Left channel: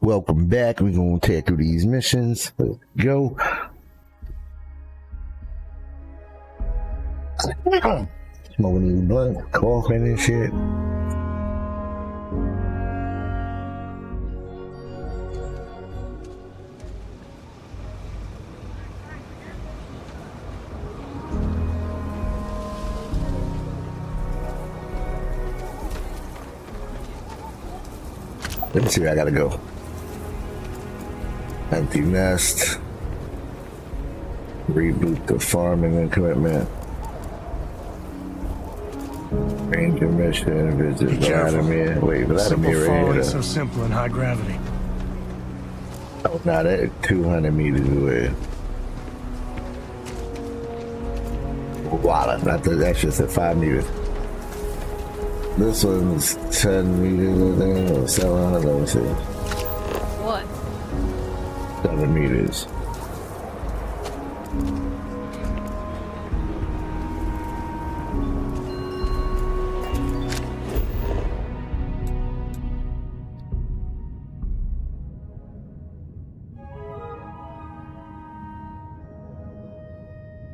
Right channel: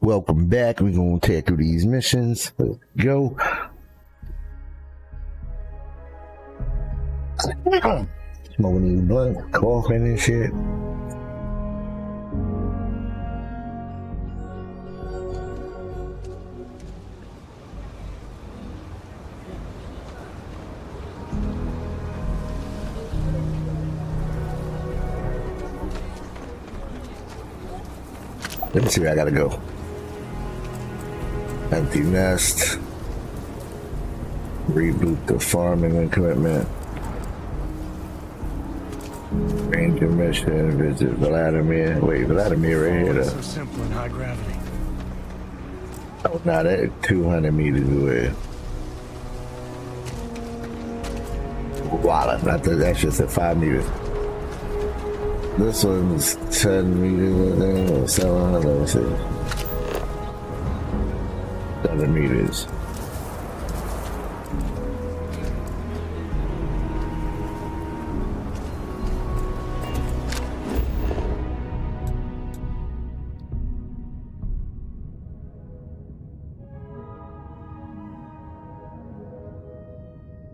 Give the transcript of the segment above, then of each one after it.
Welcome back. We're going to take through these missions. Let's go. Smoking these blunt, coughing and shit. Let me see where I gotta go. Empty nest. Reboot the farming equipment. Ranger mission. Visit Vladimir. Wait, Vladimir right here. So simple in high gravity. Oh, not that 200 meters away. Wow, that's just at 5 meters. This one's 10 meters, I think, or 700, let me see. What? 7 meters.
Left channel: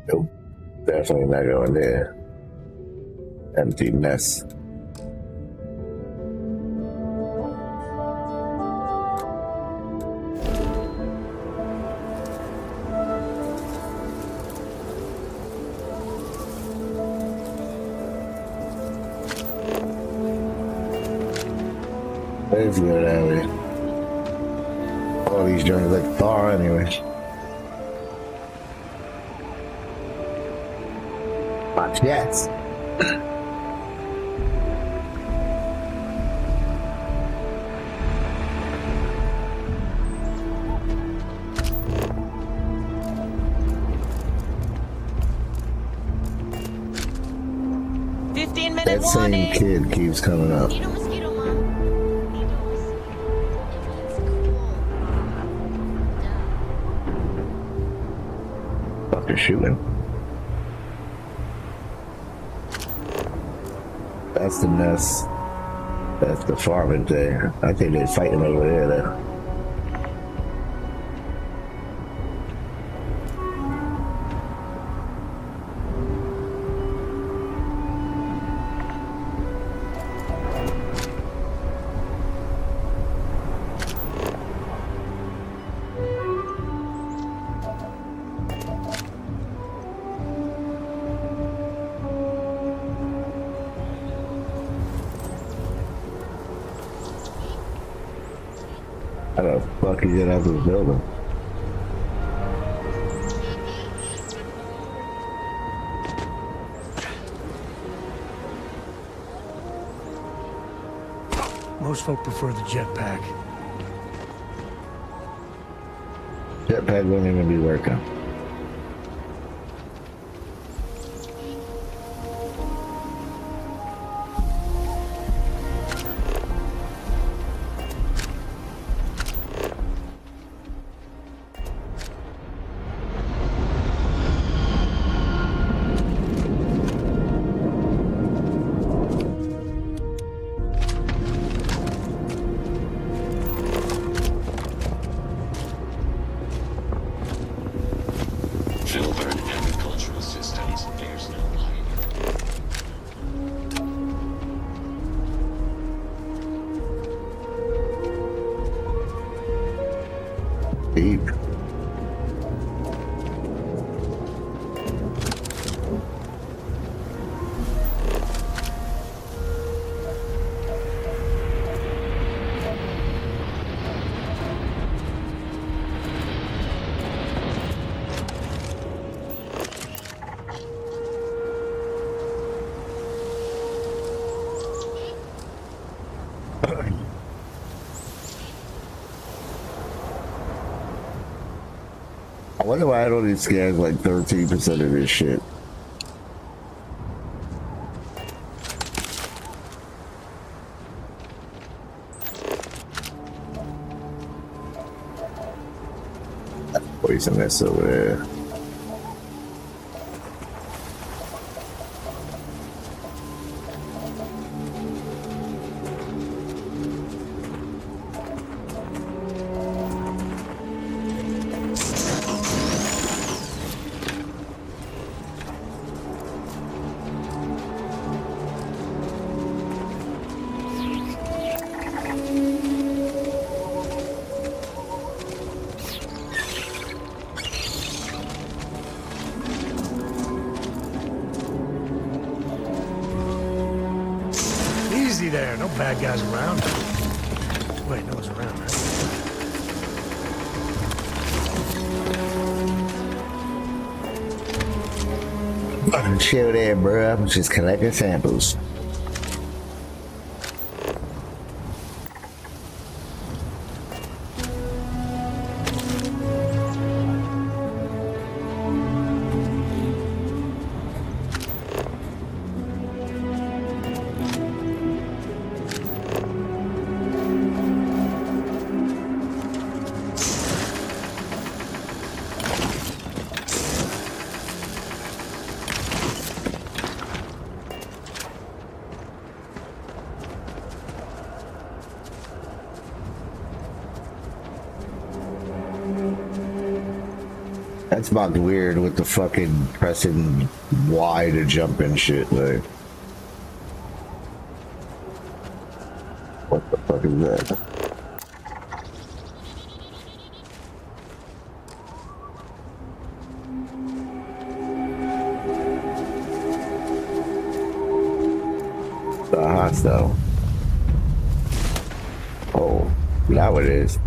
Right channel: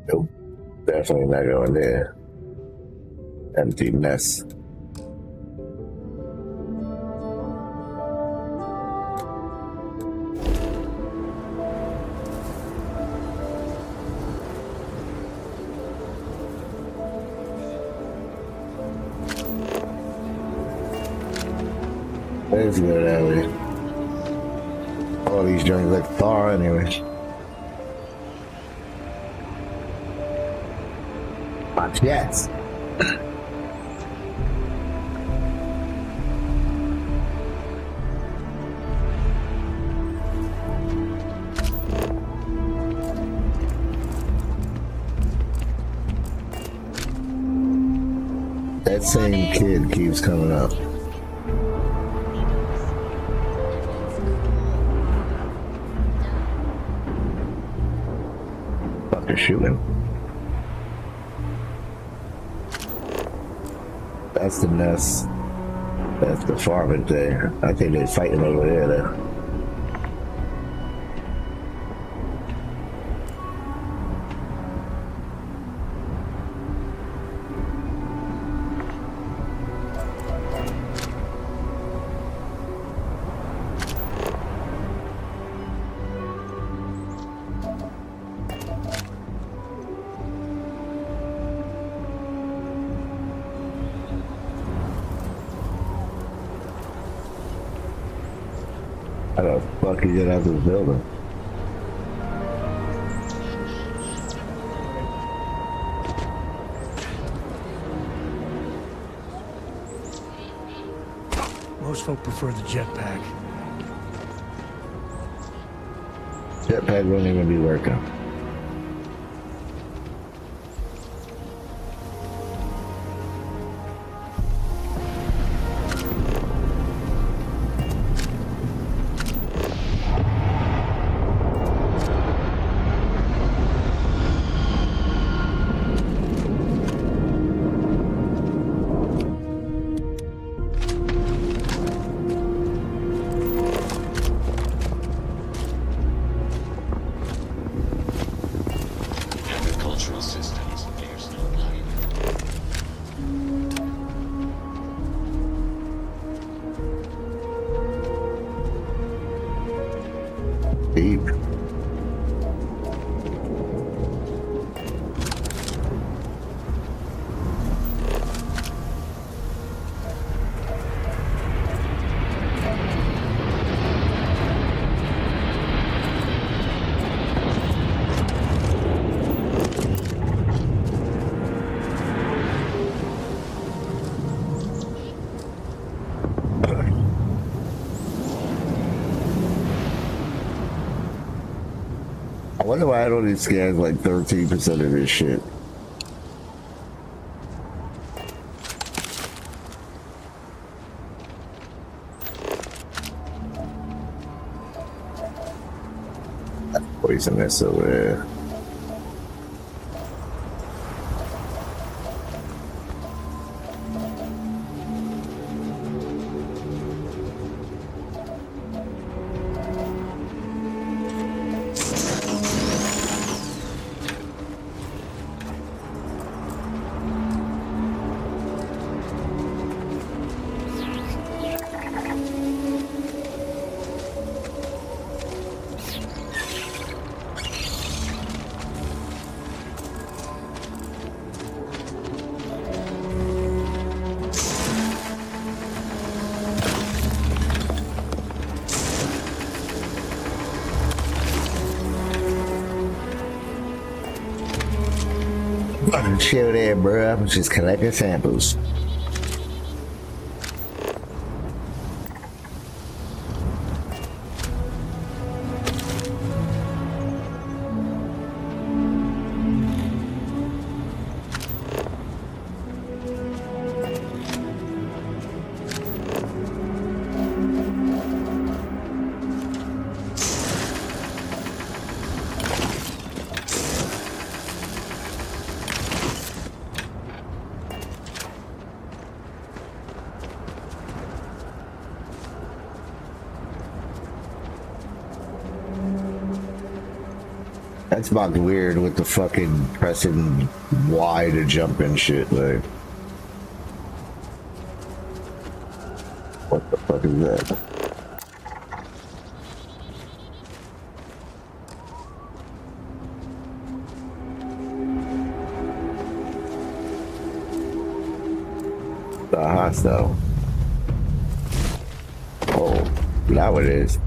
Nope, definitely not going there. Empty nest. Let's go that way. All these joints look far anyway. Watch yes. That same kid keeps coming up. Fucking shooting. That's the nest. That's the farming thing. I think they're fighting over there though. How the fuck you get out of this building? Most folk prefer the jetpack. Jetpack won't even be working. Deep. I wonder why I don't these guys like 13% of this shit. Poisonous over there. Bad guys around. Wait, no one's around. Chill there, bro. I'm just collecting samples. That's about weird with the fucking pressing Y to jump and shit, like. What the fuck is that? The hostile. Oh, now it is.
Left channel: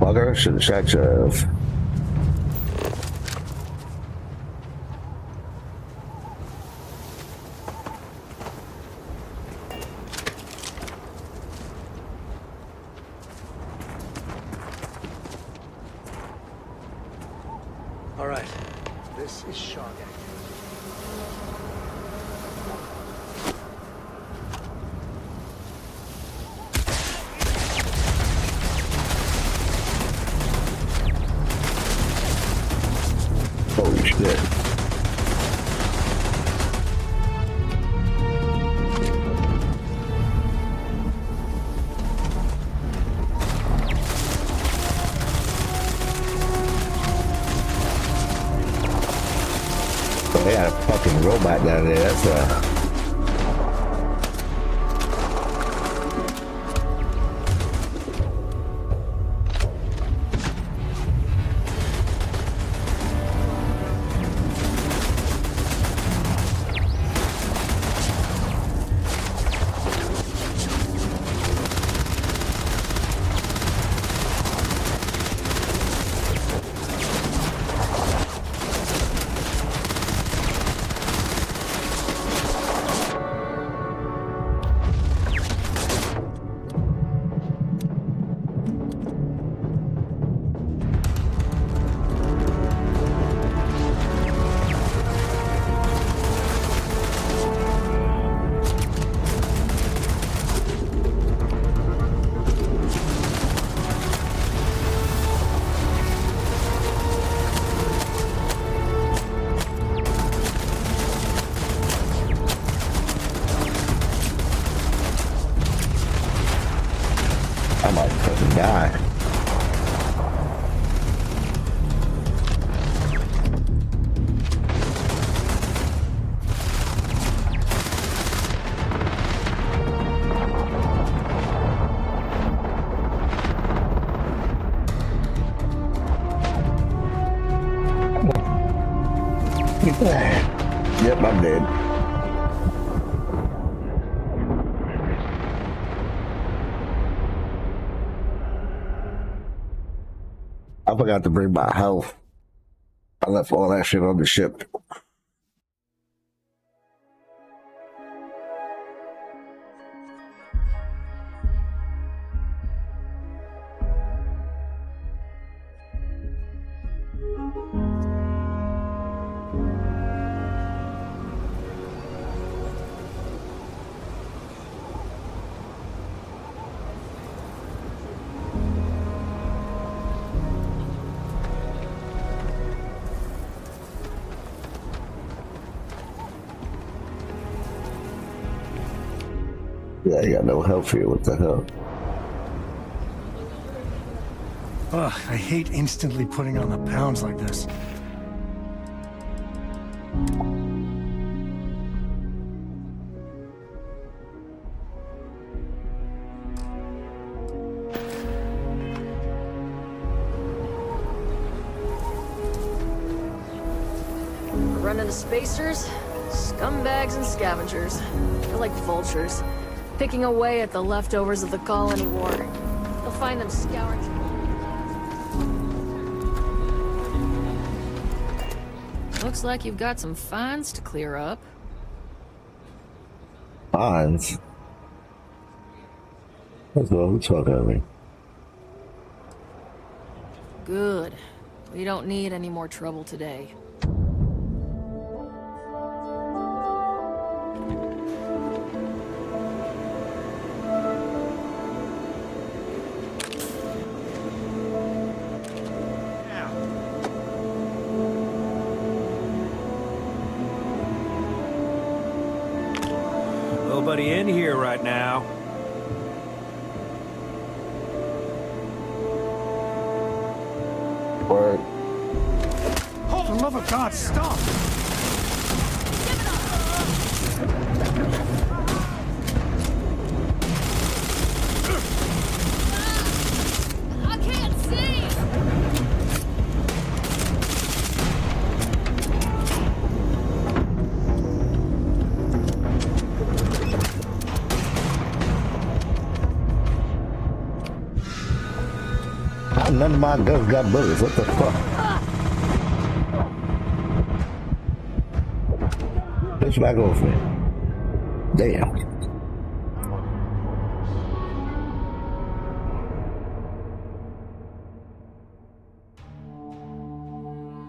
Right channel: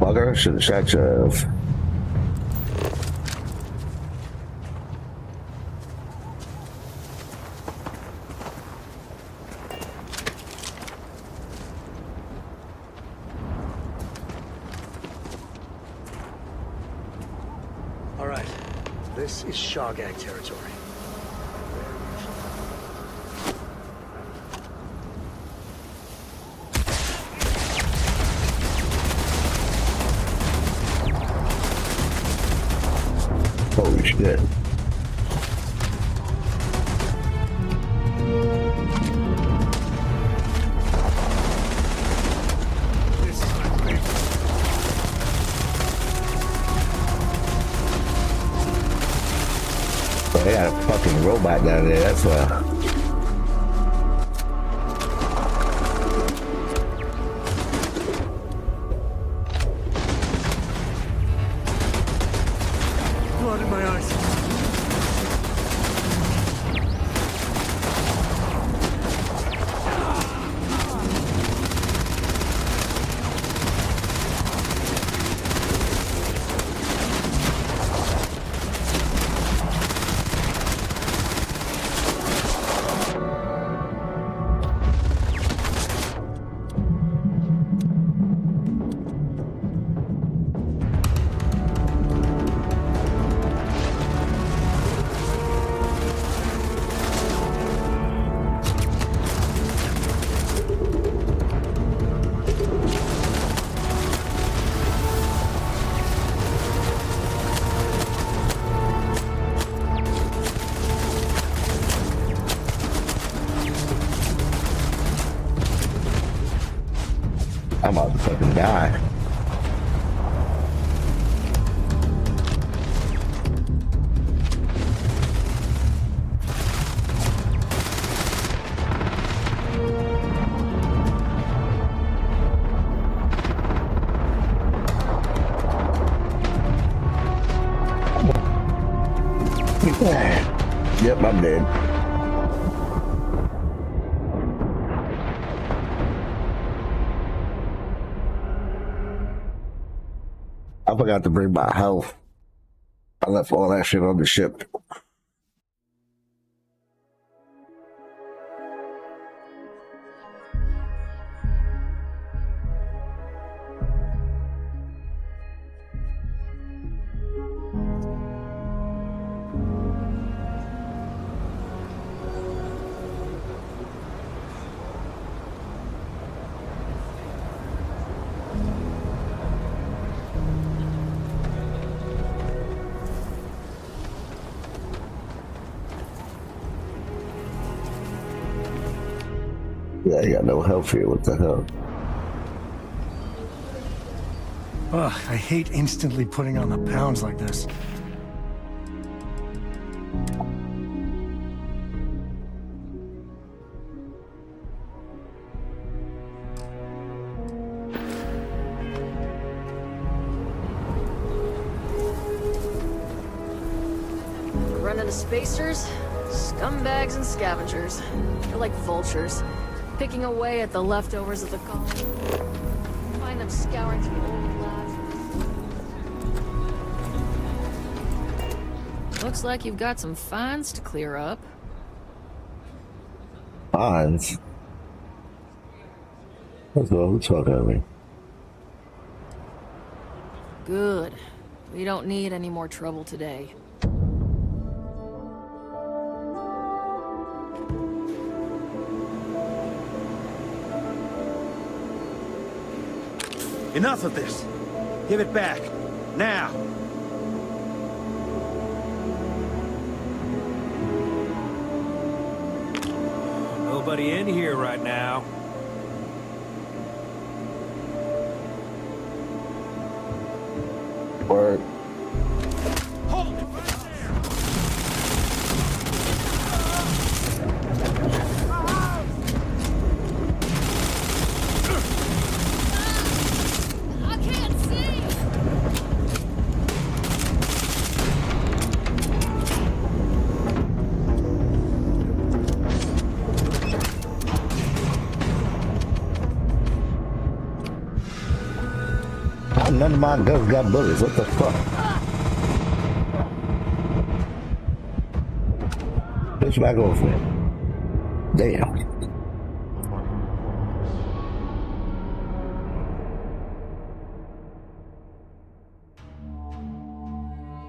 Bugger, should have shot you. All right, this is Shawgang territory. Holy shit. They got a fucking robot down there, that's Blood in my eyes. I'm about to fucking die. Yep, I'm dead. I forgot to bring my health. I left all that shit on the ship. Yeah, you got no health here. What the hell? Ugh, I hate instantly putting on the pounds like this. We're running to spacers, scumbags and scavengers. They're like vultures, picking away at the leftovers of the colony war. You'll find them scouring through old labs. Looks like you've got some finds to clear up. Bonds? That's what we're talking about. Good. We don't need any more trouble today. Enough of this. Give it back. Now. Nobody in here right now. Word. For the love of God, stop! I can't see! None of my guns got bullets. What the fuck? Bitch, back off me. Damn.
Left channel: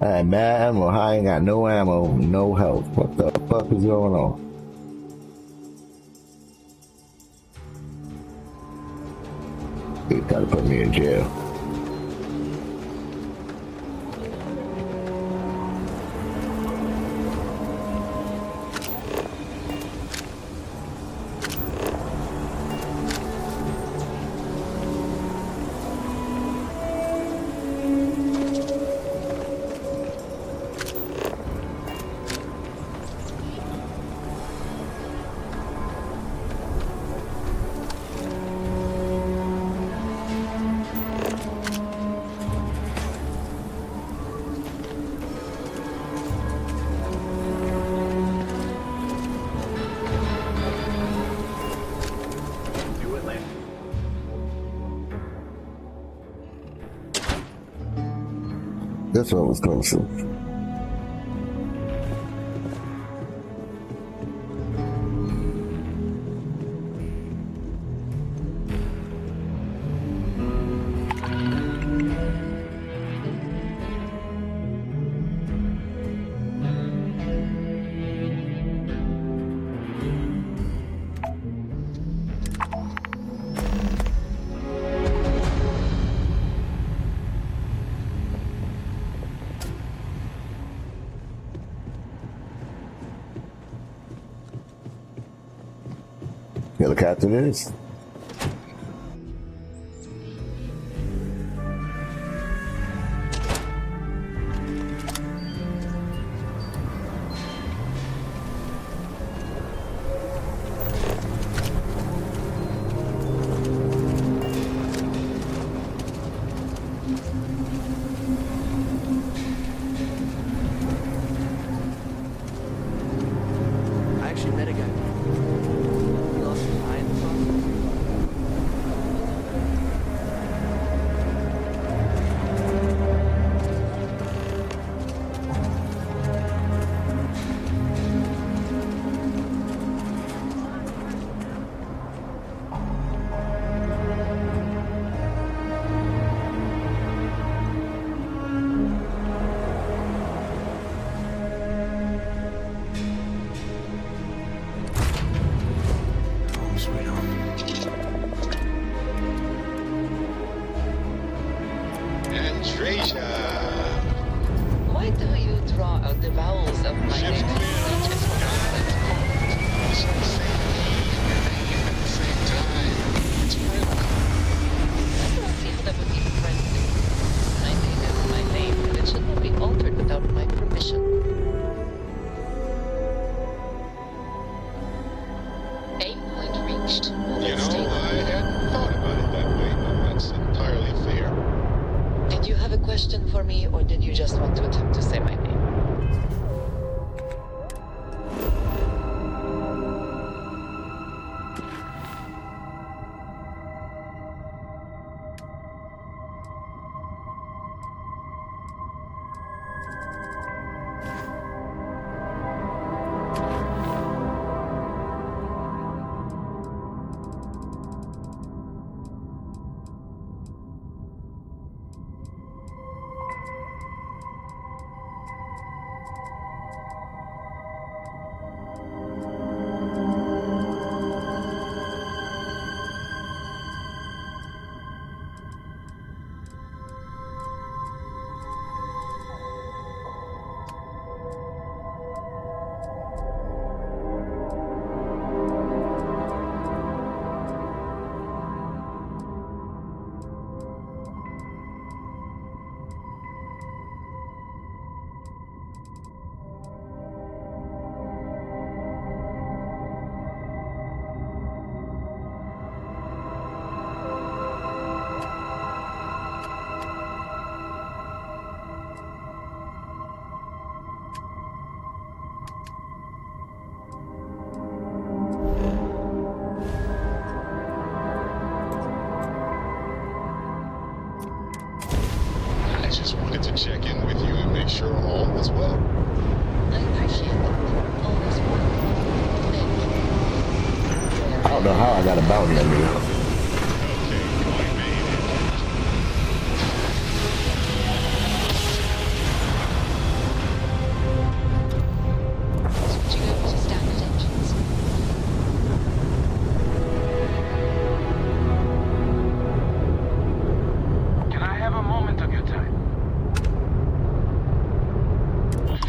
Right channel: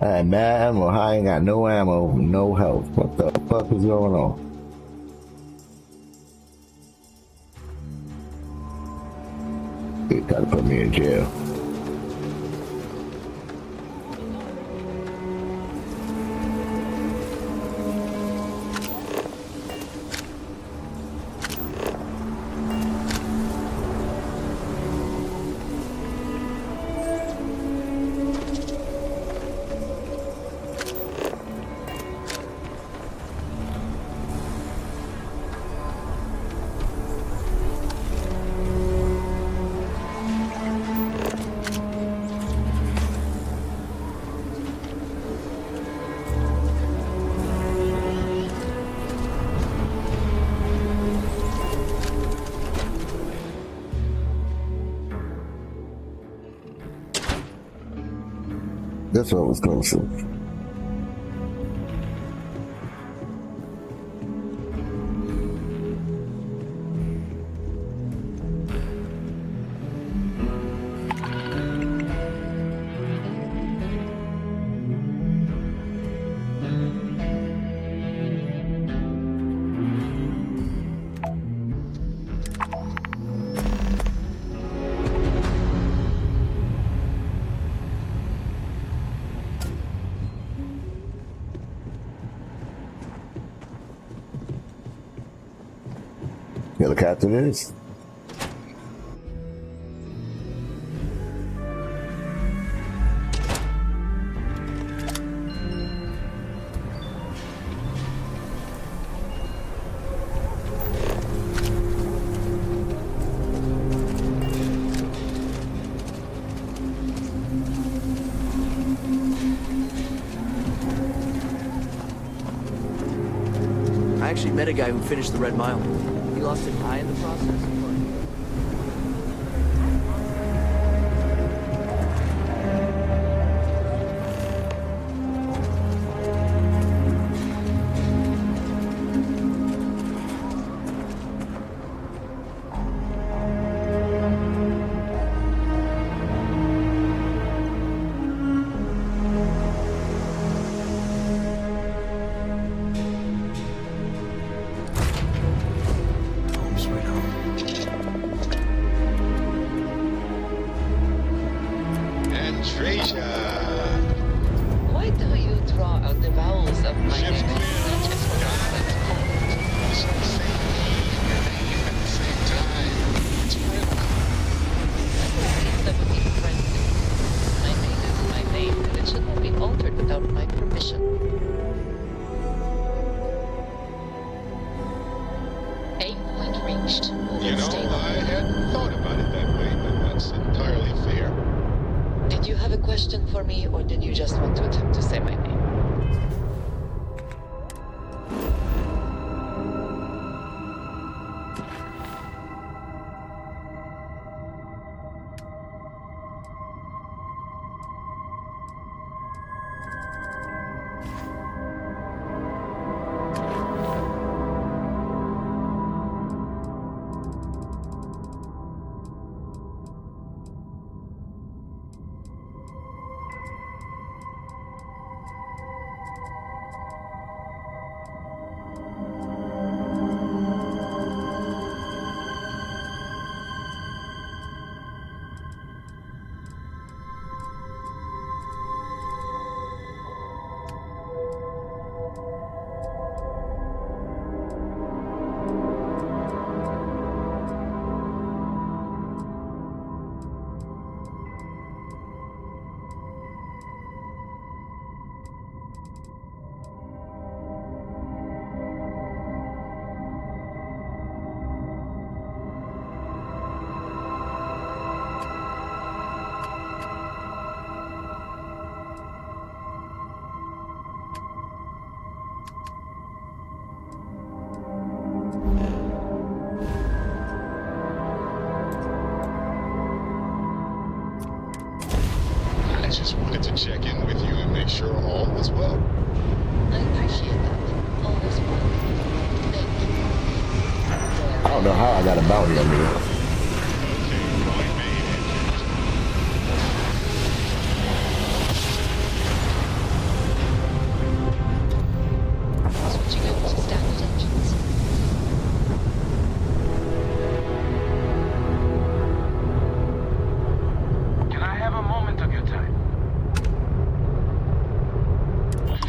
I had mad ammo. I ain't got no ammo, no health. What the fuck is going on? They try to put me in jail. This one was closer. Yeah, look after this. I actually met a guy who finished the Red Mile. He lost an eye in the process. Why do you draw out the vowels of my name? That would be friendly. My name is my name, and it should not be altered without my permission. Aim point reached. You know, I hadn't thought about it that way, but that's entirely fair. Did you have a question for me, or did you just want to attempt to say my name? I just wanted to check in with you and make sure all was well. I appreciate that. All this work. Thank you. I don't know how I got a bounty on me. Okay, point made.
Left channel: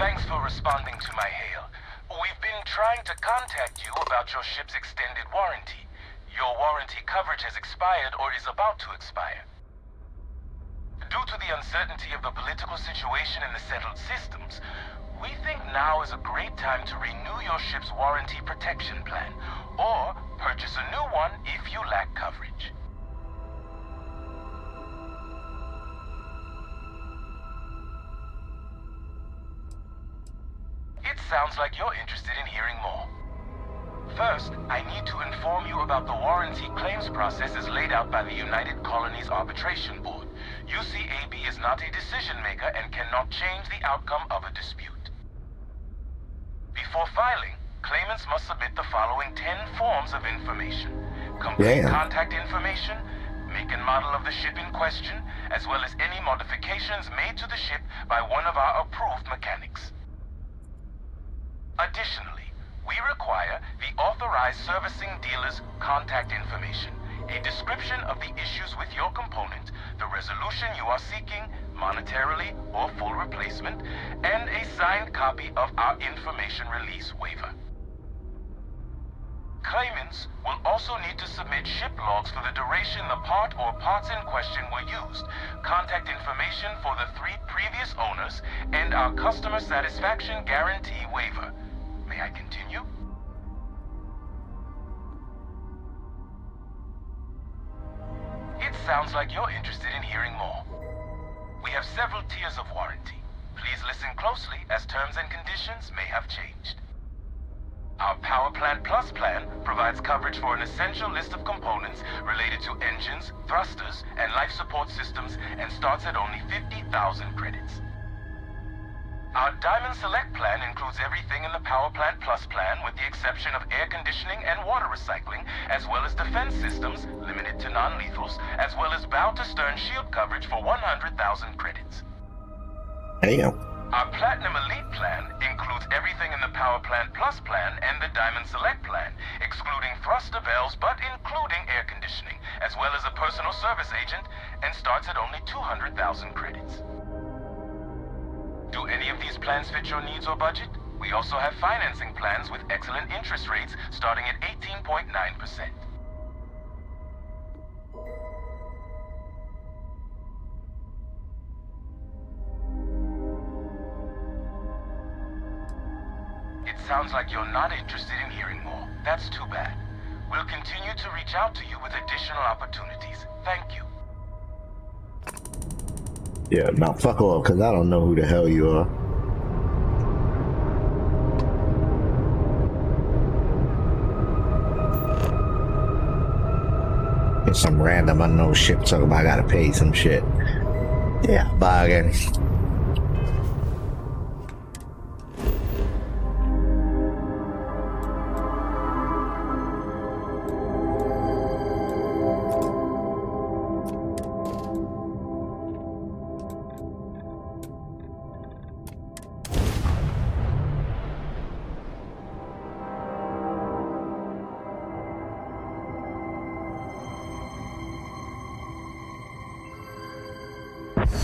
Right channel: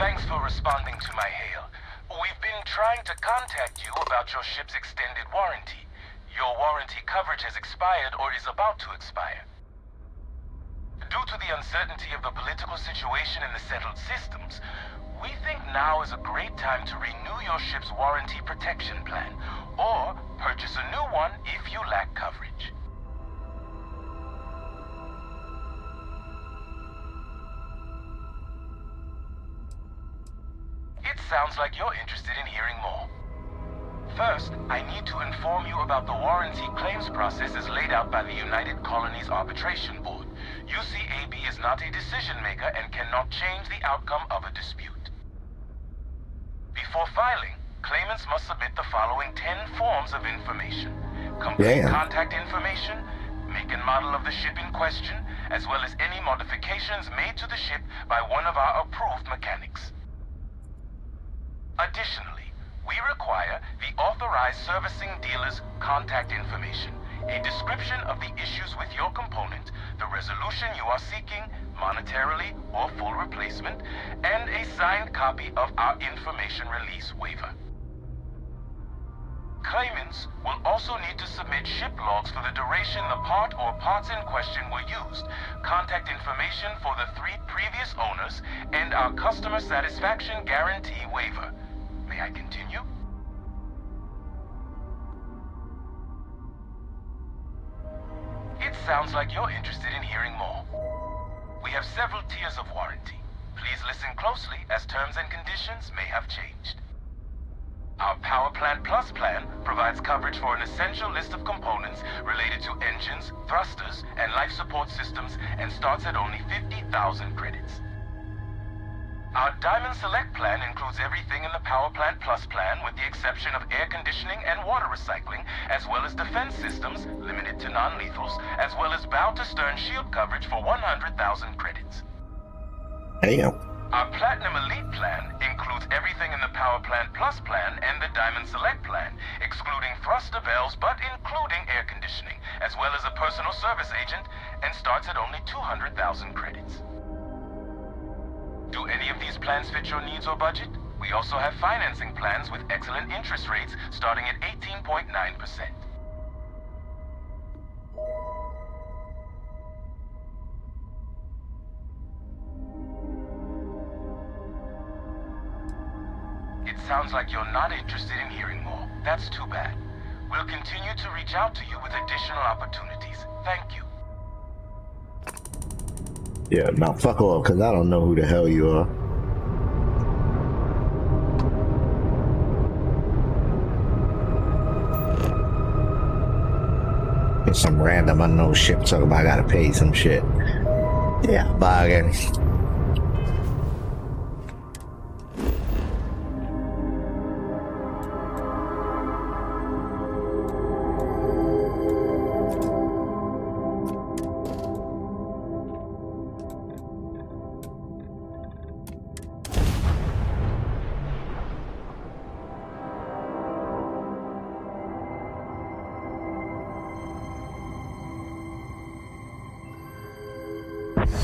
Thanks for responding to my hail. We've been trying to contact you about your ship's extended warranty. Your warranty coverage has expired or is about to expire. Due to the uncertainty of the political situation in the settled systems, we think now is a great time to renew your ship's warranty protection plan, or purchase a new one if you lack coverage. It sounds like you're interested in hearing more. First, I need to inform you about the warranty claims process as laid out by the United Colonies Arbitration Board. UCAB is not a decision maker and cannot change the outcome of a dispute. Before filing, claimants must submit the following 10 forms of information. Complete contact information, make and model of the ship in question, as well as any modifications made to the ship by one of our approved mechanics. Additionally, we require the authorized servicing dealer's contact information, a description of the issues with your component, the resolution you are seeking, monetarily or full replacement, and a signed copy of our information release waiver. Claimants will also need to submit ship logs for the duration the part or parts in question were used, contact information for the 3 previous owners, and our customer satisfaction guarantee waiver. May I continue? It sounds like you're interested in hearing more. We have several tiers of warranty. Please listen closely as terms and conditions may have changed. Our Power Plant Plus plan provides coverage for an essential list of components related to engines, thrusters, and life support systems and starts at only 50,000 credits. Our Diamond Select plan includes everything in the Power Plant Plus plan with the exception of air conditioning and water recycling, as well as defense systems, limited to non-lethals, as well as bow-to-stern shield coverage for 100,000 credits. Damn. Our Platinum Elite plan includes everything in the Power Plant Plus plan and the Diamond Select plan, excluding thruster bells but including air conditioning, as well as a personal service agent, and starts at only 200,000 credits. Do any of these plans fit your needs or budget? We also have financing plans with excellent interest rates starting at 18.9%. It sounds like you're not interested in hearing more. That's too bad. We'll continue to reach out to you with additional opportunities. Thank you. Yeah, now fuck off, because I don't know who the hell you are. It's some random unknown ship talking about I gotta pay some shit. Yeah, bye again.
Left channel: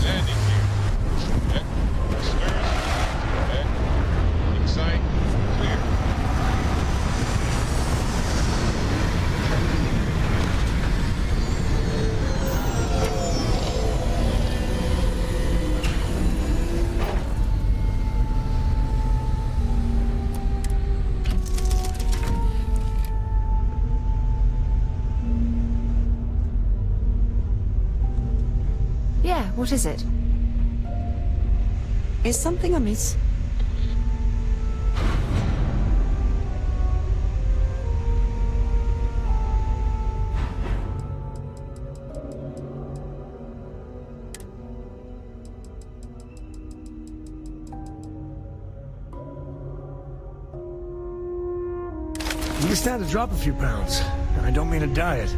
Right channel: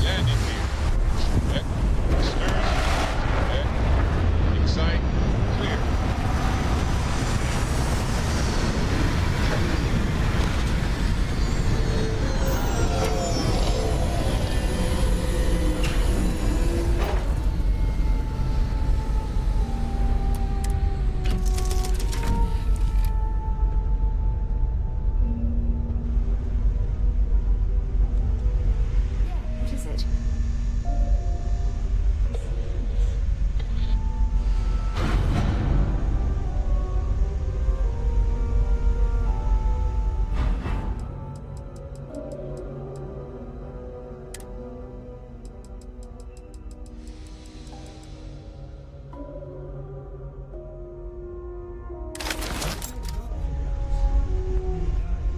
Landing gear. Check. Stern. Check. Excite. Clear. Yeah, what is it? Is something amiss? I'm just trying to drop a few pounds, and I don't mean a diet.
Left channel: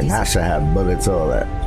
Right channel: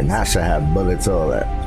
And I should have bullets all that.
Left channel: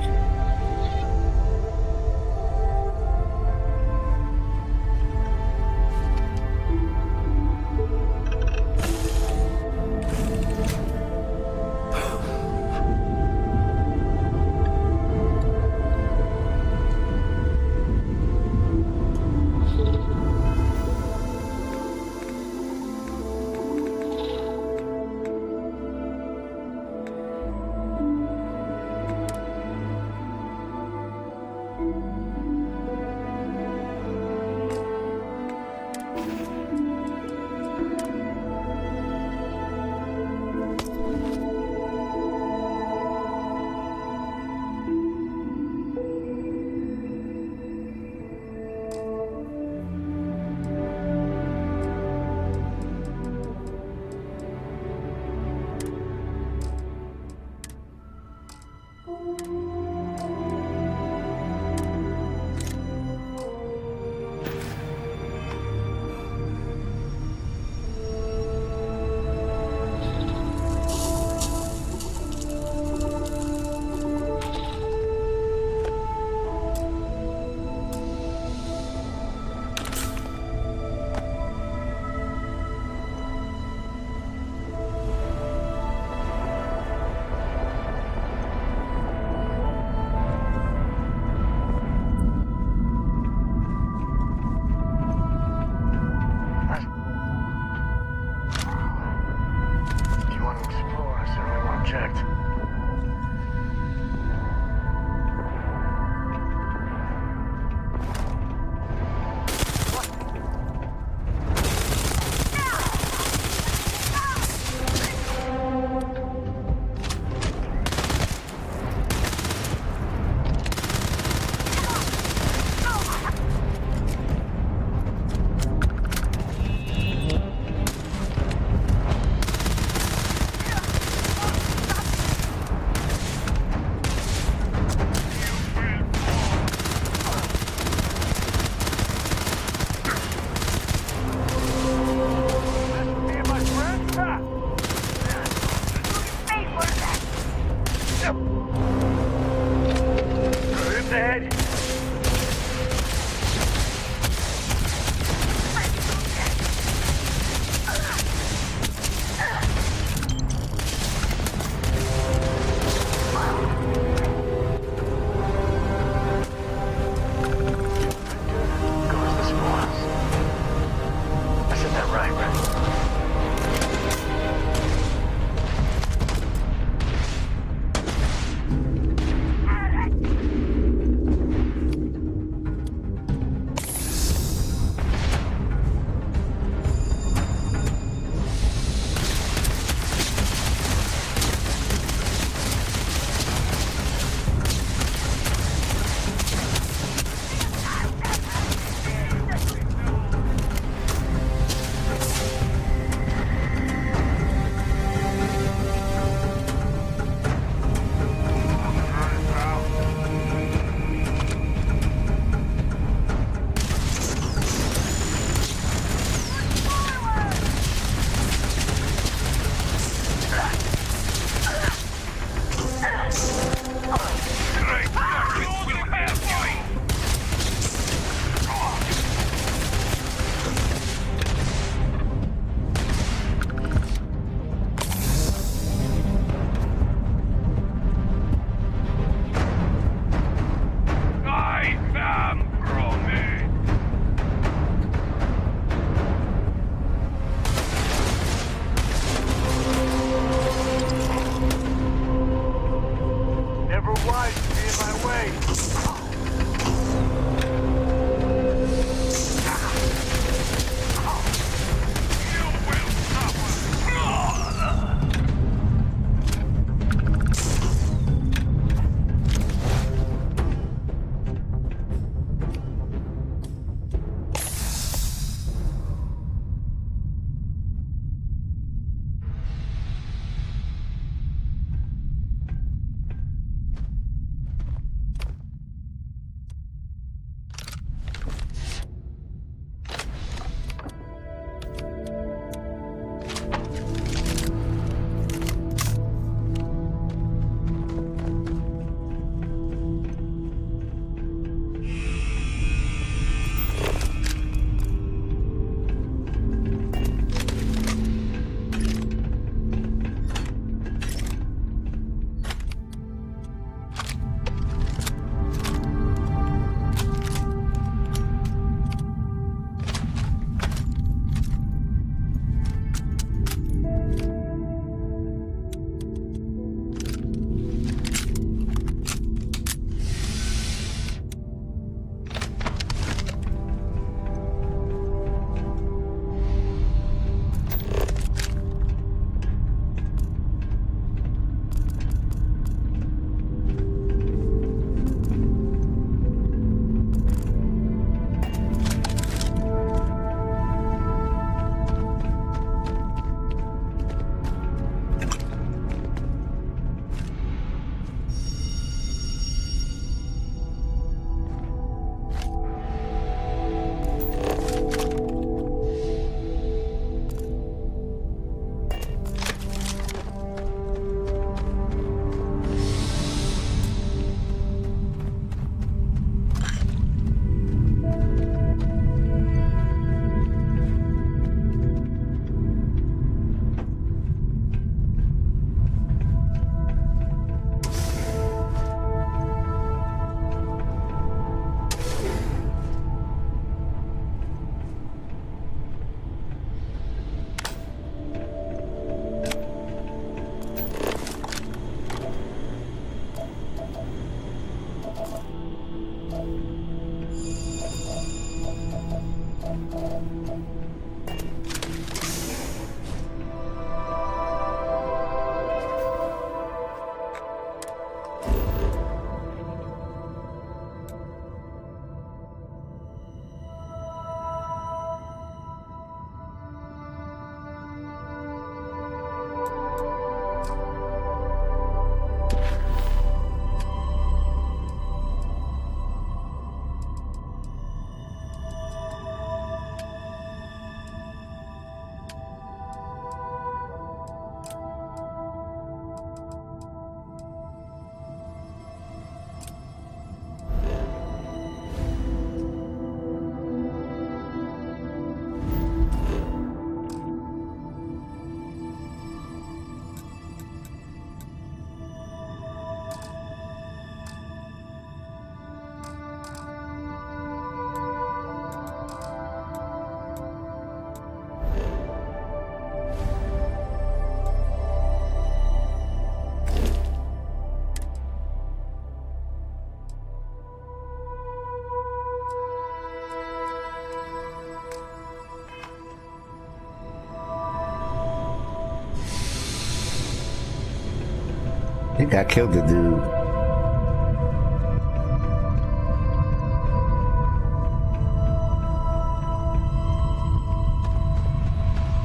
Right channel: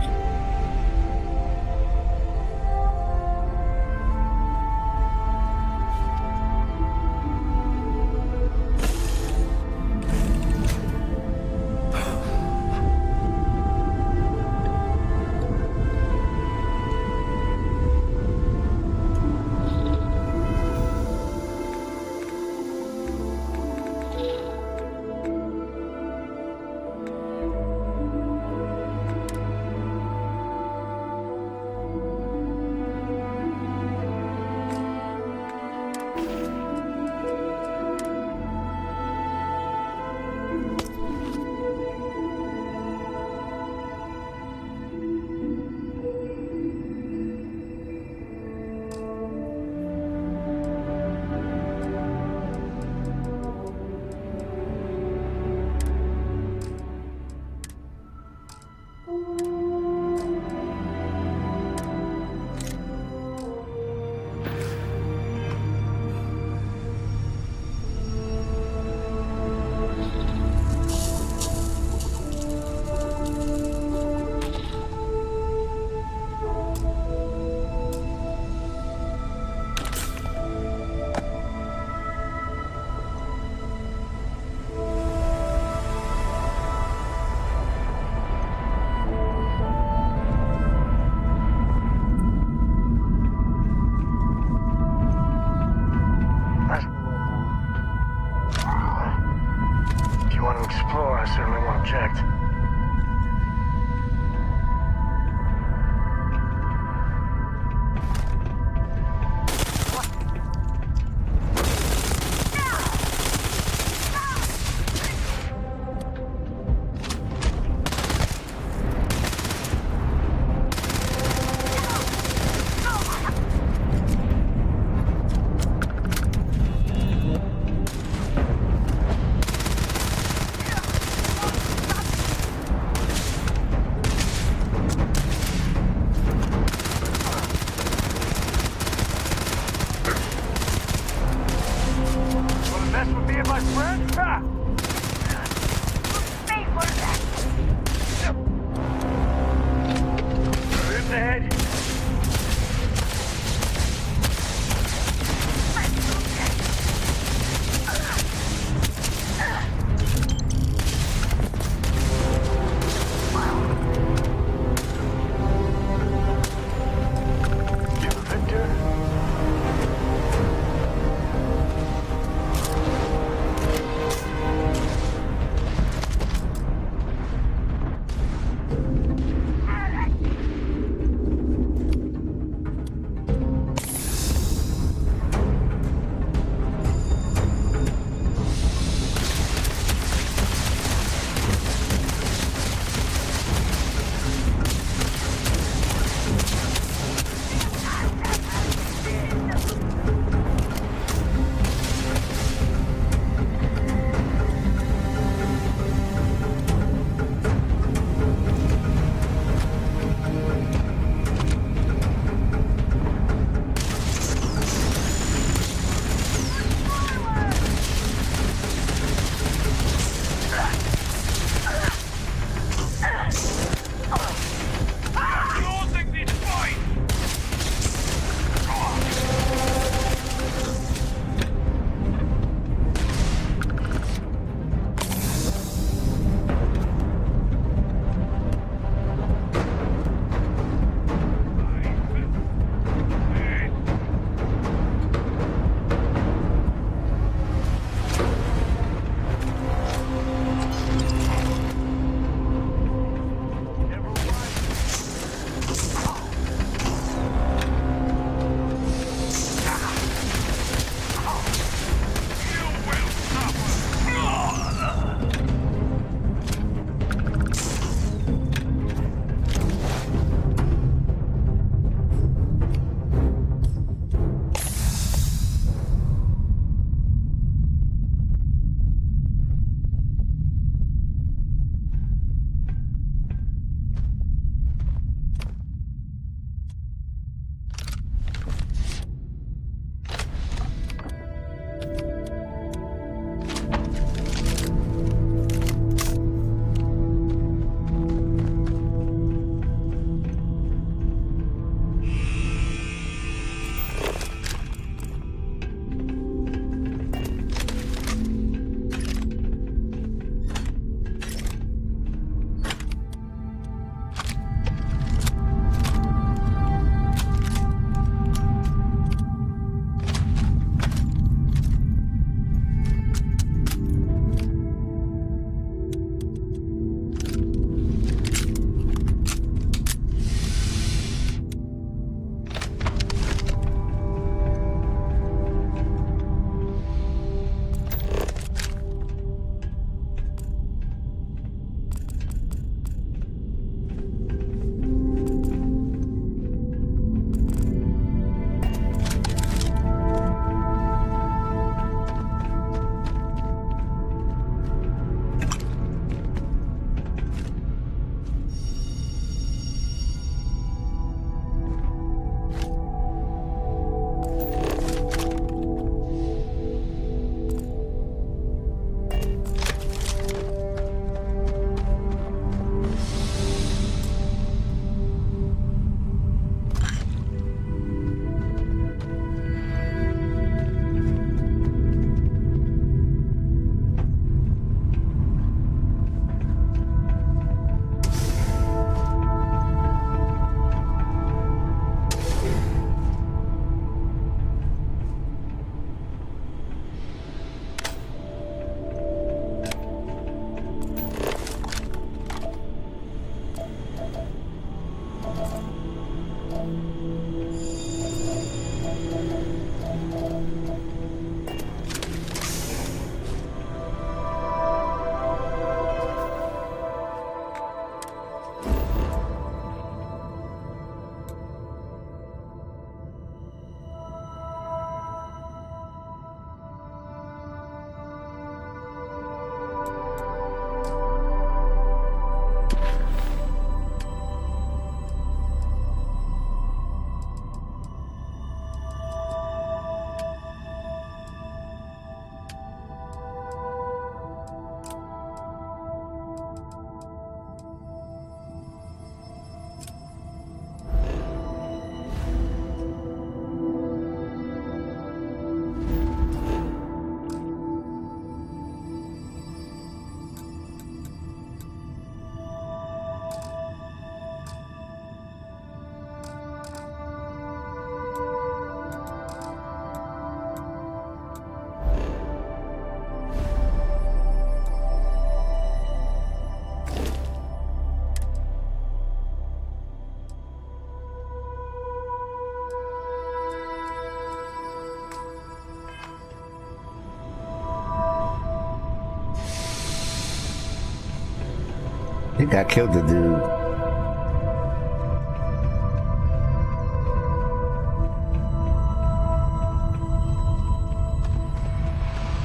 I think I killed the dude.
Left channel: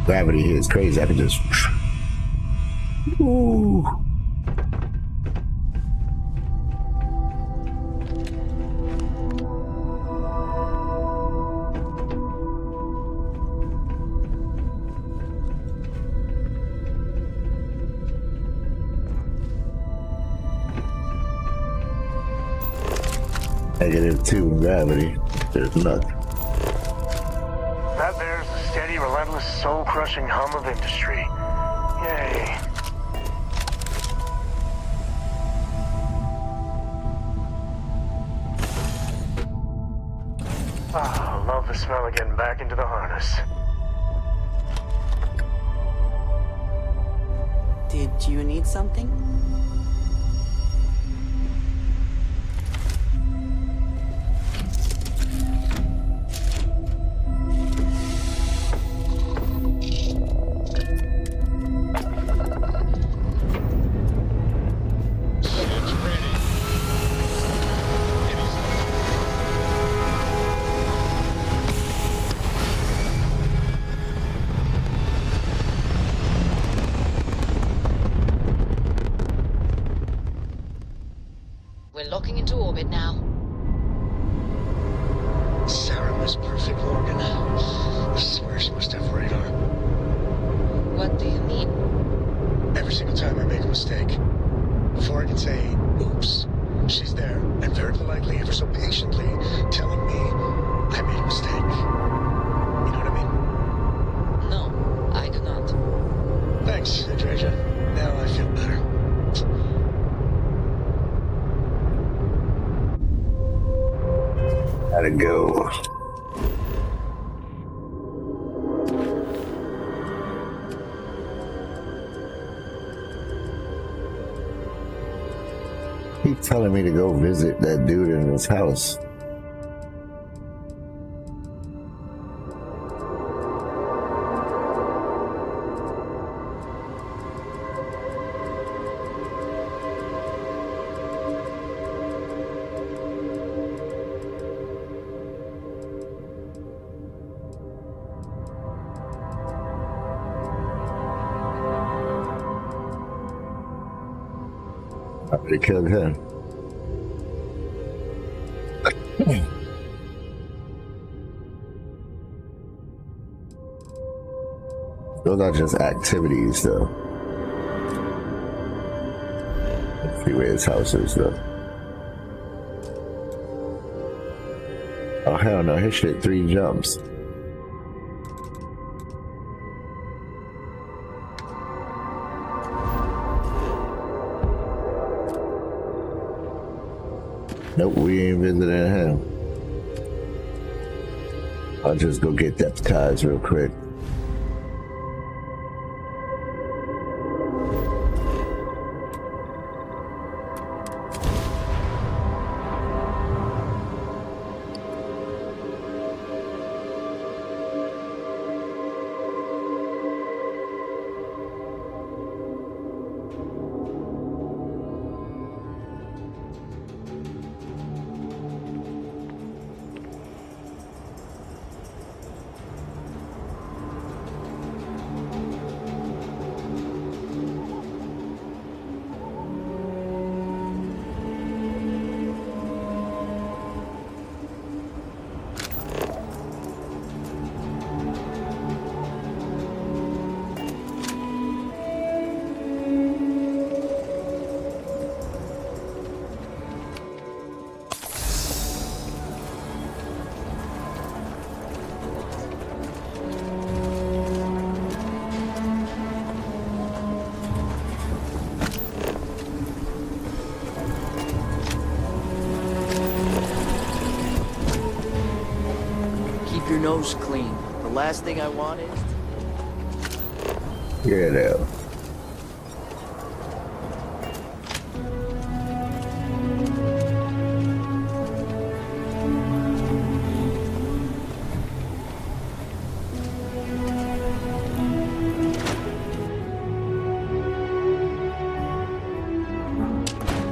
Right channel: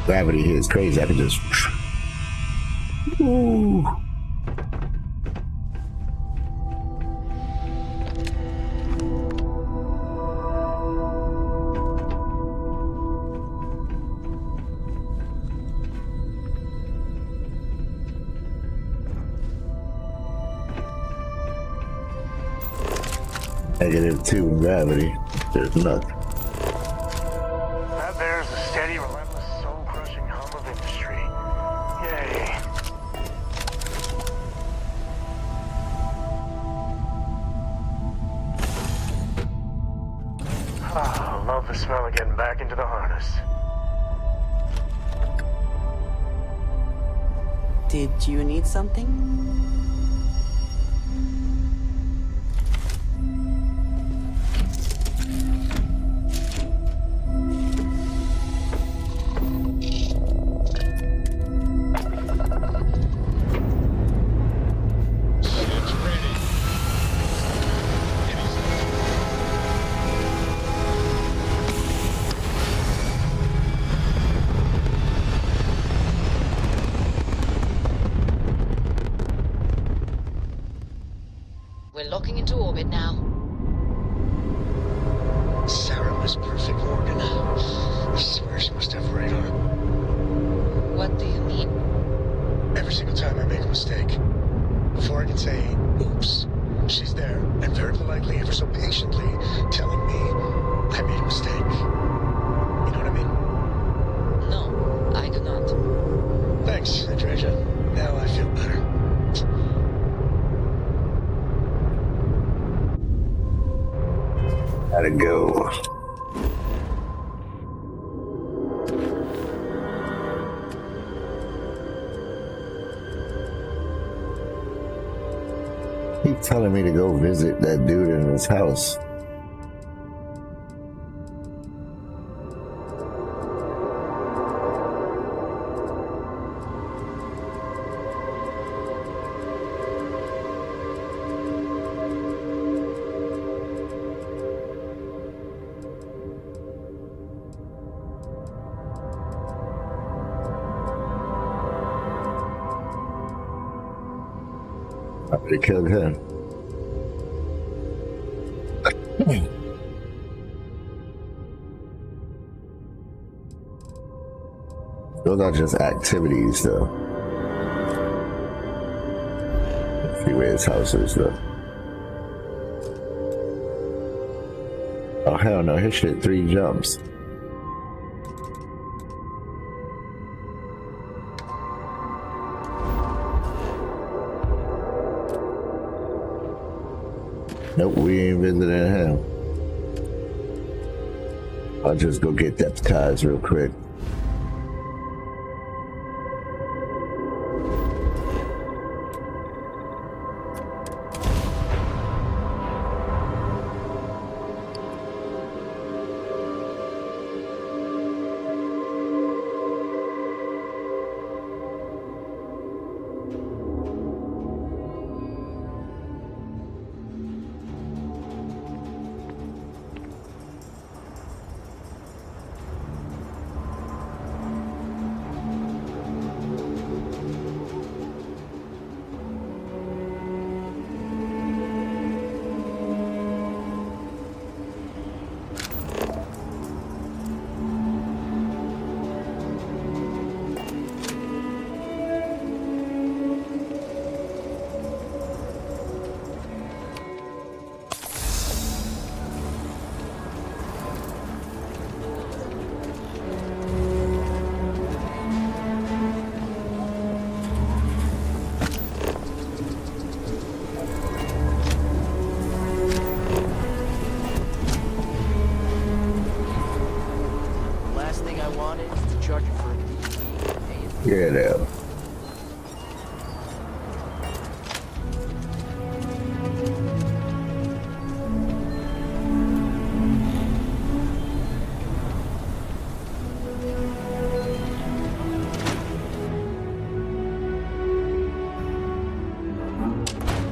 Gravity here is crazy. I can just. Ooh. -2 in gravity. There's nothing. That there's the steady, relentless, soul-crushing hum of industry. Yay. Ah, love the smell of getting back into the harness. Did you need something? We're locking into orbit now. Sarah was perfect, Morgan. I swear she must have radar. What do you mean? Every single time I make a mistake, before I can say, oops, she's there, and very politely, ever so patiently, telling me I made a mistake. You know what I mean? No, I do not. Thanks, Andreja. Now I feel better. Gotta go. Keep telling me to go visit that dude in his house. I already killed him. Those are just activities, though. Let's see where his house is, though. Oh, hell no. His shit 3 jumps. Nope, we ain't visiting him. I'll just go get deputized real quick. coast clean. The last thing I wanted is to charge you. Yeah, though.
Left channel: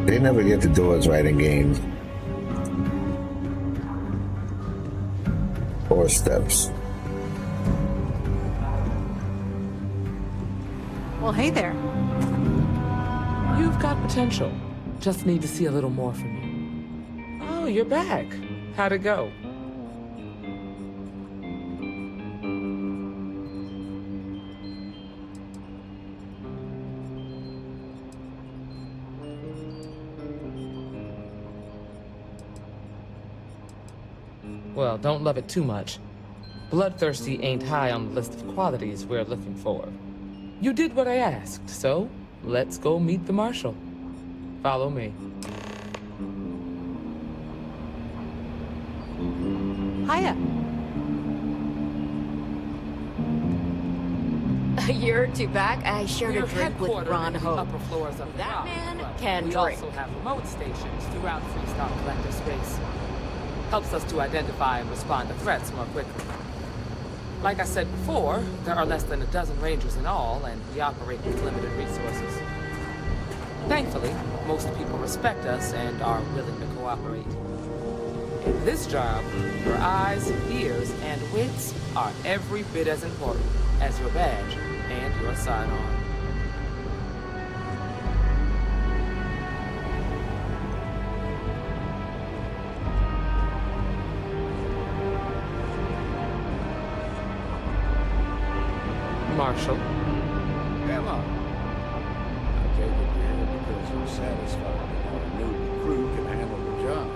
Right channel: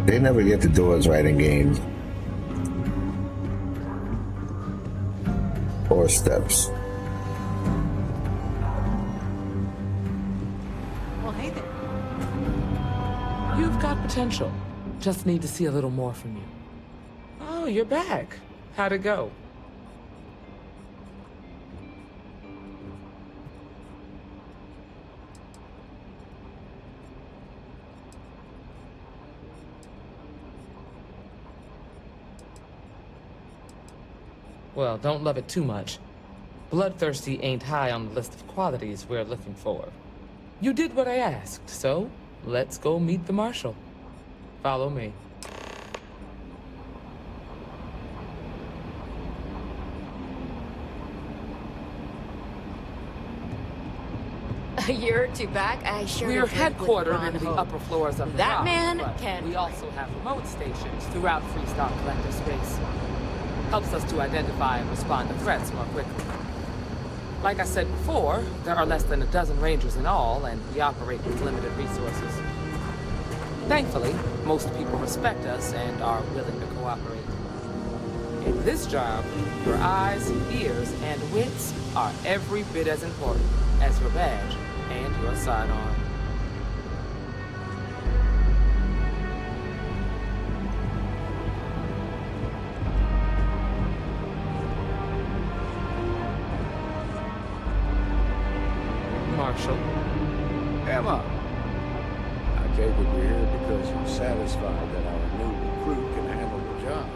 They never get the doors right in games. Or steps. Well, hey there. You've got potential. Just need to see a little more from you. Oh, you're back. How'd it go? Well, don't love it too much. Bloodthirsty ain't high on the list of qualities we're looking for. You did what I asked, so let's go meet the Marshal. Follow me. Hiya. A year or two back, I shared We're a drink with headquartered Ron in the Hope. upper floors of the That dock, man but can we drink. also have remote stations throughout Freestar Collector space. Helps us to identify and respond to threats more quickly. Like I said before, there are less than a dozen Rangers in all, and we operate with limited resources. Thankfully, most people respect us and are willing to cooperate. In this job, your eyes, ears, and wits are every bit as important as your badge and your sidearm. Marshal. Emma, I take it you're here because you're satisfied that our new recruit can handle the job.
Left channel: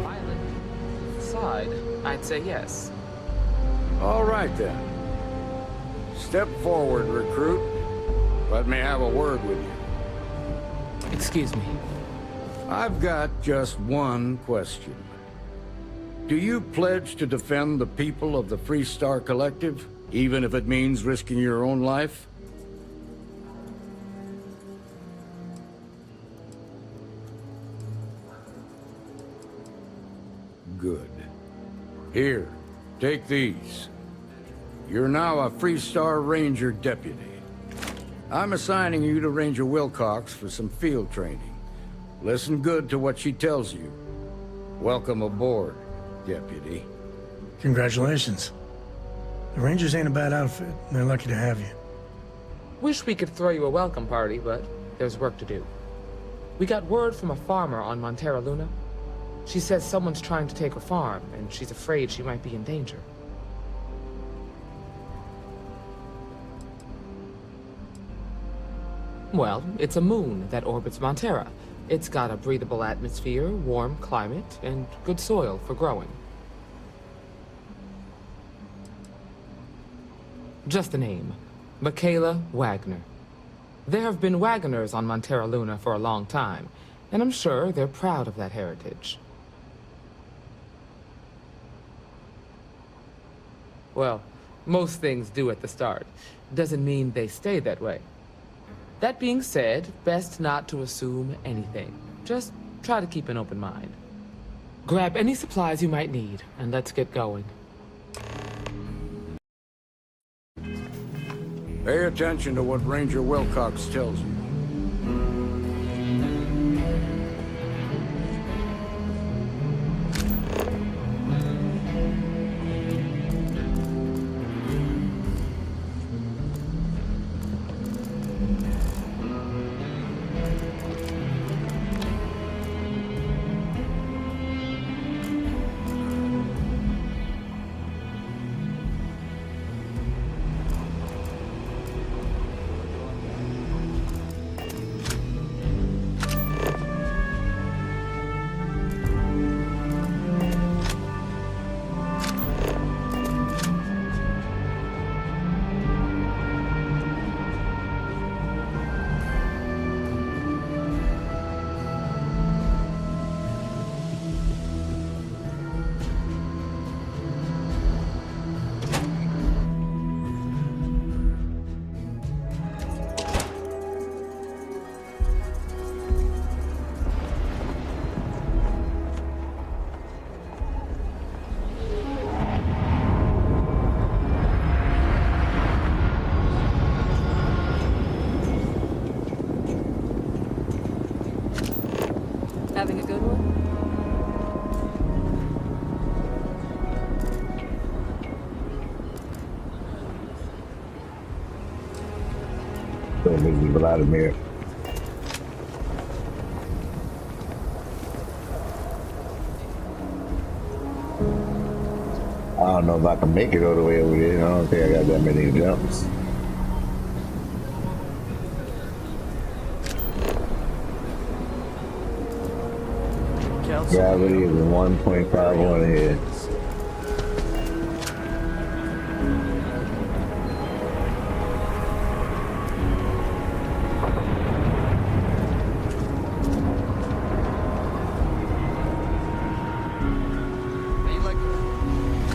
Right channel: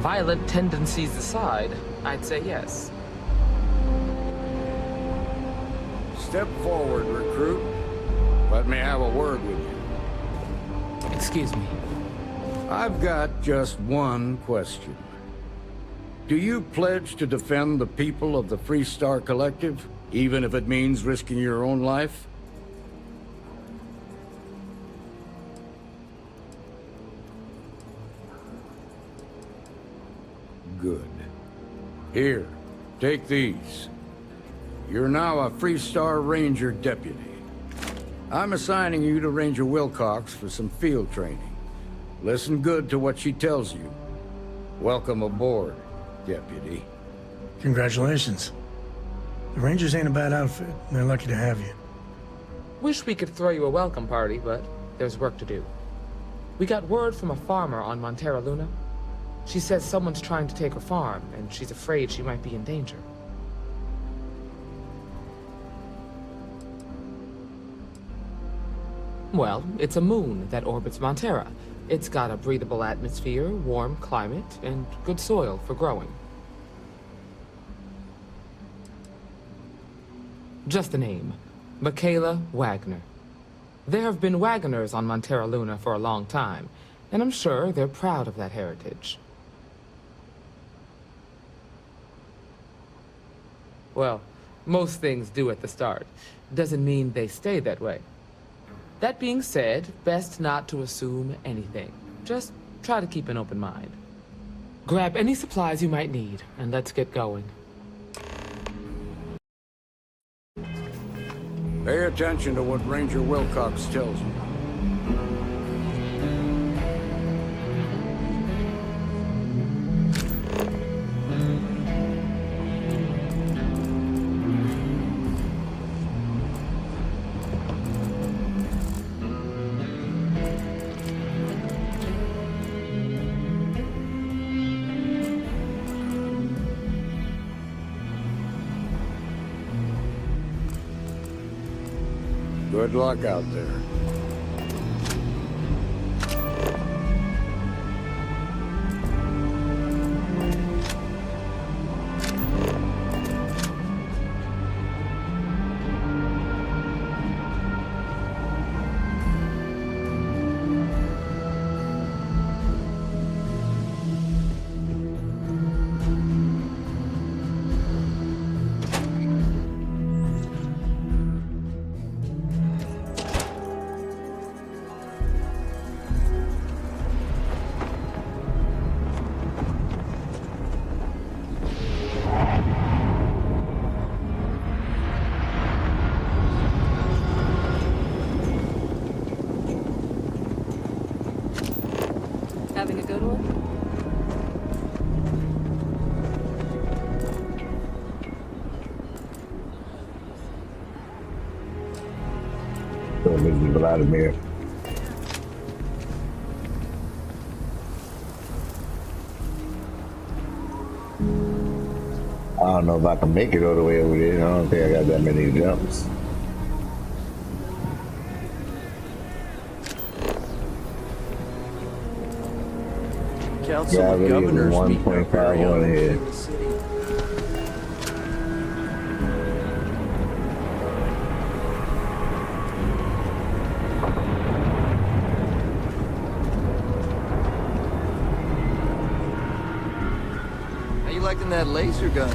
Violent tendencies aside, I'd say yes. All right, then. Step forward, recruit. Let me have a word with you. Excuse me. I've got just one question. Do you pledge to defend the people of the Freestar Collective, even if it means risking your own life? Good. Here, take these. You're now a Freestar Ranger deputy. I'm assigning you to Ranger Wilcox for some field training. Listen good to what she tells you. Welcome aboard, deputy. Congratulations. The Rangers ain't a bad outfit. They're lucky to have you. Wish we could throw you a welcome party, but there's work to do. We got word from a farmer on Montera Luna. She says someone's trying to take her farm, and she's afraid she might be in danger. Well, it's a moon that orbits Montera. It's got a breathable atmosphere, warm climate, and good soil for growing. Just a name. Michaela Wagner. There have been Wagoners on Montera Luna for a long time, and I'm sure they're proud of that heritage. Well, most things do at the start. Doesn't mean they stay that way. That being said, best not to assume anything. Just try to keep an open mind. Grab any supplies you might need, and let's get going. Pay attention to what Ranger Wilcox tells you. Good luck out there. So this is Vladimir. I don't know if I can make it all the way over there. I don't think I got that many jumps. Gravity is 1.51 here. How you liking that laser gun?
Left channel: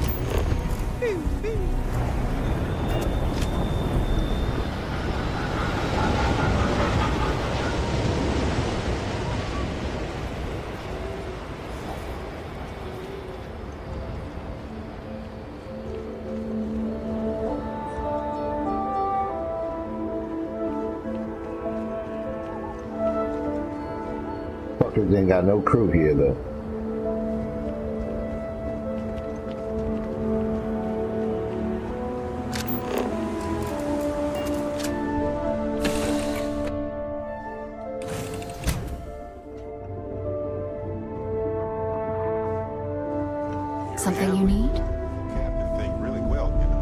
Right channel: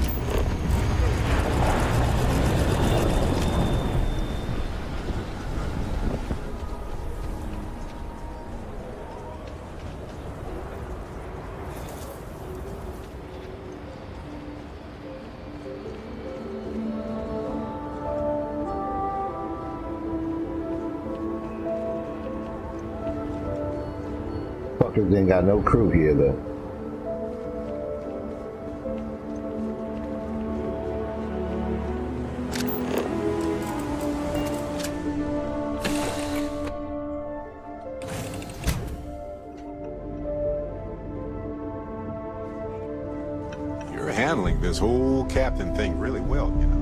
Fuckers ain't got no crew here though. You're handling this whole captain thing really well, you know.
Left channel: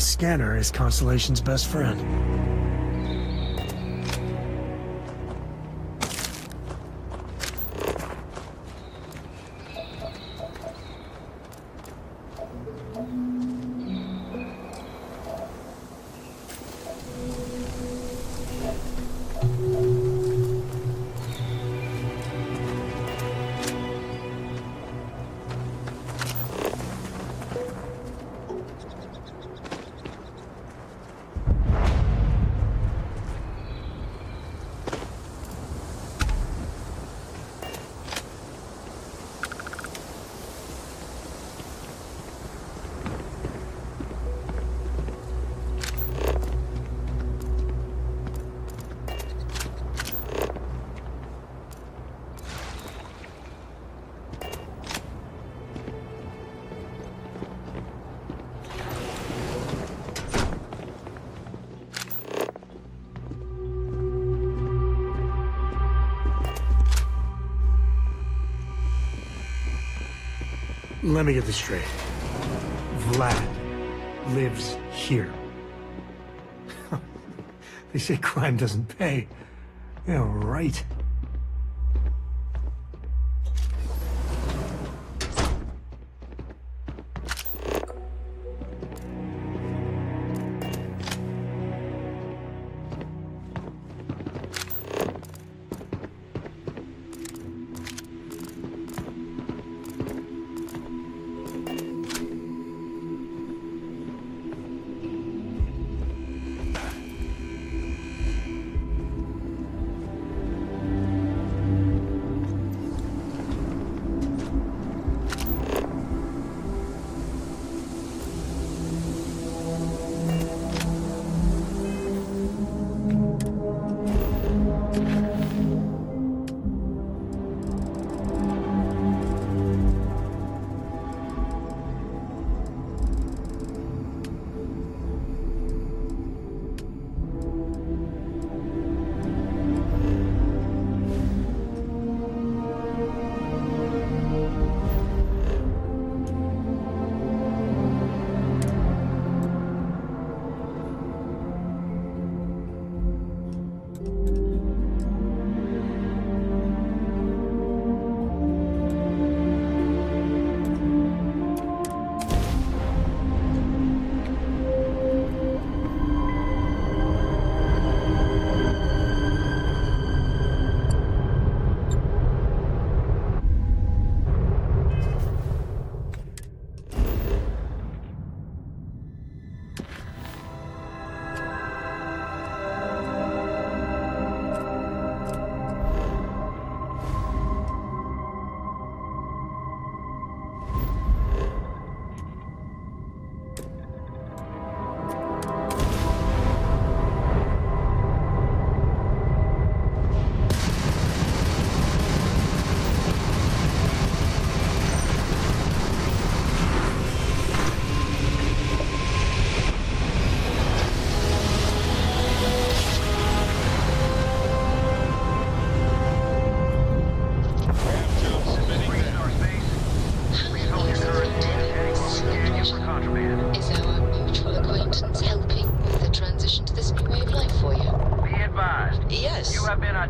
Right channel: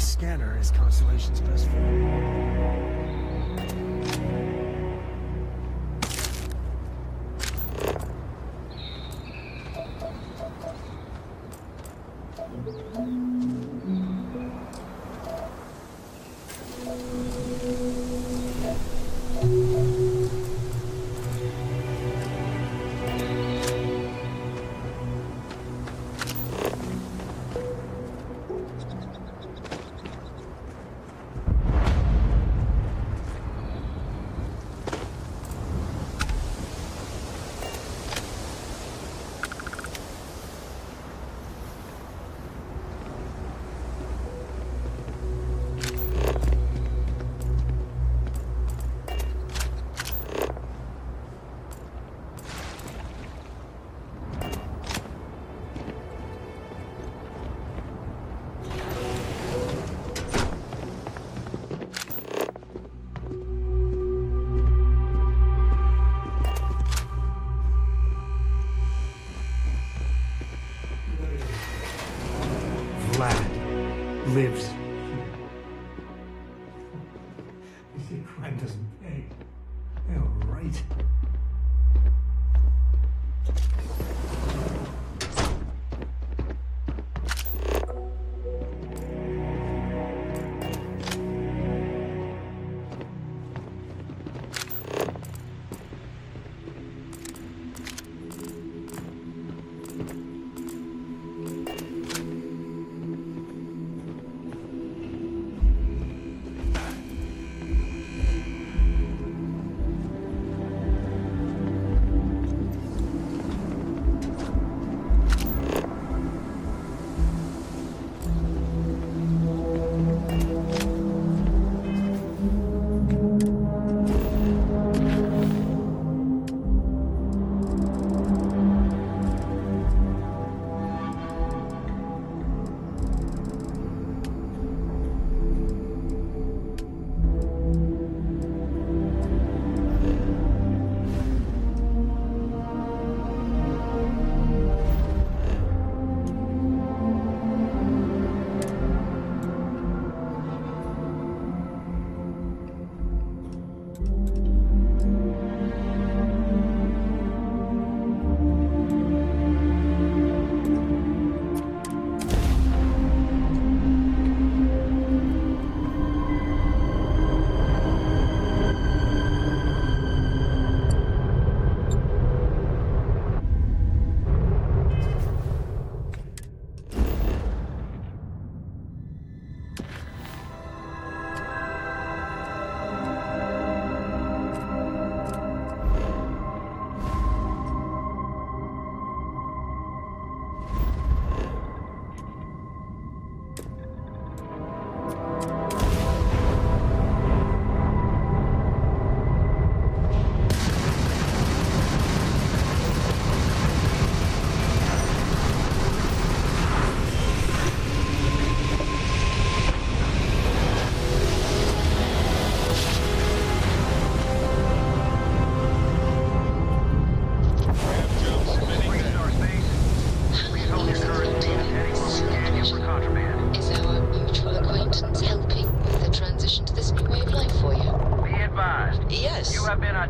scanner is Constellation's best friend. Let me get this straight. Vlad lives here. They say crime doesn't pay. Yeah, right.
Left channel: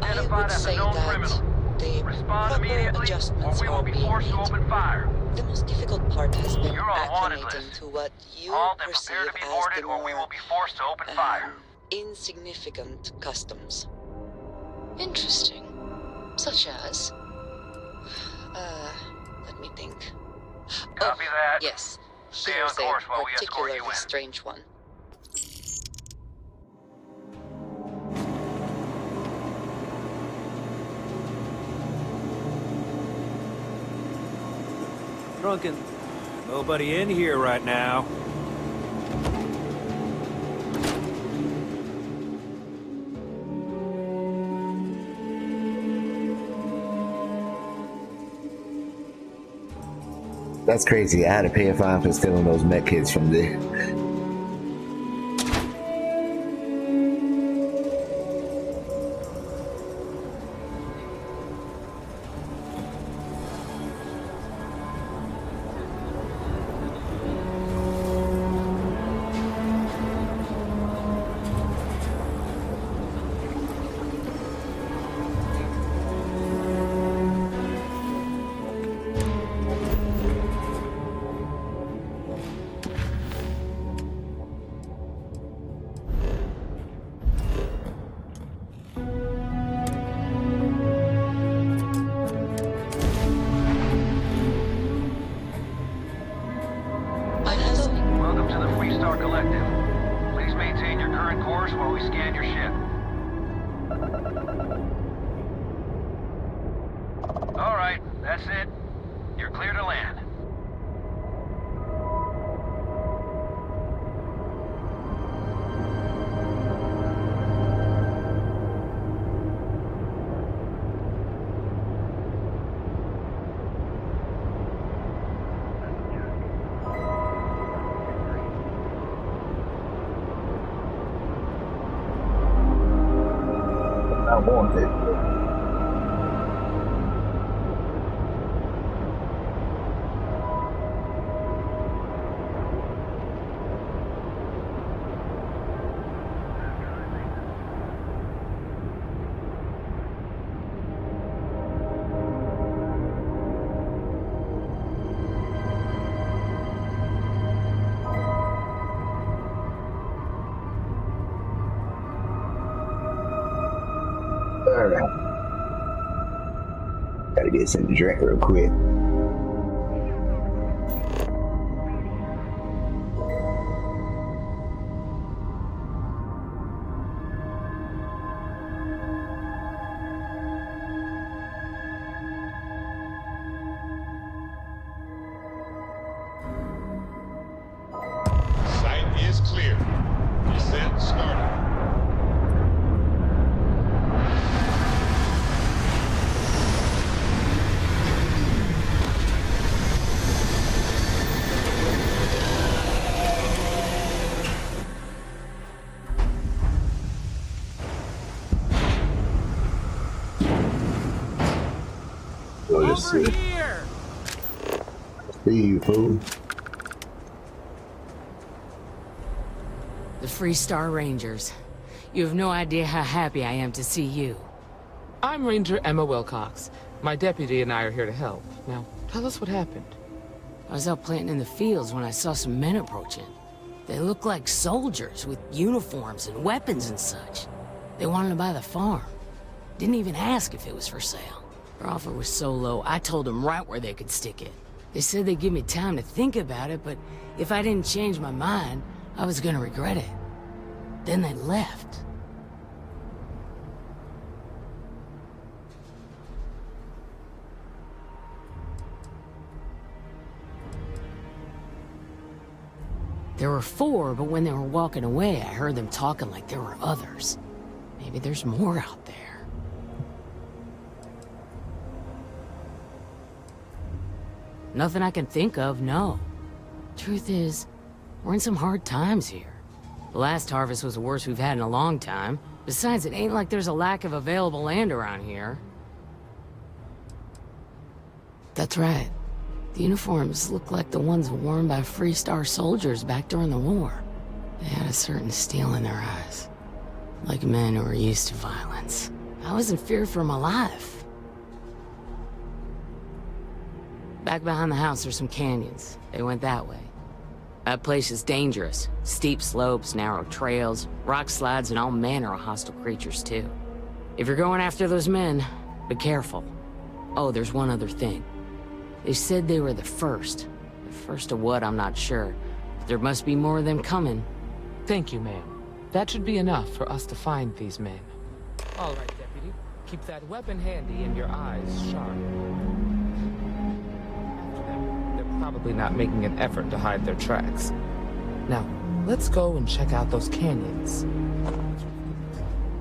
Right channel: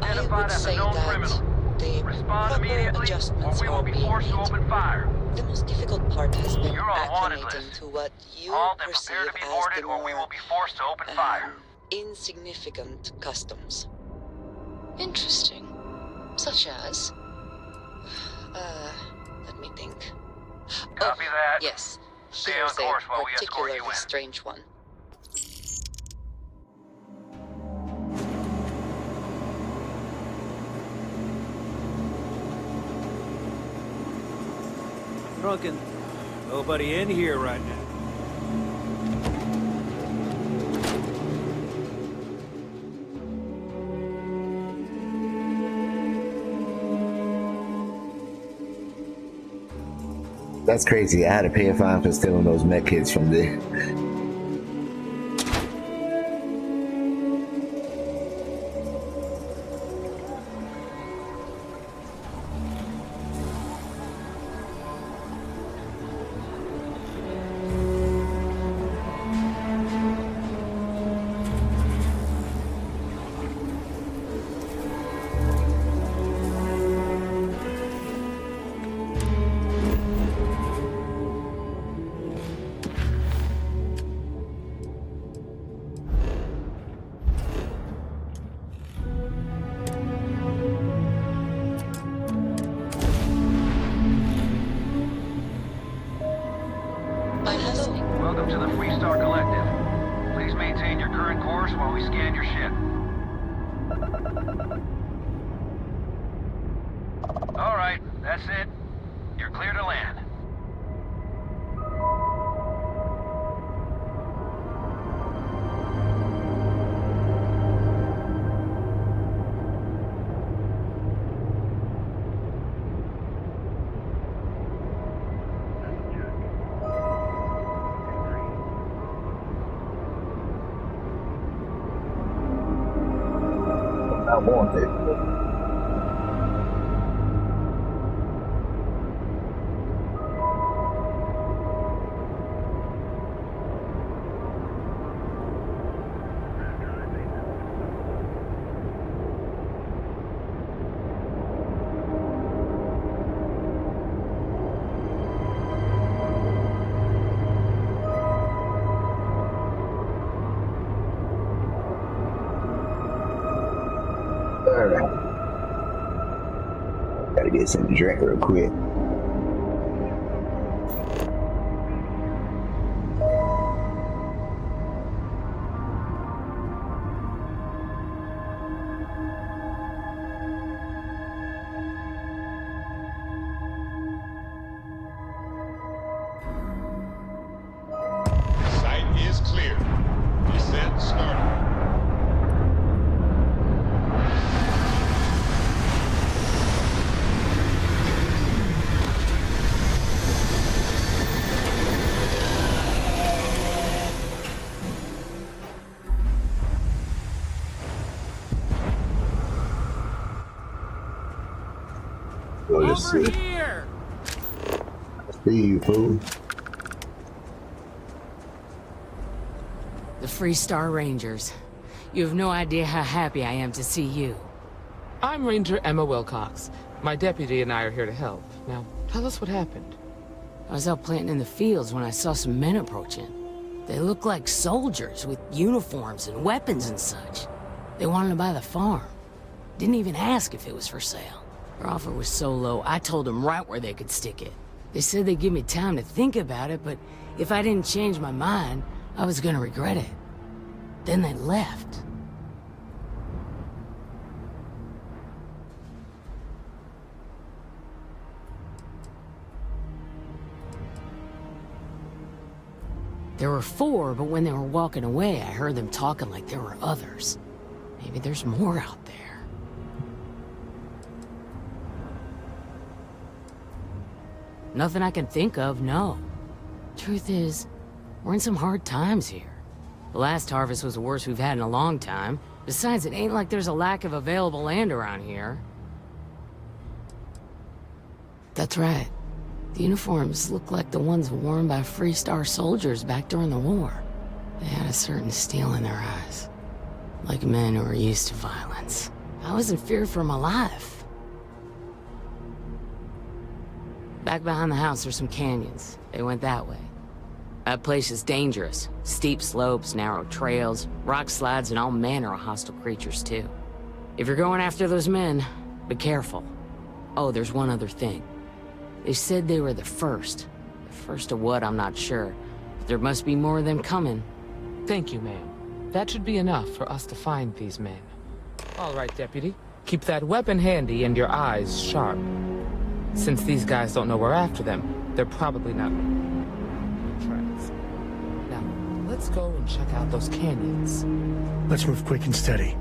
identified as a known criminal. Respond immediately, or we will be forced to open fire. The most difficult part has been You're on wanted acclimating list. to what you Halt and perceive prepare to be as boarded, the or we more will be forced to open fire. insignificant customs. Interesting. Such as? Let me think. Copy that. Yes. Stay Here's on course a while we escort particularly you in. strange one. Drunken. Nobody in here right now. That's crazy. I had to pay a fine for stealing those med kits from there. to the Freestar Collective. Please maintain your current course while we scan your ship. All right, that's it. You're clear to land. I want it. Alright. Gotta get some drink real quick. Site is clear. Descent started. Over here! See you, fool. The Freestar Rangers. You have no idea how happy I am to see you. I'm Ranger Emma Wilcox. My deputy and I are here to help. Now, tell us what happened. I was out planting in the fields when I saw some men approaching. They looked like soldiers with uniforms and weapons and such. They wanted to buy the farm. Didn't even ask if it was for sale. Their offer was so low, I told them right where they could stick it. They said they'd give me time to think about it, but if I didn't change my mind, I was gonna regret it. Then they left. There were 4, but when they were walking away, I heard them talking like there were others. Maybe there's more out there. Nothing I can think of, no. Truth is, we're in some hard times here. The last harvest was the worst we've had in a long time. Besides, it ain't like there's a lack of available land around here. That's right. The uniforms look like the ones worn by Freestar soldiers back during the war. They had a certain steel in their eyes. Like men who were used to violence. I was in fear for my life. Back behind the house there's some canyons. They went that way. That place is dangerous. Steep slopes, narrow trails, rock slides, and all manner of hostile creatures, too. If you're going after those men, be careful. Oh, there's one other thing. They said they were the first. The first of what, I'm not sure. But there must be more of them coming. Thank you, ma'am. That should be enough for us to find these men. All right, Deputy. Keep that weapon handy and your eyes sharp. Since these guys don't know we're after them, they're probably not making an effort to hide their tracks. Now, let's go and check out those canyons. Let's move quick and steady.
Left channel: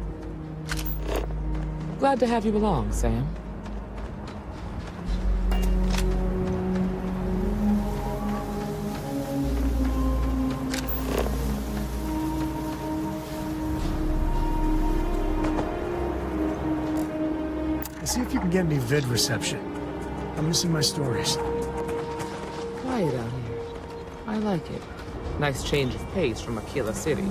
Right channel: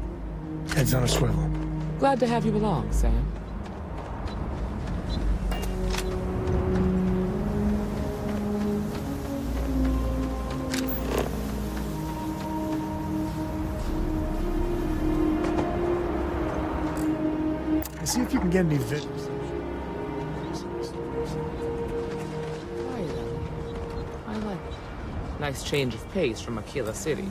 Heads on a swivel. Glad to have you along, Sam. See if you can get any vid reception. I'm missing my stories. Quiet out here. I like it. Nice change of pace from Aquila City.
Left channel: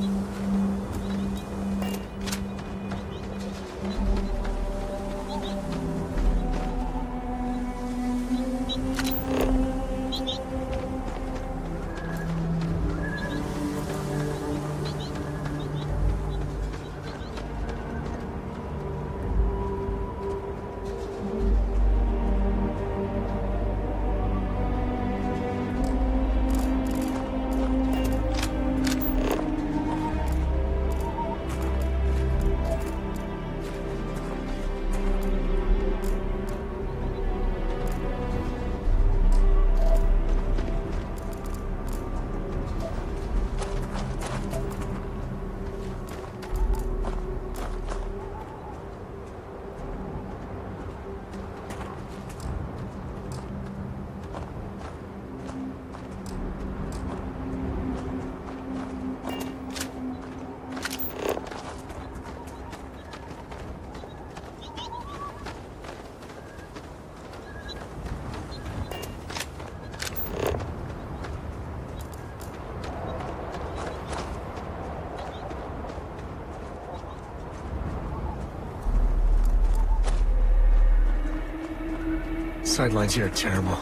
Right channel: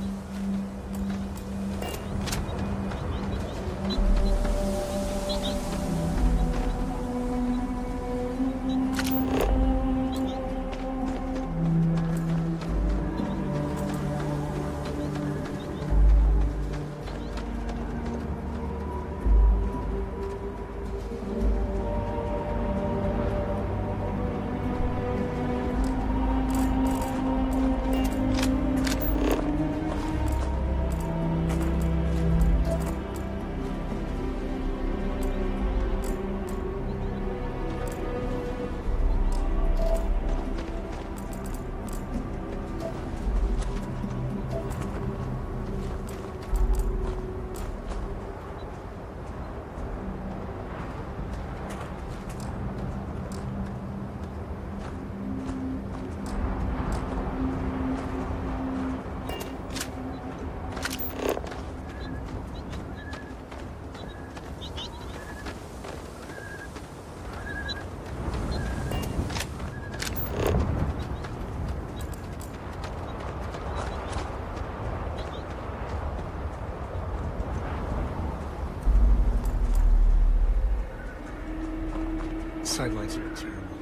sidelines here are terrible.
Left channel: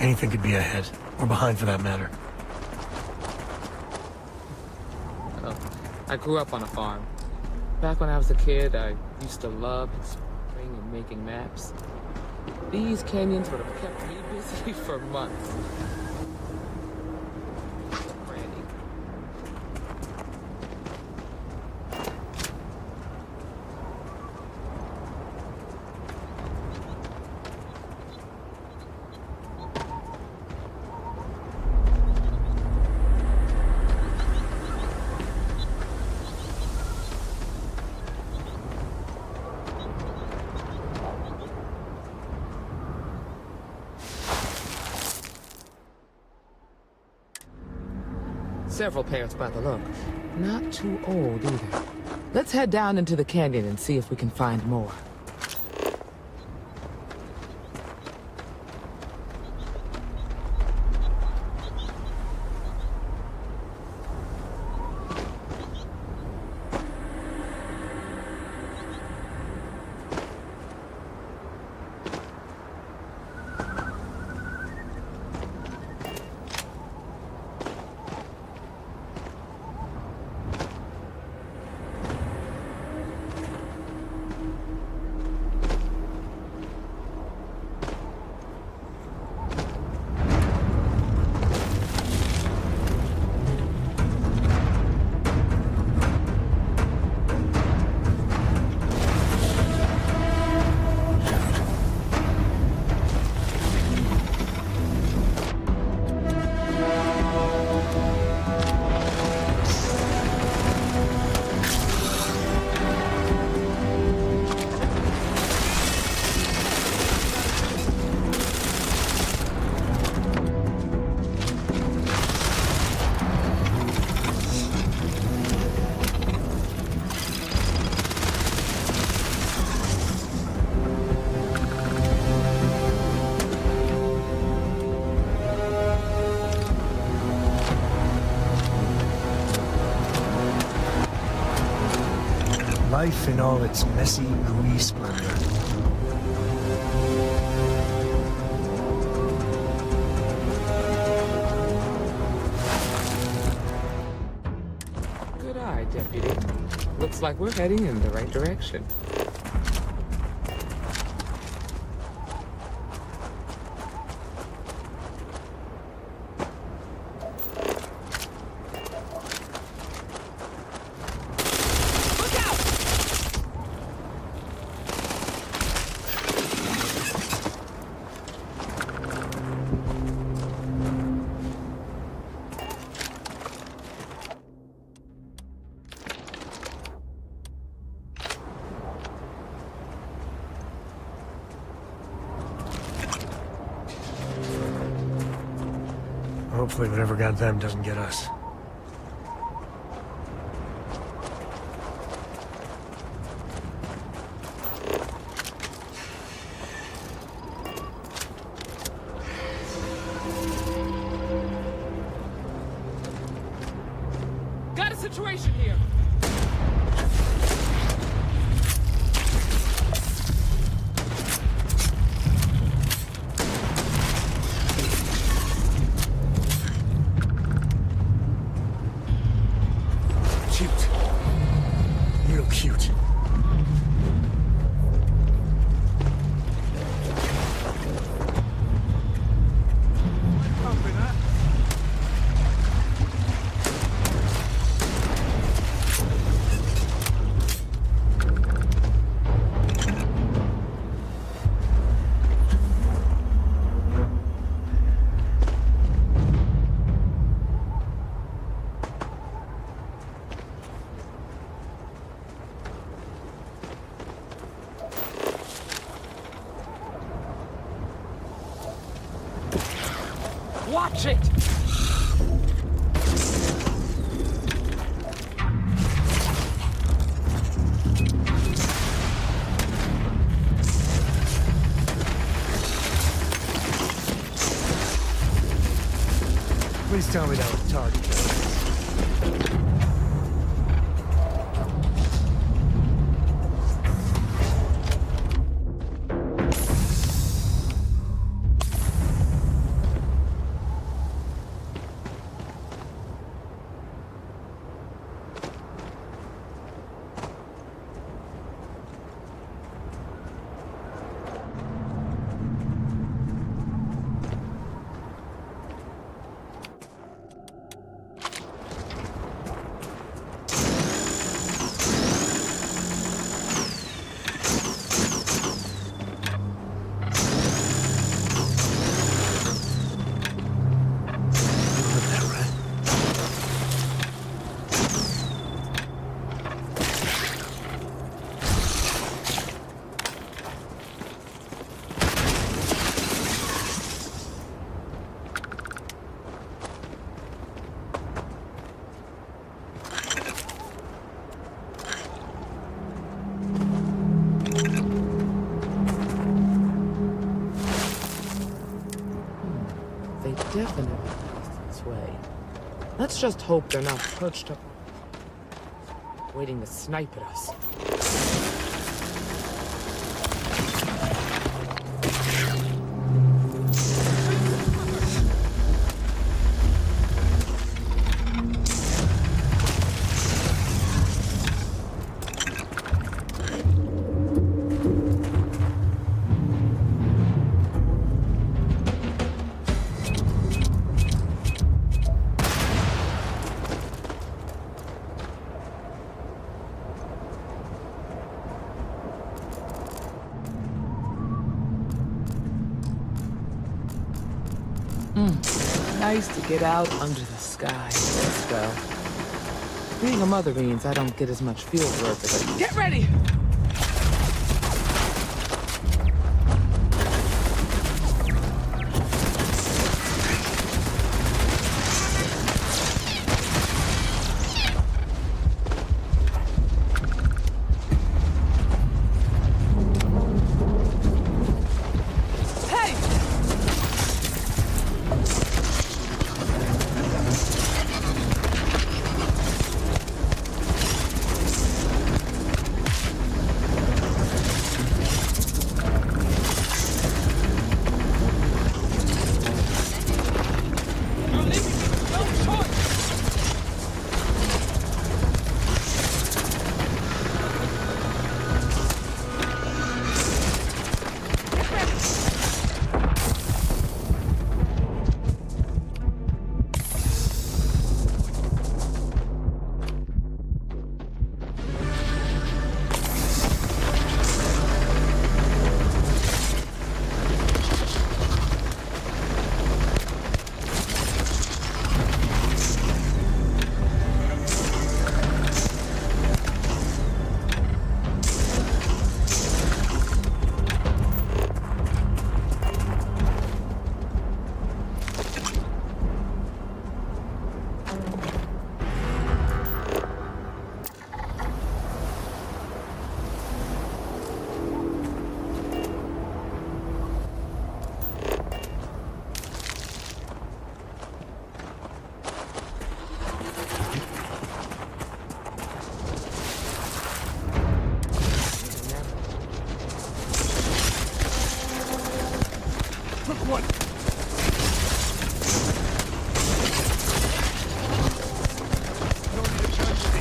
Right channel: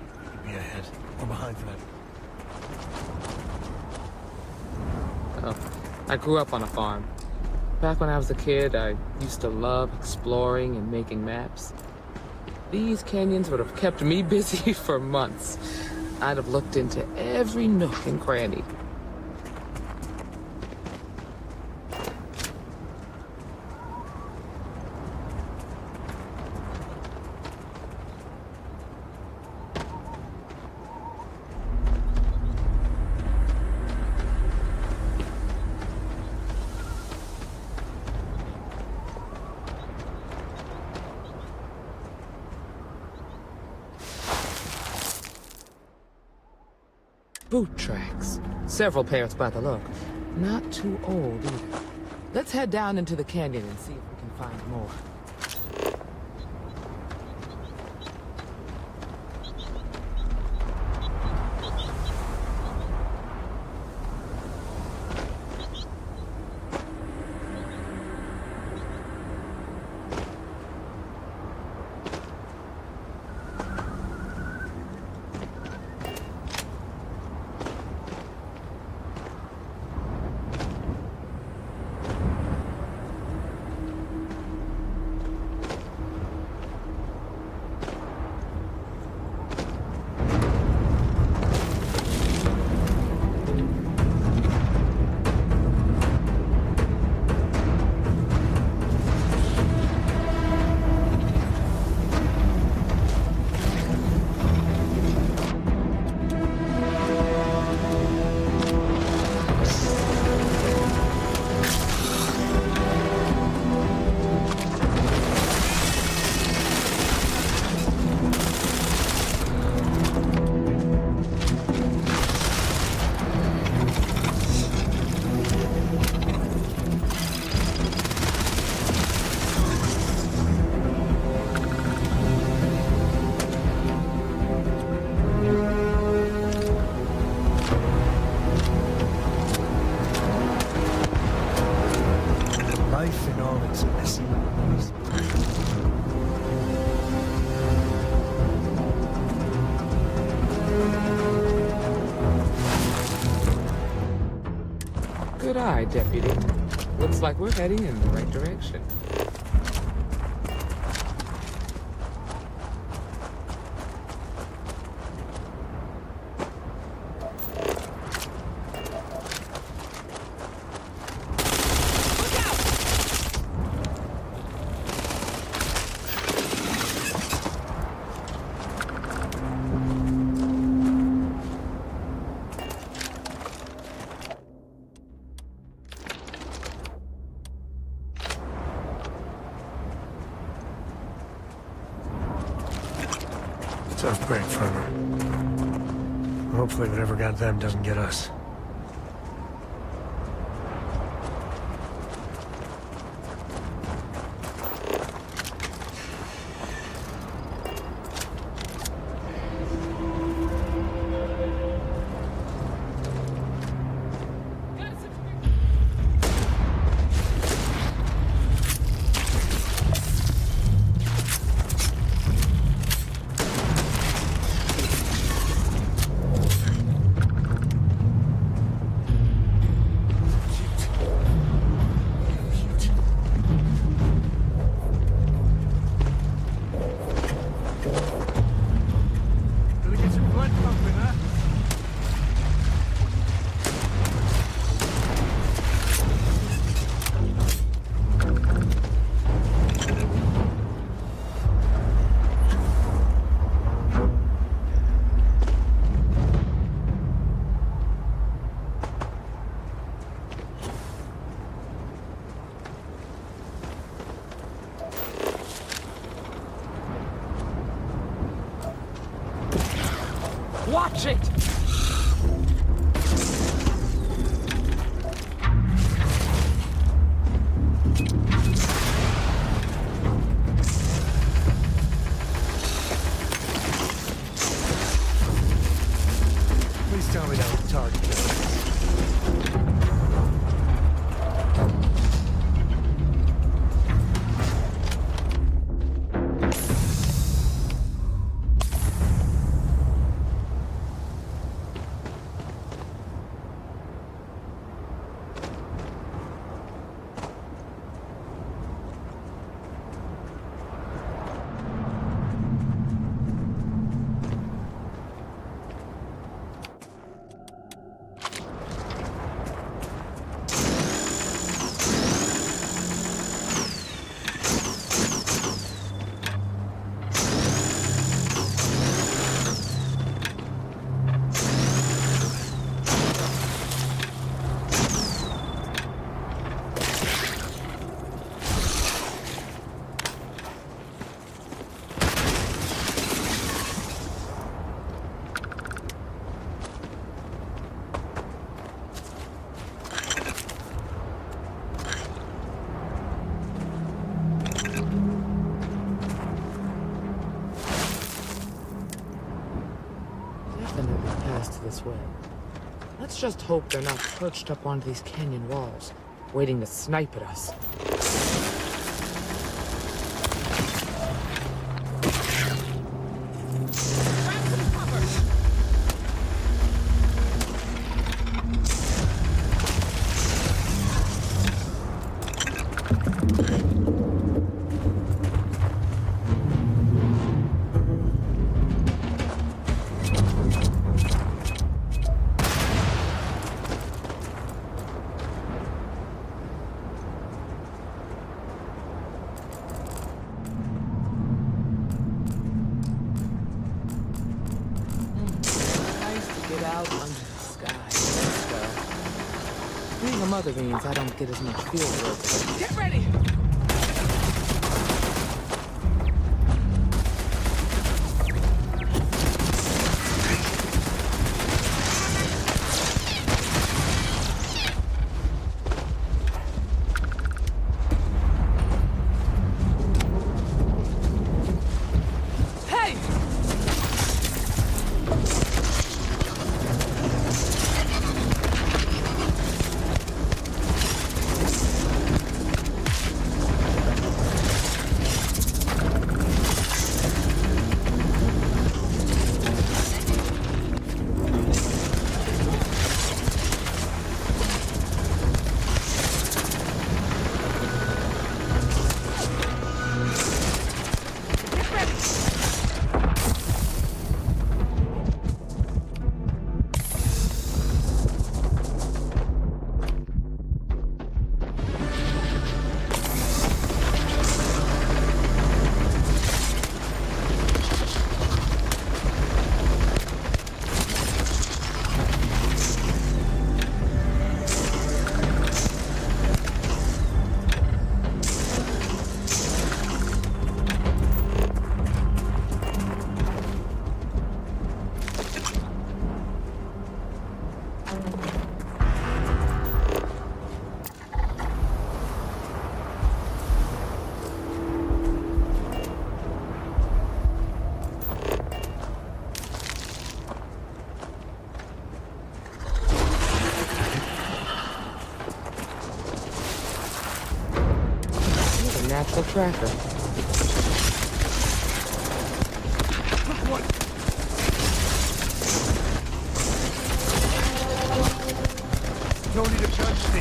Anything could be ahead, or behind for that matter. Oh, I grew up on a farm. Back when I was a kid, I used to love exploring and making maps. These canyons would have kept me busy for months. I'd have looked into every nook and cranny. Boot tracks. Several pairs by the look. Not too old either. Let's head down into the canyon and see if we can find more. Life in all its messy, gooey splendor. Good eye, Deputy. Looks like we're heading in the right direction. Tough break for her. Hopefully whatever got them doesn't get us. Got a situation here. Watch it! Please tell me that was the target. definitely passed this way. Let's just hope they're not perched up onto these canyon walls, waiting to snipe at us. Nice to get out under the sky as well. Being a mother means I don't get as much field work as I... Get ready! Natural tracker. What? No need to charge me.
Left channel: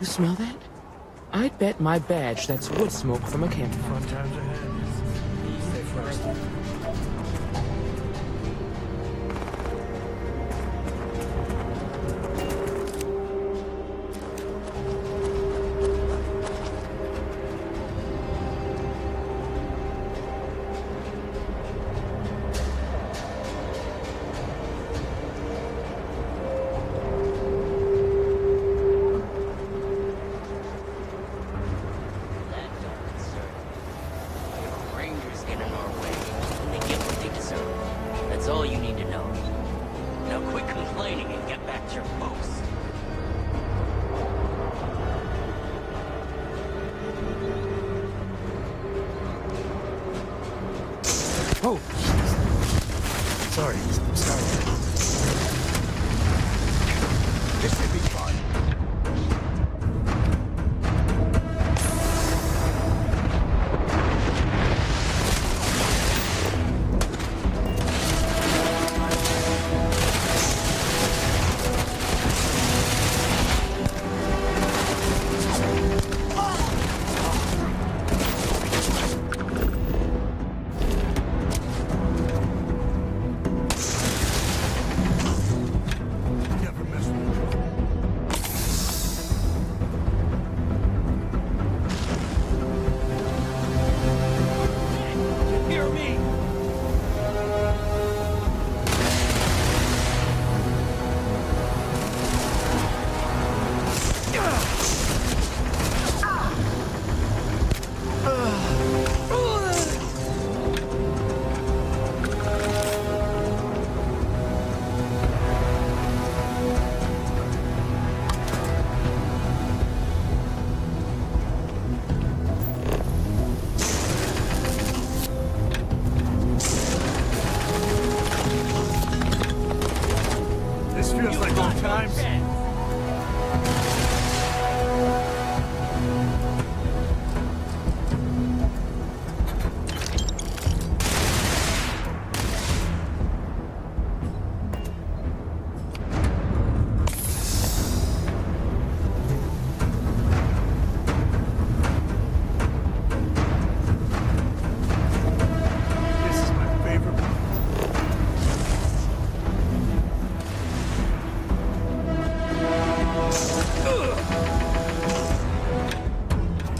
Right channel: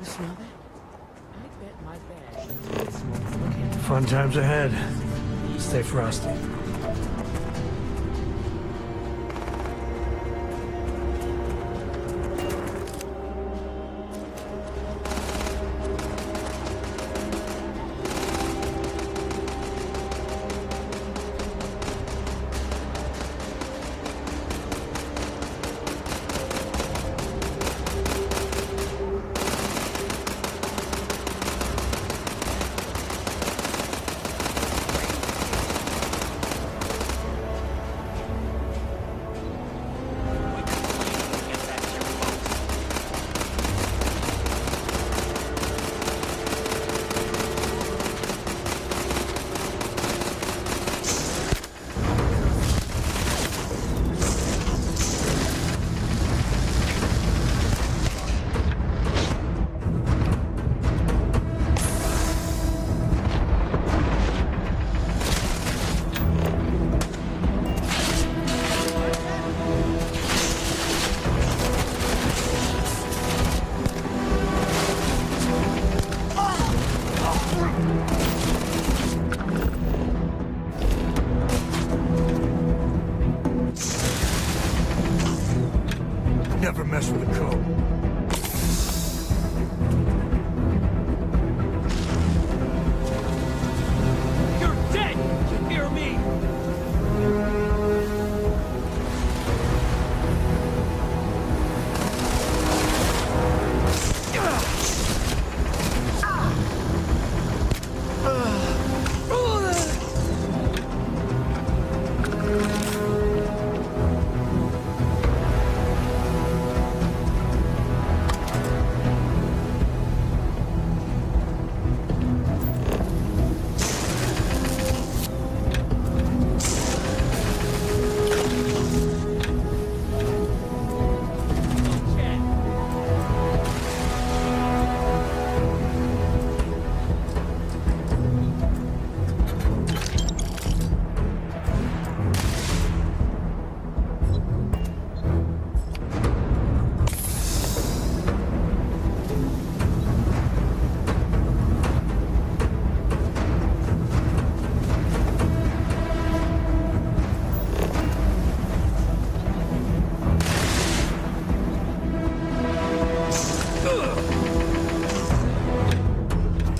You smell that? I'd bet my badge that's wood smoke from a camp. Fun times ahead. Stay frosty.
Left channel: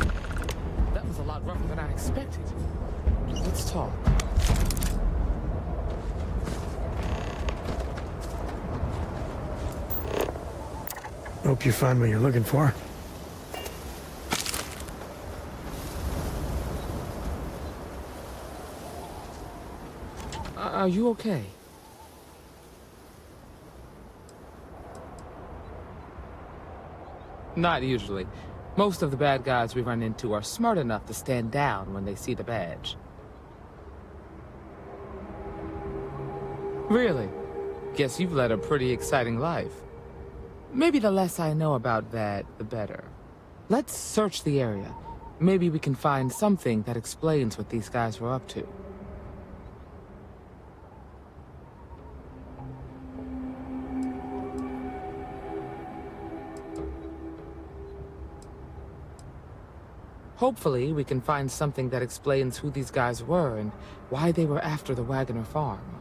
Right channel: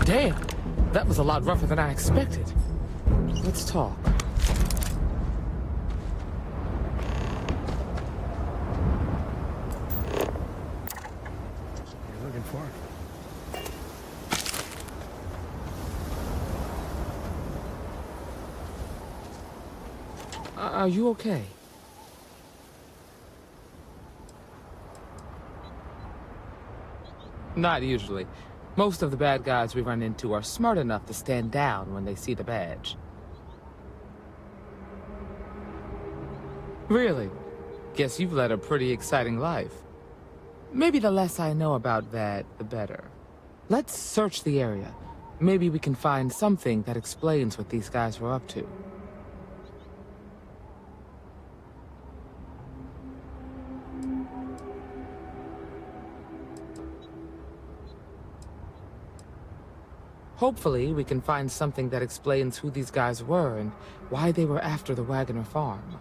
Damn, that was a lot rougher than I expected. Let's talk. Hope you find what you're looking for. Are you okay? Not usually. Most of the bad guys we run into are smart enough to stand down when they see the badge. Really? Guess you've led a pretty exciting life. Maybe the less I know about that, the better. Let's search the area. Maybe we can find something that explains what these guys were up to. Hopefully, we can find something that explains who these guys were and why they were after the Wagoner farm.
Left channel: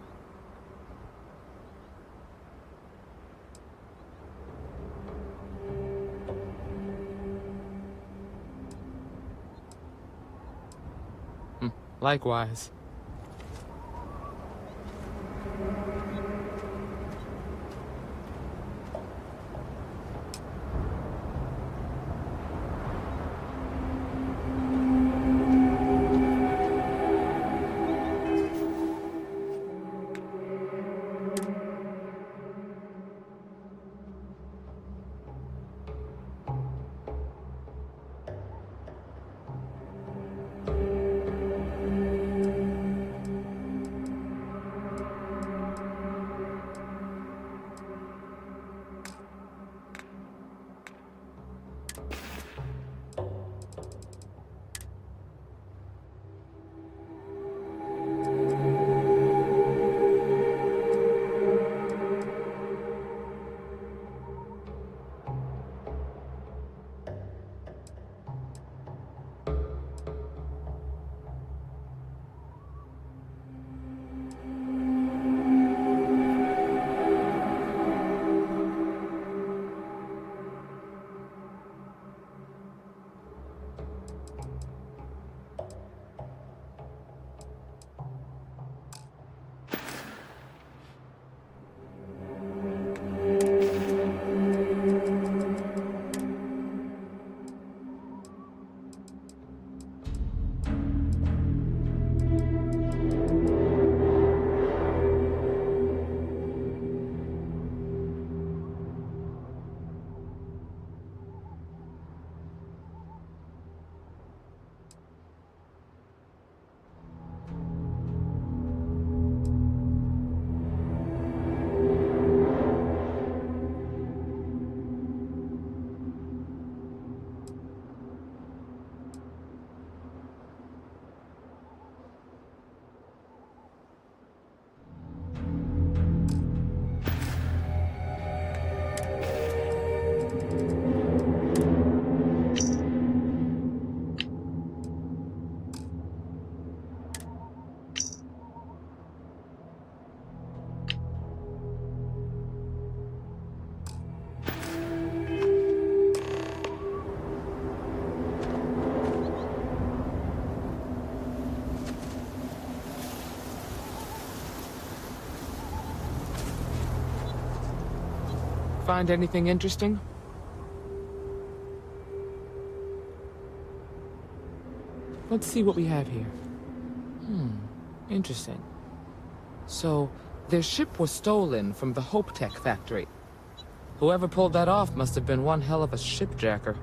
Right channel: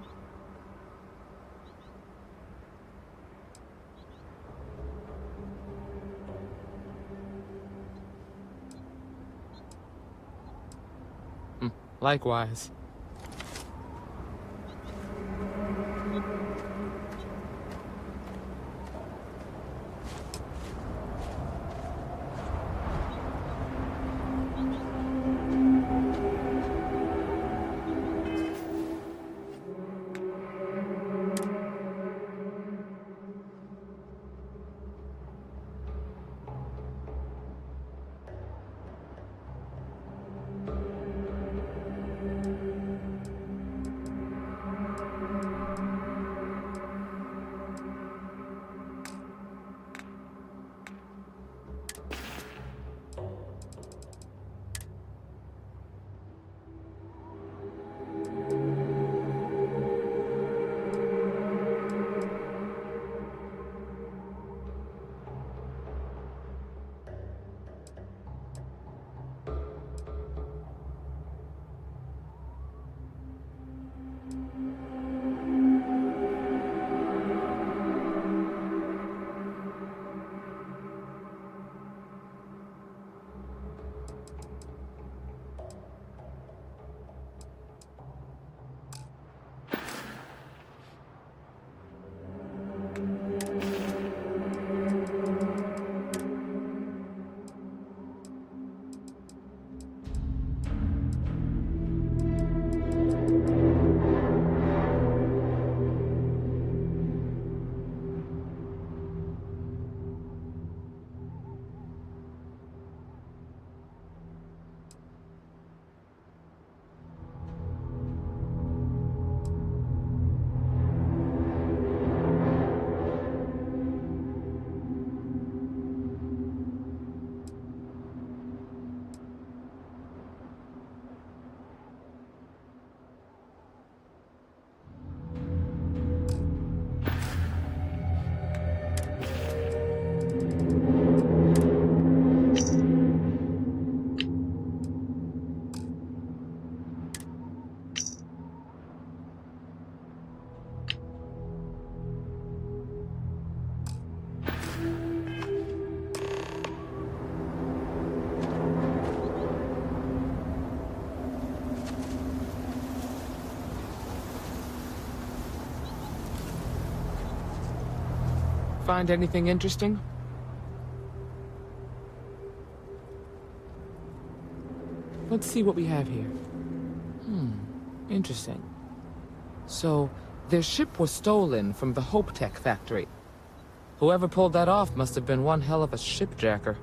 Likewise. Find anything interesting? Let's see what we have here. Interesting. So, their ship was stolen from the Hope Tech factory. Whoever pulled that off must have been one hell of a shipjacker.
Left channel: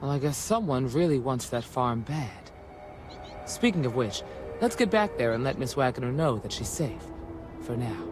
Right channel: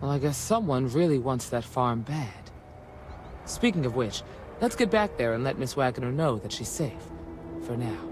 Well, I guess someone really wants that farm bad. Speaking of which, let's get back there and let Miss Wagoner know that she's safe. For now.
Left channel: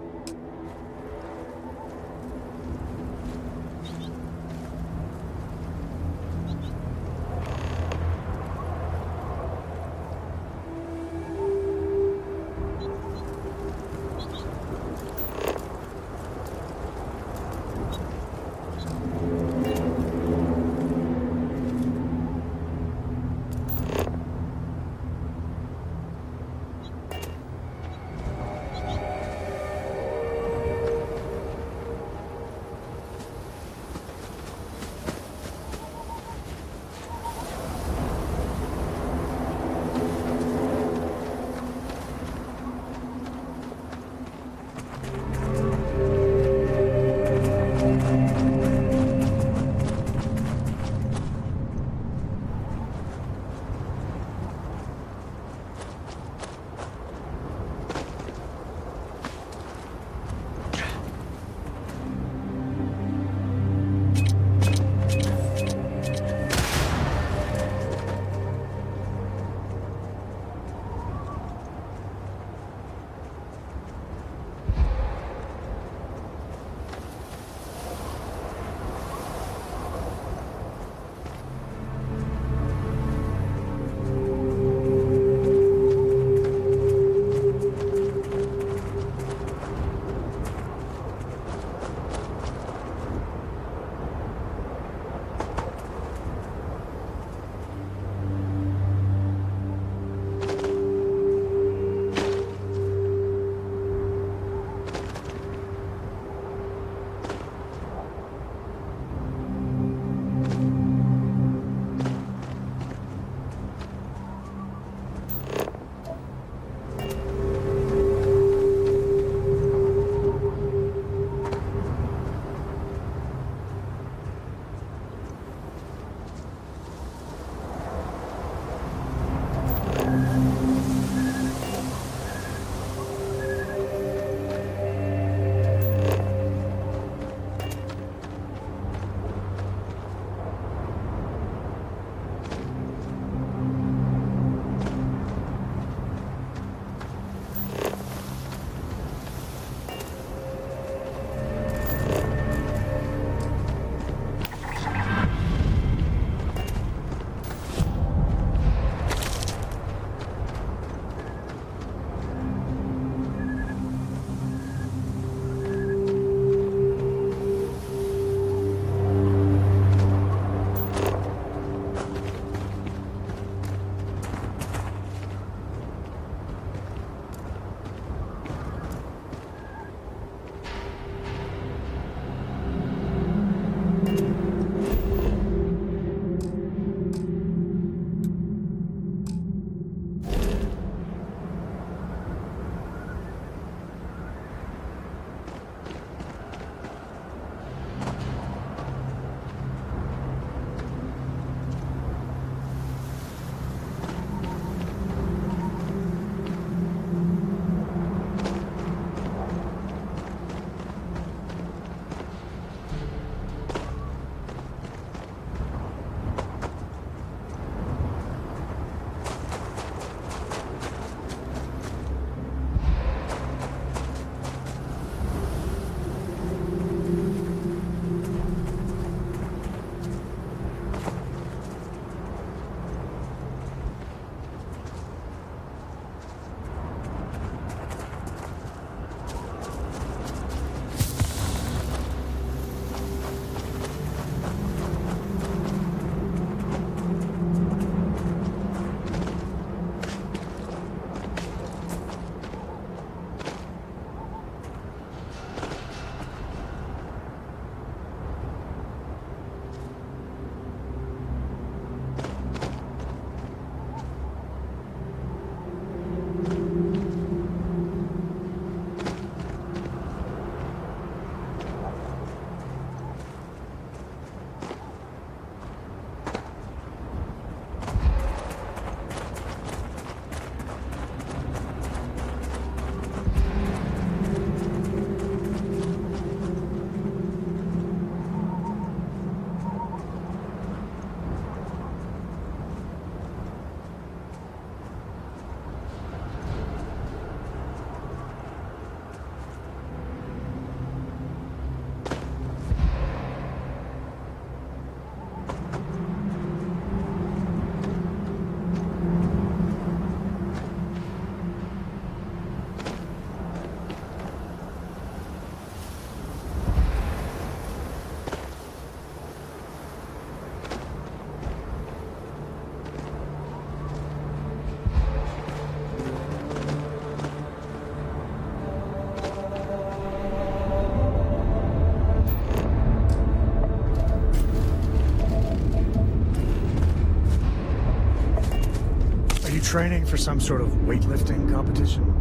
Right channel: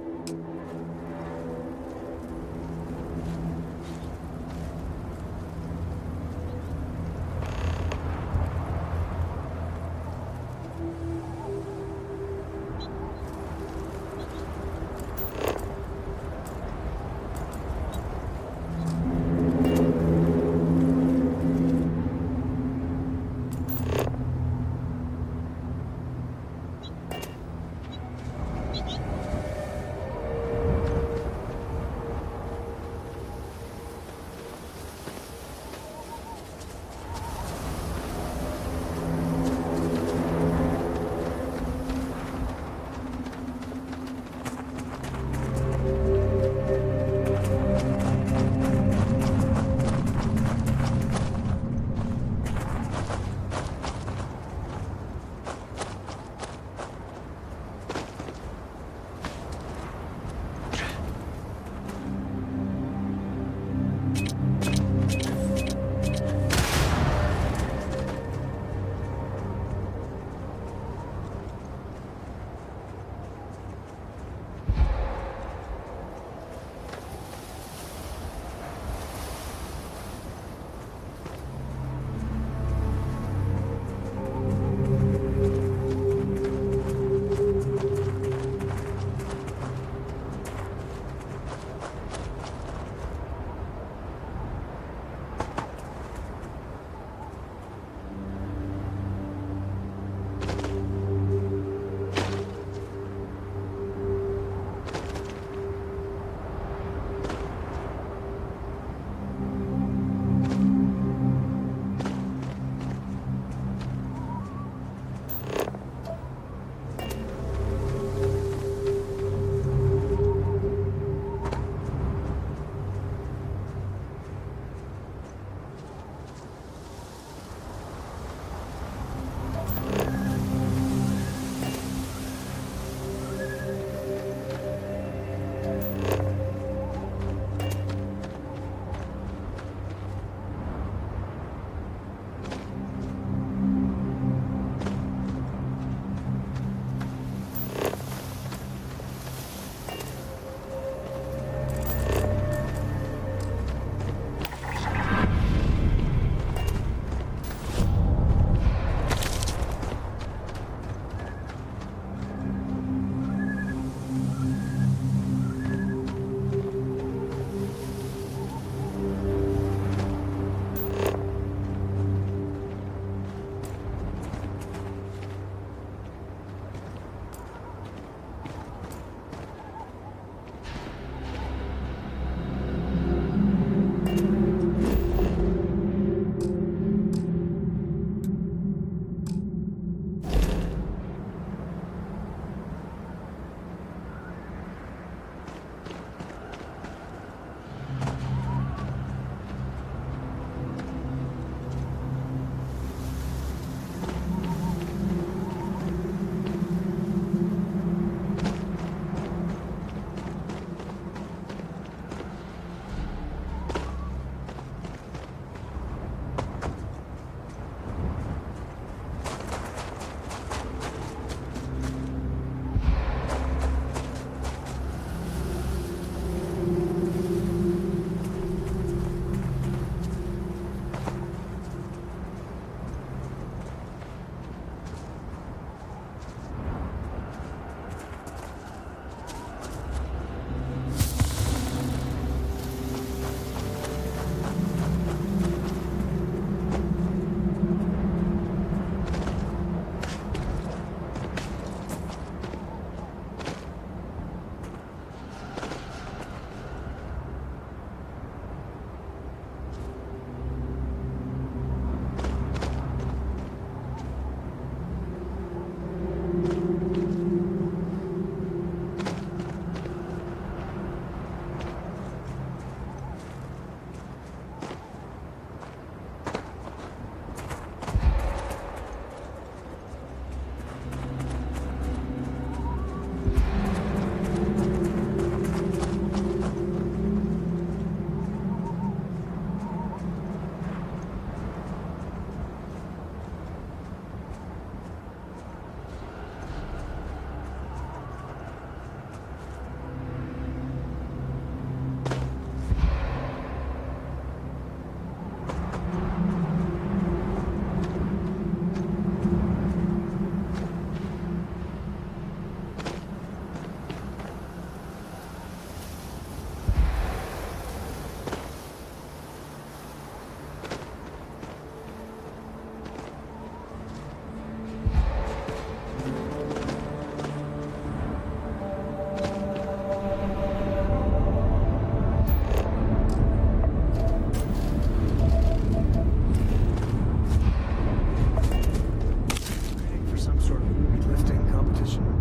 training for some sort of weightlifting competition?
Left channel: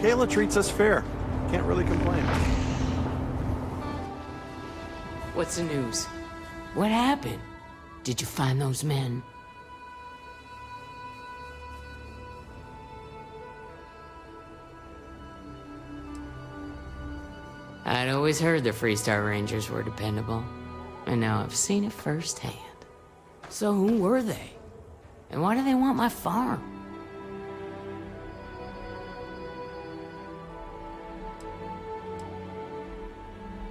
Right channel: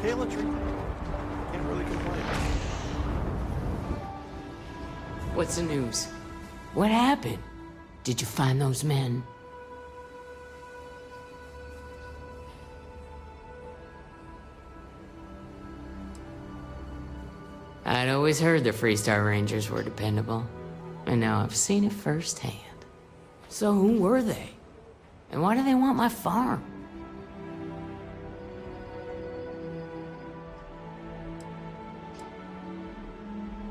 Kayla treats us fair. Can't really complain. What's the news? What happened? Did you find those men? I'd always heard the Freestar Rangers were dependable, and now I've seen it firsthand. So who were they? And why do they want my farm?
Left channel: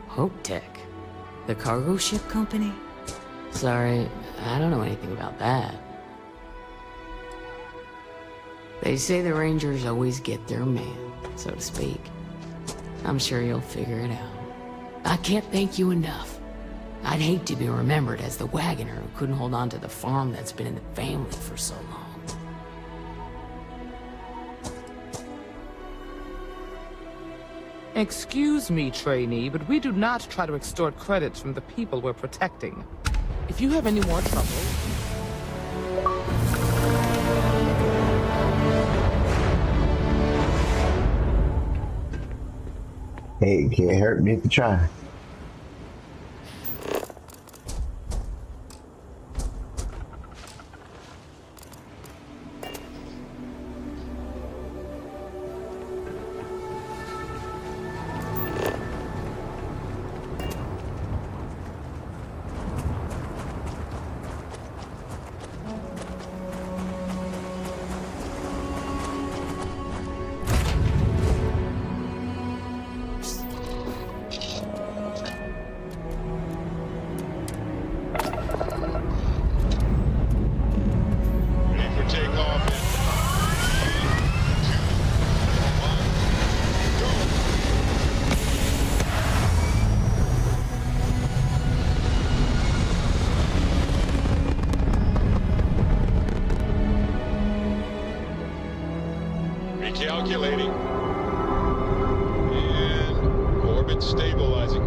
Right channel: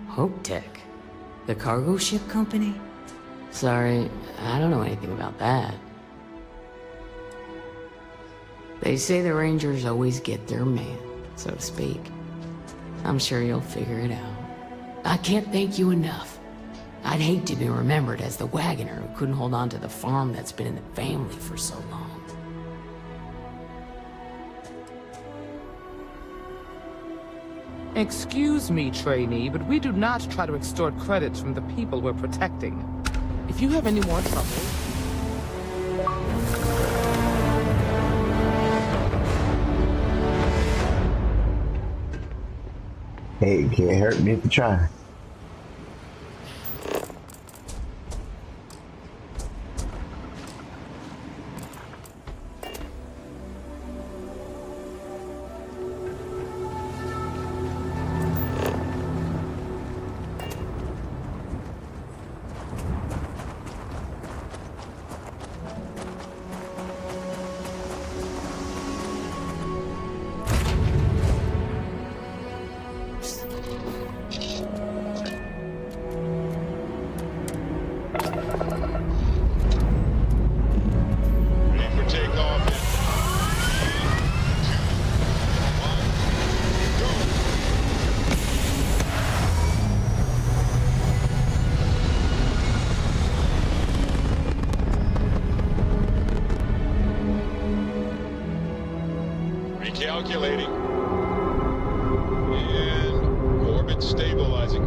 Hope Tech? The cargo ship company? Sorry, I don't know anything about that. They say the Rangers always get their man, so to speak. I'm sure you'll figure it out. I can't thank you enough. I'd hate to be remembered as the wagoner who couldn't hold on to the farm that's been in the family for so long. Excuse me, trainee, but we do not try to extort credits from the people we're protecting. If you have any more trouble... Hey, can't hurt me to try. Recalculating. And orbit stabilizing.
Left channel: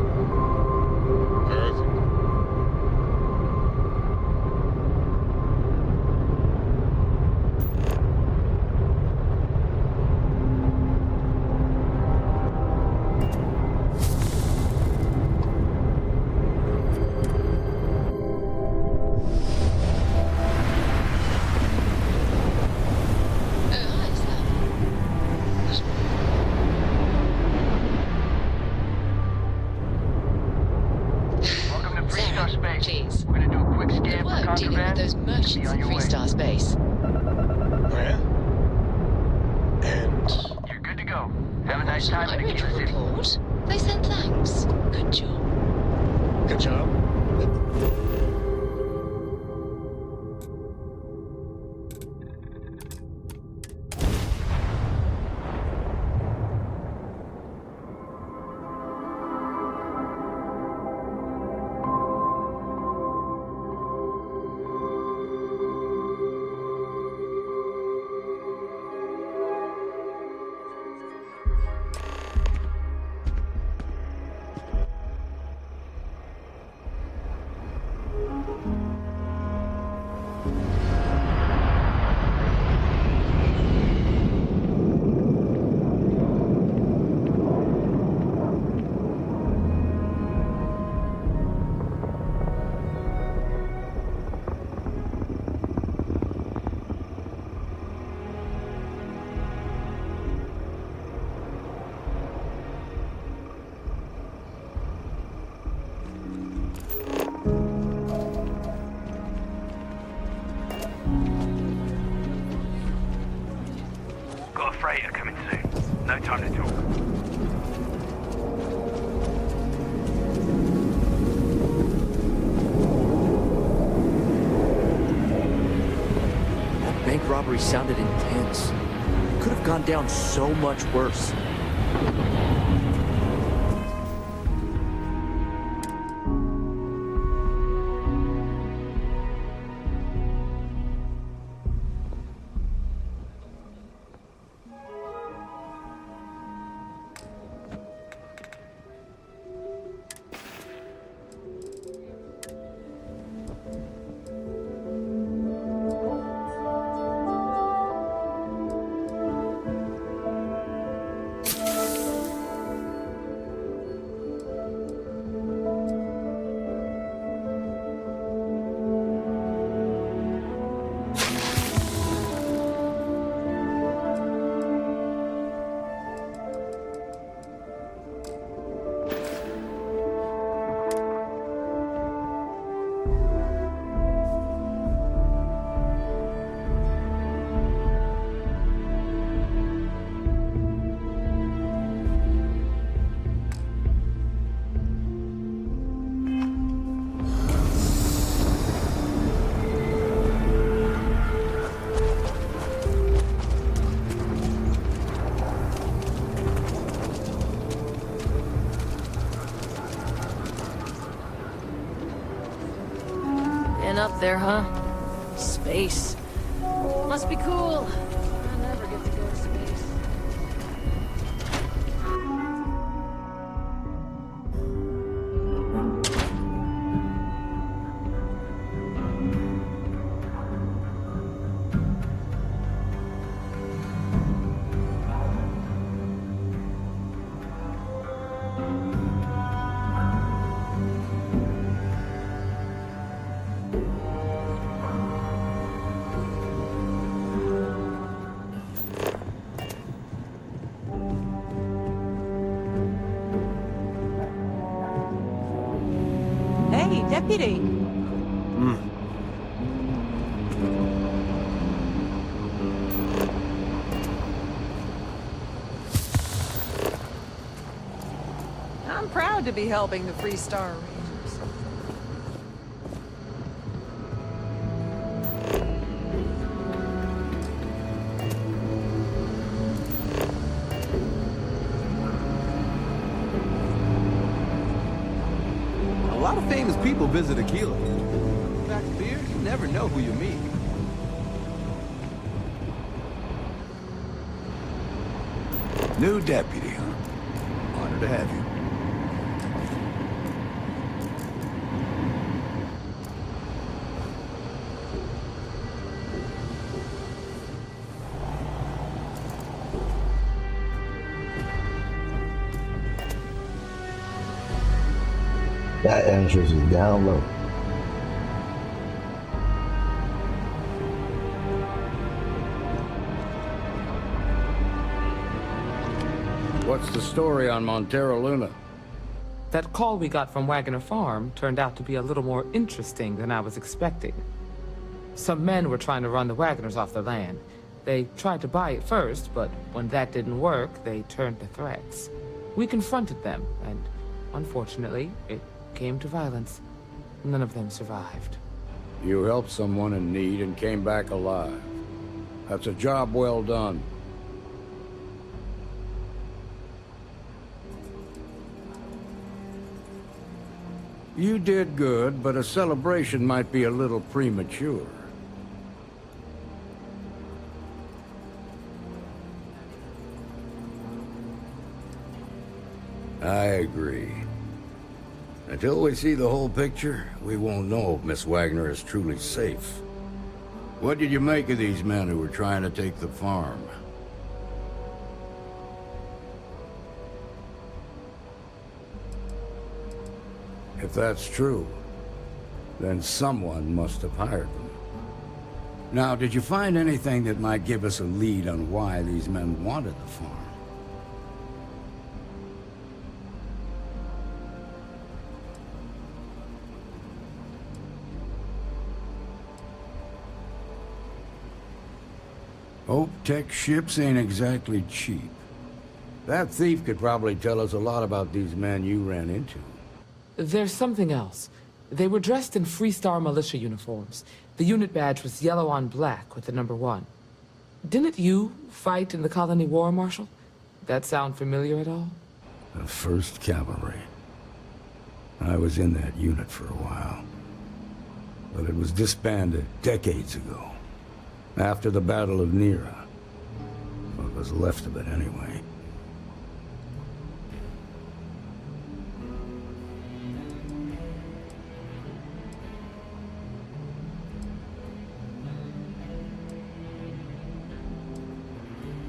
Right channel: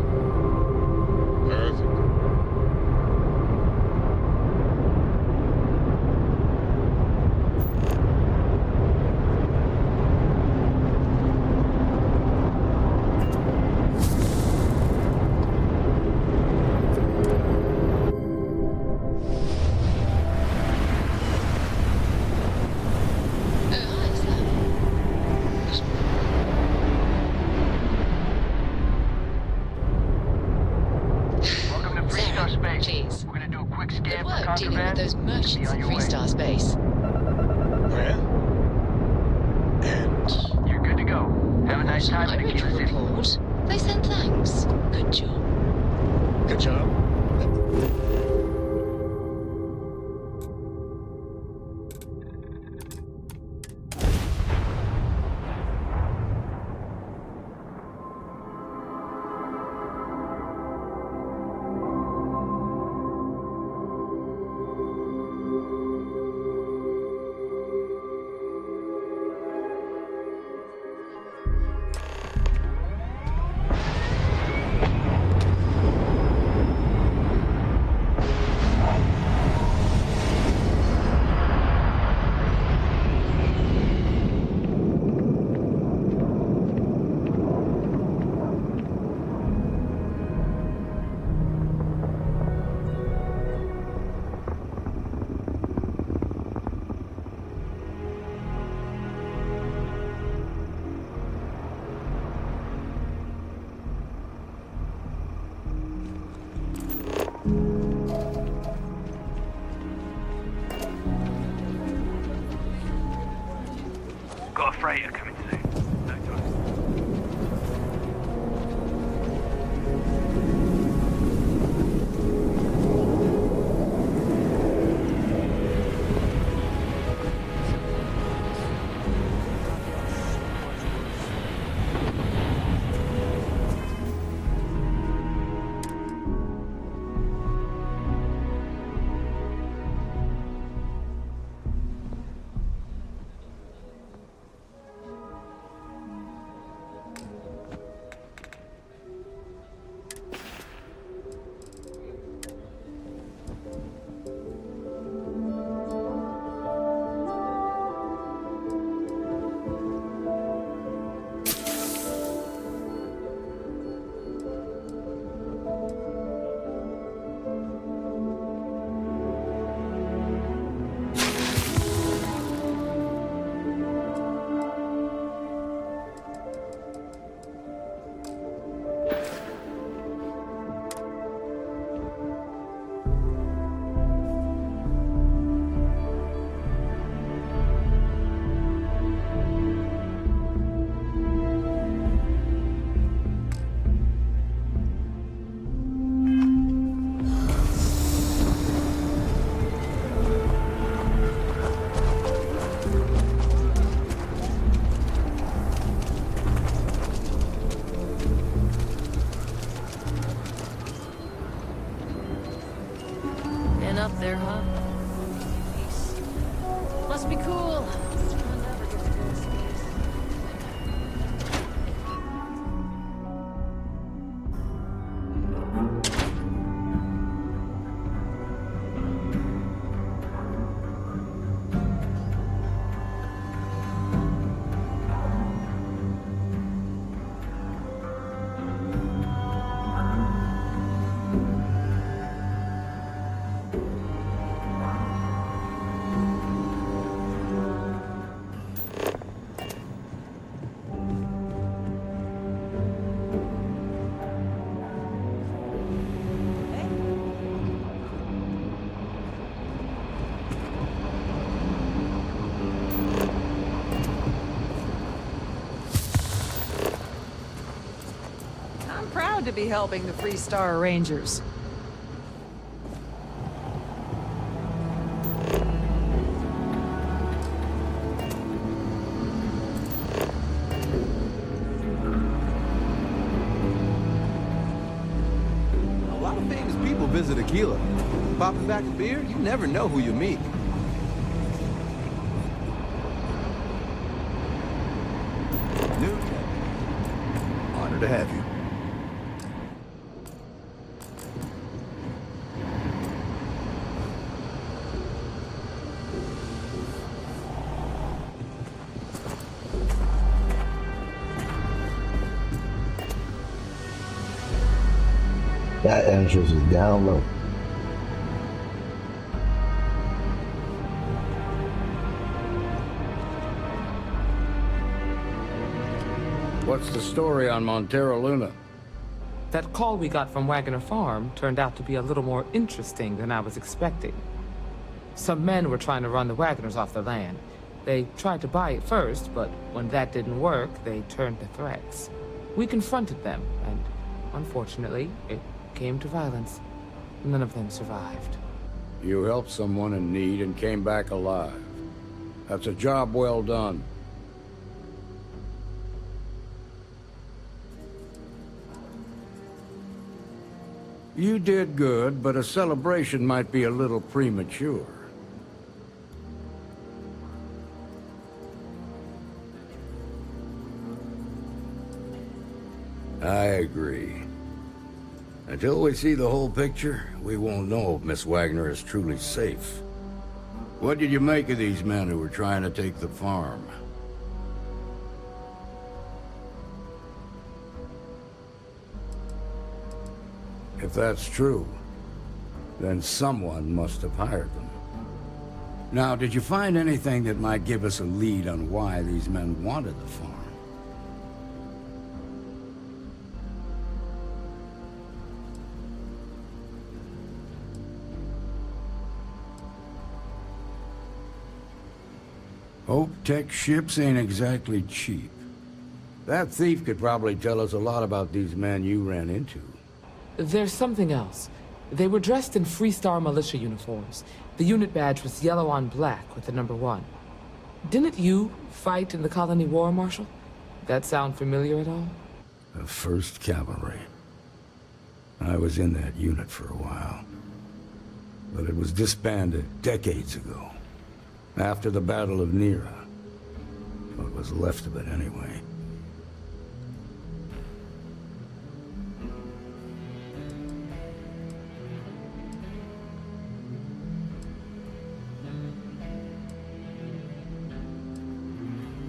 Perfect. freighter coming soon. No time to talk. Bank robbery sounded intense. Could have gone down so much worse. Up there, huh? Space. Must be cool. I'll never get to go to space. Hey, deputy. I'm proud to be helping the Free Star Rangers. A lot of famous people visit Aquila. Popping back a beer, you never know who you meet. New deputy. Honored to have you. That entrance is down low. What's the story on Montero Luna? That call we got from Wagner Farm turned out to be a little more interesting than I was expecting. Some men were trying to run the Wagners off the land. They tried to buy it first, but when that didn't work, they turned to threats. We confronted them, and unfortunately, it came to violence. None of them survived. You helped someone in need and came back alive. That's a job well done. You did good, but a celebration might be a little premature. I agree. Until we see the whole picture, we won't know if Miss Wagner is truly safe. What did you make of these men who were trying to take the farm? If that's true, then someone must have hired them. Now, did you find anything that might give us a lead on why these men wanted the farm? Hope Tech ships ain't exactly cheap. That thief could probably tell us a lot about these men you ran into. There's something else. They were dressed in Freestar militia uniforms. The unit badge was yellow on black with the number 1. Didn't you fight in the Colony War, Marshal? That sound familiar at all? The 1st Cavalry. I was in that unit for a while. But it was disbanded decades ago. After the Battle of Nera. What was left of it anyway.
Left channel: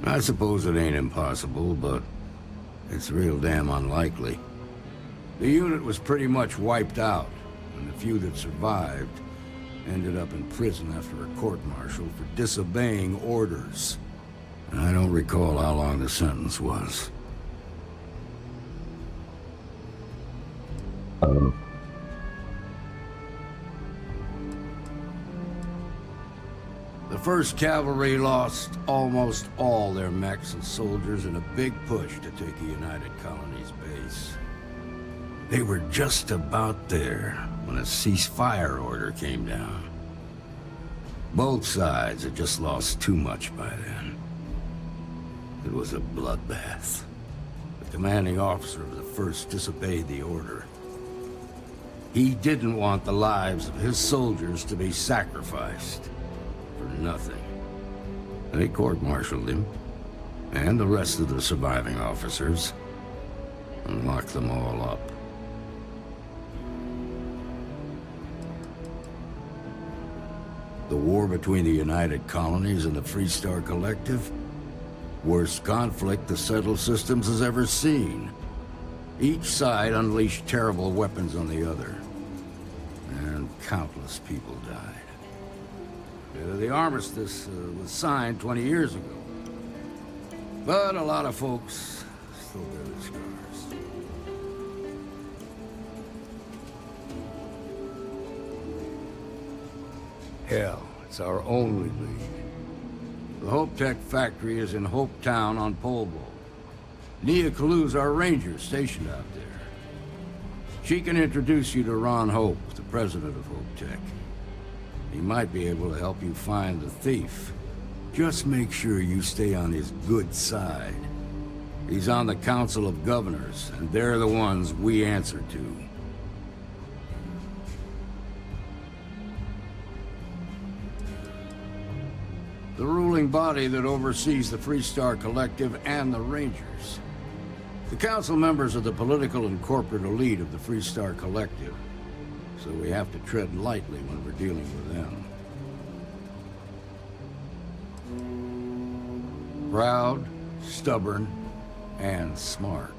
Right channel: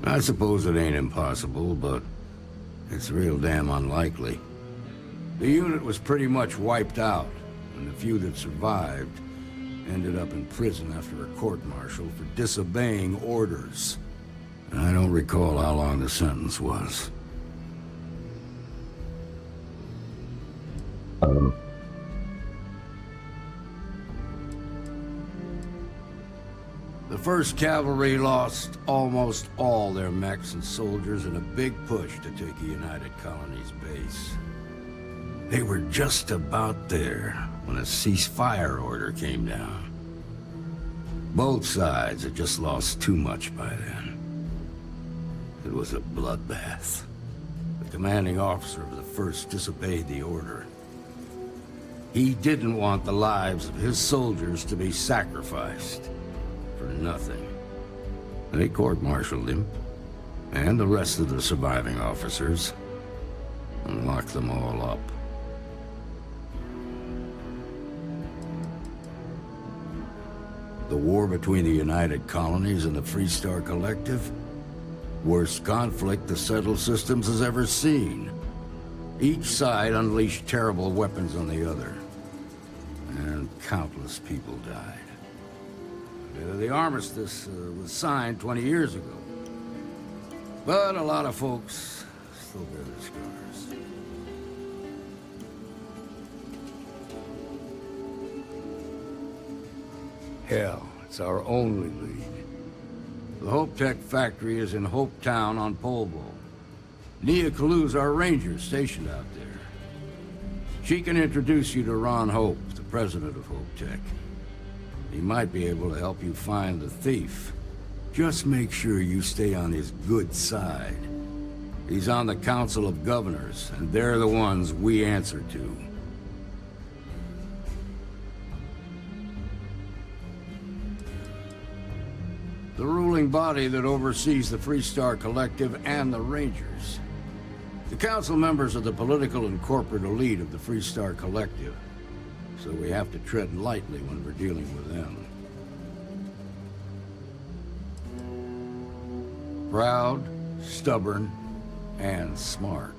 I suppose it ain't impossible, but it's real damn unlikely. The unit was pretty much wiped out, and the few that survived ended up in prison after a court-martial for disobeying orders. I don't recall how long the sentence was. The 1st Cavalry lost almost all their mechs and soldiers in a big push to take a United Colonies base. They were just about there when a ceasefire order came down. Both sides had just lost too much by then. It was a bloodbath. The commanding officer of the 1st disobeyed the order. He didn't want the lives of his soldiers to be sacrificed for nothing. They court-martialed him, and the rest of the surviving officers, and locked them all up. The war between the United Colonies and the Freestar Collective? Worst conflict the settled systems has ever seen. Each side unleashed terrible weapons on the other. And countless people died. The armistice was signed 20 years ago. But a lot of folks still bear their scars. Hell, it's our only lead. The Hope Tech factory is in Hope Town on Polvo. Nia Kalu's our ranger stationed out there. She can introduce you to Ron Hope, the president of Hope Tech. He might be able to help you find the thief. Just make sure you stay on his good side. He's on the Council of Governors, and they're the ones we answer to. The ruling body that oversees the Freestar Collective and the Rangers. The council members are the political and corporate elite of the Freestar Collective, so we have to tread lightly when we're dealing with them. Proud, stubborn, and smart.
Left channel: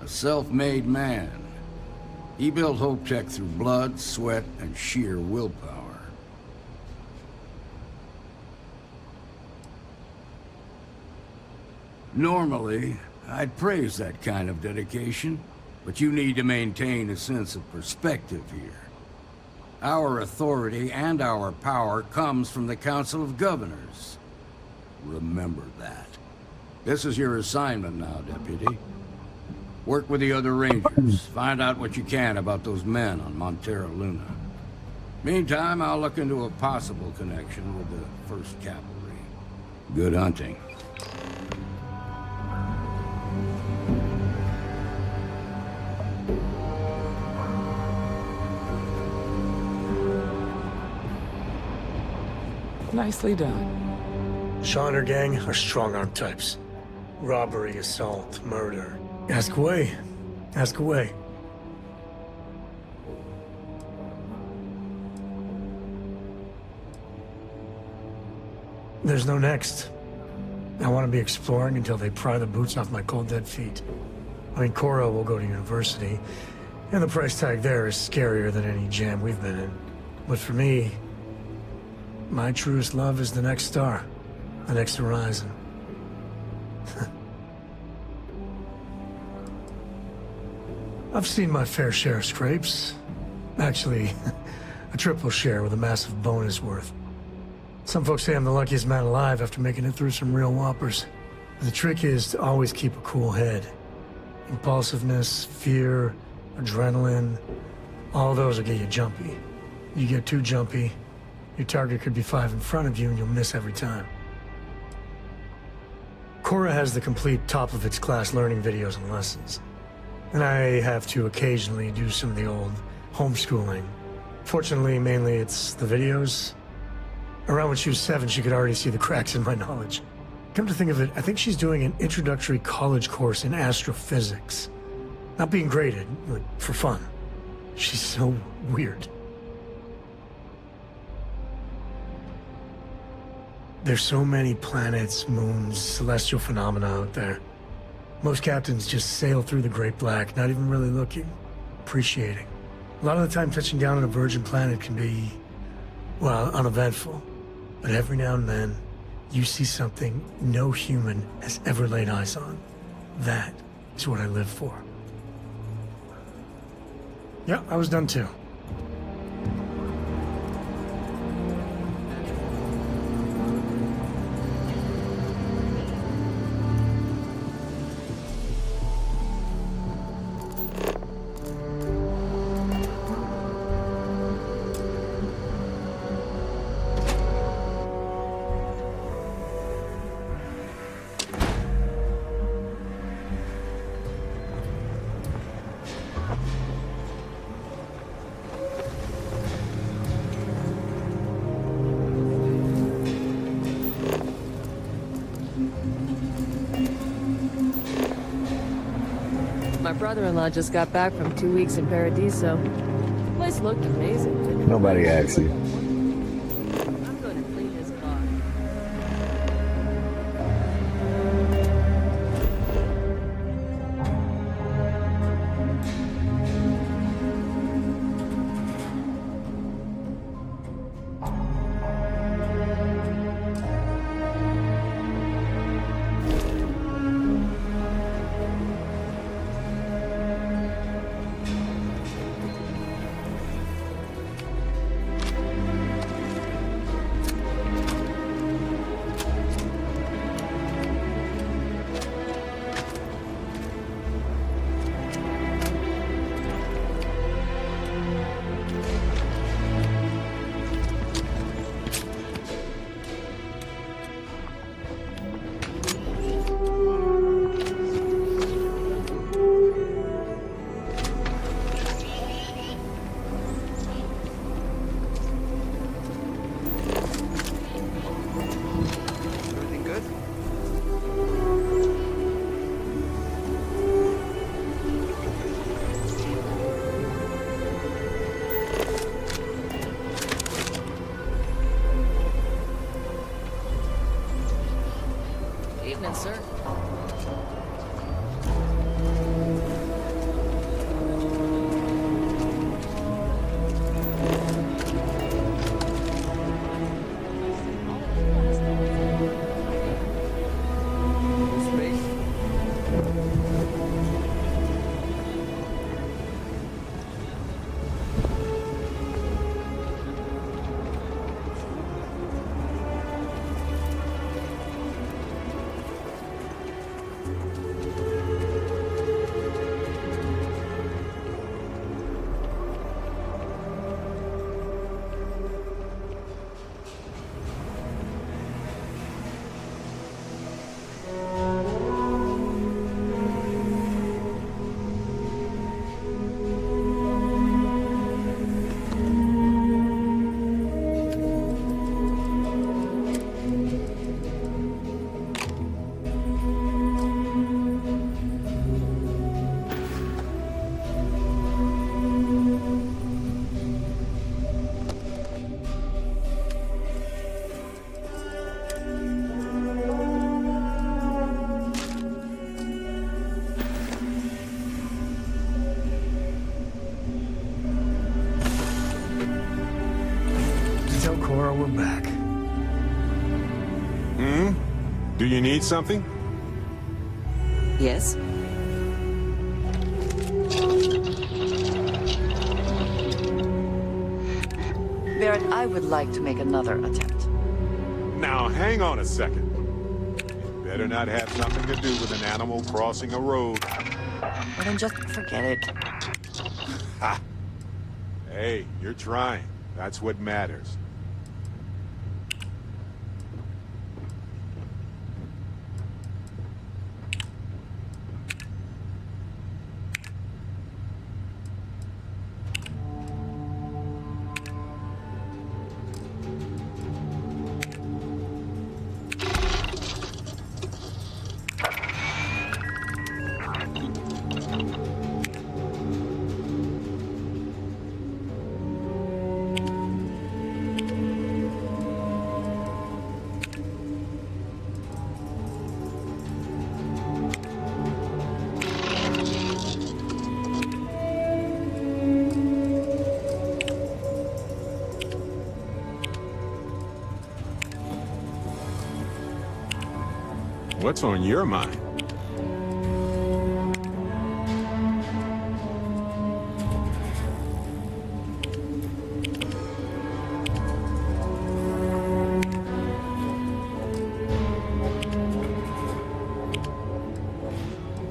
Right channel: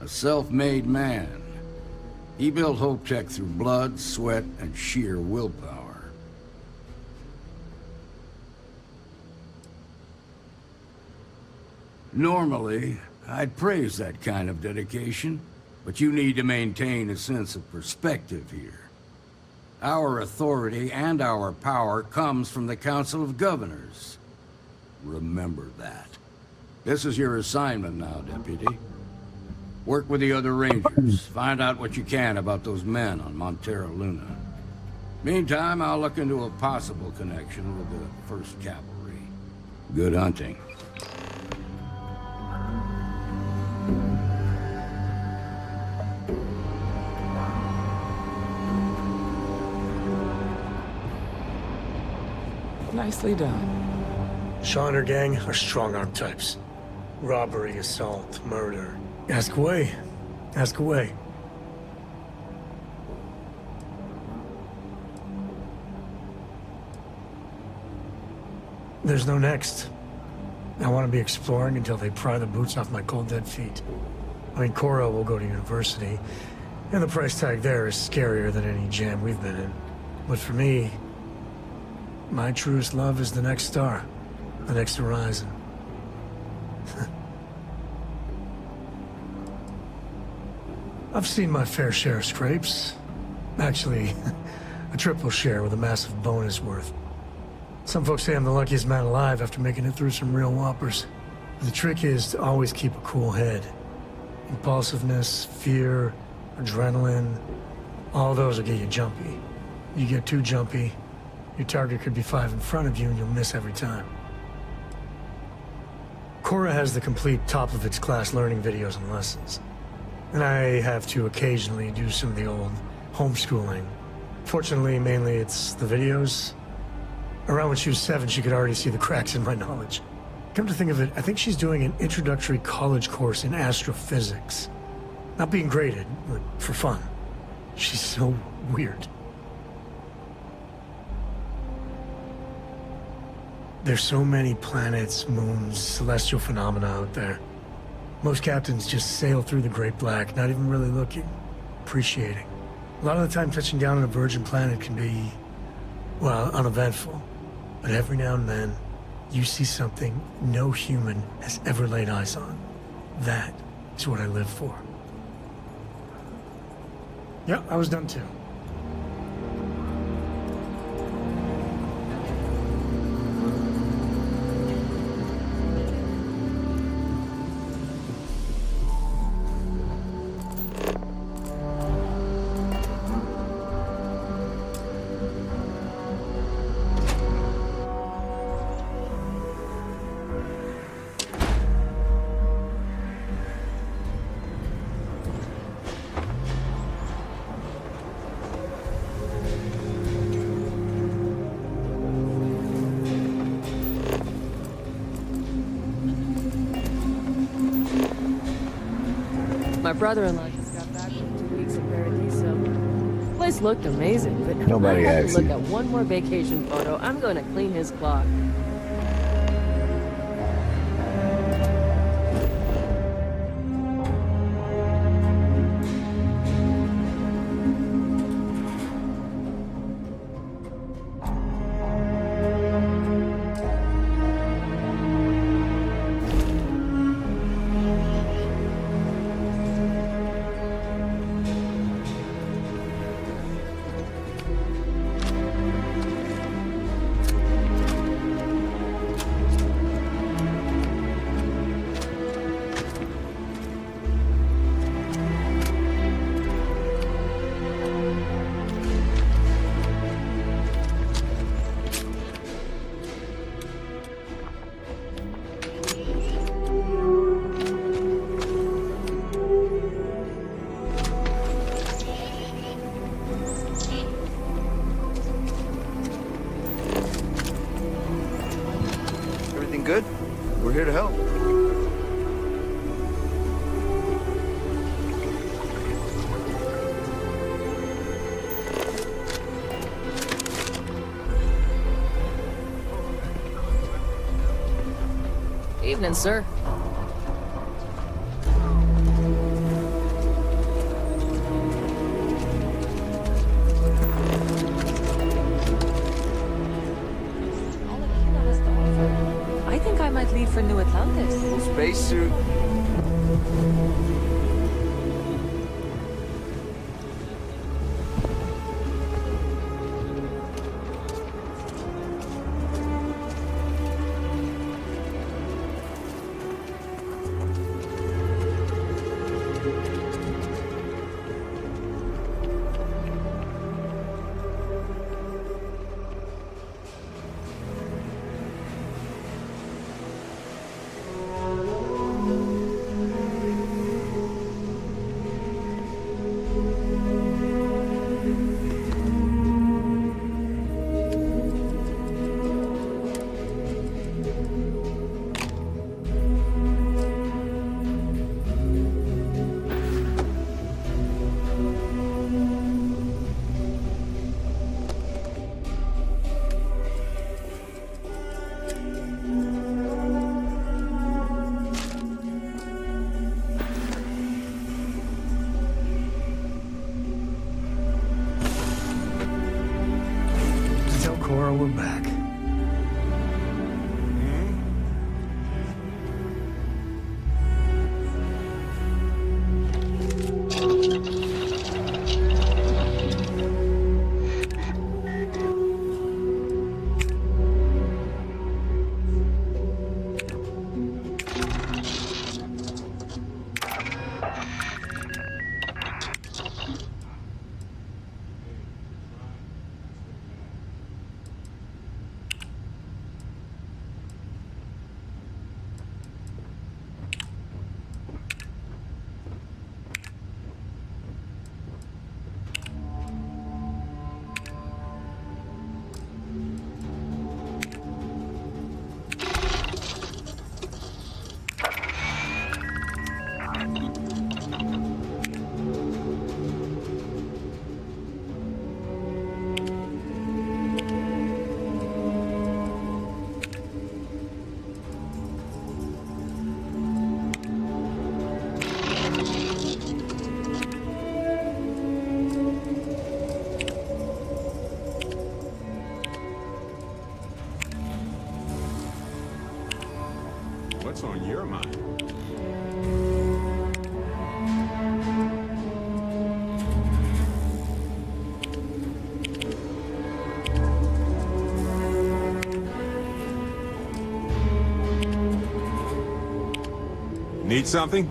A self-made man. He built Hope Tech through blood, sweat, and sheer willpower. Normally, I'd praise that kind of dedication, but you need to maintain a sense of perspective here. Our authority and our power comes from the Council of Governors. Remember that. This is your assignment now, Deputy. Work with the other Rangers. Find out what you can about those men on Montero Luna. Meantime, I'll look into a possible connection with the 1st Cavalry. Good hunting. Nicely done. Shaw and her gang are strong-arm types. Robbery, assault, murder. Ask away. Ask away. There's no next. I want to be exploring until they pry the boots off my cold dead feet. I mean, Cora will go to university, and the price tag there is scarier than any jam we've been in. But for me, my truest love is the next star, the next horizon. I've seen my fair share of scrapes. Actually, a triple share with a massive bonus worth. Some folks say I'm the luckiest man alive after making it through some real whoppers. The trick is to always keep a cool head. Impulsiveness, fear, adrenaline, all those will get you jumpy. You get too jumpy, your target could be 5 in front of you and you'll miss every time. Cora has the complete top-of-its-class learning videos and lessons. And I have to occasionally do some of the old homeschooling. Fortunately, mainly it's the videos. Around when she was 7, she could already see the cracks in my knowledge. Come to think of it, I think she's doing an introductory college course in astrophysics. Not being graded, but for fun. She's so weird. There's so many planets, moons, celestial phenomena out there. Most captains just sail through the Great Black, not even really looking, appreciating. A lot of the time touching down on a virgin planet can be, well, uneventful. But every now and then, you see something no human has ever laid eyes on. That is what I live for. Yeah, I was done too. My brother-in-law just got back from 2 weeks in Paradiso. The place looked amazing, but Nobody if I had asked to look you. at one more vacation photo, I'm going to clean his clock. Everything good? We're here to help. Evening, sir. I think I might leave for New Atlantis. Full spacesuit. Tell Cora we're back. Do you need something? Yes. Barrett, I would like to make another attempt. Hang on a second. Better not have something to do with an animal crossing a road. Then just forget it. Ha! Hey, you're trying. That's what matters. What's on your mind? Need something?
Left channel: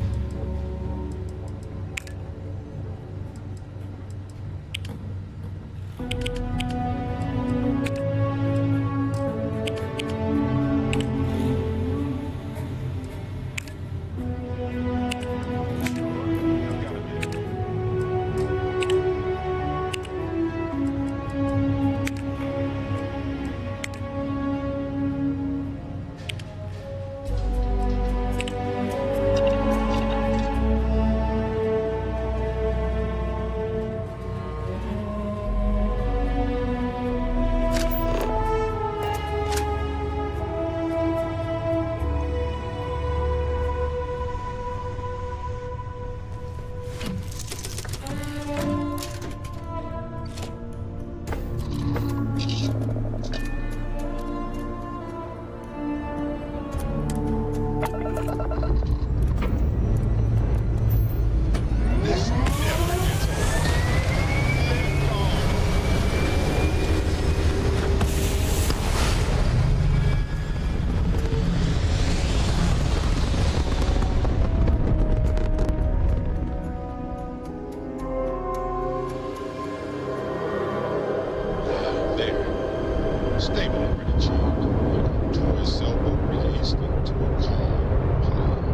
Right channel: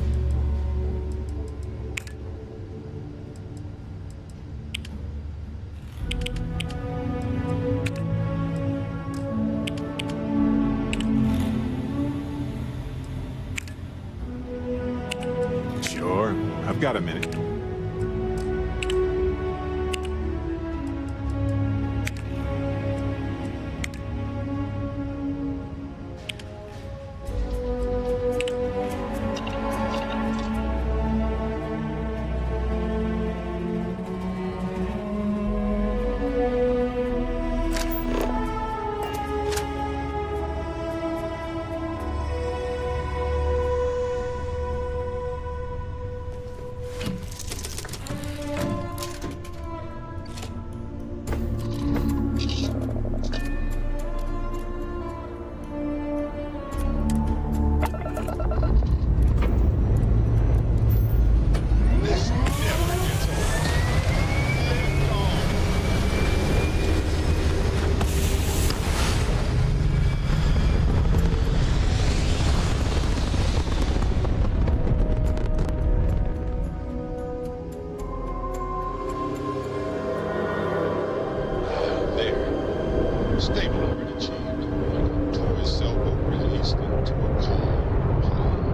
Sure, I've got a minute. Stability achieved, like a toy sailboat released into a calm pond.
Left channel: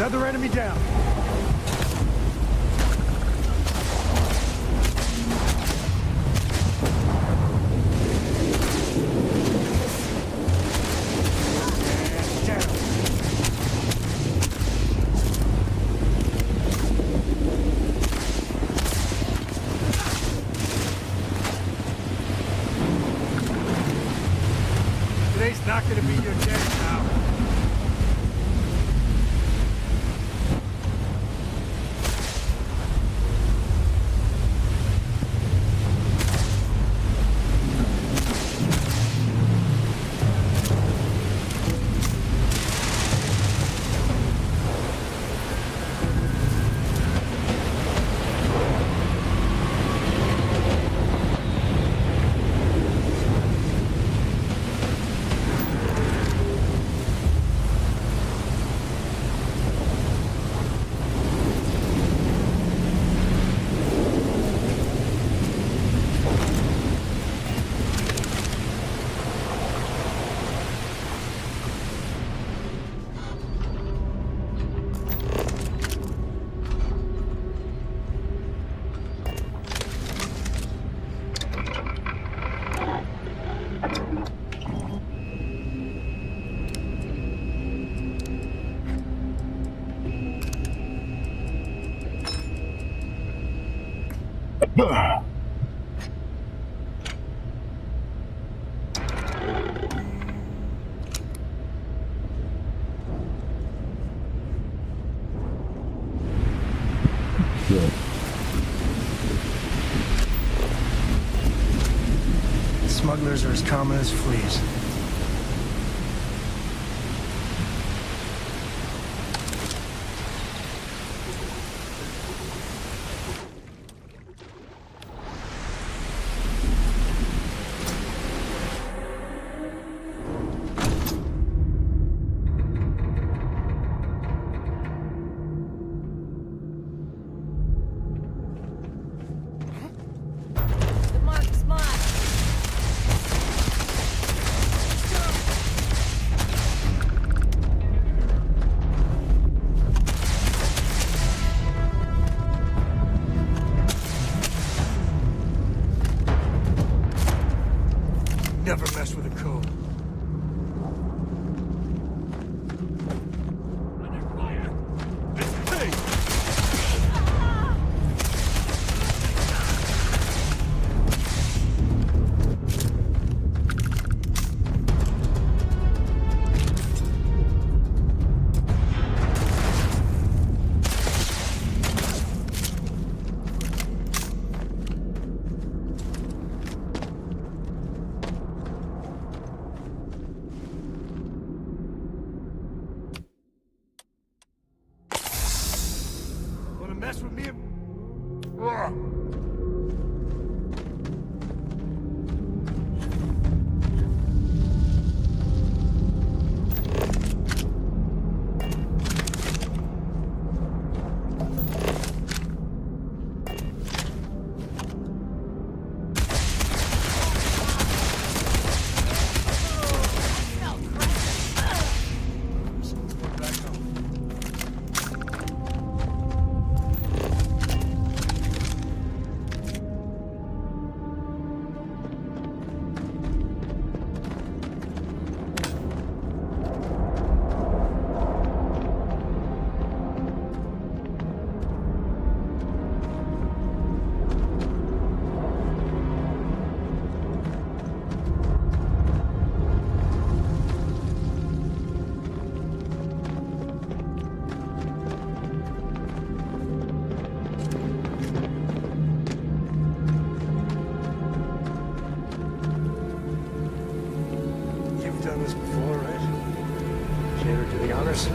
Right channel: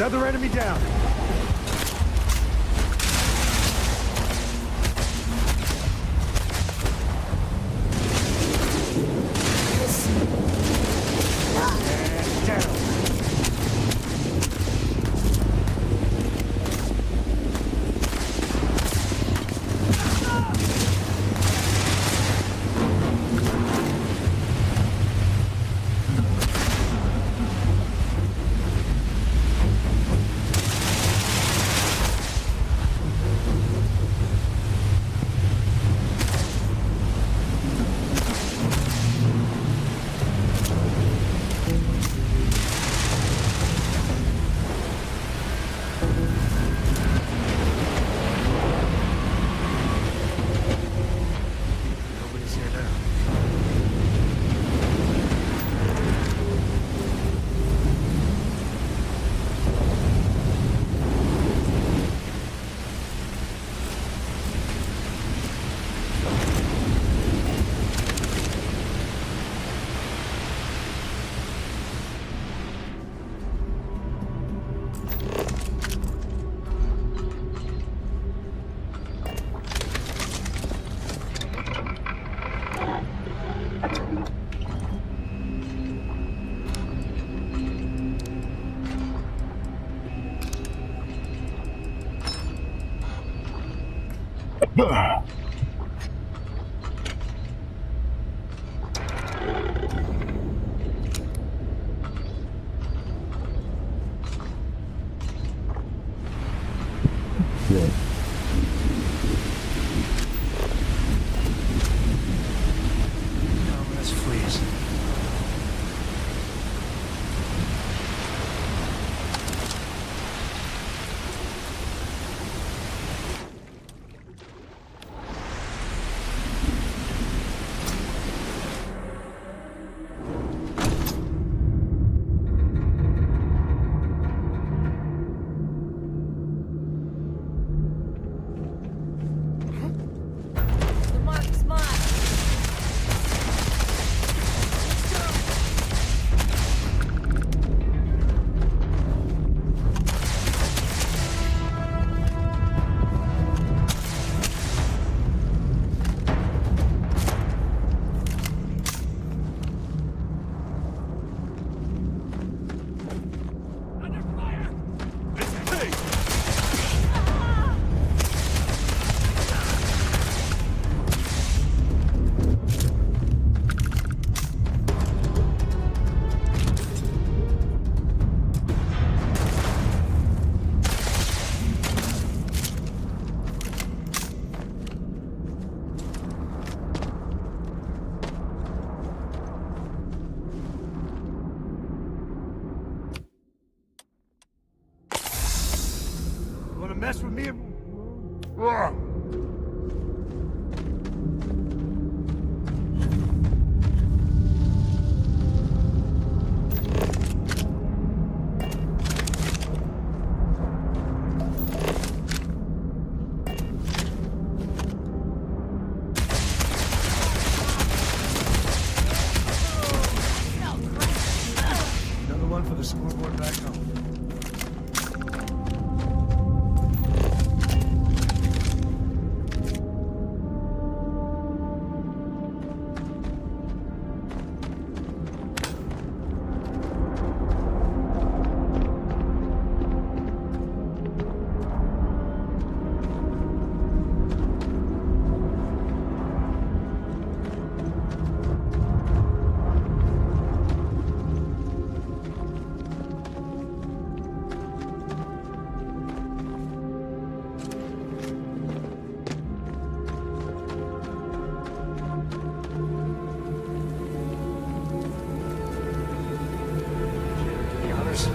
Another enemy down. Yeah. Smugglers are as common as fleas. Never mess with a code. Under fire! It's me! Wanna mess with me? Another one for the scoreboard back home. You've done this before, right? Shader, do the honors.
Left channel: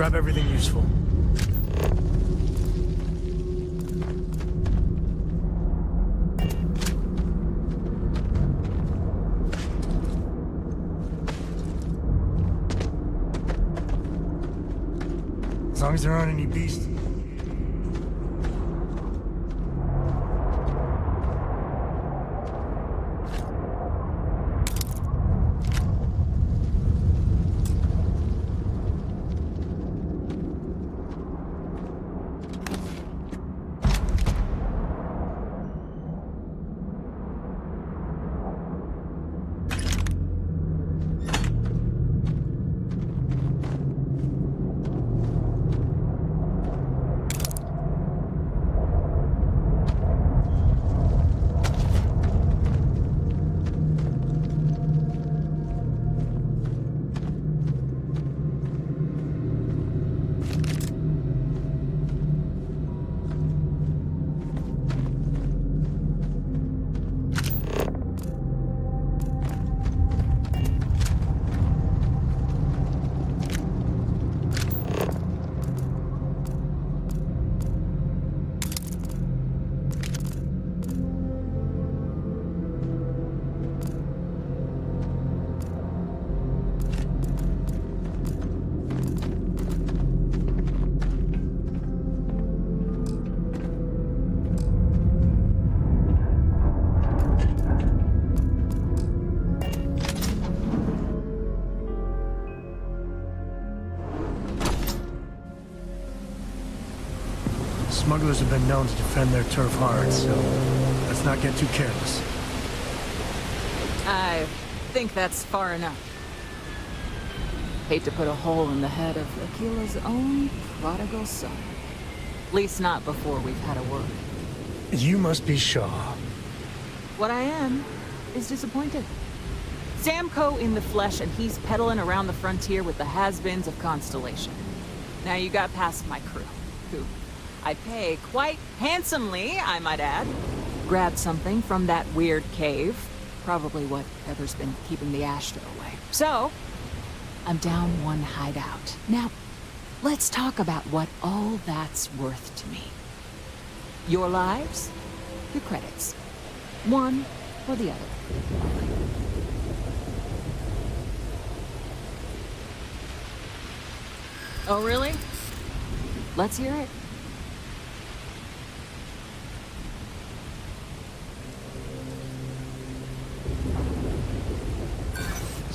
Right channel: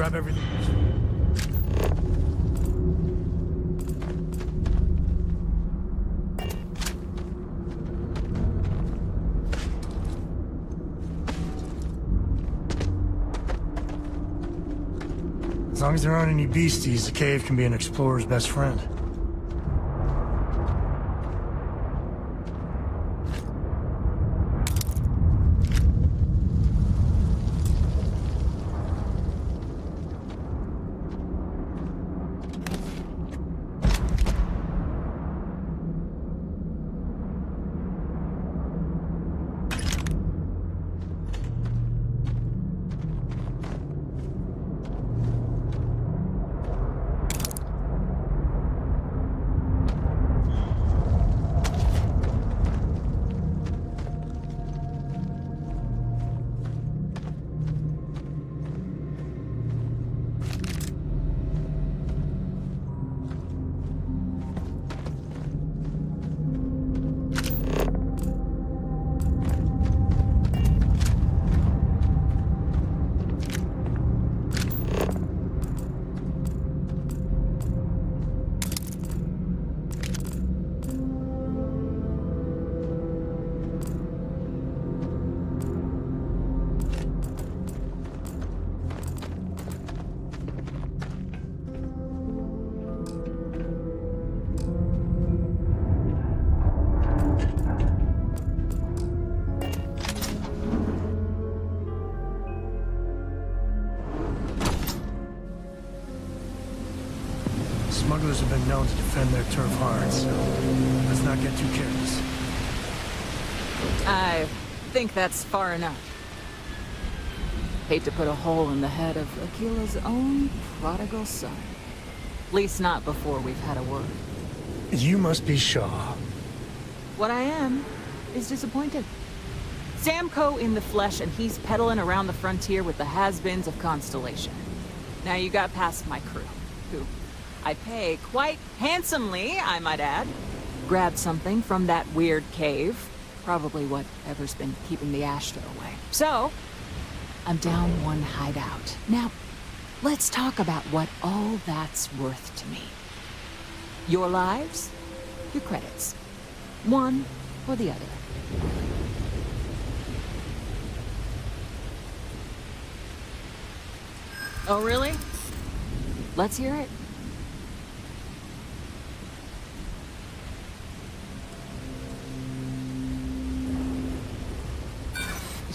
Grab everything useful. As long as there aren't any beasties, the cave can be an explorer's best friend. Smugglers have been known to defend their turf hard, so let's not get too careless. I think that's far enough. Hate to put a hole in the head of Akila's own prodigal son. At least not before we've had a word. You must be Shaw. What I am is disappointed. Samco in the flesh, and he's peddling around the frontier with the has-beens of Constellation. Now you got past my crew, who I pay quite handsomely, I might add. Grabbed something from that weird cave. Probably whatever's been keeping the Ashta away. So, I'm down one hideout. Now, let's talk about what all that's worth to me. Your lives, your credits. One or the other, really. Oh, really? Let's hear it.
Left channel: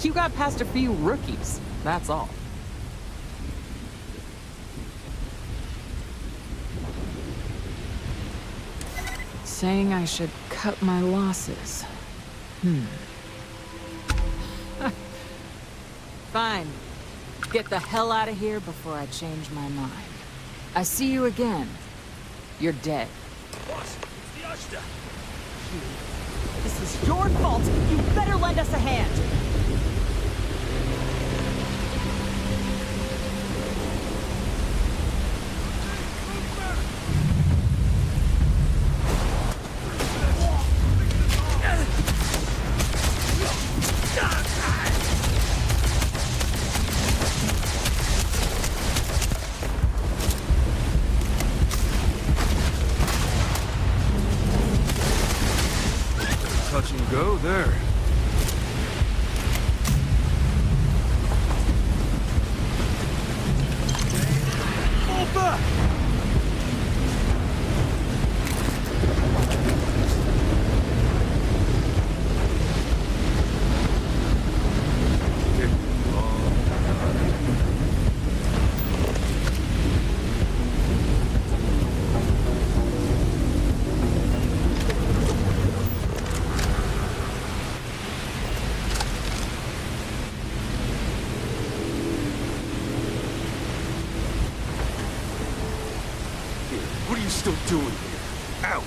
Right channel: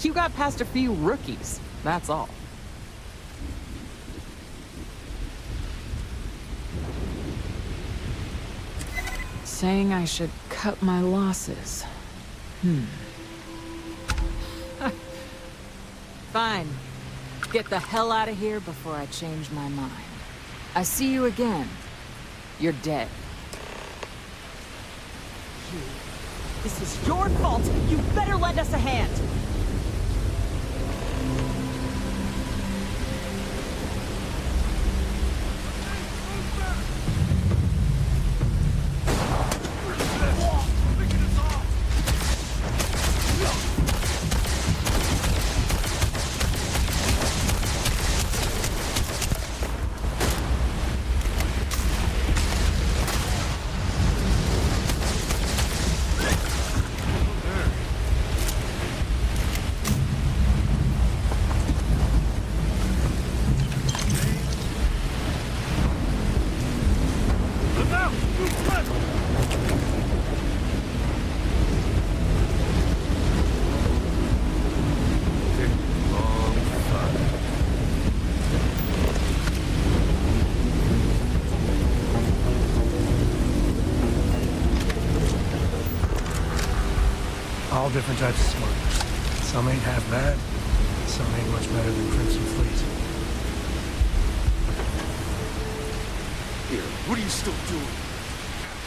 You got past a few rookies, that's all. Saying I should cut my losses. Fine. Get the hell out of here before I change my mind. I see you again. You're dead. This is your fault. You better lend us a hand. Different types of smoke. Some ain't half bad, some ain't much better than Crimson Fruits. Here, what are you still doing here? Out!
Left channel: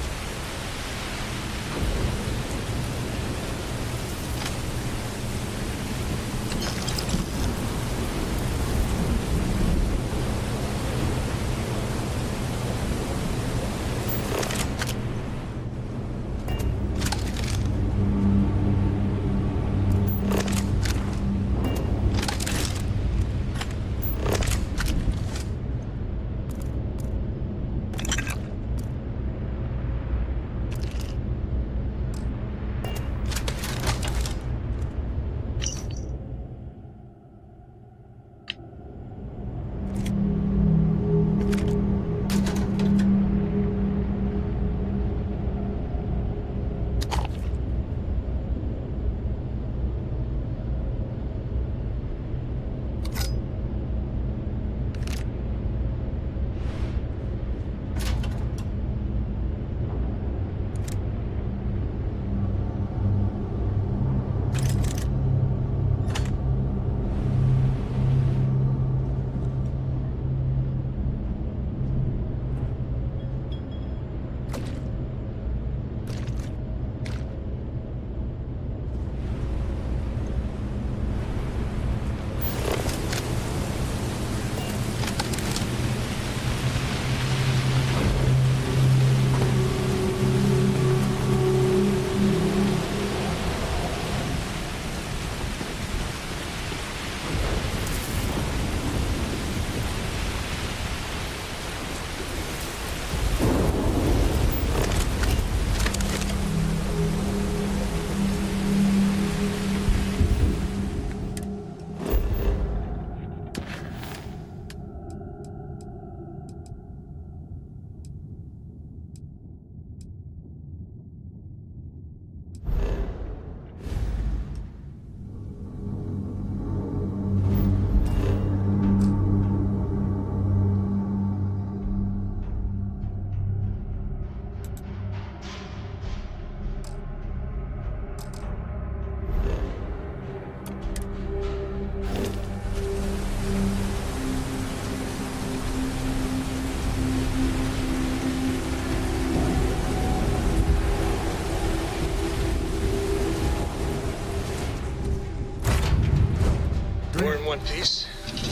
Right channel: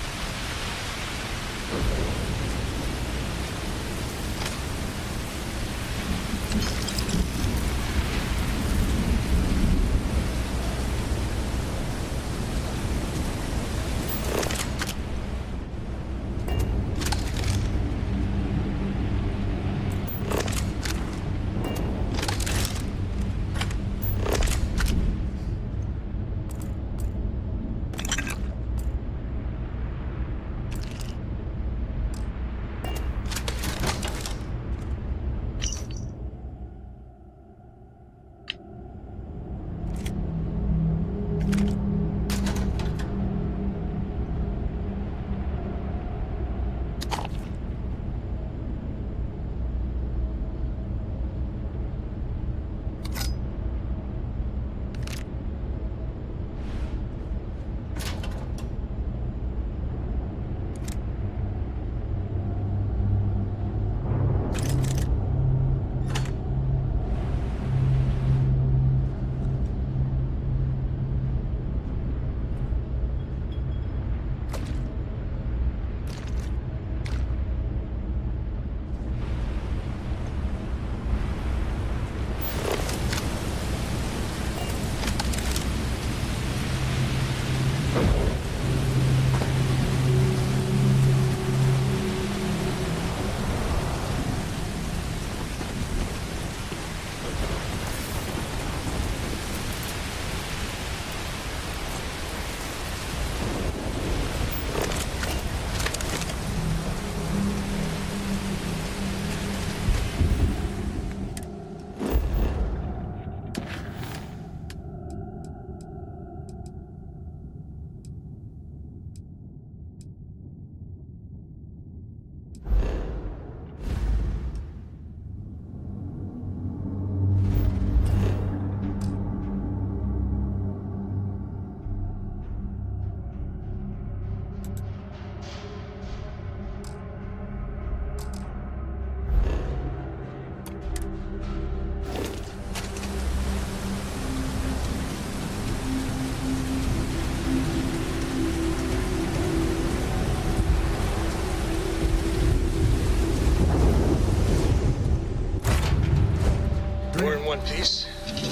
one piece.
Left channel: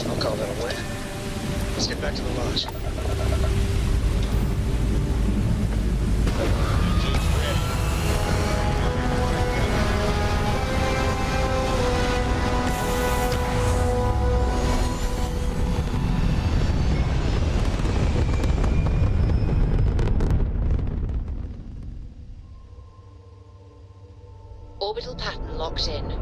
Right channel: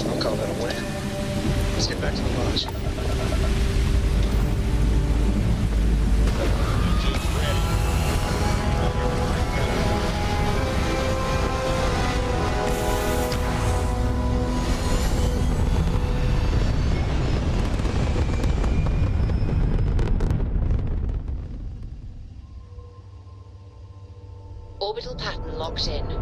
I'll call that a win. Let's get back to the lodge. Orbital pattern locked in.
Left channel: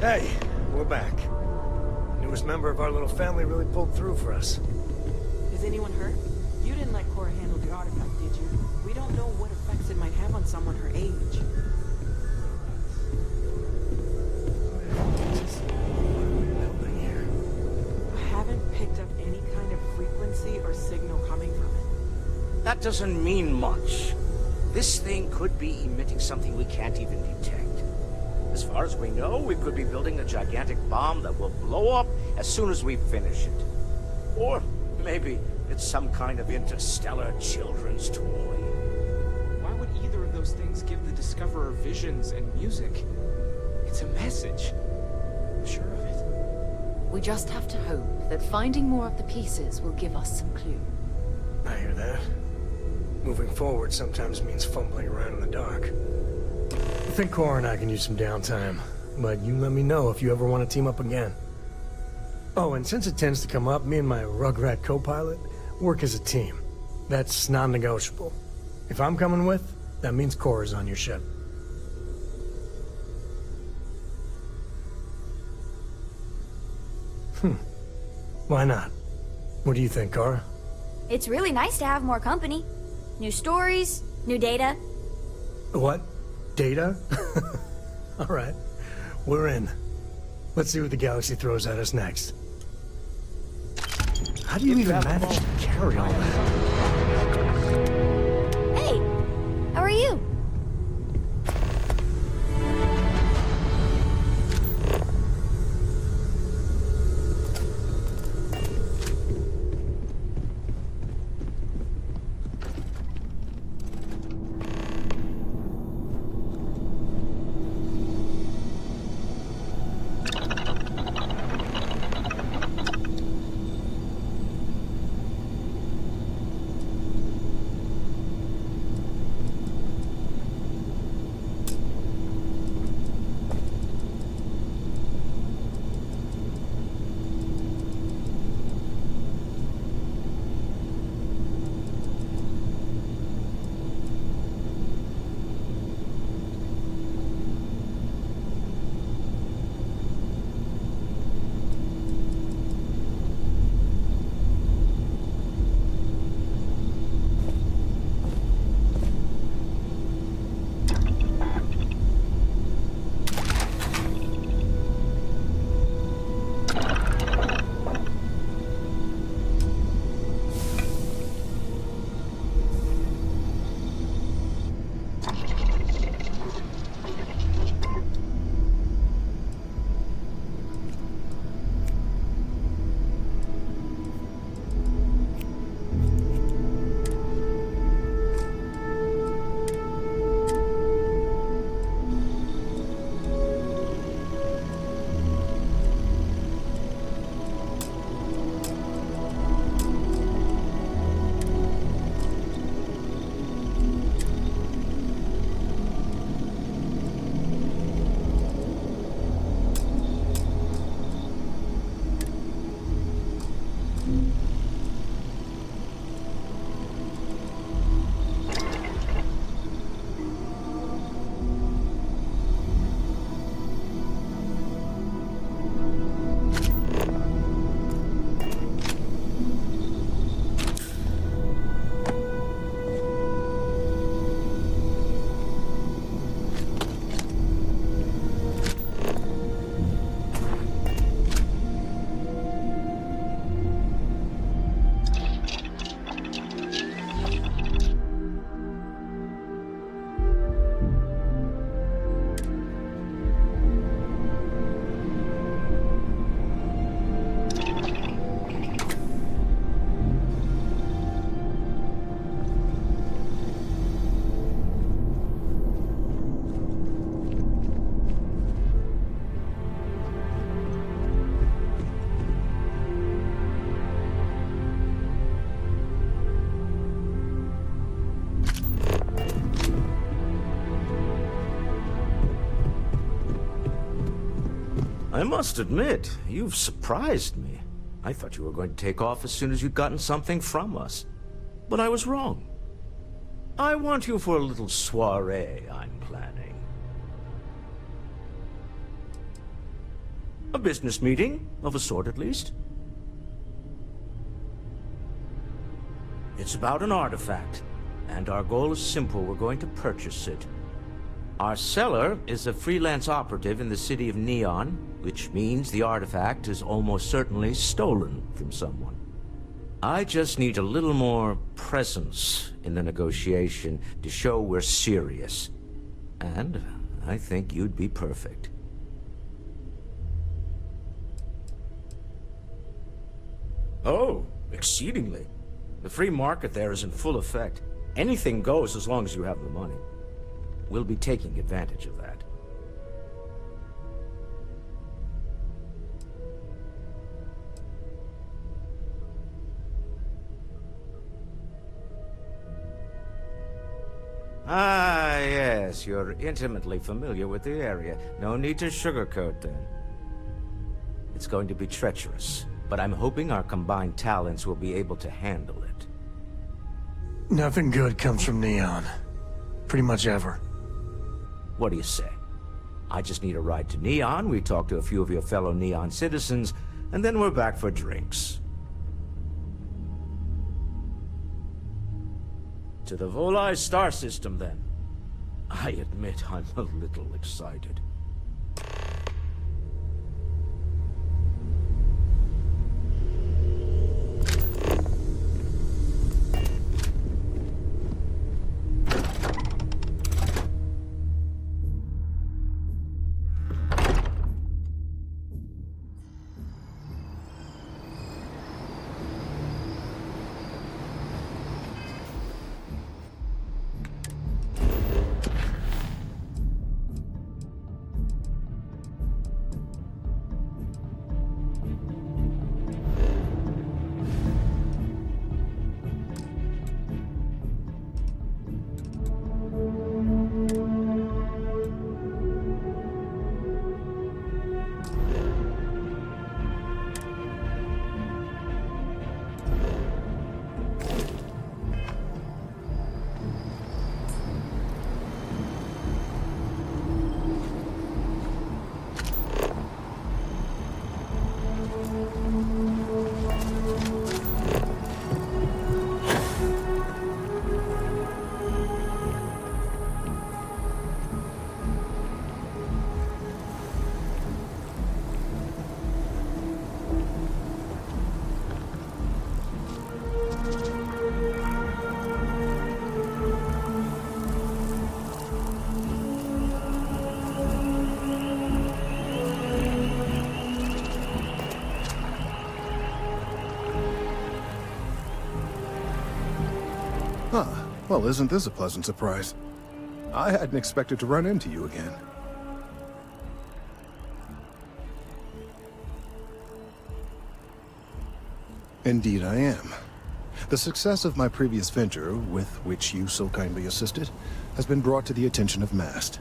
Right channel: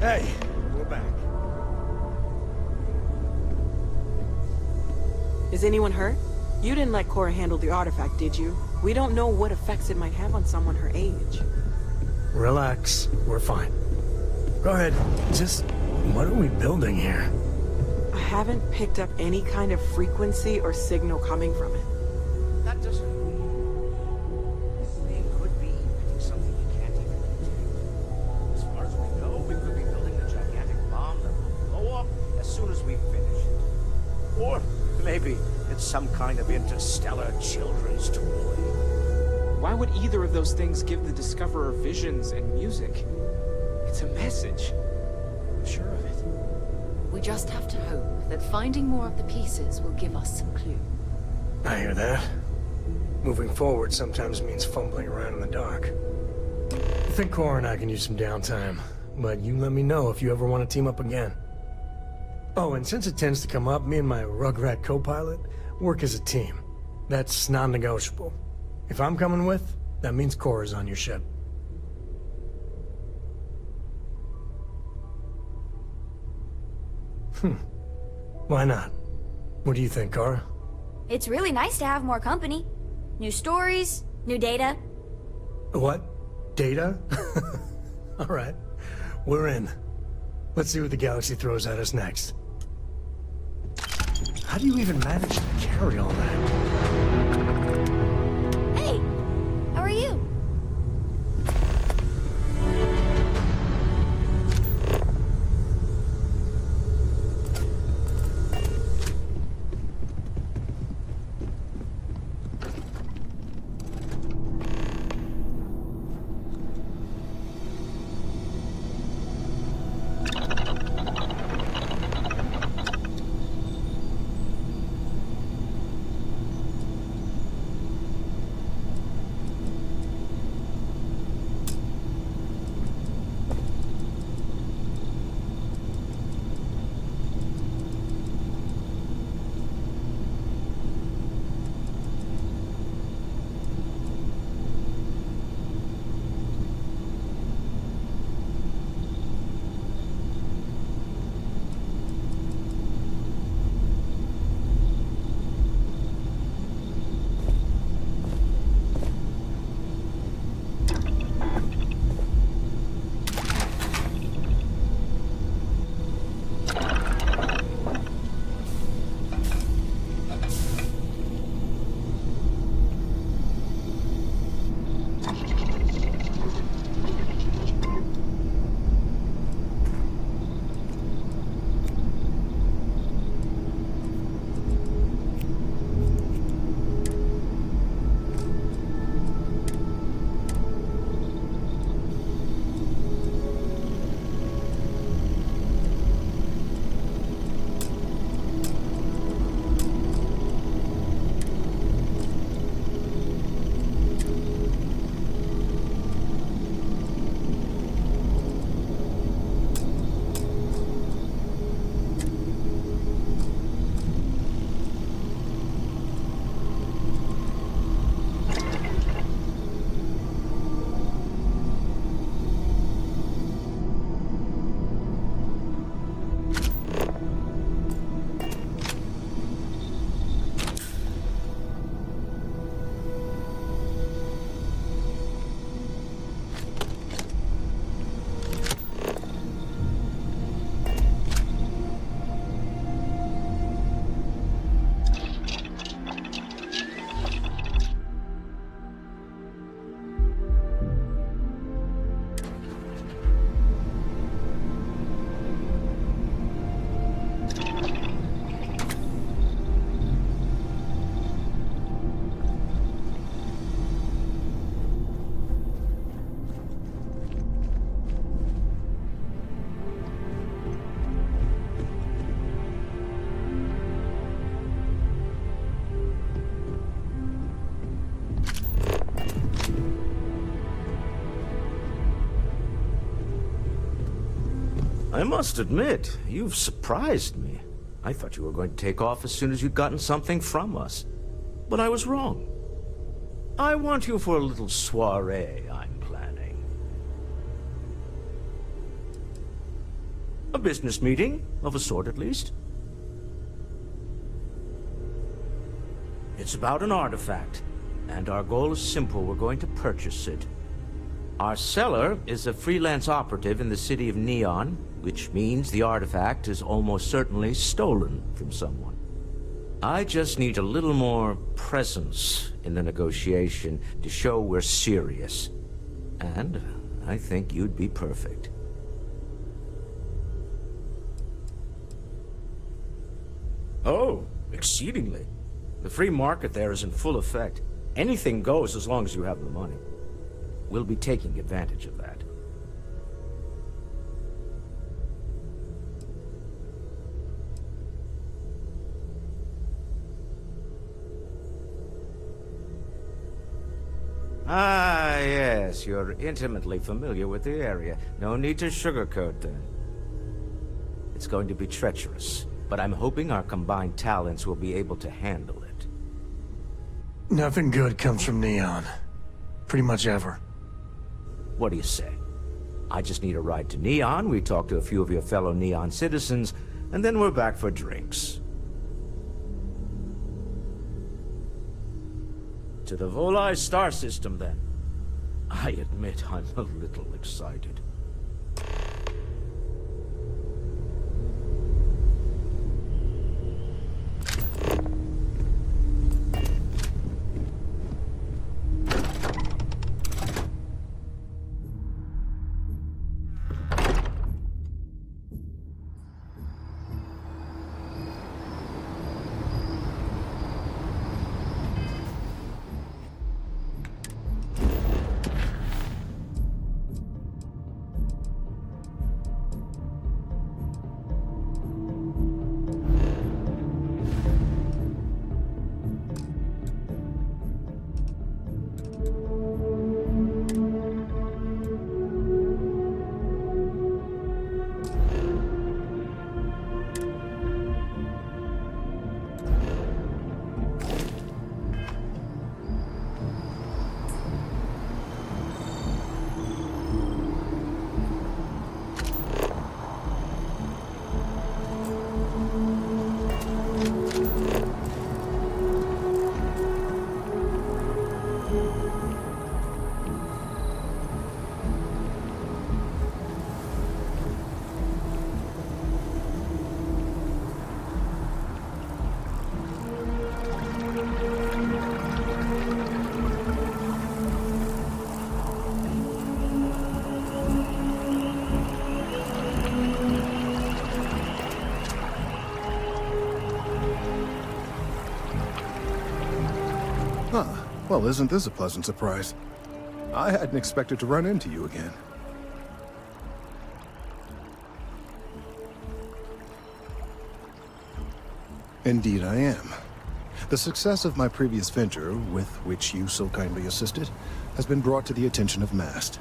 Hey, we're back. The newest member of our little family really pulled through for us. Is anyone hurt? You didn't let Cora handle the artifact, did you? We don't know what effects it might have on someone her age. Relax, we're fine. Go ahead, just what are we building here? I haven't picked up any kind of frequency or signal coming from it. That doesn't mean much. This thing could be emitting something we can't even detect. As far as we know, we could be building a gigantic bomb that will blow up as soon as we finish it. Or maybe it's some kind of interstellar children's toy. Why would either of those things give the Discoverer visions and music? It's a message. I'm sure of it. We just have to hope that finding more of the pieces will give us some clue. I hear that. Moving forward sometimes means fumbling around in the dark. I think Cora and I can use some downtime, but you let me know if you ever want to team up again. Oh, and since it tends to come up, me and my Rugrat co-pilot work as a team. That's non-negotiable. If I'm coming with, that means Cora's on your ship. Why not? What do you think, Cora? It's really nice to have more company. New stories, new data. What? Data? All right. We're in. Let's see what the galaxy throws at us next. How do you even manage to carry all that? Hey, how are you? I must admit, you've surprised me. I thought you were going to take off as soon as you'd gotten something from us. But I was wrong. I want you for a little soiree I'm planning. A business meeting, of a sort at least. It's about an artifact, and our goal is simple. We're going to purchase it. Our seller is a freelance operative in the city of Neon, which means the artifact is almost certainly stolen from someone. I just need a little more presence in the negotiation to show we're serious. And I think you'd be perfect. Oh, exceedingly. The free market there is in full effect. Anything goes as long as you have the money. We'll be taking advantage of that. Ah, yes, you're intimately familiar with the area. No need to sugarcoat then. It's going to be treacherous, but I'm hoping our combined talents will be able to handle it. Nothing good comes from Neon. Pretty much ever. What do you say? I just need a ride to Neon, we talk to a few of your fellow Neon citizens, and then we're back for drinks. To the Volai star system, then. I admit I'm a little excited. Well, isn't this a pleasant surprise? I hadn't expected to run into you again. Indeed I am. The success of my previous venture, with which you so kindly assisted, has been brought to the attention of MAST.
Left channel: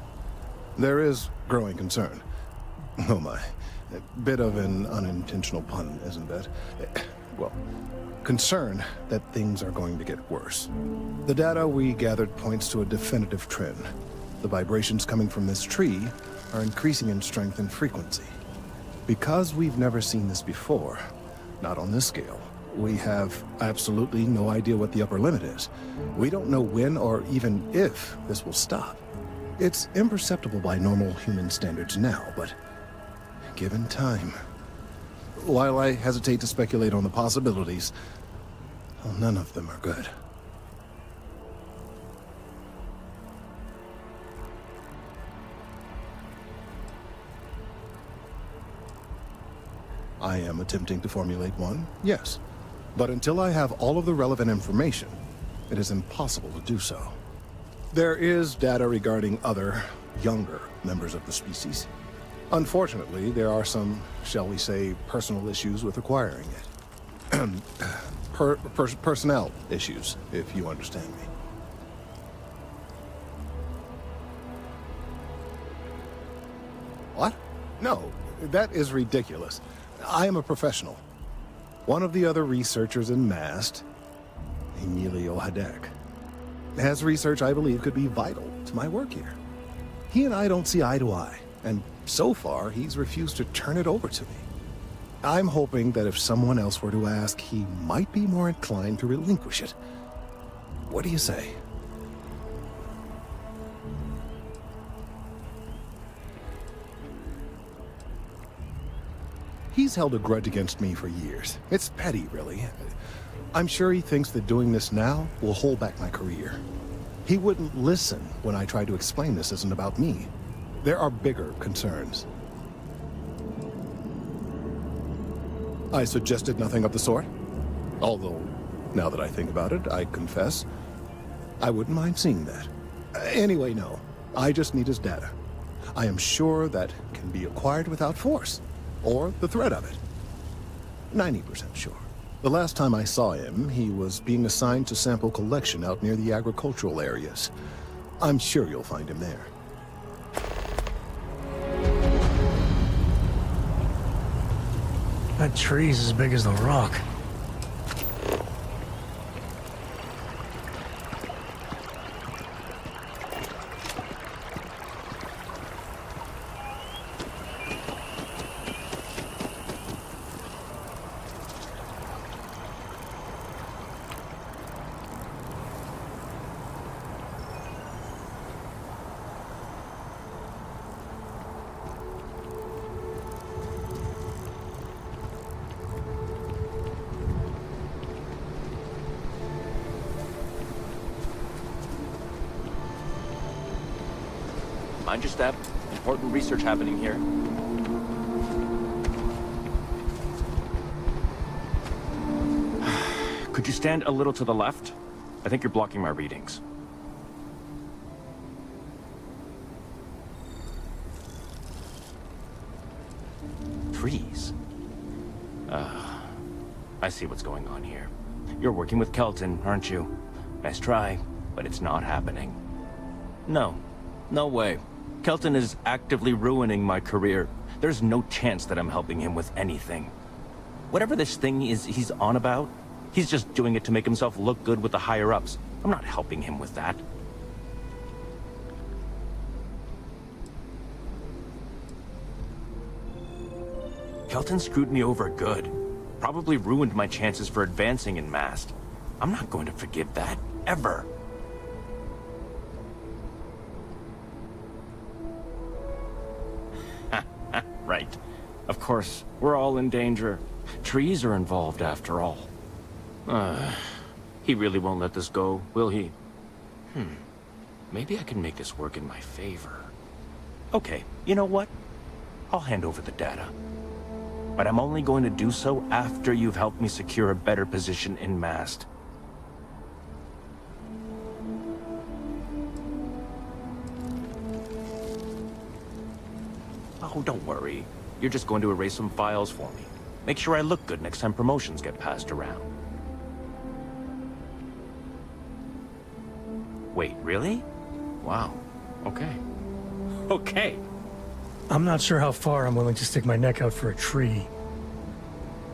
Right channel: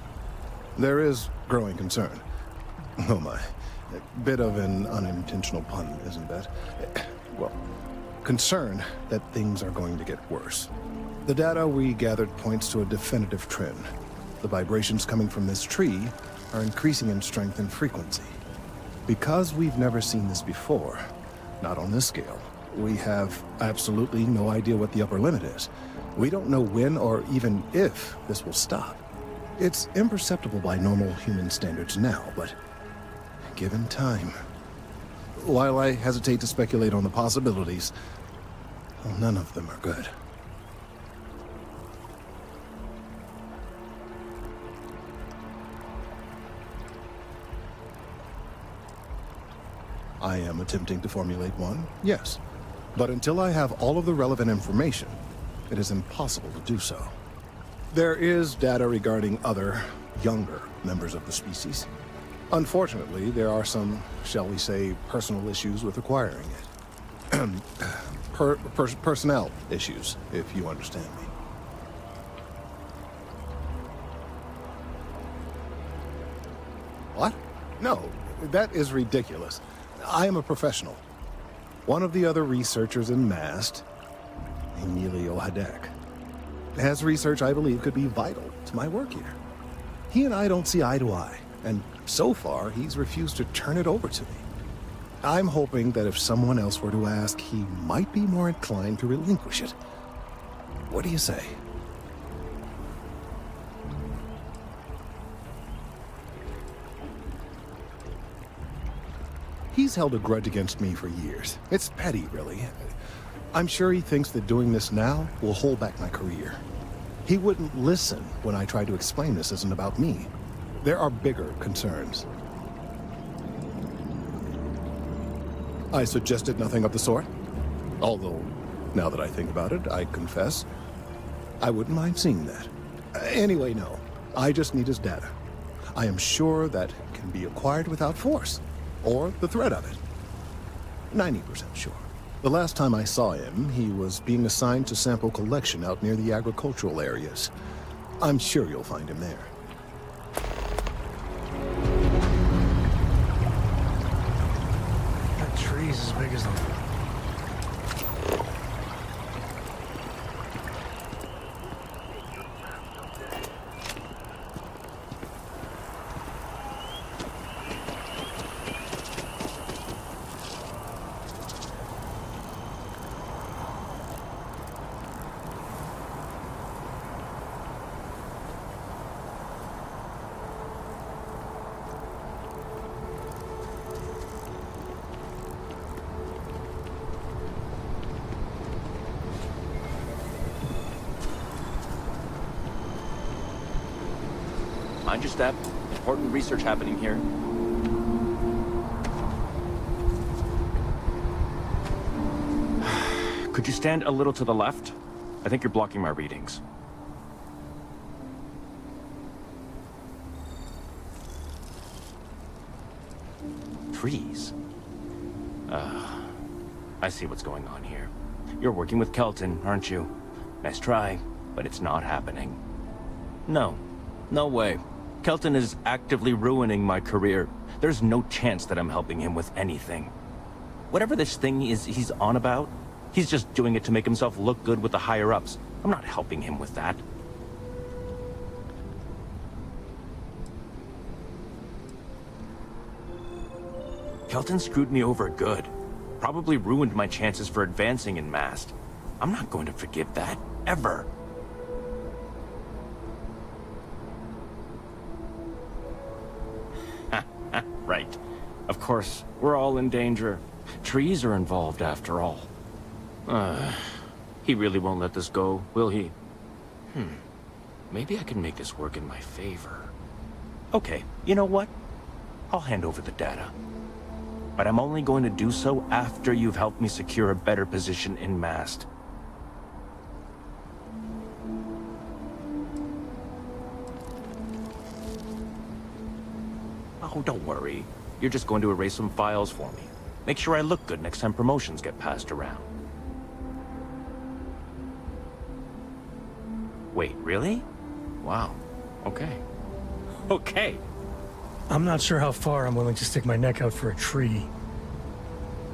There is growing concern. Oh my. A bit of an unintentional pun, isn't that? Well, concern that things are going to get worse. The data we gathered points to a definitive trend. The vibrations coming from this tree are increasing in strength and frequency. Because we've never seen this before, not on this scale, we have absolutely no idea what the upper limit is. We don't know when or even if this will stop. It's imperceptible by normal human standards now, but given time. While I hesitate to speculate on the possibilities, well, none of them are good. I am attempting to formulate one, yes. But until I have all of the relevant information, it is impossible to do so. There is data regarding other, younger members of the species. Unfortunately, there are some, shall we say, personal issues with acquiring it. Personnel issues, if you understand me. What? No, That is ridiculous. I am a professional. One of the other researchers in MAST, Emilio Hadek, has research I believe could be vital to my work here. He and I don't see eye to eye, and so far he's refused to turn it over to me. I'm hoping that if someone else were to ask, he might be more inclined to relinquish it. What do you say? He's held a grudge against me for years. It's petty, really. I'm sure he thinks that doing this now will hold back my career. He wouldn't listen when I tried to explain this isn't about me. There are bigger concerns. I suggested nothing of the sort. Although, now that I think about it, I confess, I wouldn't mind seeing that. Anyway, no. I just need his data. I am sure that can be acquired without force, or the threat of it. 90% sure. The last time I saw him, he was being assigned to sample collection out near the agricultural areas. I'm sure you'll find him there. That tree's as big as the rock. Mind your step. Important research happening here. Could you stand a little to the left? I think you're blocking my readings. Trees. I see what's going on here. You're working with Kelton, aren't you? Nice try, but it's not happening. No. No way. Kelton is actively ruining my career. There's no chance that I'm helping him with anything. Whatever this thing is he's on about, he's just doing it to make himself look good with the higher-ups. I'm not helping him with that. Kelton screwed me over good. Probably ruined my chances for advancing in MAST. I'm not going to forgive that, ever. Right. Of course, we're all in danger. Trees are involved after all. He really won't let this go, will he? Maybe I can make this work in my favor. Okay, you know what? I'll hand over the data. But I'm only going to do so after you've helped me secure a better position in MAST. Oh, don't worry. You're just going to erase some files for me. Make sure I look good next time promotions get passed around. Wait, really? Wow. Okay. Okay. I'm not sure how far I'm willing to stick my neck out for a tree.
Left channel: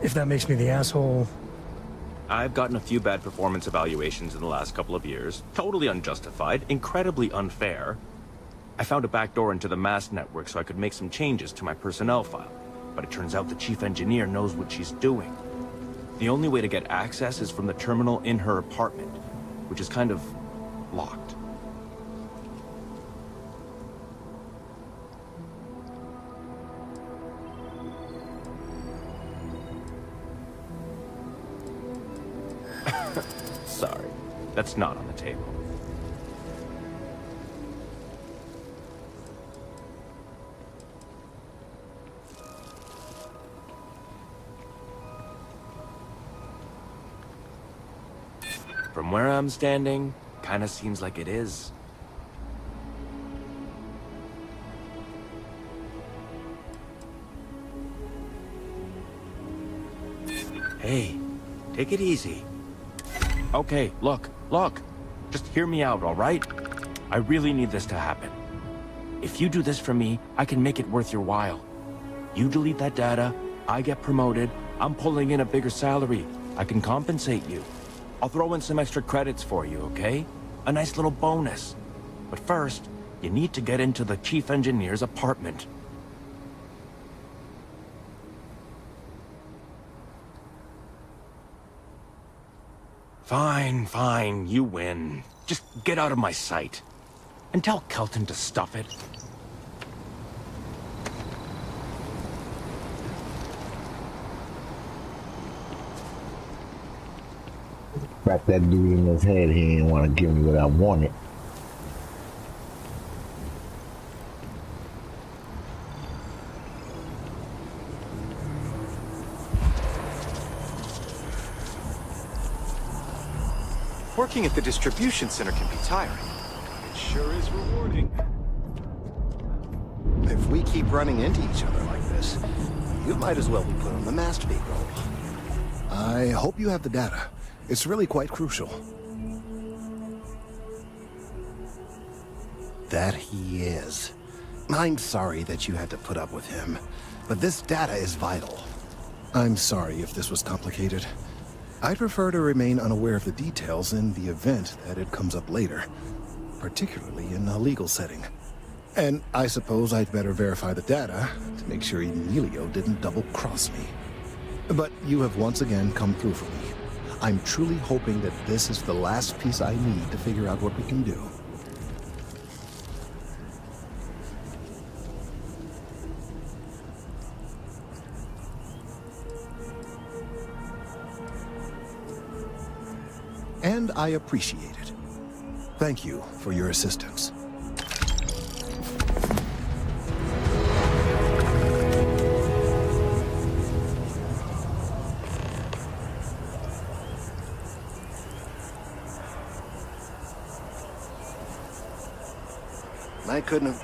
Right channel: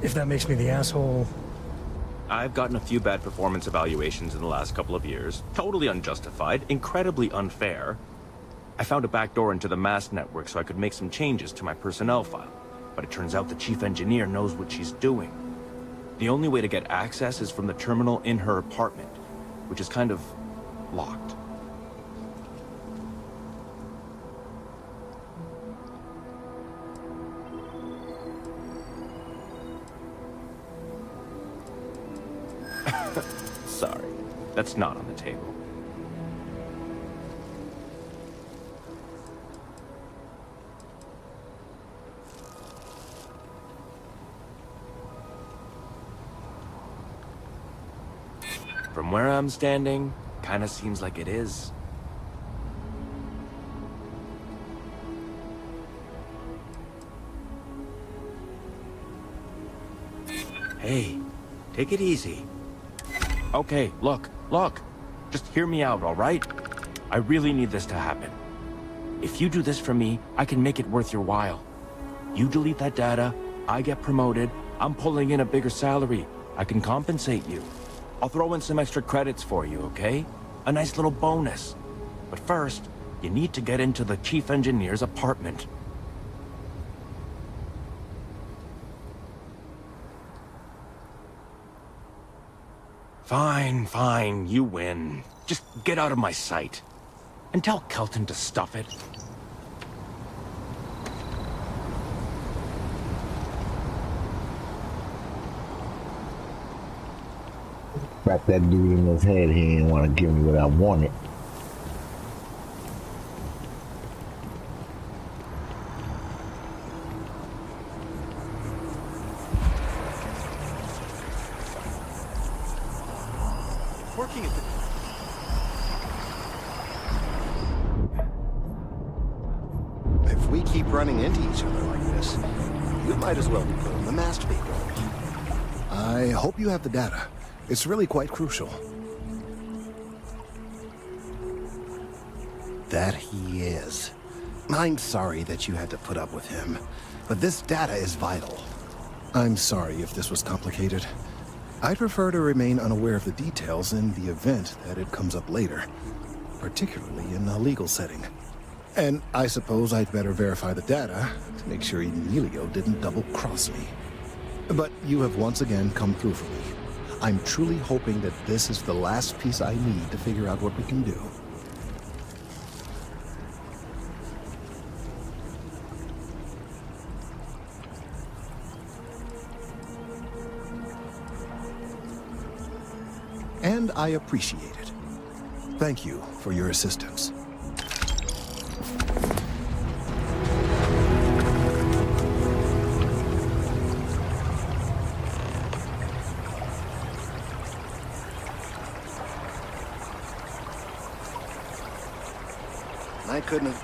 If that makes me the asshole... I've gotten a few bad performance evaluations in the last couple of years. Totally unjustified, incredibly unfair. I found a backdoor into the MAST network so I could make some changes to my personnel file. But it turns out the chief engineer knows what she's doing. The only way to get access is from the terminal in her apartment, which is kind of locked. Sorry, that's not on the table. From where I'm standing, kinda seems like it is. Hey, take it easy. Okay, look. Just hear me out, all right? I really need this to happen. If you do this for me, I can make it worth your while. You delete that data, I get promoted, I'm pulling in a bigger salary. I can compensate you. I'll throw in some extra credits for you, okay? A nice little bonus. But first, you need to get into the chief engineer's apartment. Fine, fine, you win. Just get out of my sight. And tell Kelton to stuff it. Crack that dude in his head, he didn't want to give me what I wanted. Working at the distribution center can be tiring. Sure is rewarding. If we keep running into each other like this, you might as well be put on the masturbate roll. I hope you have the data. It's really quite crucial. That he is. I'm sorry that you had to put up with him, but this data is vital. I'm sorry if this was complicated. I'd prefer to remain unaware of the details in the event that it comes up later, particularly in a legal setting. And I suppose I'd better verify the data to make sure Emilio didn't double-cross me. But you have once again come through for me. I'm truly hoping that this is the last piece I need to figure out what we can do. And I appreciate it. Thank you for your assistance. I couldn't have...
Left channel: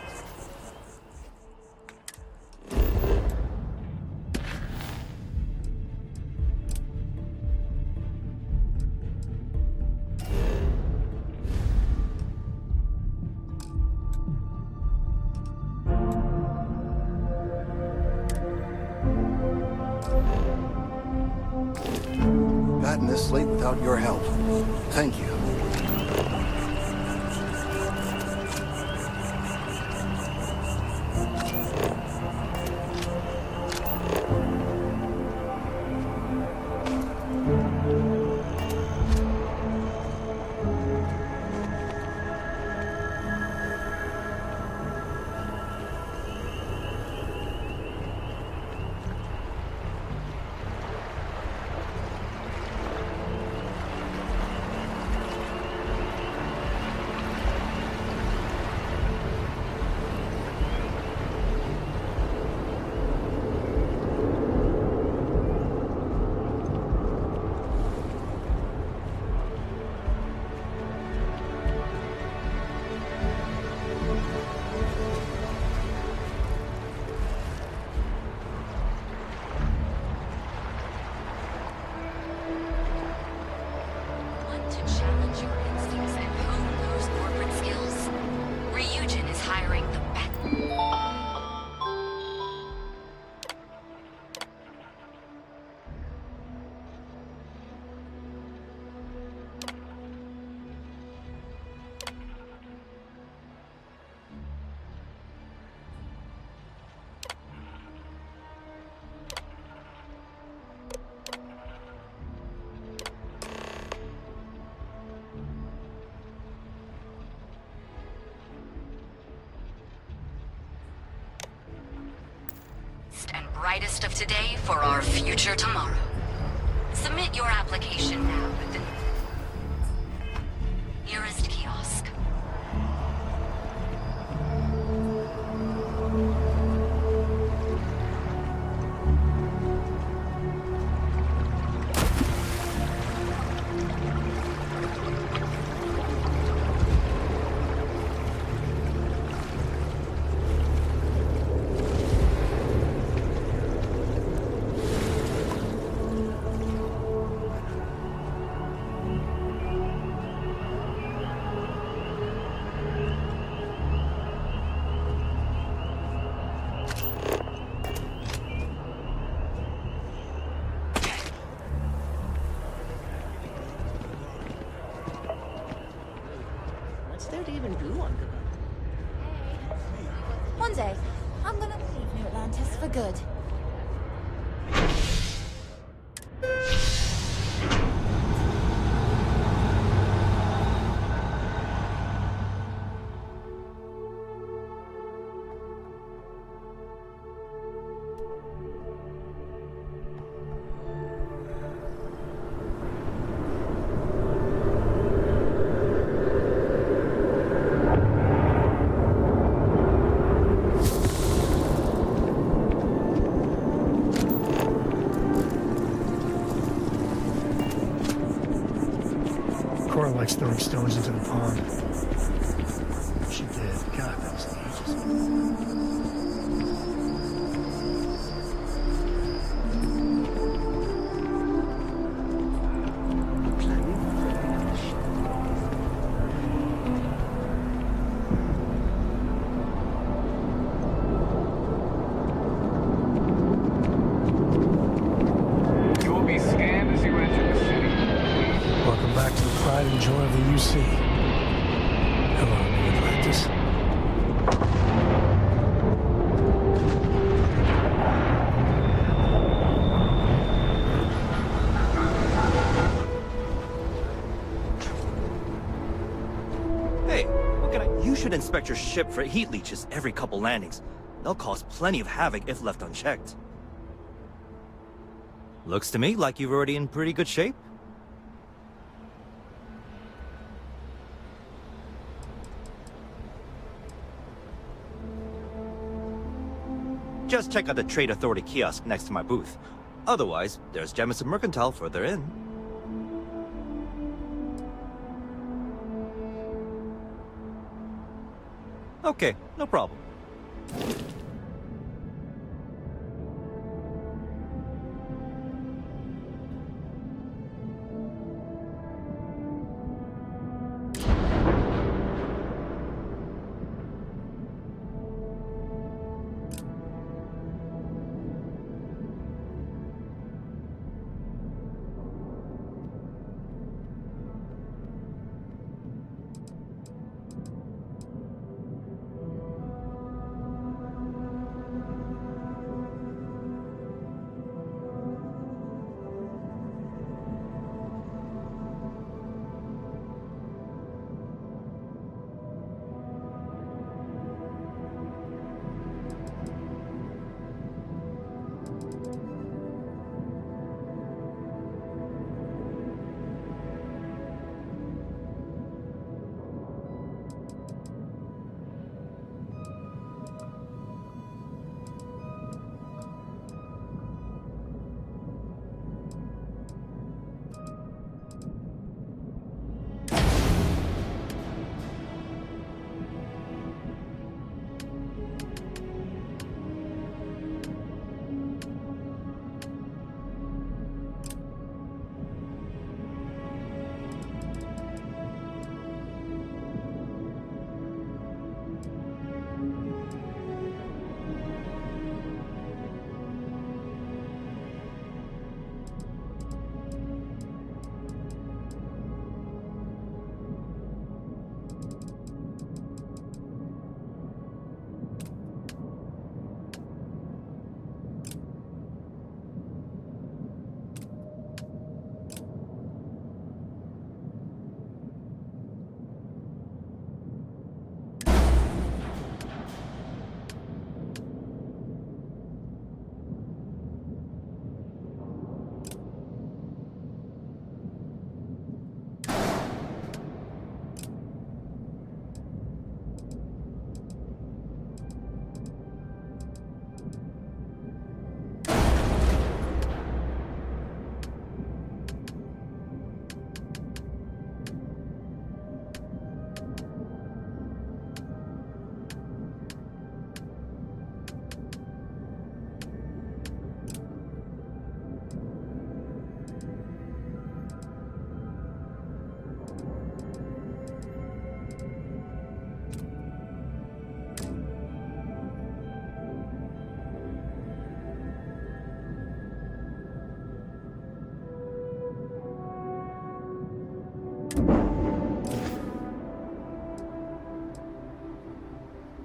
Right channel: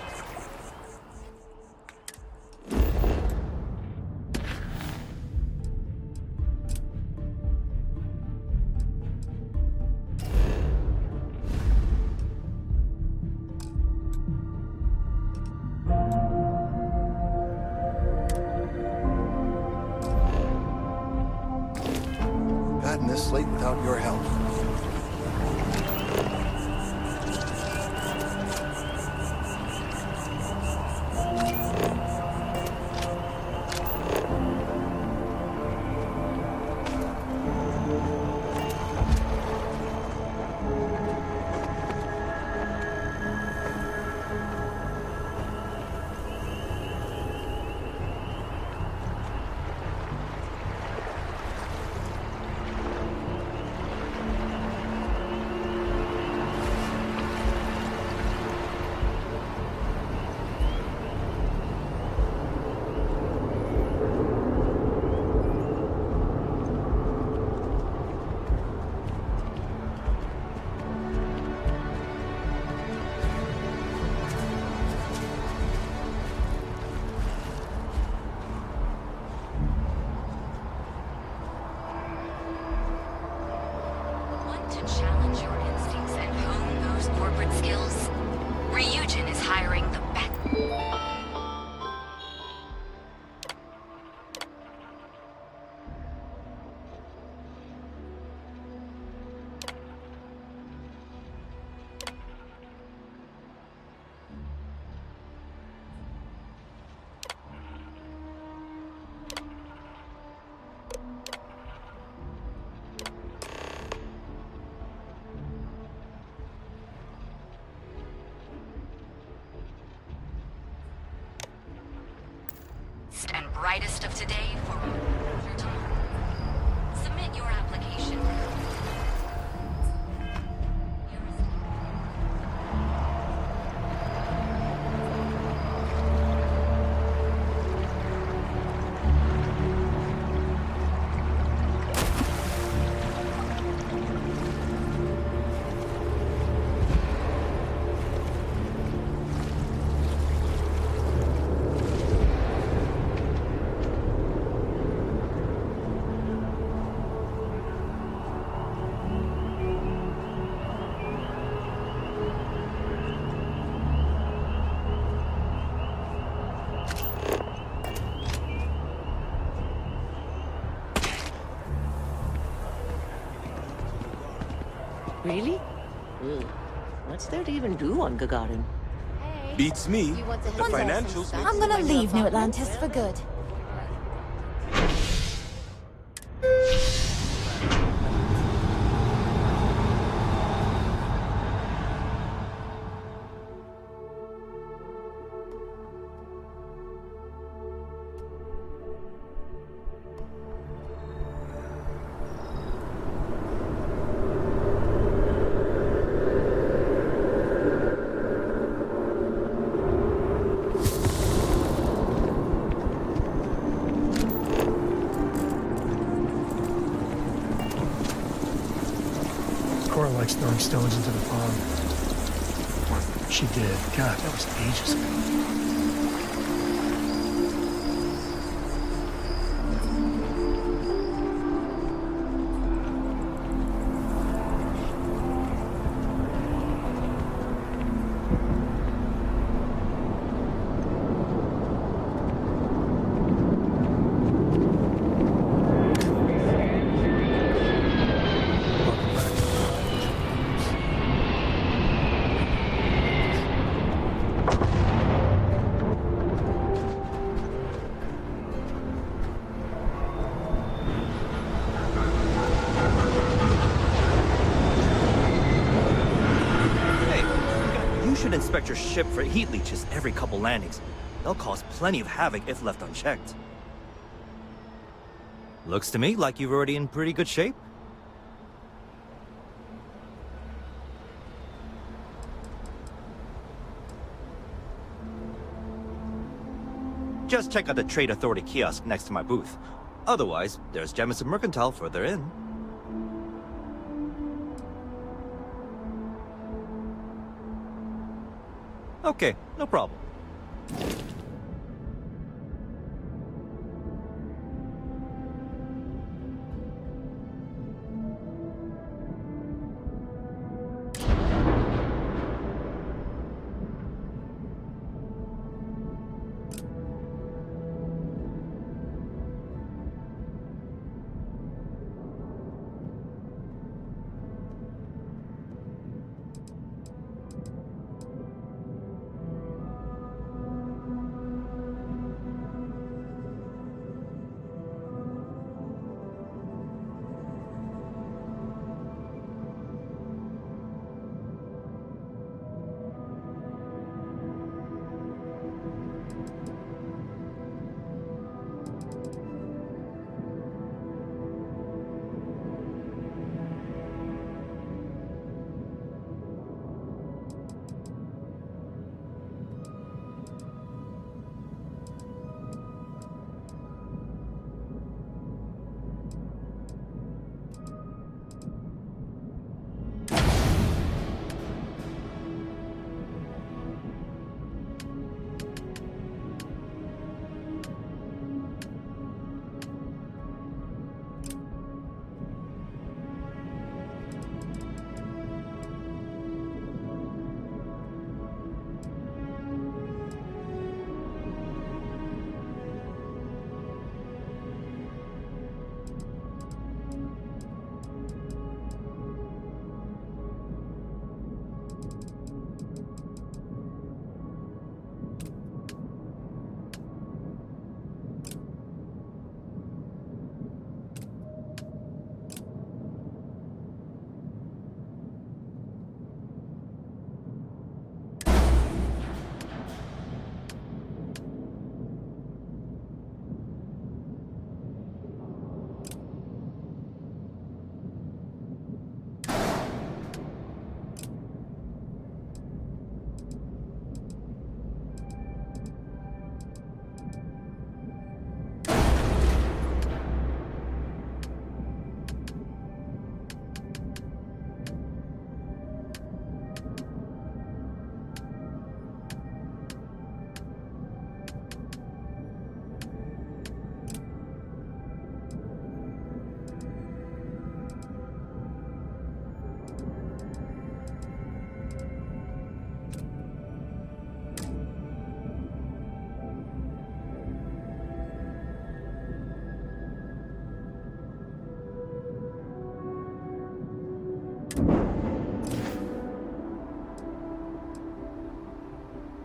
gotten this late without your help. Thank you. Challenge your instincts and hone those corporate skills. Ryujin is hiring the back. And brightest of today for our future tomorrow. Submit your application now with the nearest kiosk. Really? What's there to even do on Gagarin? Beats me. The One sec. financials. I'm gonna leave New Atlantis for good. Cora likes throwing stones into the pond. She did. God, that was ages ago. Welcome back to the pride and joy of the UC. Hello, New Atlantis. Hey, you should inspect your ship for heat leeches every couple landings. They'll cause plenty of havoc if left unchecked. Looks to me like you're already in pretty good shape. Just check out the Trade Authority kiosk next to my booth. Otherwise, there's Jemison Mercantile further in. Okay, no problem.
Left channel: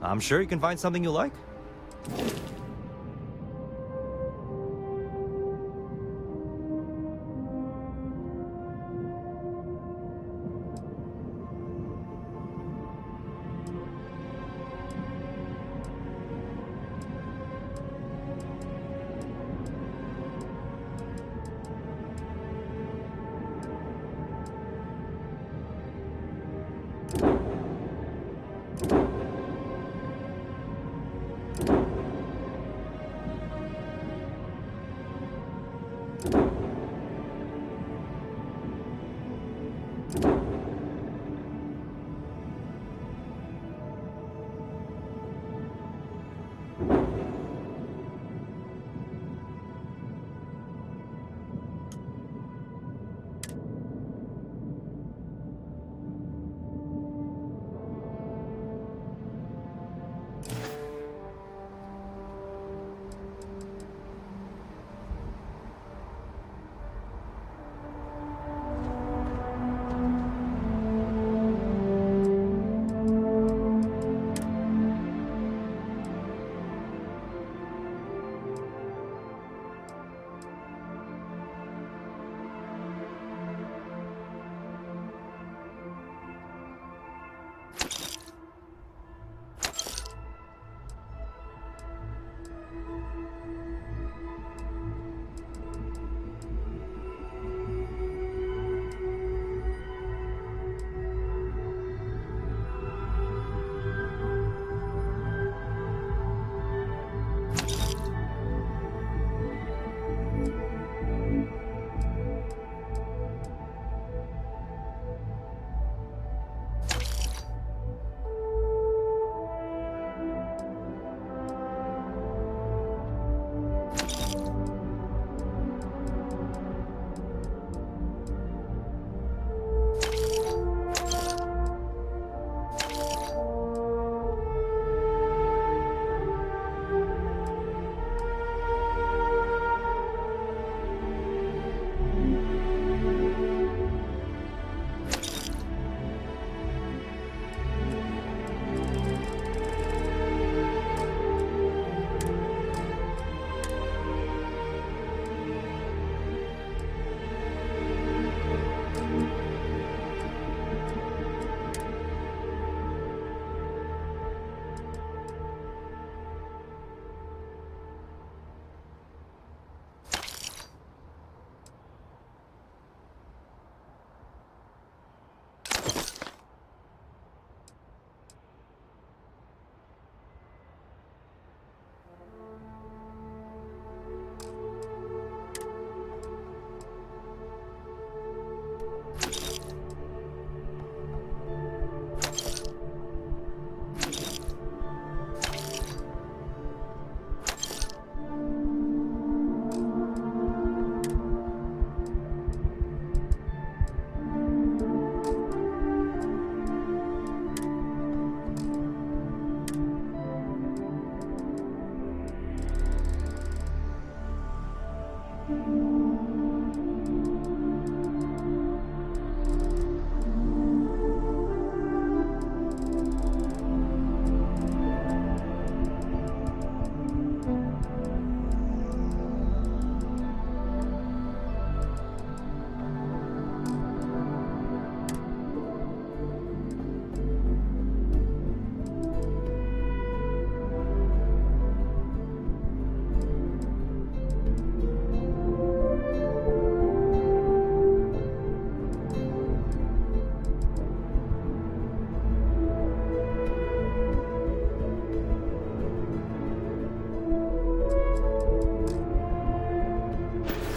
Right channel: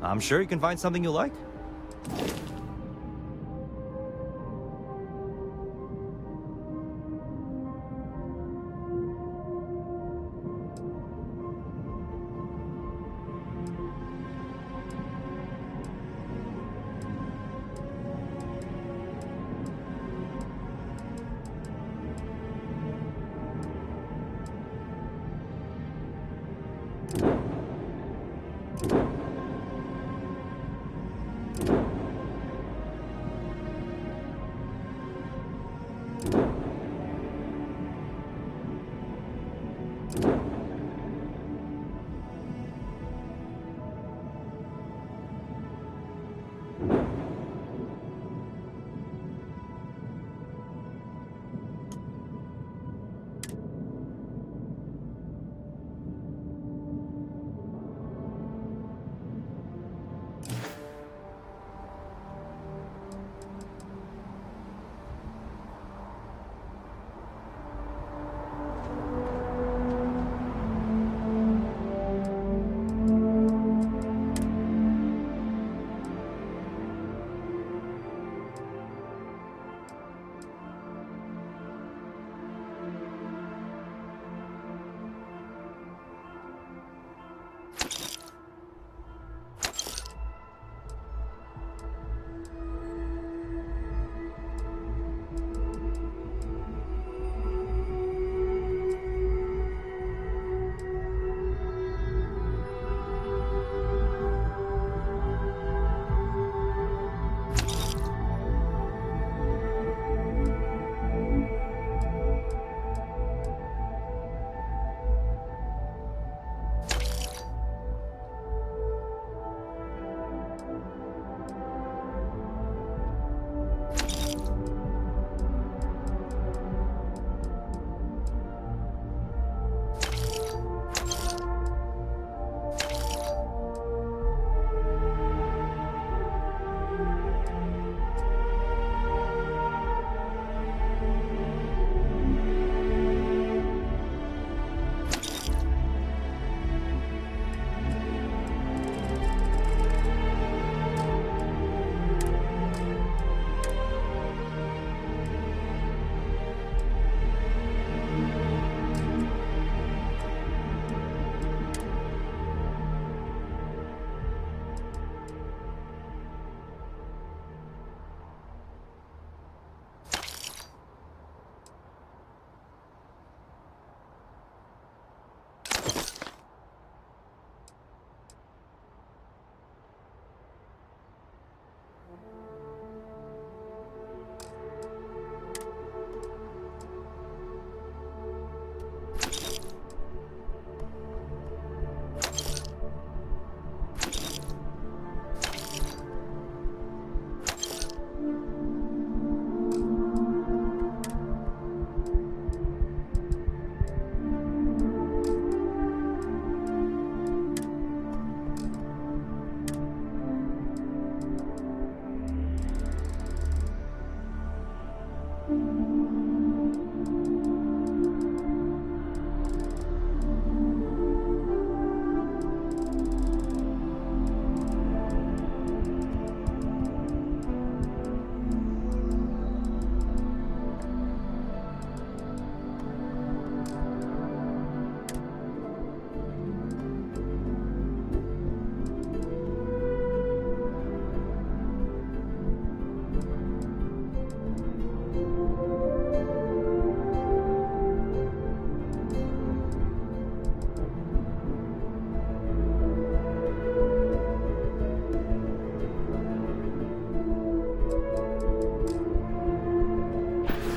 I'm sure you can find something you like.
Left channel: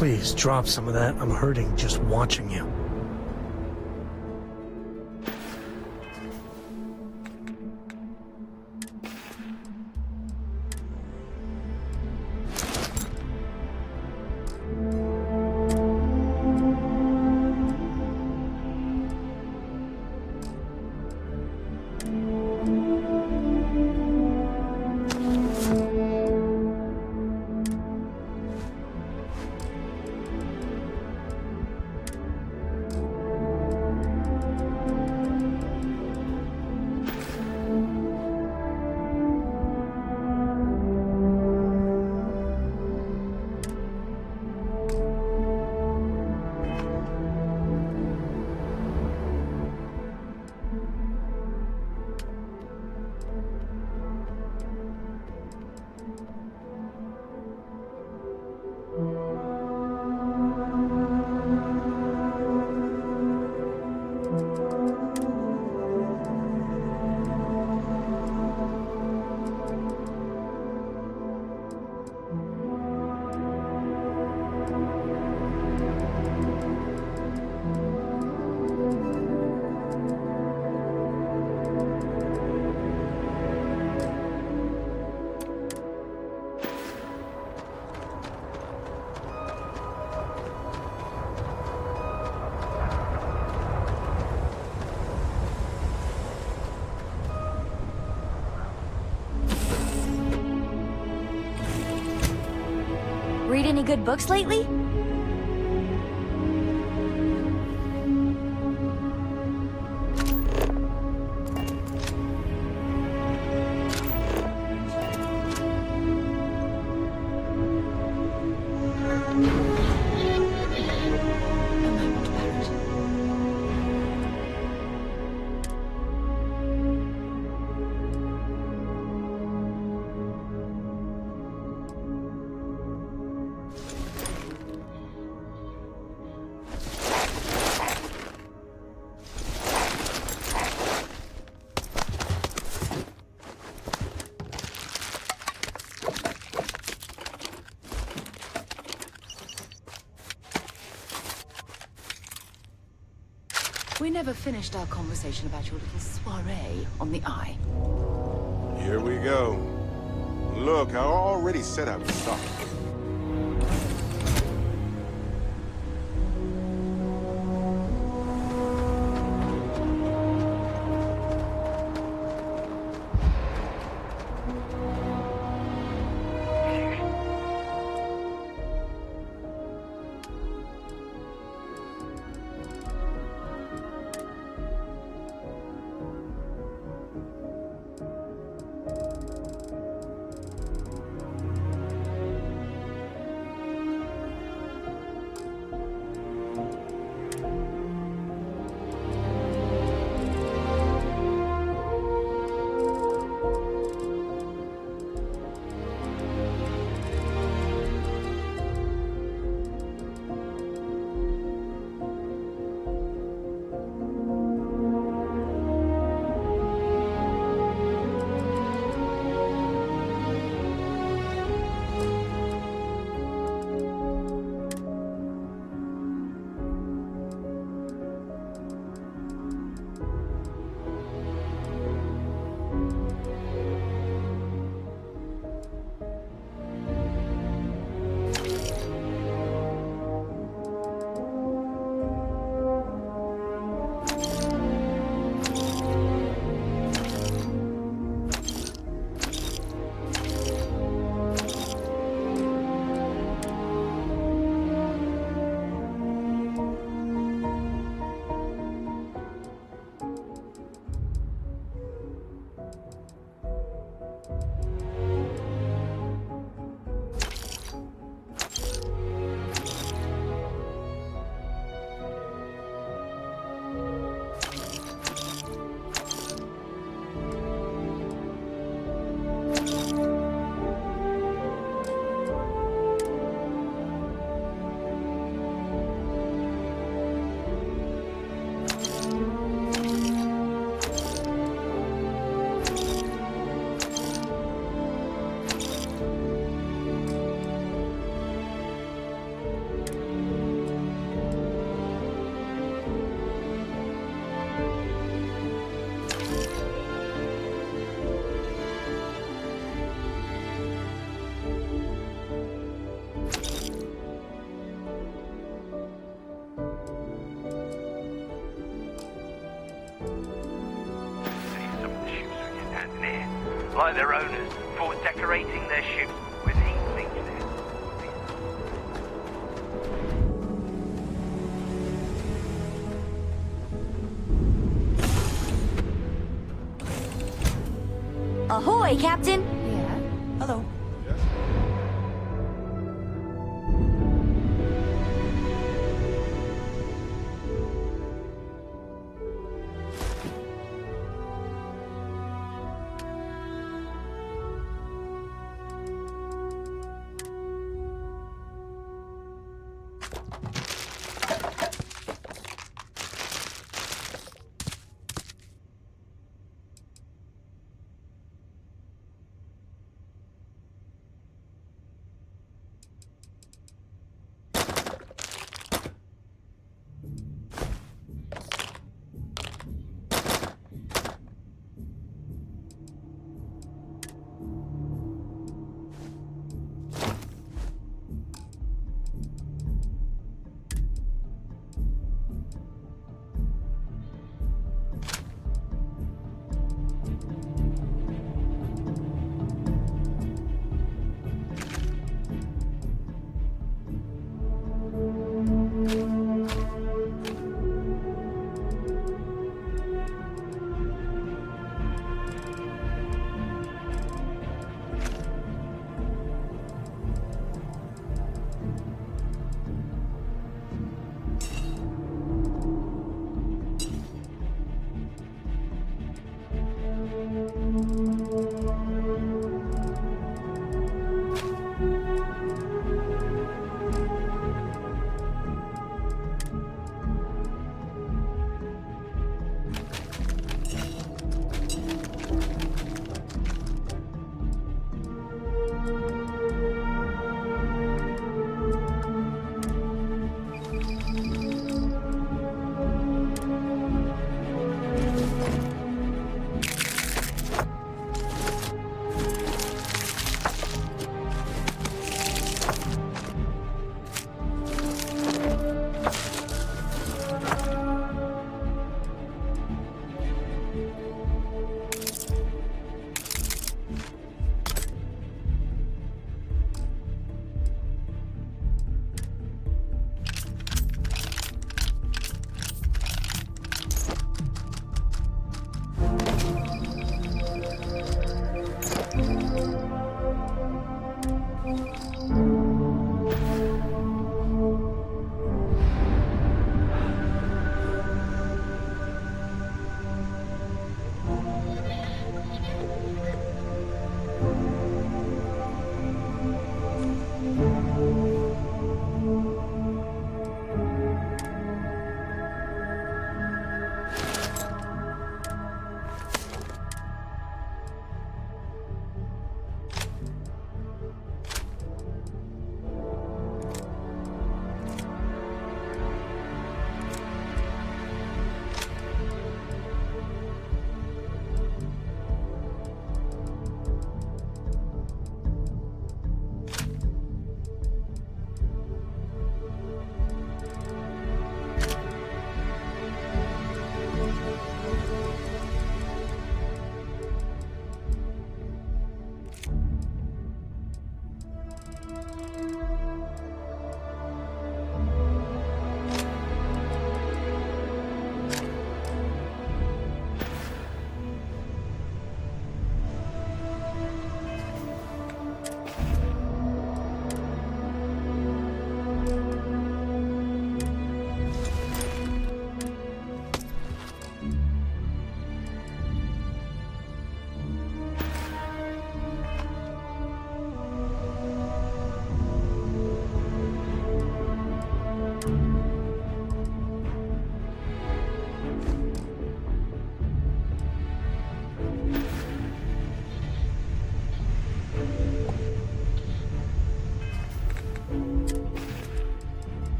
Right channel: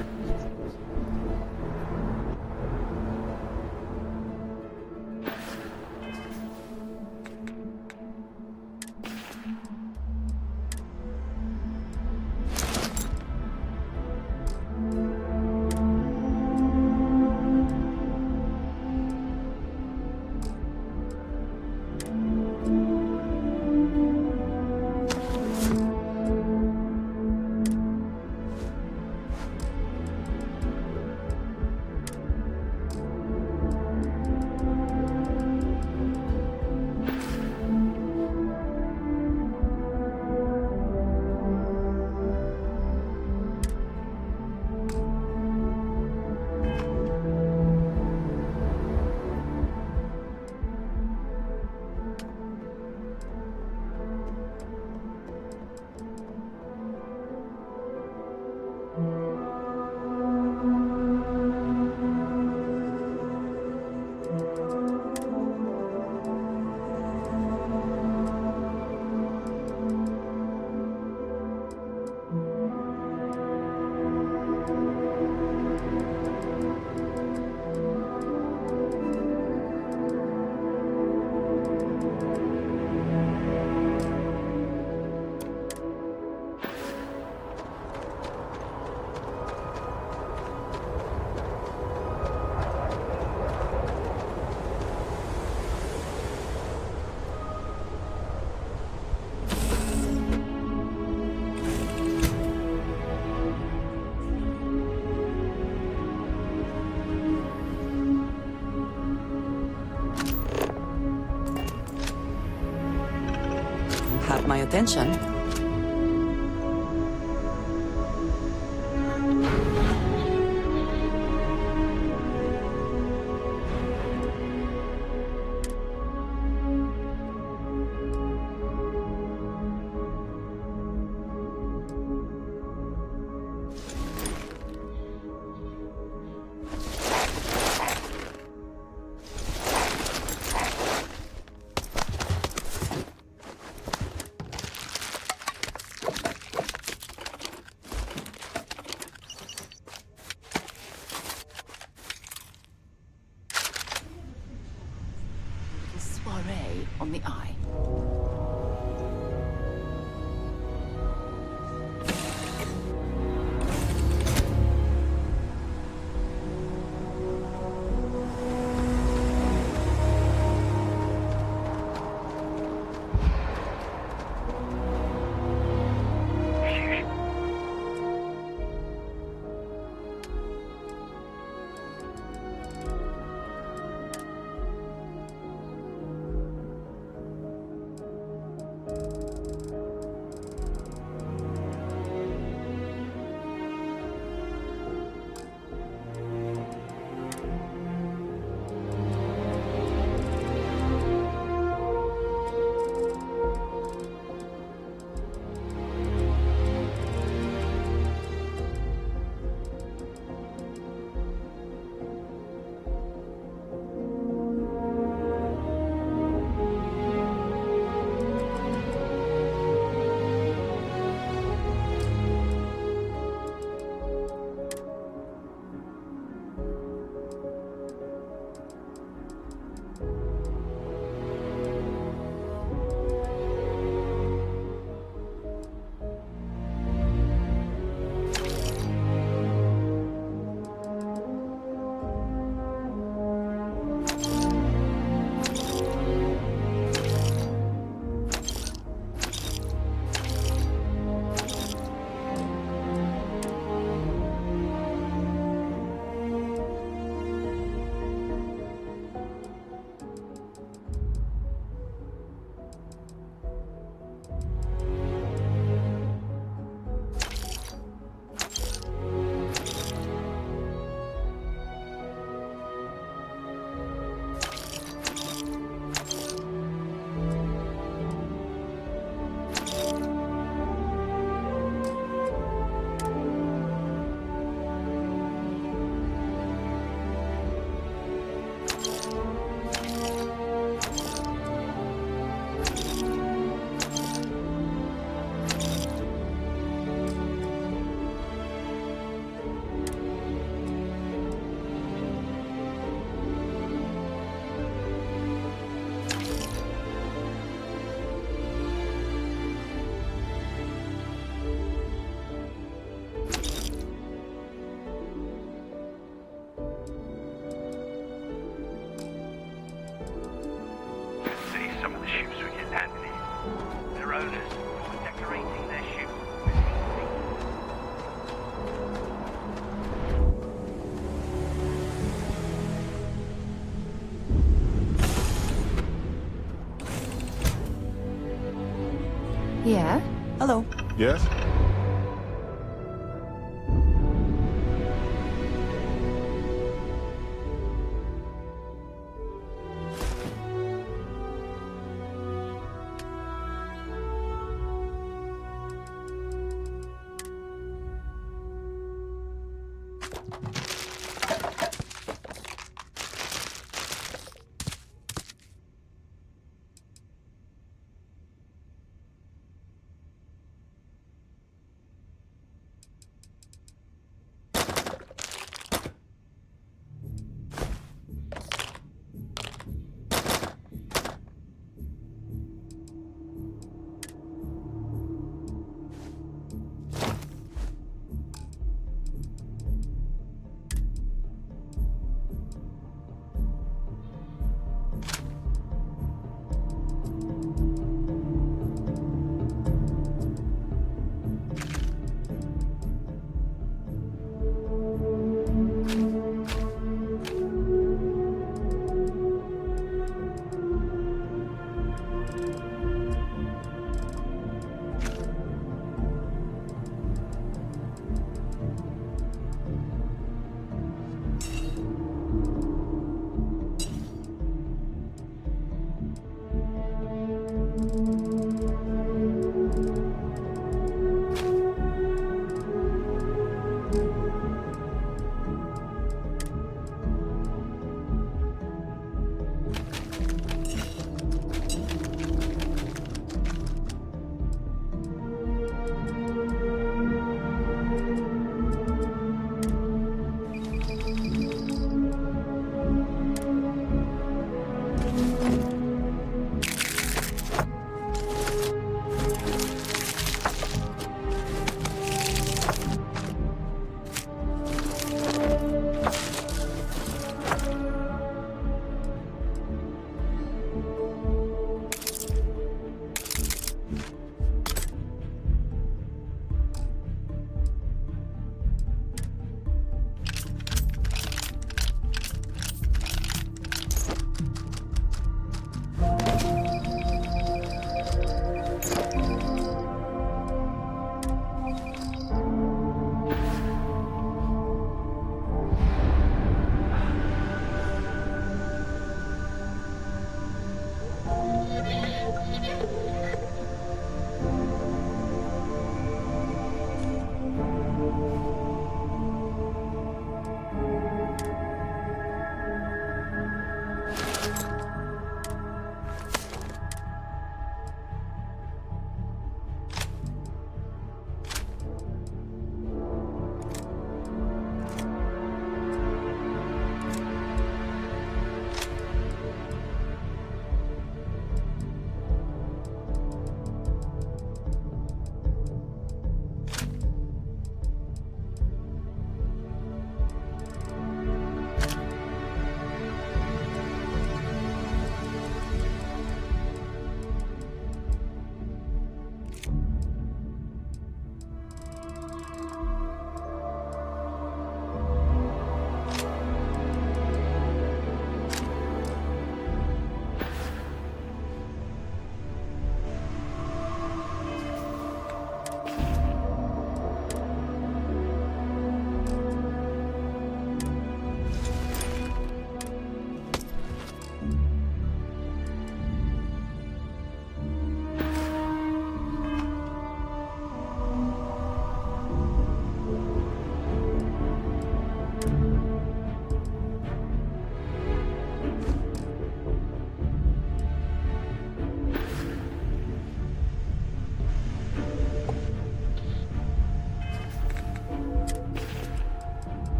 Please, drop some of that. I'm hurting just watching you. Read any good books lately? You have my attention. We never finished our conversation about your little soiree on the Eye. Here we go. Look, I already set up shop. Like their owners, for decorating their ships with heat sinkers. Ahoy, Captain! Yeah? Hello. Yes?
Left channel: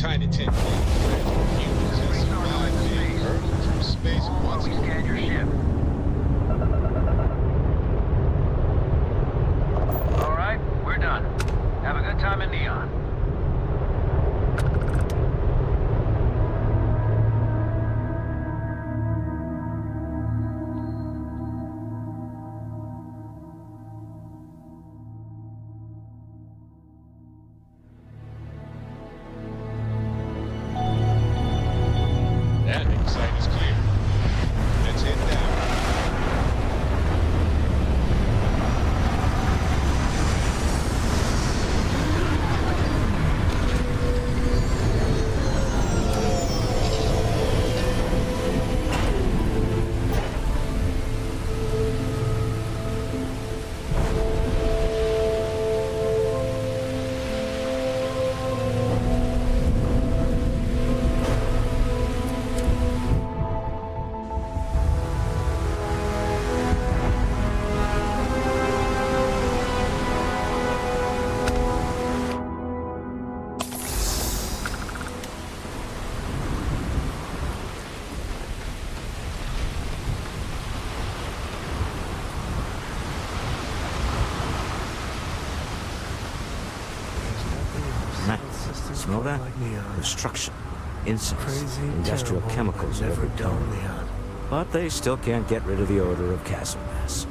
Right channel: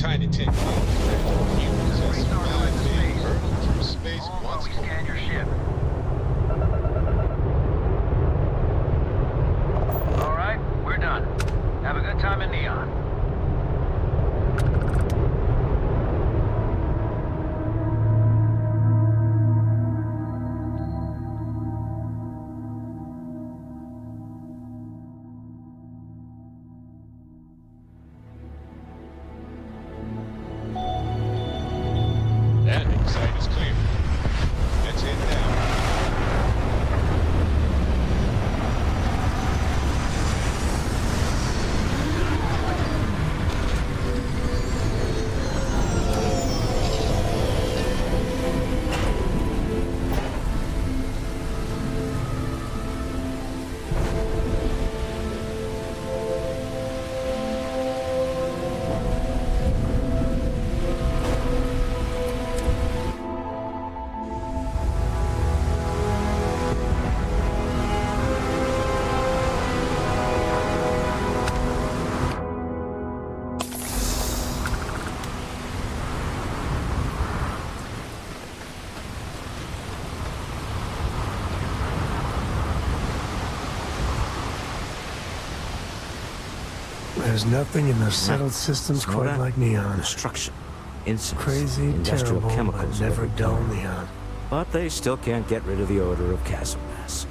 Tiny Tin Can fragile humans that survived being hurtled through space once for a week. All right, we're done. Have a good time in Neon. Landing site is clear. Let's head down. There's nothing in those settled systems Smell quite that? like Neon. Destruction, incense, Crazy, industrial terrible, chemicals but of never every dull kind. Neon. But they still can't get rid of the odor of castle mass.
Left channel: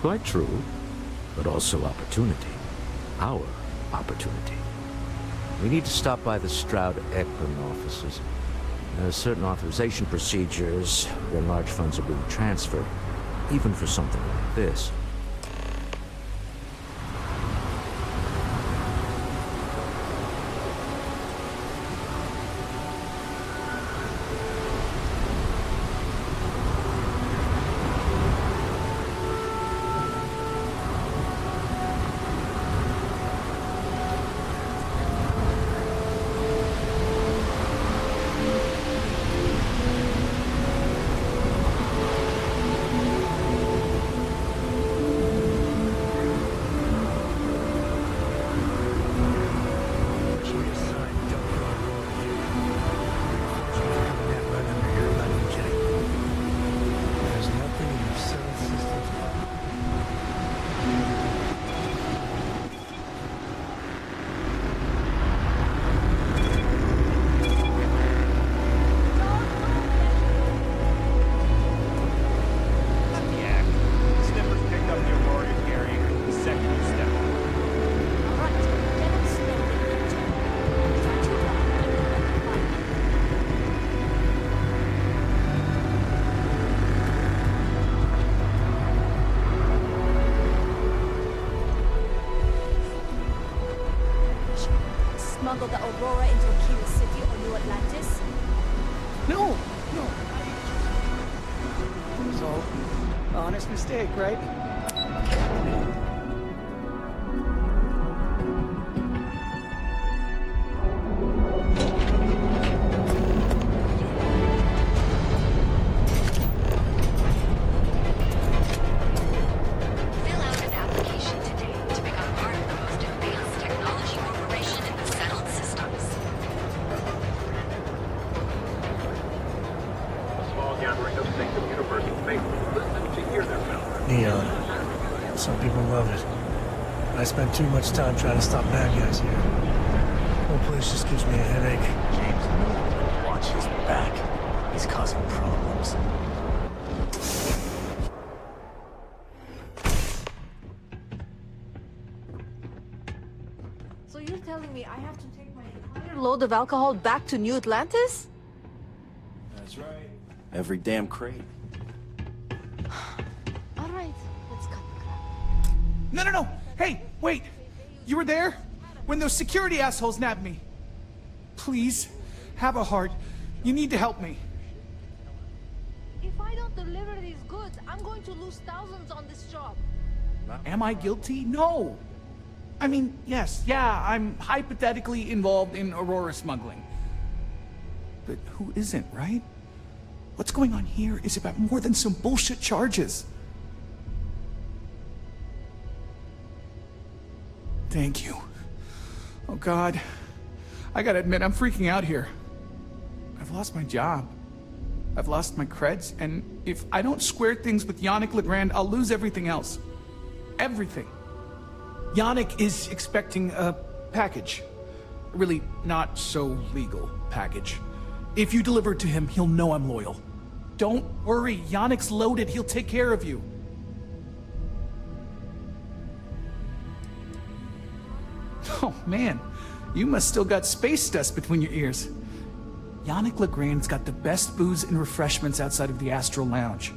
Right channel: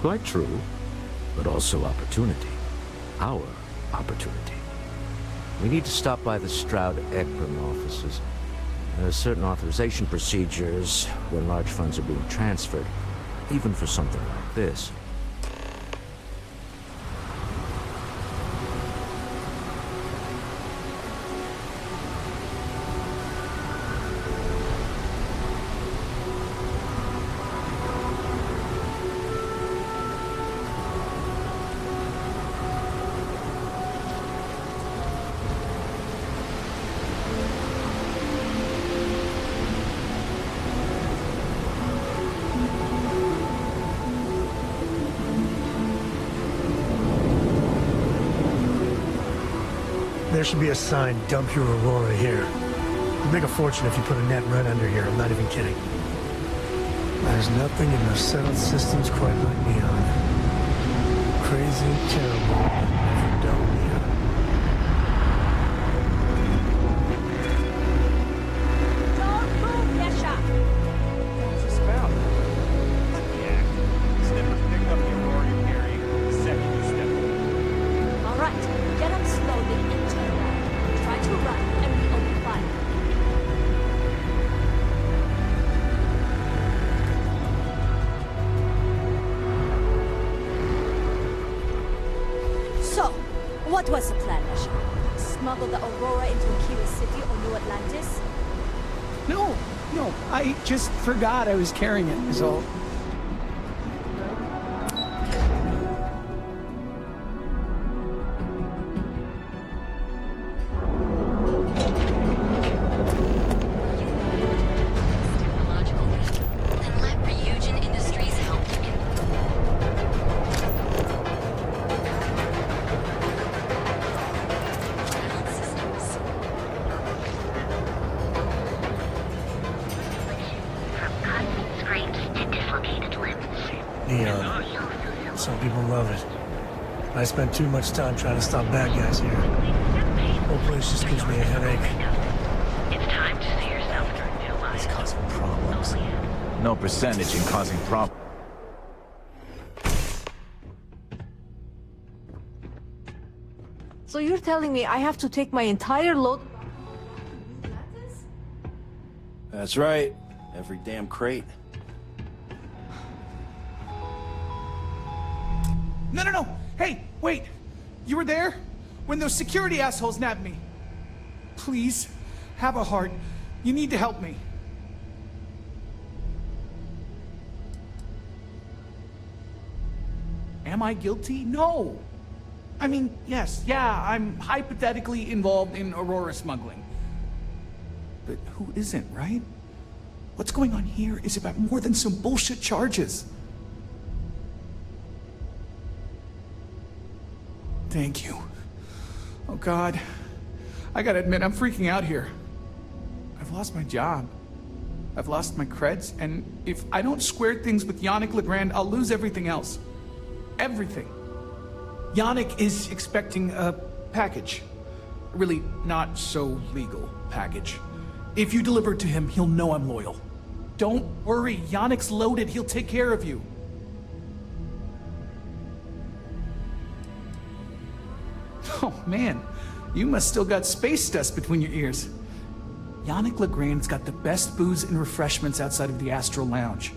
Quite true, but also opportunity. Our opportunity. We need to stop by the Stroud-Ekman offices. There are certain authorization procedures when large funds are being transferred, even for something like this. There should be a sign, dump your Aurora here. You'll make a fortune if you put a net right under here, I'm not even kidding. There's nothing in those settled systems quite like Neon. Crazy, terrible, never dull. Don't move, Yasha! Not the act. Snippers picked up the Aurora you're carrying the second you stepped in. All right, get up slowly and turn around. Try to run and we open fire. So, what was the plan, Yasha? Smuggle the Aurora into Aquila City or New Atlantis? No, I just forgot I was carrying it, is all. Honest mistake, right? Neon. Some people love it. I spend too much time trying to stop bad guys here. The whole place just gives me a headache. Back. He's causing problems. No percentage in causing problems. So you're telling me I have to take my entire load of alcohol back to New Atlantis? That's right. Every damn crate. No. Hey, wait. You were there? When those security assholes nabbed me. Please, have a heart. You need to help me. If I don't deliver these goods, I'm going to lose thousands on this job. Am I guilty? No. I mean, yes, yeah, I'm hypothetically involved in Aurora smuggling. But who isn't, right? What's going on here is about more than some bullshit charges. Thank you. Oh God. I gotta admit, I'm freaking out here. I've lost my job. I've lost my creds, and if I don't square things with Yannick Legrand, I'll lose everything else. Everything. Yannick is expecting a package. A really not so legal package. If you deliver it to him, he'll know I'm loyal. Don't worry, Yannick's loaded. He'll take care of you. Oh man, you must still got space dust between your ears. Yannick Legrand's got the best booze and refreshments outside of the Astral Lounge.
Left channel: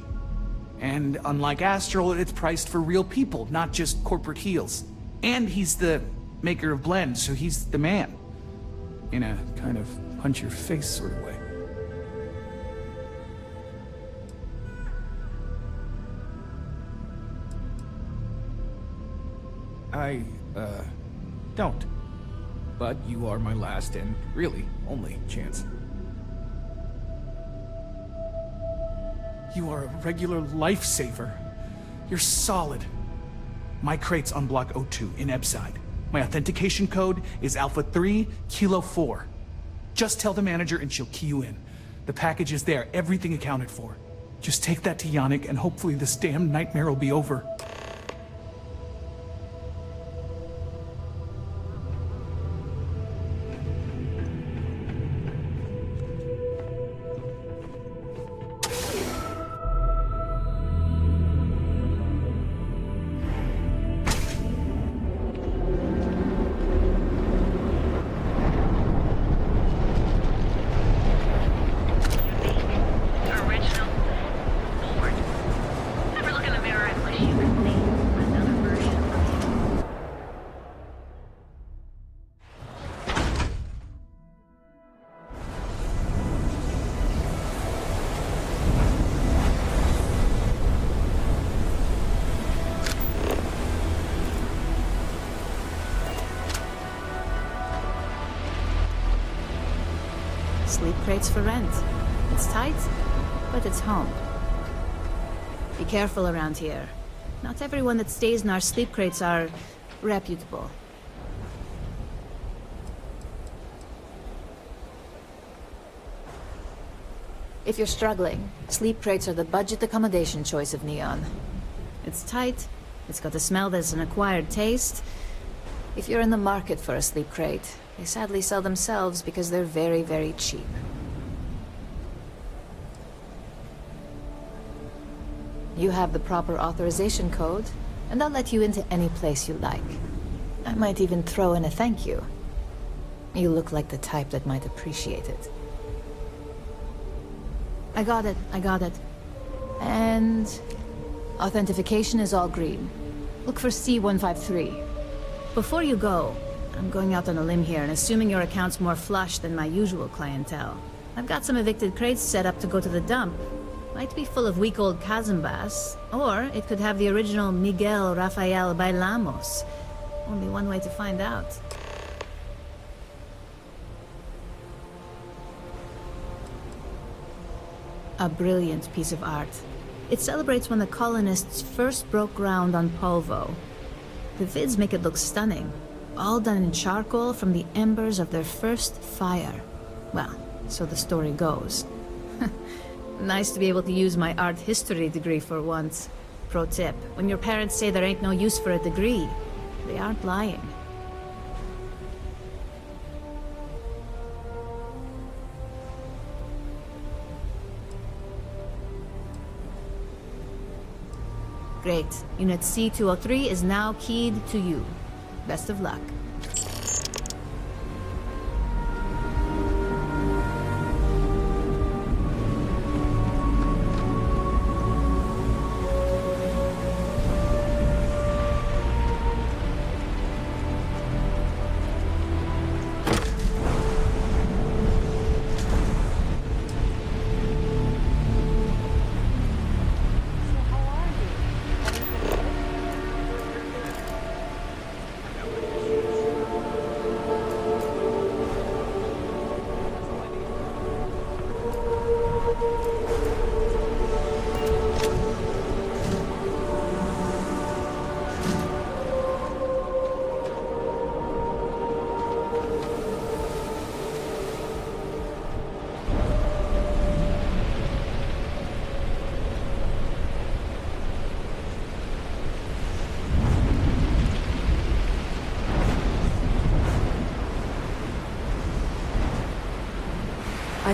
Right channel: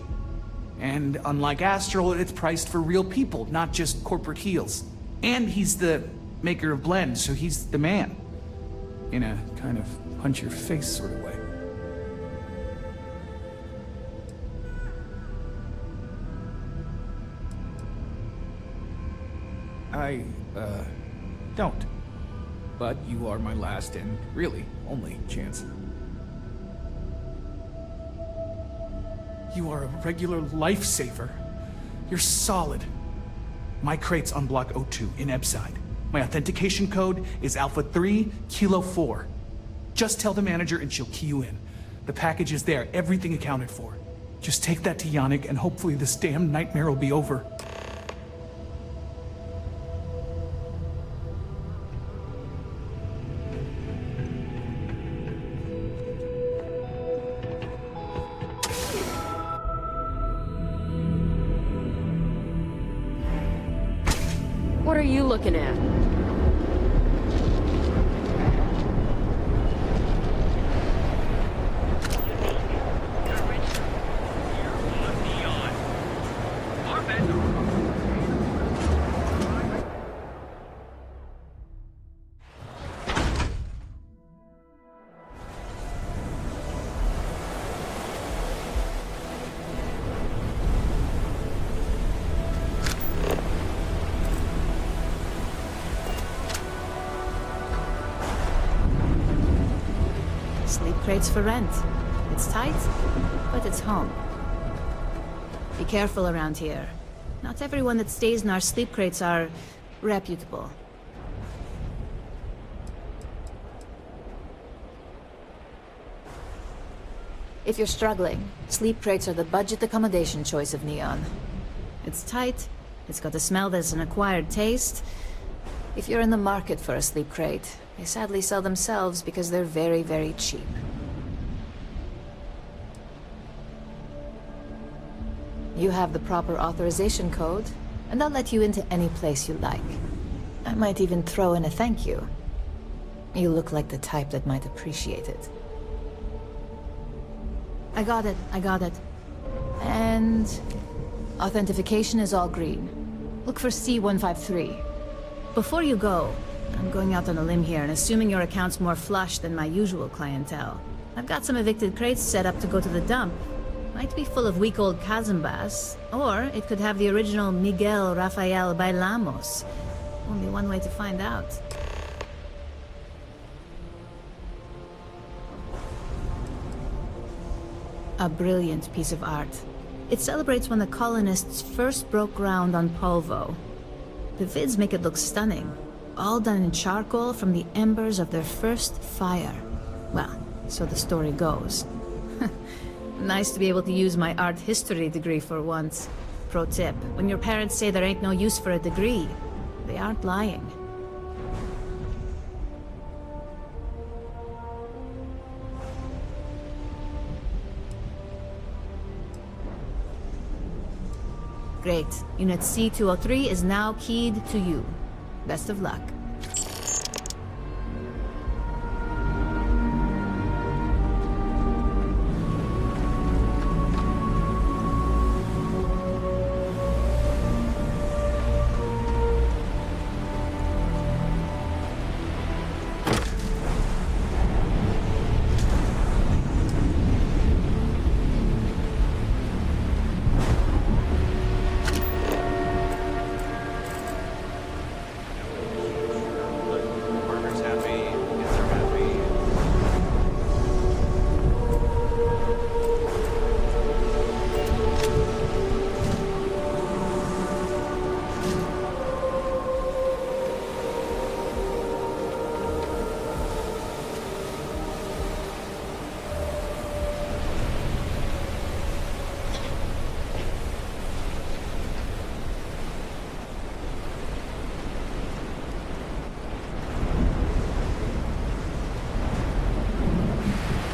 And unlike Astral, it's priced for real people, not just corporate heels. And he's the maker of blends, so he's the man. In a kind of punch-your-face sort of way. I, don't. But you are my last and really only chance. You are a regular lifesaver. You're solid. My crate's on Block 02 in Ebside. My authentication code is Alpha 3 Kilo 4. Just tell the manager and she'll key you in. The package is there, everything accounted for. Just take that to Yannick and hopefully this damn nightmare will be over. What are you looking at? Sleep crates for rent. It's tight, but it's home. Be careful around here. Not everyone that stays in our sleep crates are reputable. If you're struggling, sleep crates are the budget accommodation choice of Neon. It's tight, it's got a smell that's an acquired taste. If you're in the market for a sleep crate, they sadly sell themselves because they're very, very cheap. You have the proper authorization code, and I'll let you into any place you like. I might even throw in a thank you. You look like the type that might appreciate it. I got it. And authentication is all green. Look for C153. Before you go, I'm going out on a limb here and assuming your account's more flush than my usual clientele. I've got some evicted crates set up to go to the dump. Might be full of weak old Cazimbas, or it could have the original Miguel Rafael Bailamos. Only one way to find out. A brilliant piece of art. It celebrates when the colonists first broke ground on Polvo. The vids make it look stunning. All done in charcoal from the embers of their first fire. Well, so the story goes. Nice to be able to use my art history degree for once. Pro tip, when your parents say there ain't no use for a degree, they aren't lying. Great. Unit C203 is now keyed to you. Best of luck.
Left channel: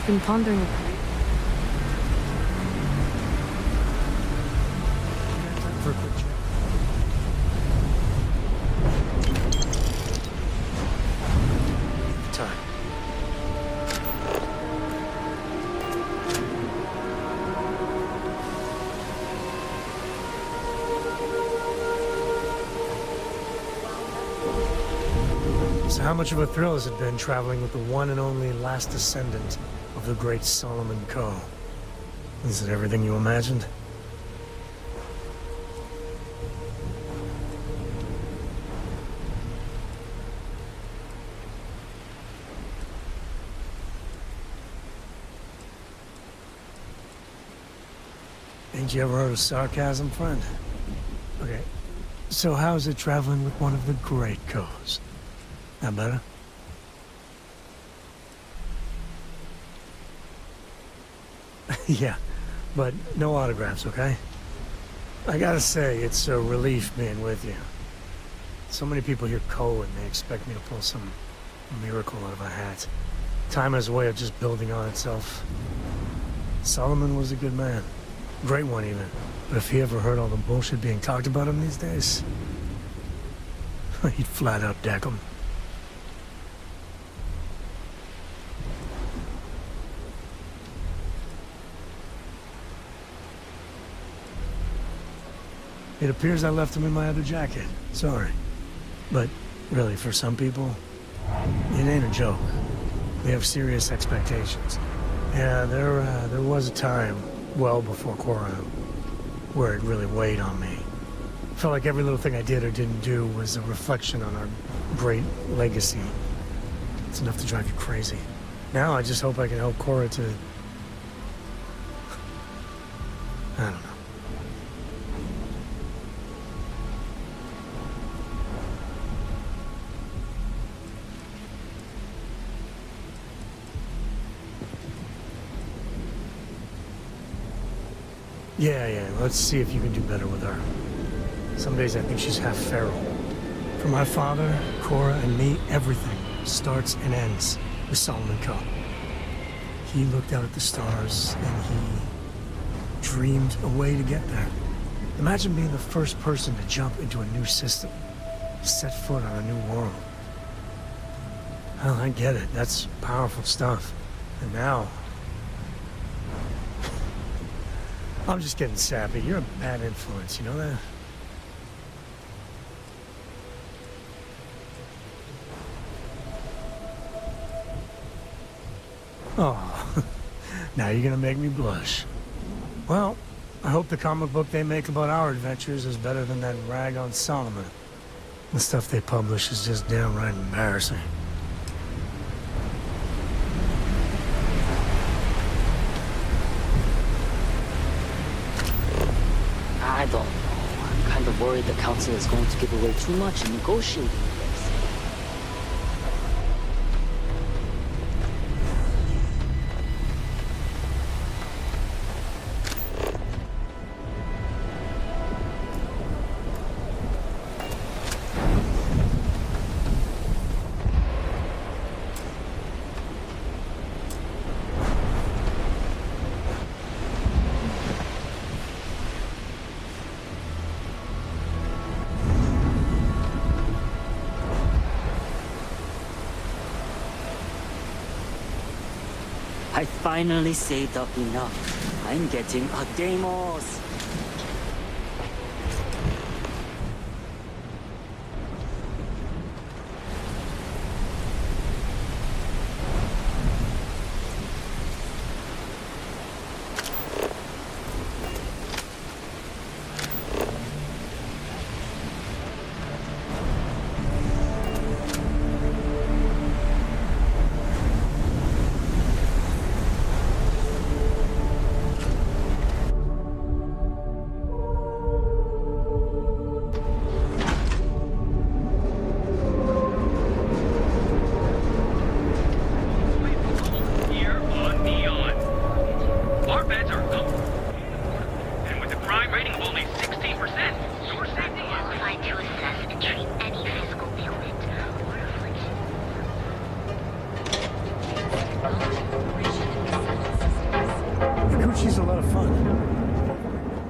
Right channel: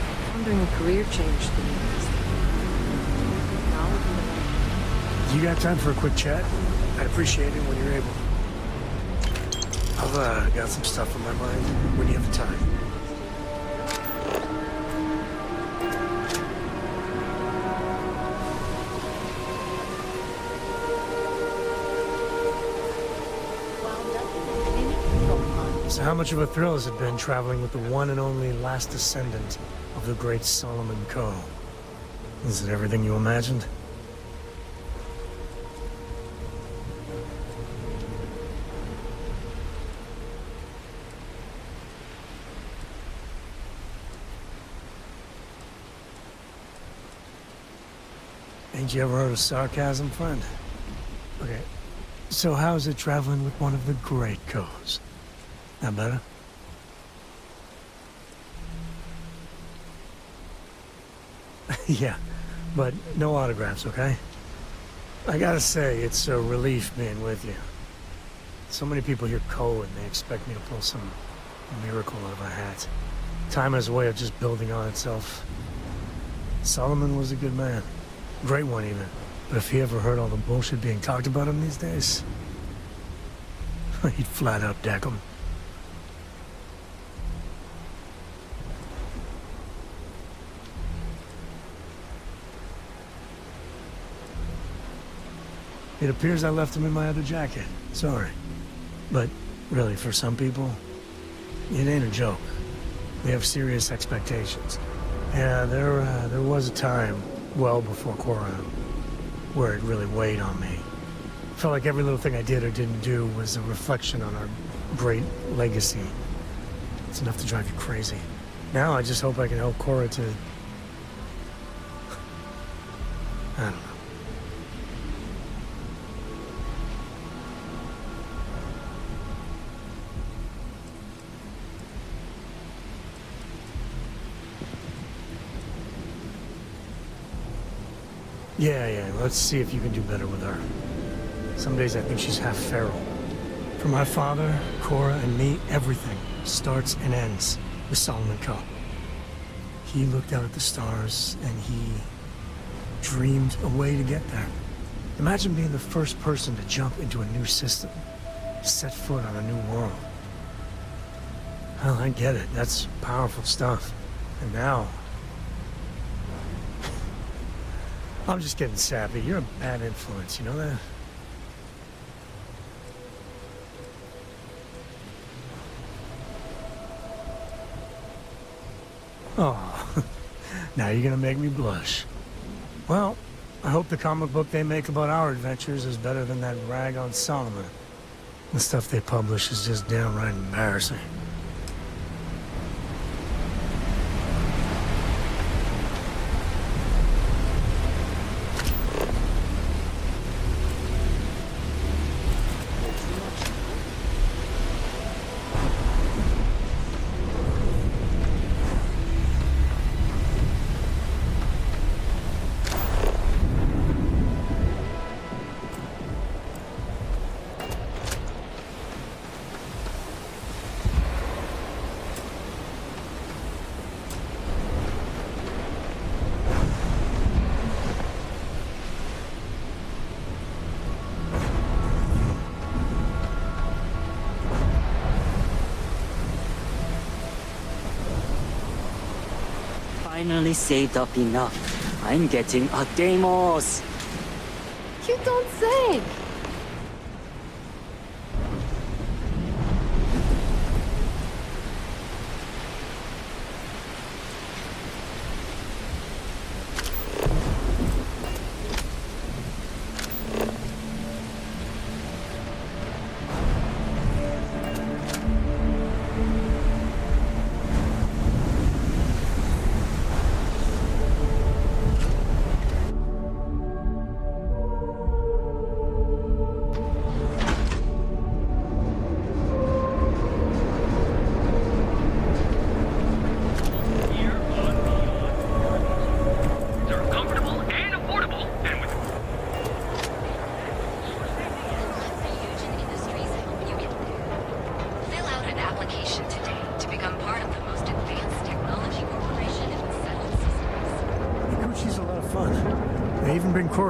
I've been pondering a career change. You got time for a quick chat? I appreciate it when you're able. I've got some stuff in my mind when you have the time. So how much of a thrill has it been traveling with the one and only last descendant of the great Solomon Coe? Is it everything you imagined? Ain't you ever heard of sarcasm, friend? Okay, so how's it traveling with one of the great Coes? That better? Yeah, but no autographs, okay? I gotta say, it's a relief being with you. So many people hear Coe and they expect me to pull some miracle out of a hat. Time has a way of just building on itself. Solomon was a good man. Great one, even. But if he ever heard all the bullshit being talked about him these days, he'd flat out deck him. It appears I left him in my other jacket. Sorry. But really, for some people, it ain't a joke. They have serious expectations. Yeah, there was a time, well before Korra, where it really weighed on me. Felt like every little thing I did or didn't do was a reflection on our great legacy. It's enough to drive you crazy. Now I just hope I can help Korra to... I don't know. Yeah, let's see if you can do better with her. Some days I think she's half feral. For my father, Korra, and me, everything starts and ends with Solomon Coe. He looked out at the stars, and he dreamed a way to get there. Imagine being the first person to jump into a new system, set foot on a new world. Well, I get it. That's powerful stuff. And now... I'm just getting sappy. You're a bad influence, you know that? Oh, now you're gonna make me blush. Well, I hope the comic book they make about our adventures is better than that rag on Solomon. The stuff they publish is just downright embarrassing. Worried the council is going to give away too much in negotiating. Finally saved up enough. I'm getting a Deimos. You don't say.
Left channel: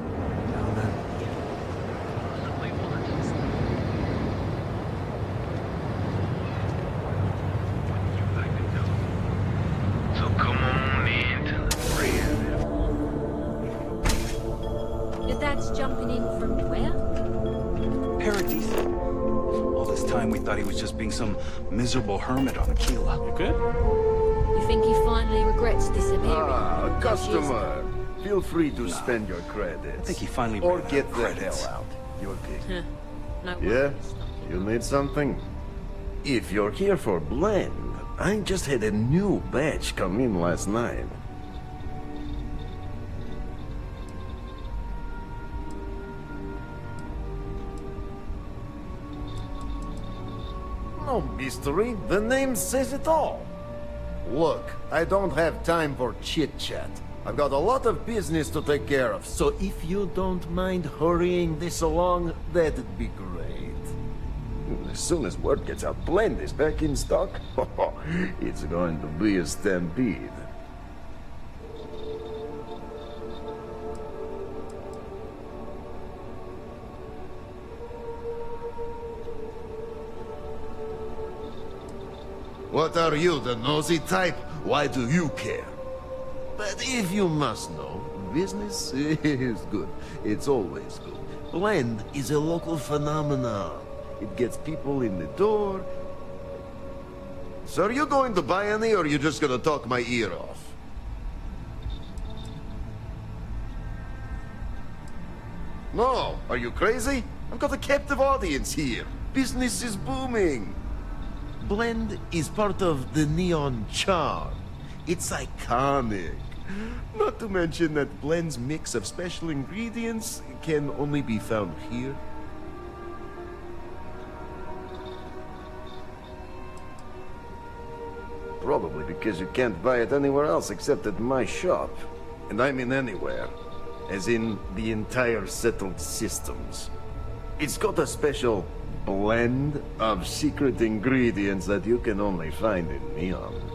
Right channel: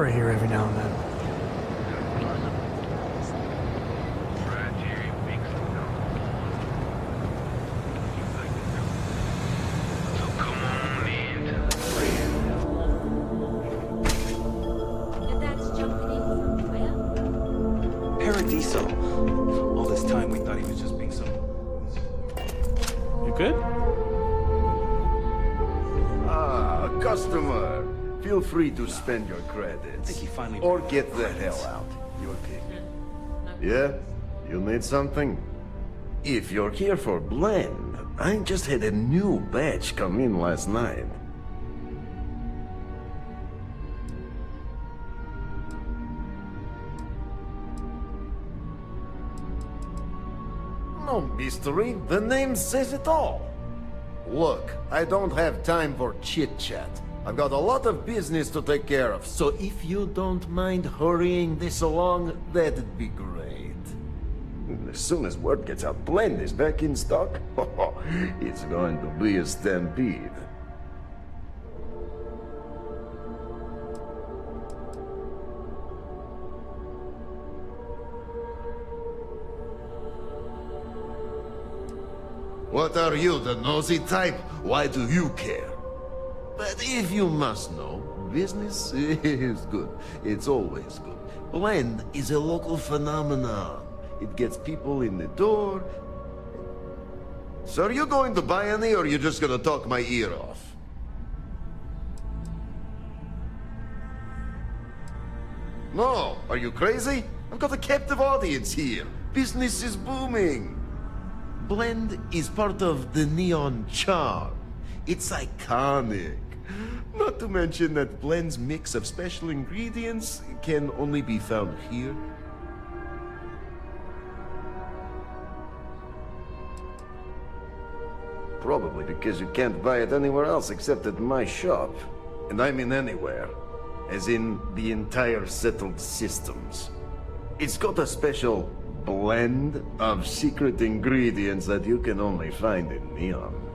Aurora here every now and then. So come on in to the crib. Your dad's jumping in from where? Paradiso. All this time we thought he was just being some miserable hermit on Aquila. You good? You think he finally regrets disappearing? Ah, customer. Feel free to spend your credits. I think he finally or ran out get of the credits. hell out. Your pick. No Yeah? worries. You need something? If you're here for blend, I just had a new batch come in last night. No mystery, the name says it all. Look, I don't have time for chit-chat. I've got a lot of business to take care of, so if you don't mind hurrying this along, that'd be great. As soon as word gets out, blend is back in stock. It's going to be a stampede. What are you, the nosy type? Why do you care? But if you must know, business is good. It's always good. Blend is a local phenomenon. It gets people in the door. So are you going to buy any, or are you just gonna talk my ear off? No, are you crazy? I've got a captive audience here. Business is booming. Blend is part of the neon charm. It's iconic. Not to mention that Blend's mix of special ingredients can only be found here. Probably because you can't buy it anywhere else except at my shop. And I mean anywhere. As in the entire settled systems. It's got a special blend of secret ingredients that you can only find in Neon.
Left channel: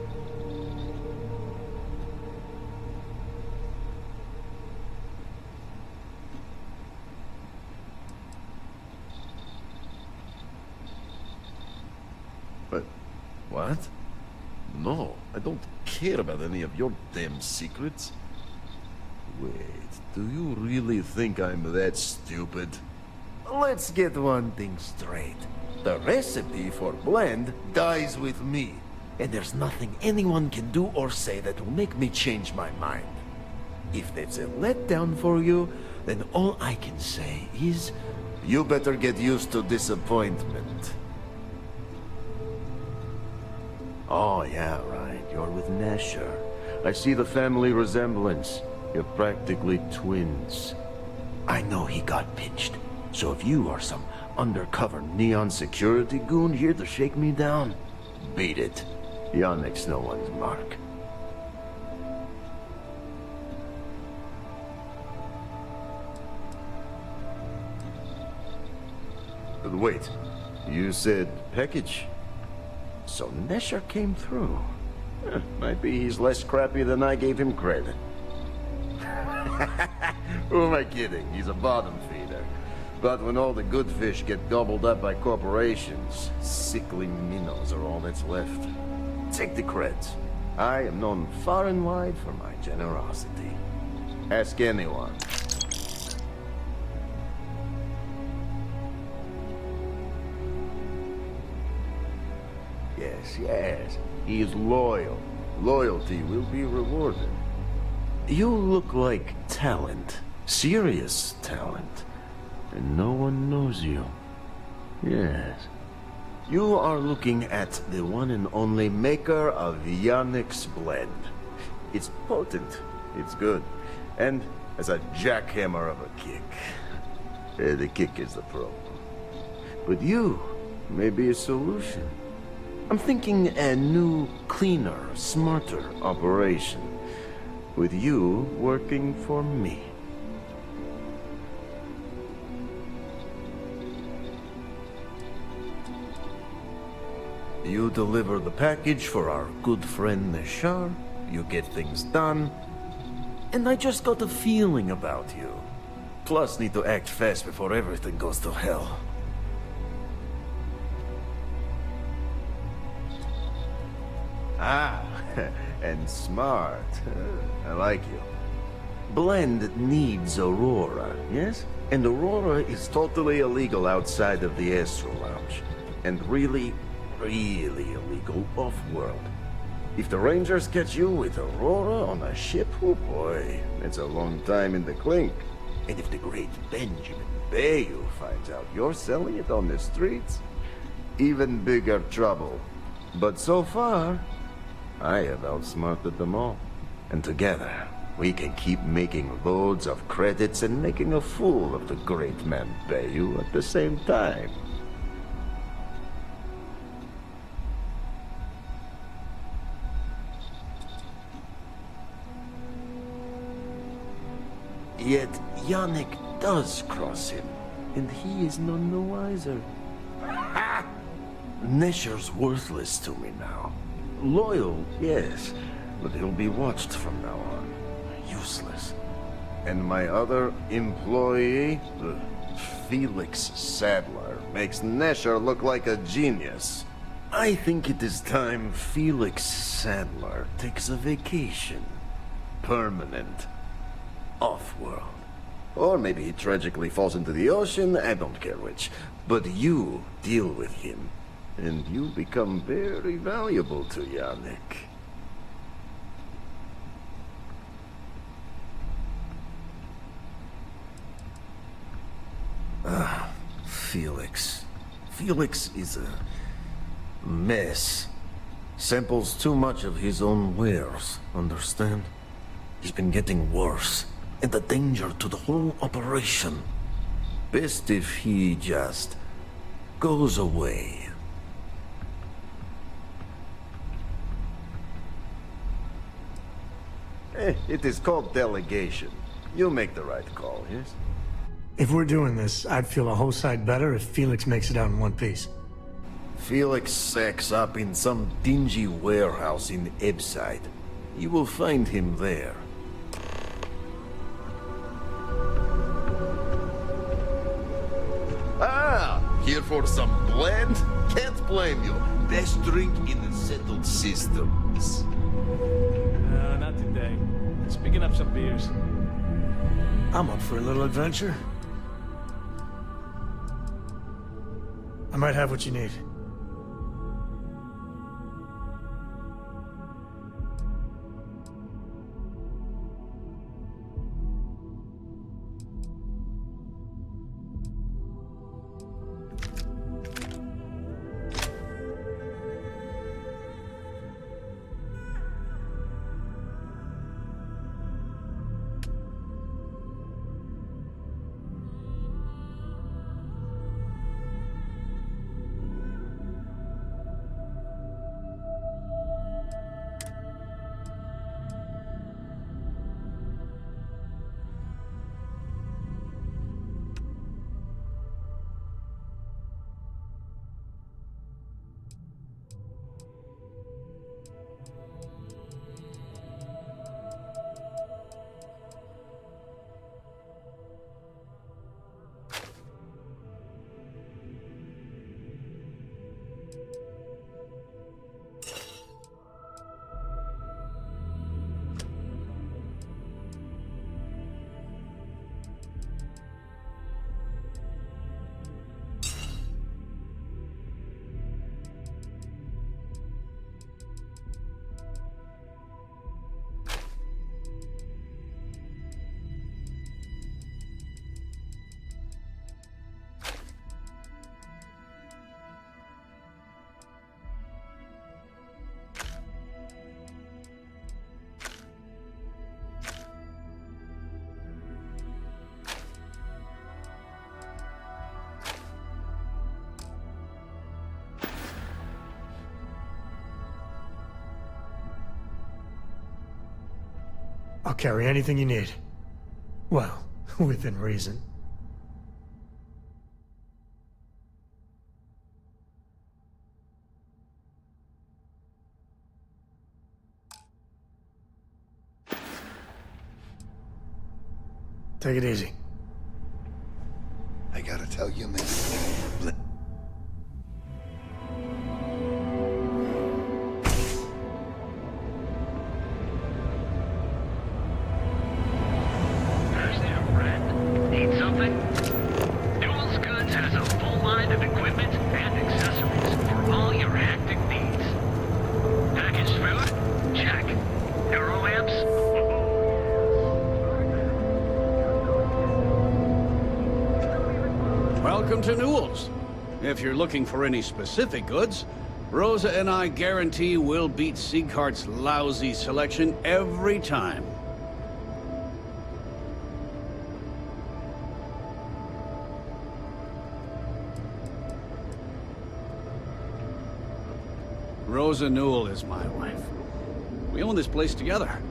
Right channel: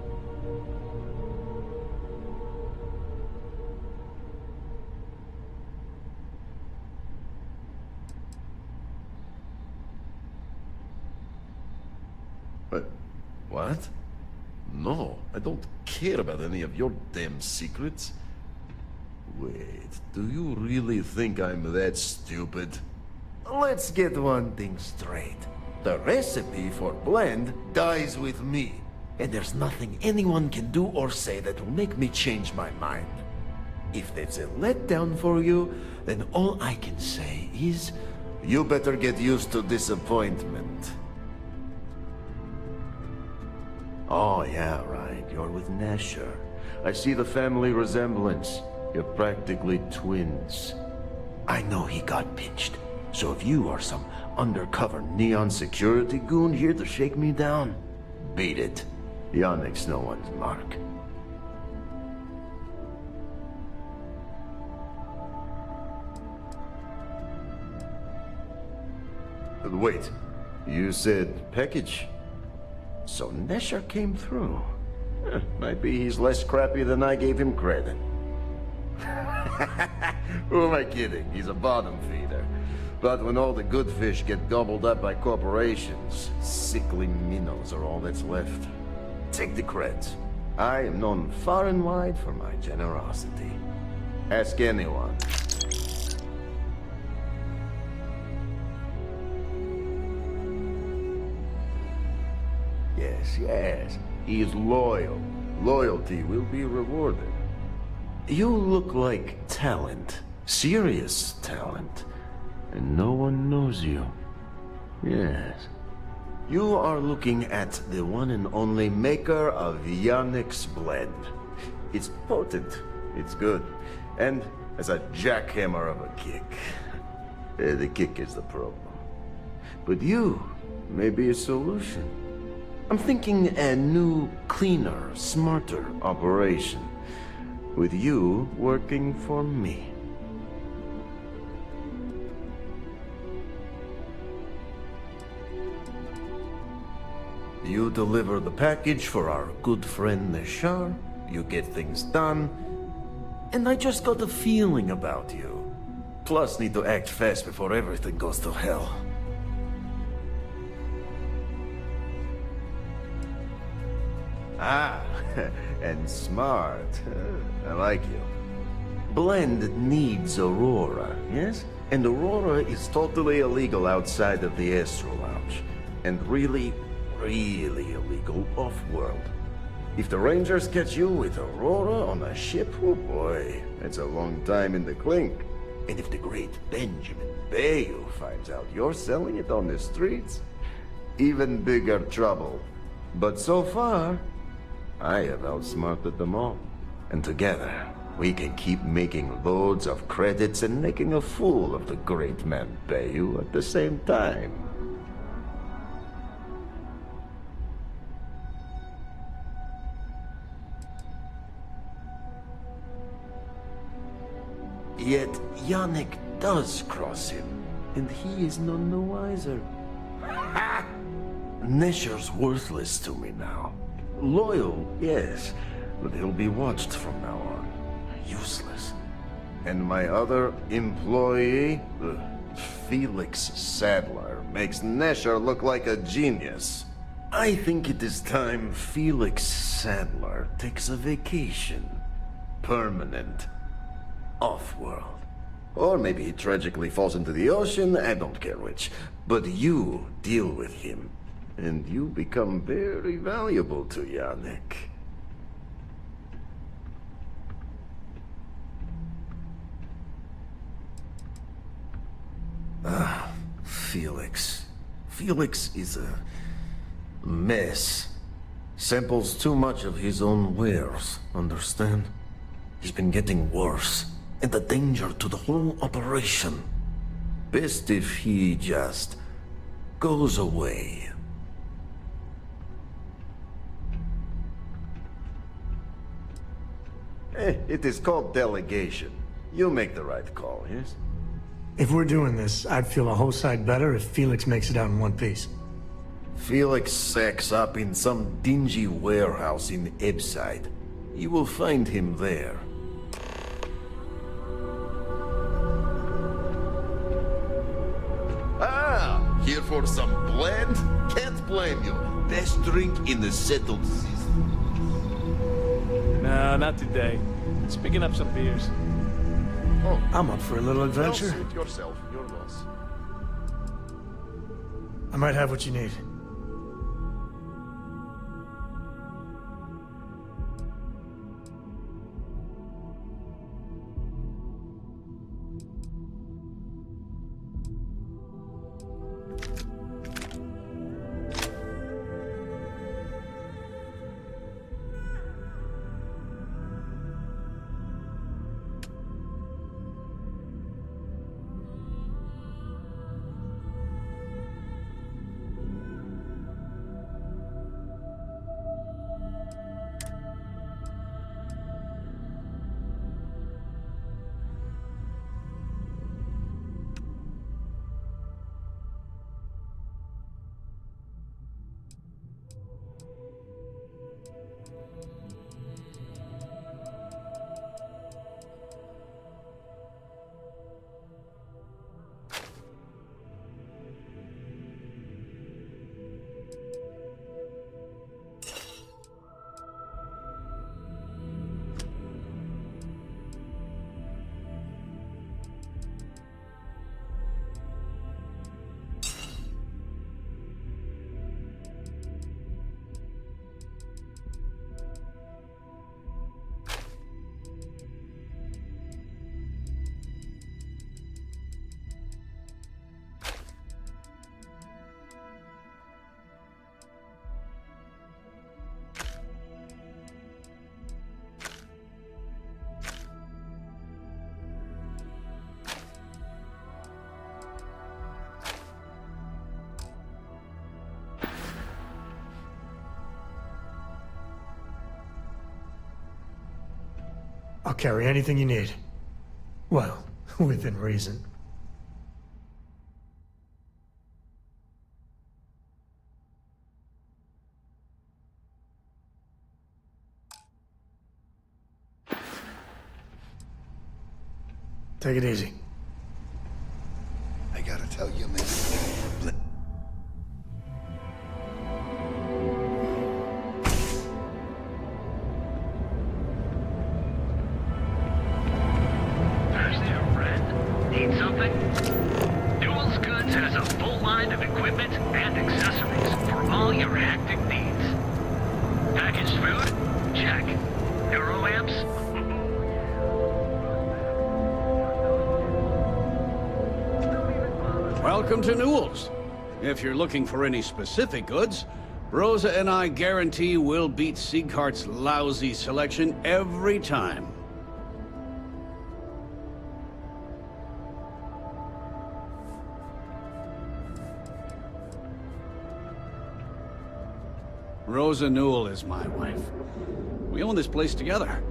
But, what? No, I don't care about any of your damn secrets. Wait, do you really think I'm that stupid? Let's get one thing straight. The recipe for blend dies with me, and there's nothing anyone can do or say that will make me change my mind. If that's a letdown for you, then all I can say is, you better get used to disappointment. Oh, yeah, right. You're with Nasher. I see the family resemblance. You're practically twins. I know he got pinched. So if you are some undercover neon security goon here to shake me down, beat it. Yannick's no one's mark. But wait, you said package? So Nesher came through. Might be he's less crappy than I gave him credit. Who am I kidding? He's a bottom feeder. But when all the good fish get gobbled up by corporations, sickly minnows are all that's left. Take the creds. I am known far and wide for my generosity. Ask anyone. Yes. He is loyal. Loyalty will be rewarded. You look like talent. Serious talent. And no one knows you. Yes. You are looking at the one and only maker of Yannick's blend. It's potent. It's good. And as a jackhammer of a kick. The kick is the problem. But you may be a solution. I'm thinking a new, cleaner, smarter operation. With you working for me. You deliver the package for our good friend Nishar, you get things done, and I just got a feeling about you. Plus, need to act fast before everything goes to hell. Ah, and smart. I like you. Blend needs Aurora, yes? And Aurora is totally illegal outside of the Astro Lounge. And really, really illegal off-world. If the Rangers catch you with Aurora on a ship, oh boy, that's a long time in the clink. And if the great Benjamin Bayou finds out you're selling it on the streets, even bigger trouble. But so far, I have outsmarted them all. And together, we can keep making loads of credits and making a fool of the great man Bayou at the same time. Yet Yannick does cross him, and he is none the wiser. Ha! Nesher's worthless to me now. Loyal, yes, but he'll be watched from now on. Useless. And my other employee, Felix Sadler, makes Nesher look like a genius. I think it is time Felix Sadler takes a vacation. Permanent. Off-world. Or maybe he tragically falls into the ocean, I don't care which. But you deal with him, and you become very valuable to Yannick. Ah, Felix. Felix is a mess. Samples too much of his own wares, understand? He's been getting worse. And the danger to the whole operation. Best if he just goes away. It is called delegation. You make the right call, yes? If we're doing this, I'd feel a whole side better if Felix makes it out in one piece. Felix sacks up in some dingy warehouse in Ebside. You will find him there. Ah, here for some blend? Can't blame you. Best drink in the settled systems. No, not today. Just picking up some beers. I'm up for a little adventure. I might have what you need. I'll carry anything you need. Well, within reason. Take it easy. tell you, man. Who's there, friend? Need something? Newell's Goods has a full line of equipment and accessories for all your hectic needs. Packaged food? Check. Neuroamps? Welcome to Newell's. If you're looking for any specific goods, Rosa and I guarantee we'll beat Sieghart's lousy selection every time. Rosa Newell is my wife. We own this place together.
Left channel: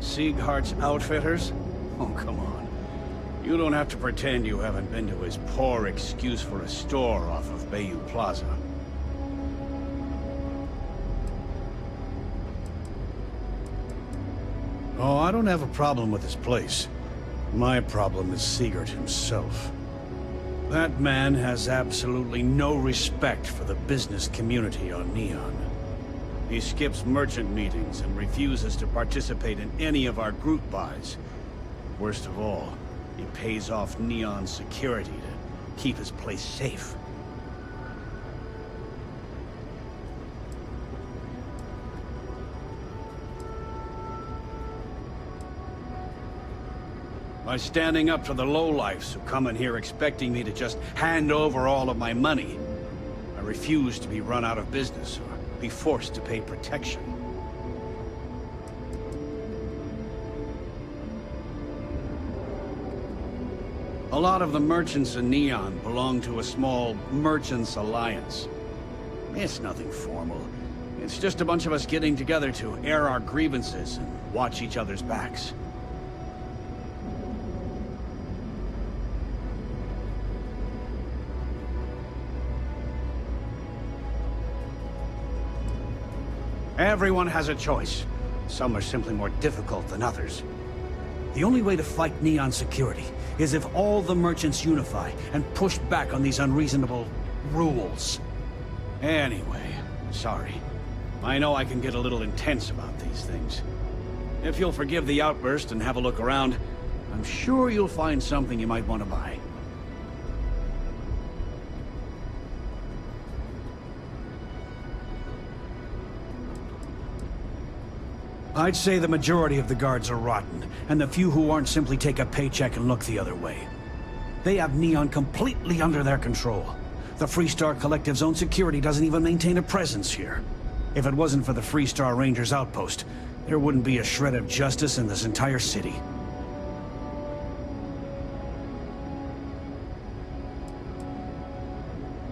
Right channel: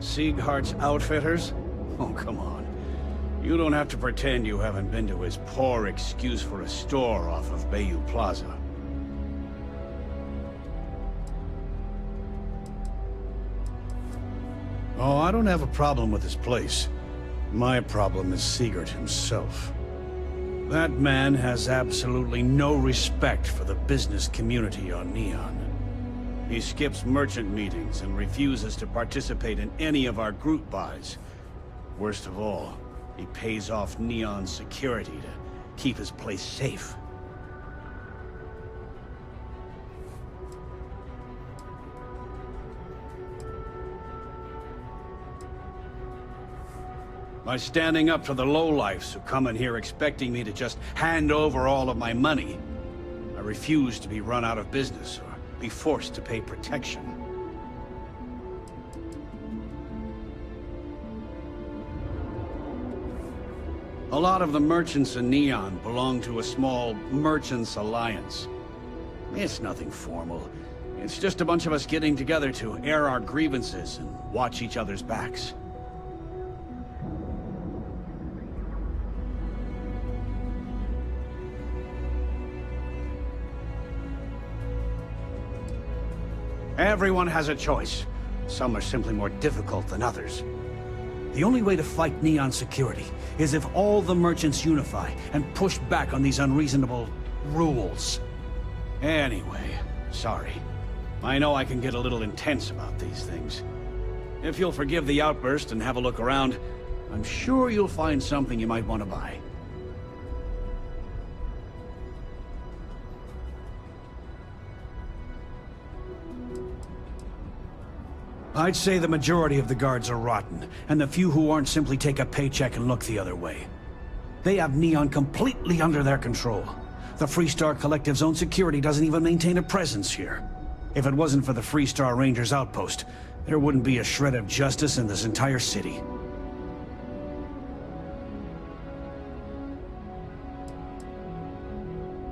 Sieghart's Outfitters? Oh, come on. You don't have to pretend you haven't been to his poor excuse for a store off of Bayou Plaza. Oh, I don't have a problem with this place. My problem is Siegert himself. That man has absolutely no respect for the business community on Neon. He skips merchant meetings and refuses to participate in any of our group buys. Worst of all, he pays off Neon security to keep his place safe. By standing up to the lowlifes who come in here expecting me to just hand over all of my money, I refuse to be run out of business or be forced to pay protection. A lot of the merchants in Neon belong to a small merchants alliance. It's nothing formal. It's just a bunch of us getting together to air our grievances and watch each other's backs. Everyone has a choice. Some are simply more difficult than others. The only way to fight Neon security is if all the merchants unify and push back on these unreasonable rules. Anyway, sorry. I know I can get a little intense about these things. If you'll forgive the outburst and have a look around, I'm sure you'll find something you might want to buy. I'd say the majority of the guards are rotten, and the few who aren't simply take a paycheck and look the other way. They have Neon completely under their control. The Freestar Collective's own security doesn't even maintain a presence here. If it wasn't for the Freestar Rangers outpost, there wouldn't be a shred of justice in this entire city.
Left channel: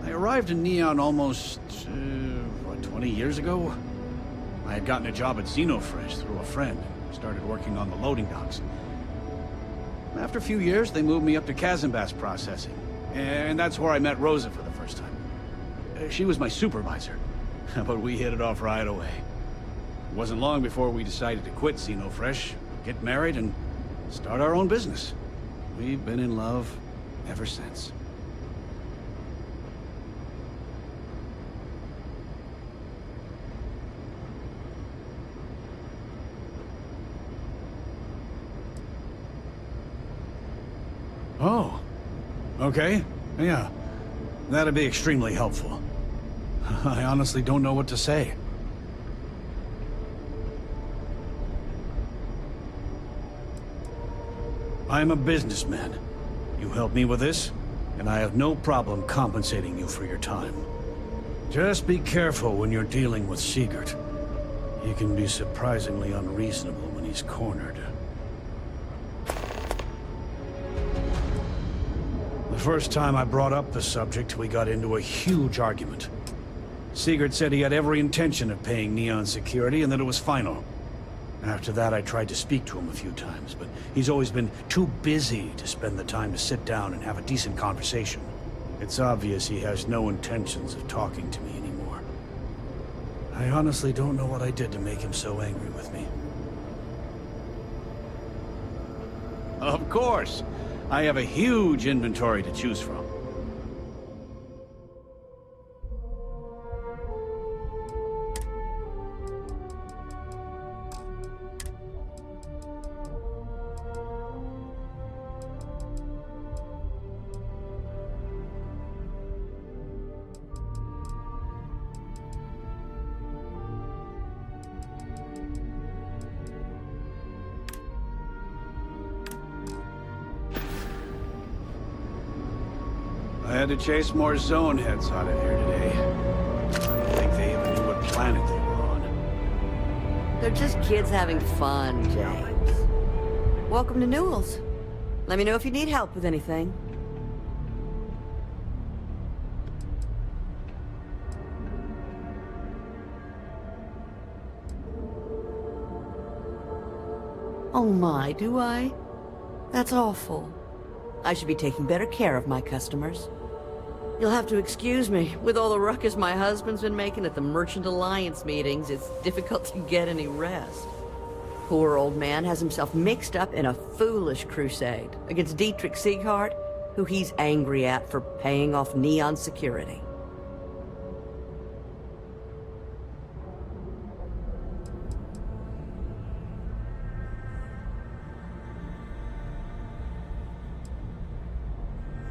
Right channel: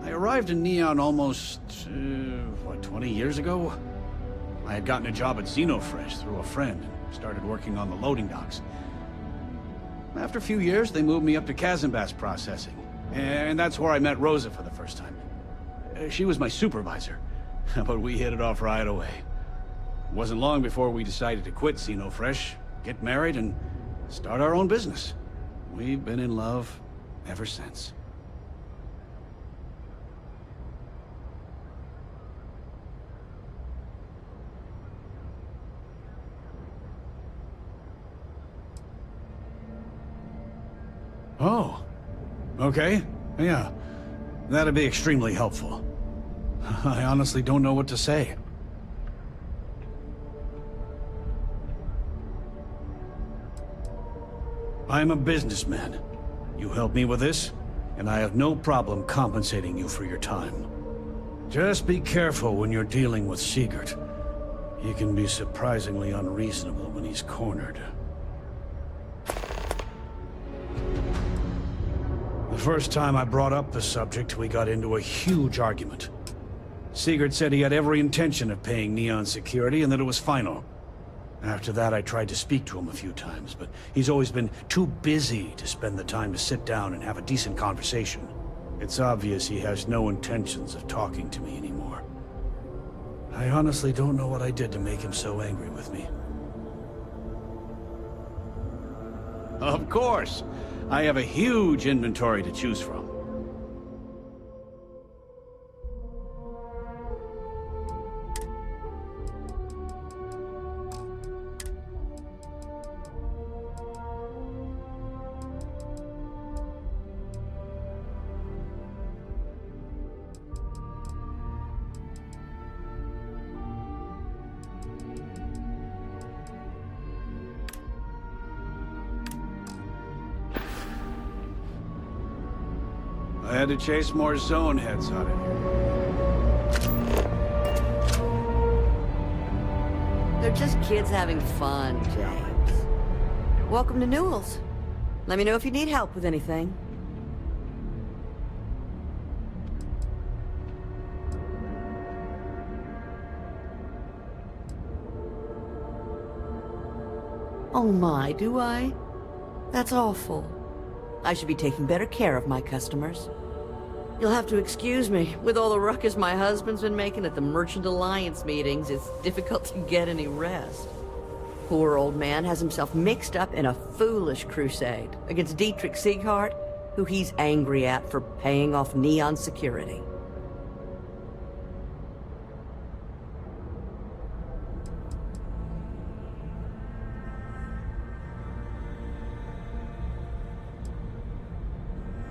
I arrived in Neon almost, 20 years ago? I had gotten a job at Xenofresh through a friend and started working on the loading docks. After a few years, they moved me up to Kazanbass processing, and that's where I met Rosa for the first time. She was my supervisor, but we hit it off right away. It wasn't long before we decided to quit Xenofresh, get married, and start our own business. We've been in love ever since. Oh, okay. Yeah, that'd be extremely helpful. I honestly don't know what to say. I'm a businessman. You help me with this, and I have no problem compensating you for your time. Just be careful when you're dealing with Siegert. He can be surprisingly unreasonable when he's cornered. The first time I brought up the subject, we got into a huge argument. Siegert said he had every intention of paying Neon security and that it was final. After that, I tried to speak to him a few times, but he's always been too busy to spend the time to sit down and have a decent conversation. It's obvious he has no intentions of talking to me anymore. I honestly don't know what I did to make him so angry with me. Of course. I have a huge inventory to choose from. I had to chase more zone heads out of here today. I think they even knew what planet they were on. They're just kids having fun, James. Welcome to Newell's. Let me know if you need help with anything. Oh my, do I? That's awful. I should be taking better care of my customers. You'll have to excuse me. With all the ruckus my husband's been making at the Merchant Alliance meetings, it's difficult to get any rest. Poor old man has himself mixed up in a foolish crusade against Dietrich Sieghart, who he's angry at for paying off Neon security.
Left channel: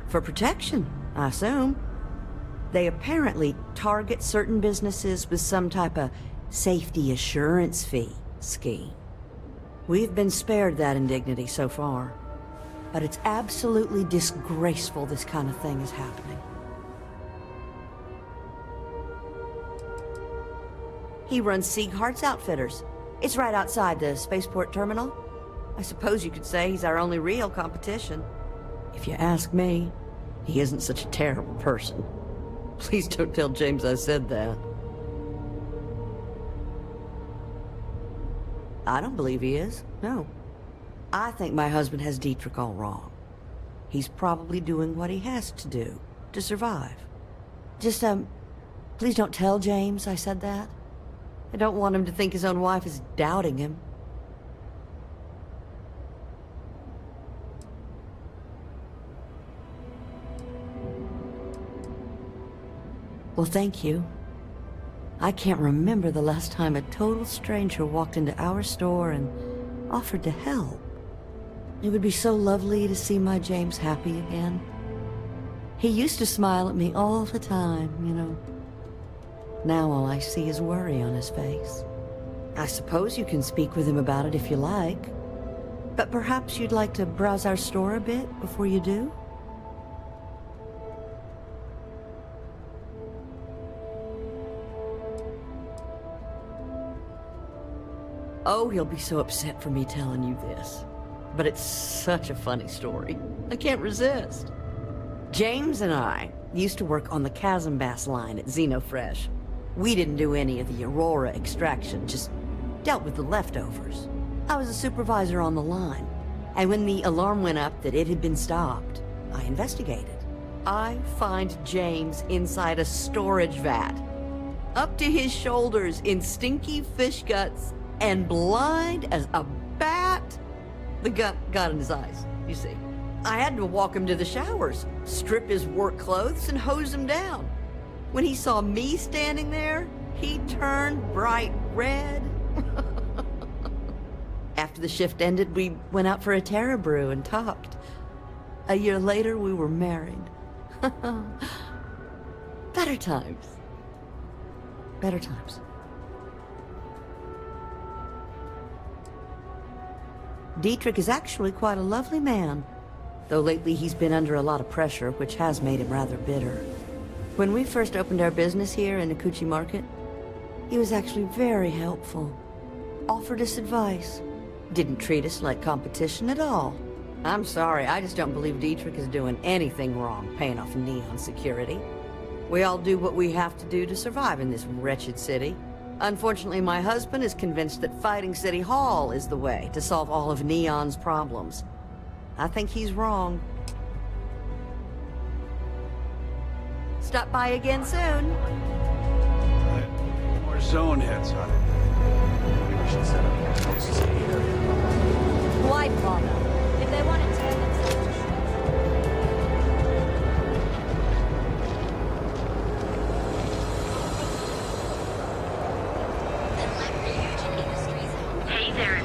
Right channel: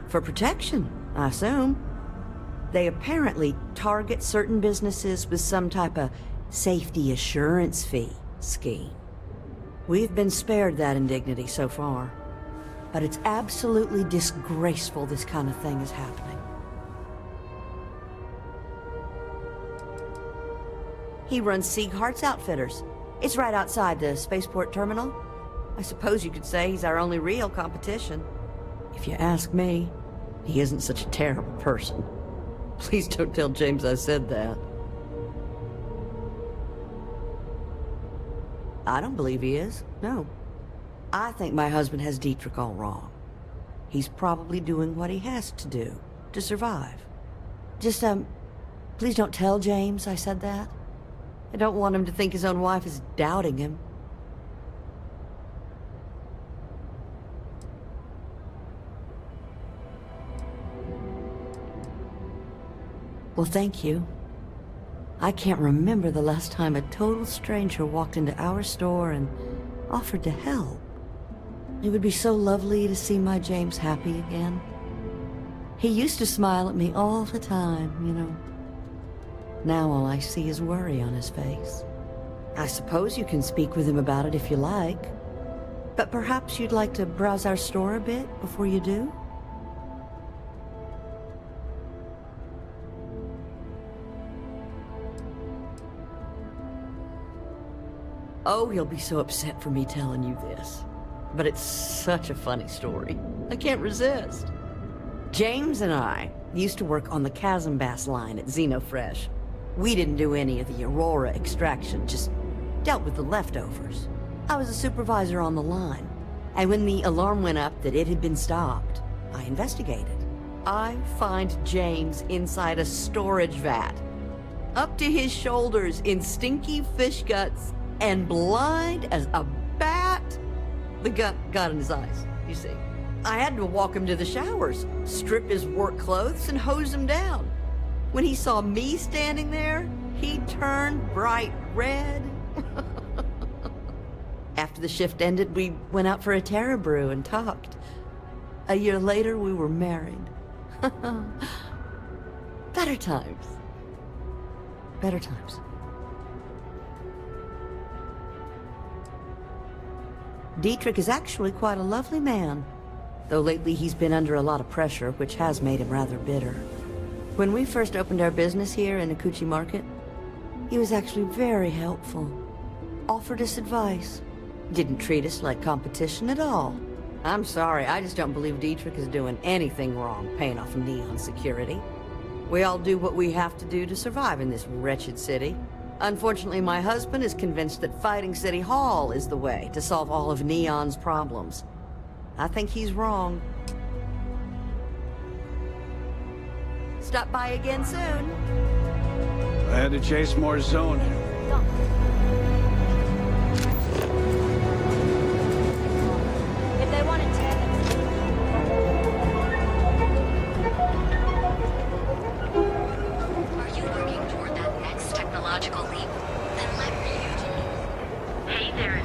For protection, I assume. They apparently target certain businesses with some type of safety assurance fee scheme. We've been spared that indignity so far, but it's absolutely disgraceful this kind of thing is happening. He runs Sieghart's Outfitters. It's right outside the spaceport terminal. I suppose you could say he's our only real competition. If you ask me, he isn't such a terrible person. Please don't tell James I said that. I don't believe he is, no. I think my husband has Dietrich all wrong. He's probably doing what he has to do to survive. Just, please don't tell James I said that. I don't want him to think his own wife is doubting him. Well, thank you. I can't remember the last time a total stranger walked into our store and offered to help. It would be so lovely to see my James happy again. He used to smile at me all the time, you know. Now all I see is worry on his face. I suppose you can speak with him about it if you like. But perhaps you'd like to browse our store a bit before you do? Oh, he'll be so upset for me telling you this. But it's such a funny story. I can't resist. James and I used to work on the Chasm Bass line at Xenofresh. We didn't do any of the Aurora extraction, just dealt with the leftovers. I was a supervisor on the line, and when the alarm went up that it had been stopped, I investigated. I find James inside a storage vat, up to his shoulders in stinky fish guts, and blind as a bat. The gut got in his eyes, you see. I had to walk him to the showers, strip his work clothes, and hose him down. When he saw me standing there, he turned bright red. After the shift ended, we went out for a Terra brew and talked. A year later, we were married. Better times. Better times. Dietrich is actually quite a lovely man, though lately he's been under a lot of pressure, which has made him rather bitter. When we first opened our business here in Akuchi Market, he was actually very helpful. Offered us advice. Didn't treat us like competition at all. I'm sorry, I just don't believe Dietrich is doing anything wrong paying off Neon security. We all do what we have to do to survive in this wretched city. Unfortunately, my husband is convinced that fighting City Hall is the way to solve all of Neon's problems. I think he's wrong. Stop by again soon. I had to chase more zone heads out of here. Why bother? If They want to tear themselves to Technological leap. Then let Ryujin Industries. Hey there,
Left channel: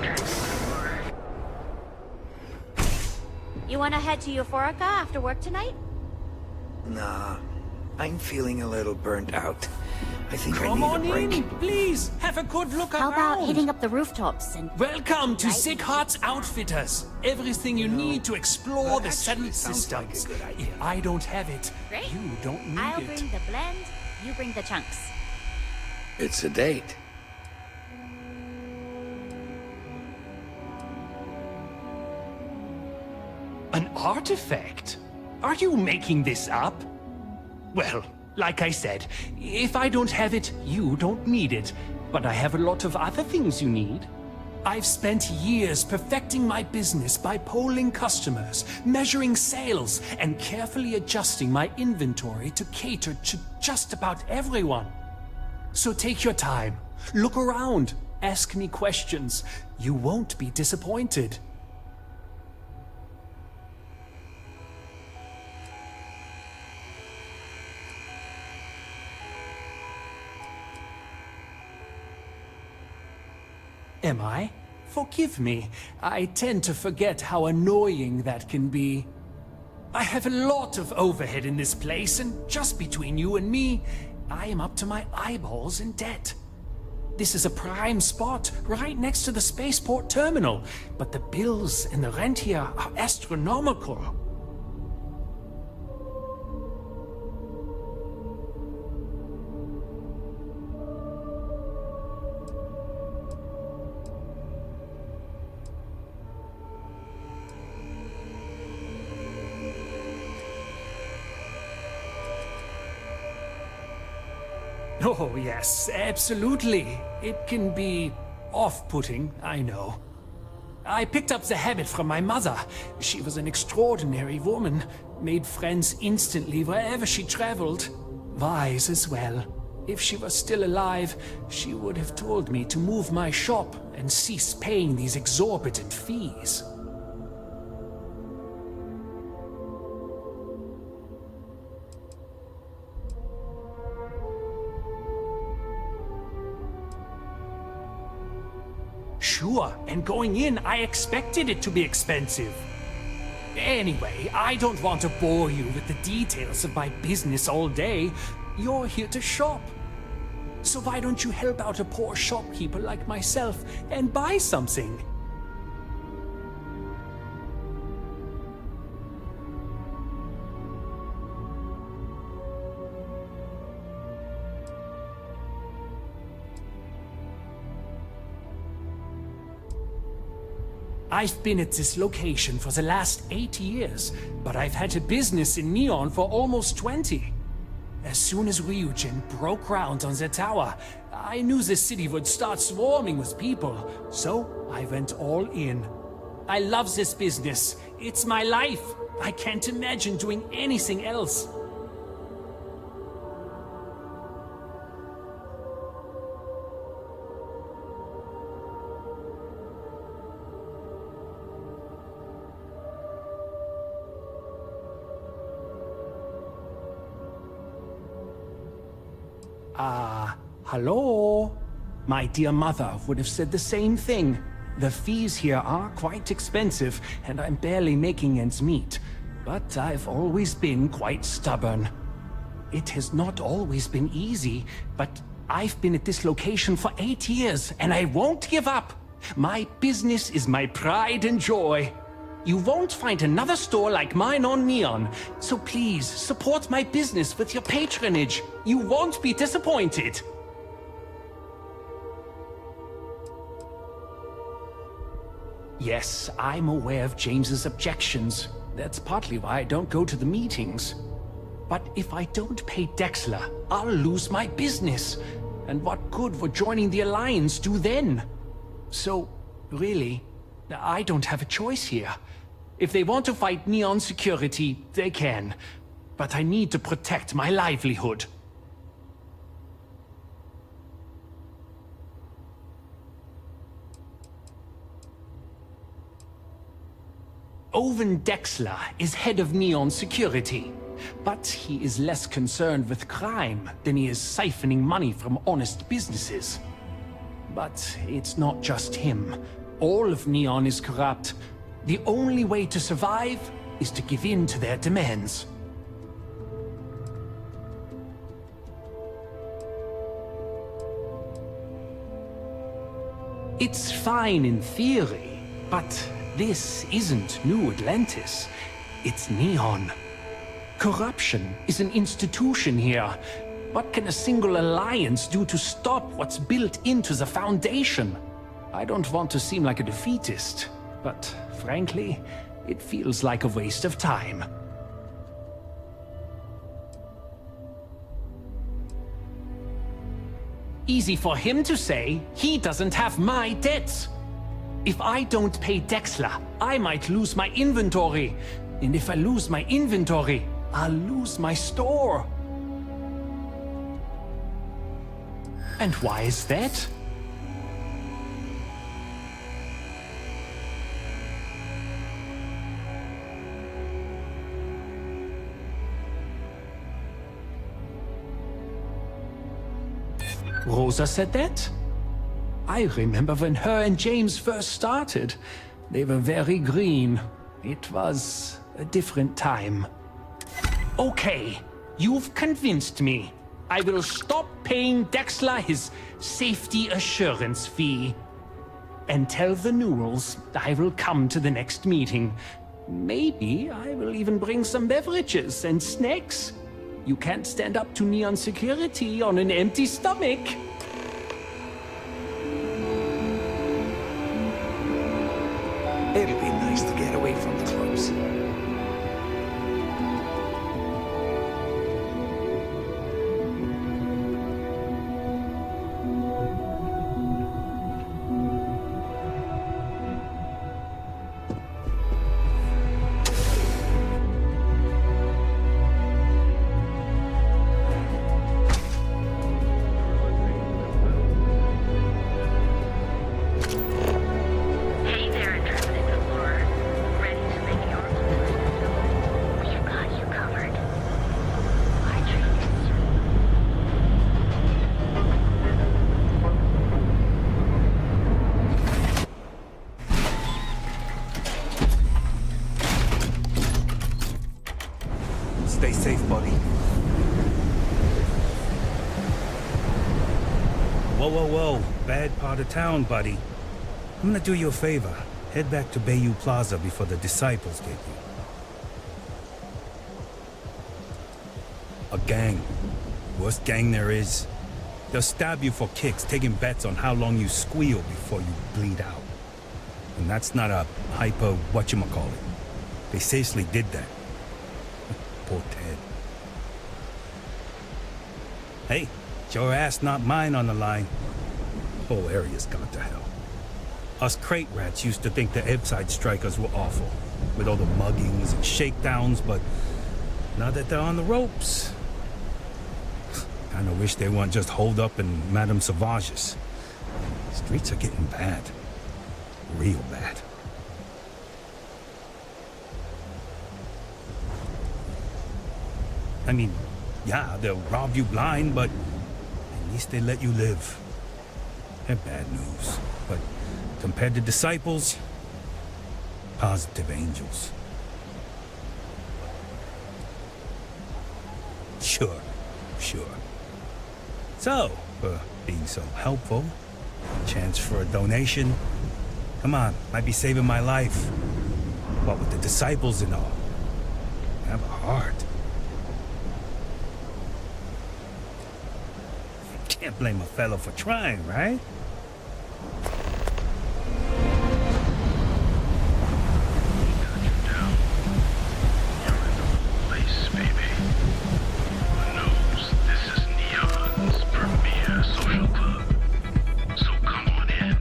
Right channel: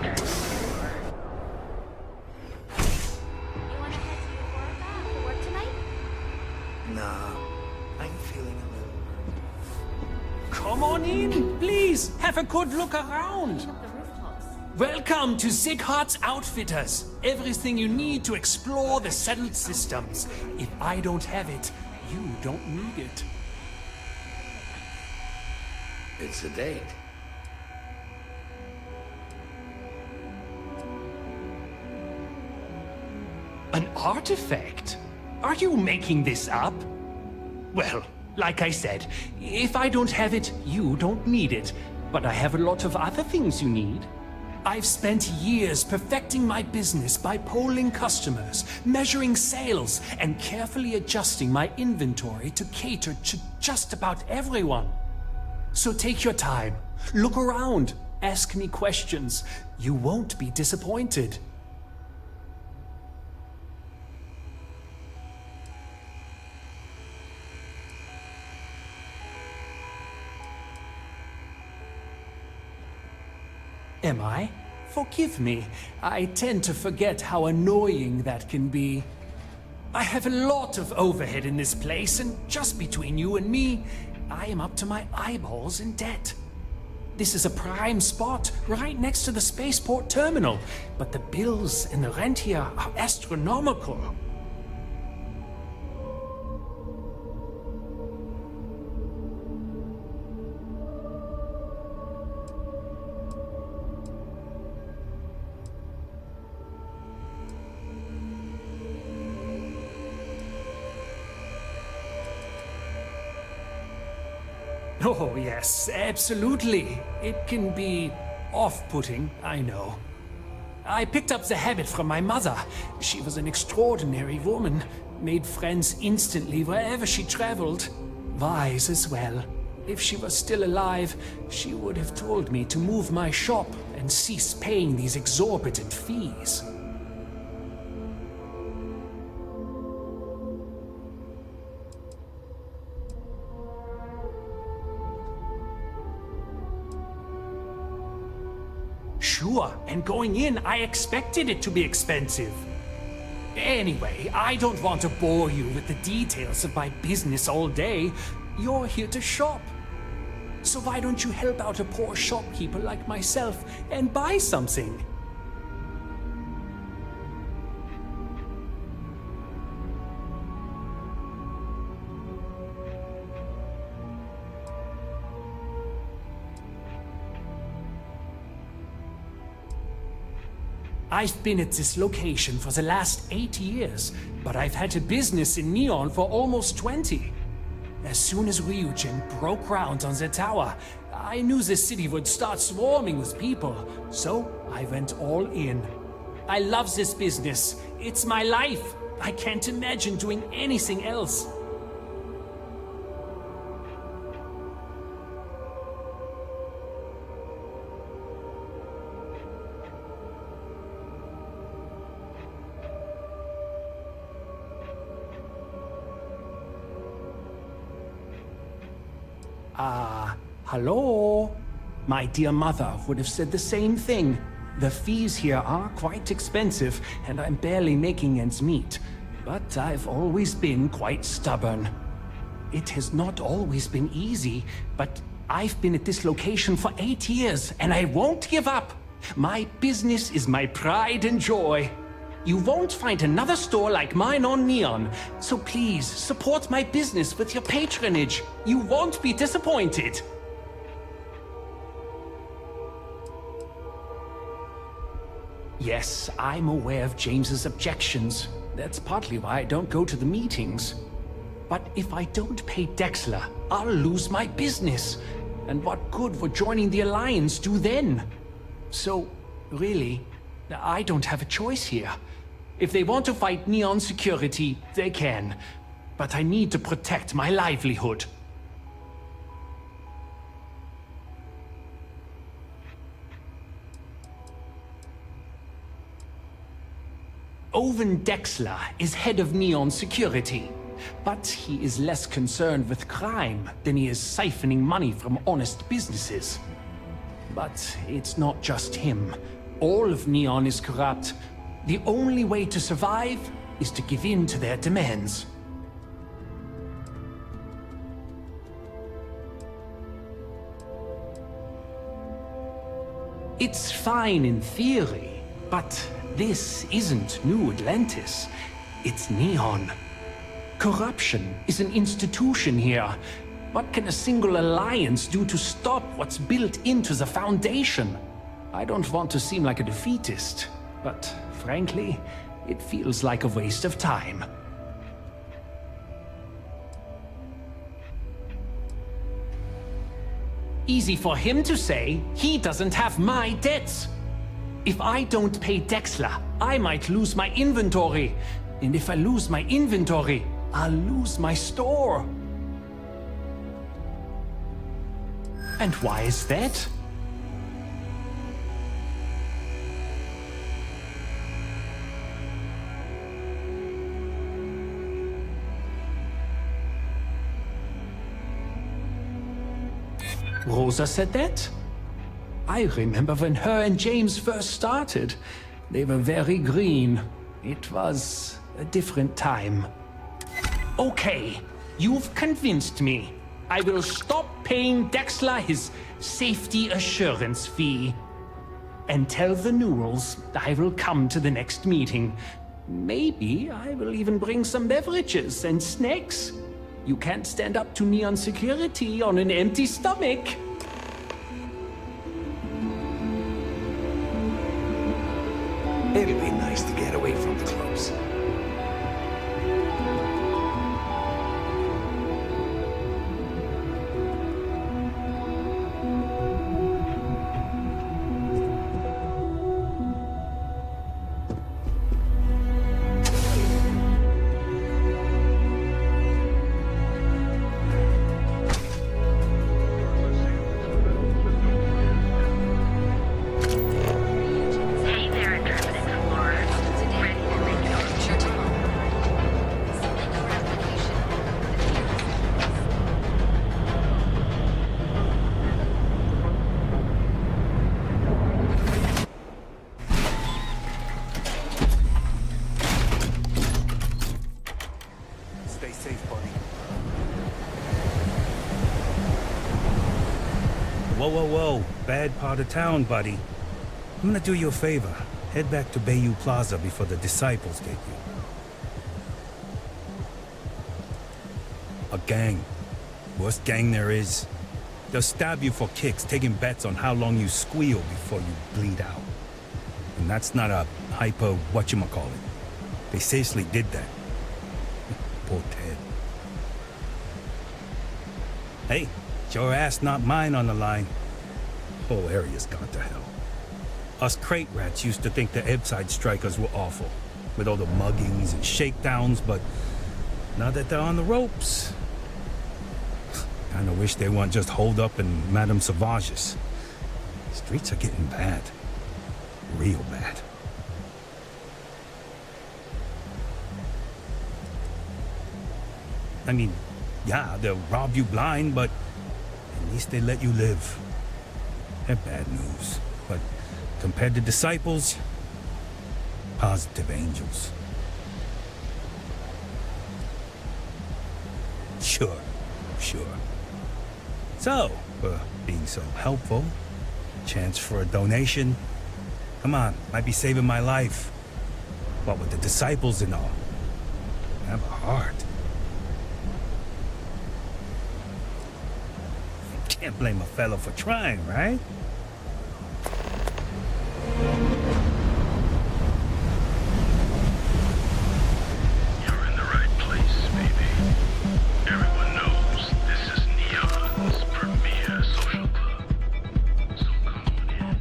You want to head to Euphorica after work tonight? Nah, I'm feeling a little burnt out. I think Come on in, please. Have a good look How about around. hitting up the rooftops and... Welcome to Sick Heart's Outfitters. Everything you need to explore the settled systems. If I don't have it, you don't need I'll it. bring the blend, you bring the chunks. It's a date. An artifact? Are you making this up? Well, like I said, if I don't have it, you don't need it. But I have a lot of other things you need. I've spent years perfecting my business by polling customers, measuring sales, and carefully adjusting my inventory to cater to just about everyone. So take your time, look around, ask me questions. You won't be disappointed. Am I? Forgive me. I tend to forget how annoying that can be. I have a lot of overhead in this place, and just between you and me, I am up to my eyeballs in debt. This is a prime spot, right next to the spaceport terminal, but the bills and the rent here are astronomical. Oh, yes, absolutely. It can be off-putting, I know. I picked up the habit from my mother. She was an extraordinary woman, made friends instantly wherever she traveled. Wise as well. If she was still alive, she would have told me to move my shop and cease paying these exorbitant fees. Sure, and going in, I expected it to be expensive. Anyway, I don't want to bore you with the details of my business all day. You're here to shop. So why don't you help out a poor shopkeeper like myself and buy something? I've been at this location for the last 8 years, but I've had a business in Neon for almost 20. As soon as Ryujin broke ground on the tower, I knew the city would start swarming with people, so I went all in. I love this business. It's my life. I can't imagine doing anything else. Hello? My dear mother would have said the same thing. The fees here are quite expensive, and I'm barely making ends meet. But I've always been quite stubborn. It has not always been easy, but I've been at this location for 8 years, and I won't give up. My business is my pride and joy. You won't find another store like mine on Neon, so please support my business with your patronage. You won't be disappointed. Yes, I'm aware of James's objections. That's partly why I don't go to the meetings. But if I don't pay Dexler, I'll lose my business. And what good would joining the Alliance do then? So, really, I don't have a choice here. If they want to fight Neon security, they can. But I need to protect my livelihood. Owen Dexler is head of Neon Security. But he is less concerned with crime than he is siphoning money from honest businesses. But it's not just him. All of Neon is corrupt. The only way to survive is to give in to their demands. It's fine in theory, but this isn't New Atlantis. It's Neon. Corruption is an institution here. What can a single alliance do to stop what's built into the foundation? I don't want to seem like a defeatist, but frankly, it feels like a waste of time. Easy for him to say, he doesn't have my debts. If I don't pay Dexler, I might lose my inventory. And if I lose my inventory, I'll lose my store. And why is that? Rosa said that? I remember when her and James first started. They were very green. It was a different time. Okay, you've convinced me. I will stop paying Dexler his safety assurance fee. And tell the Newells I will come to the next meeting. Maybe I will even bring some beverages and snacks. You can't stand up to Neon Security on an empty stomach. It'll be nice to get away from the clubs. Stay safe, buddy. Whoa, whoa, whoa. Bad part of town, buddy. I'm gonna do you a favor. Head back to Bayou Plaza before the disciples get you. A gang. Worst gang there is. They'll stab you for kicks, taking bets on how long you squeal before you bleed out. And that's not a hyper whatchamacallit. They seriously did that. Poor Ted. Hey, it's your ass, not mine on the line. Whole area's gone to hell. Us crate rats used to think the Ebbside strikers were awful, with all the muggings and shakedowns, but now that they're on the ropes, kinda wish they weren't just holed up in Madame Sauvage's. Streets are getting bad. Real bad. I mean, yeah, they'll rob you blind, but at least they let you live. They're bad news, but compared to disciples, positive angels. Sure. So, for being so helpful, chance for a donation. Come on, might be saving my life. What with the disciples and all. Have a heart. Can't blame a fellow for trying, right? You're in the right place, baby. Everyone knows this is Neon's premier social club. So come on in.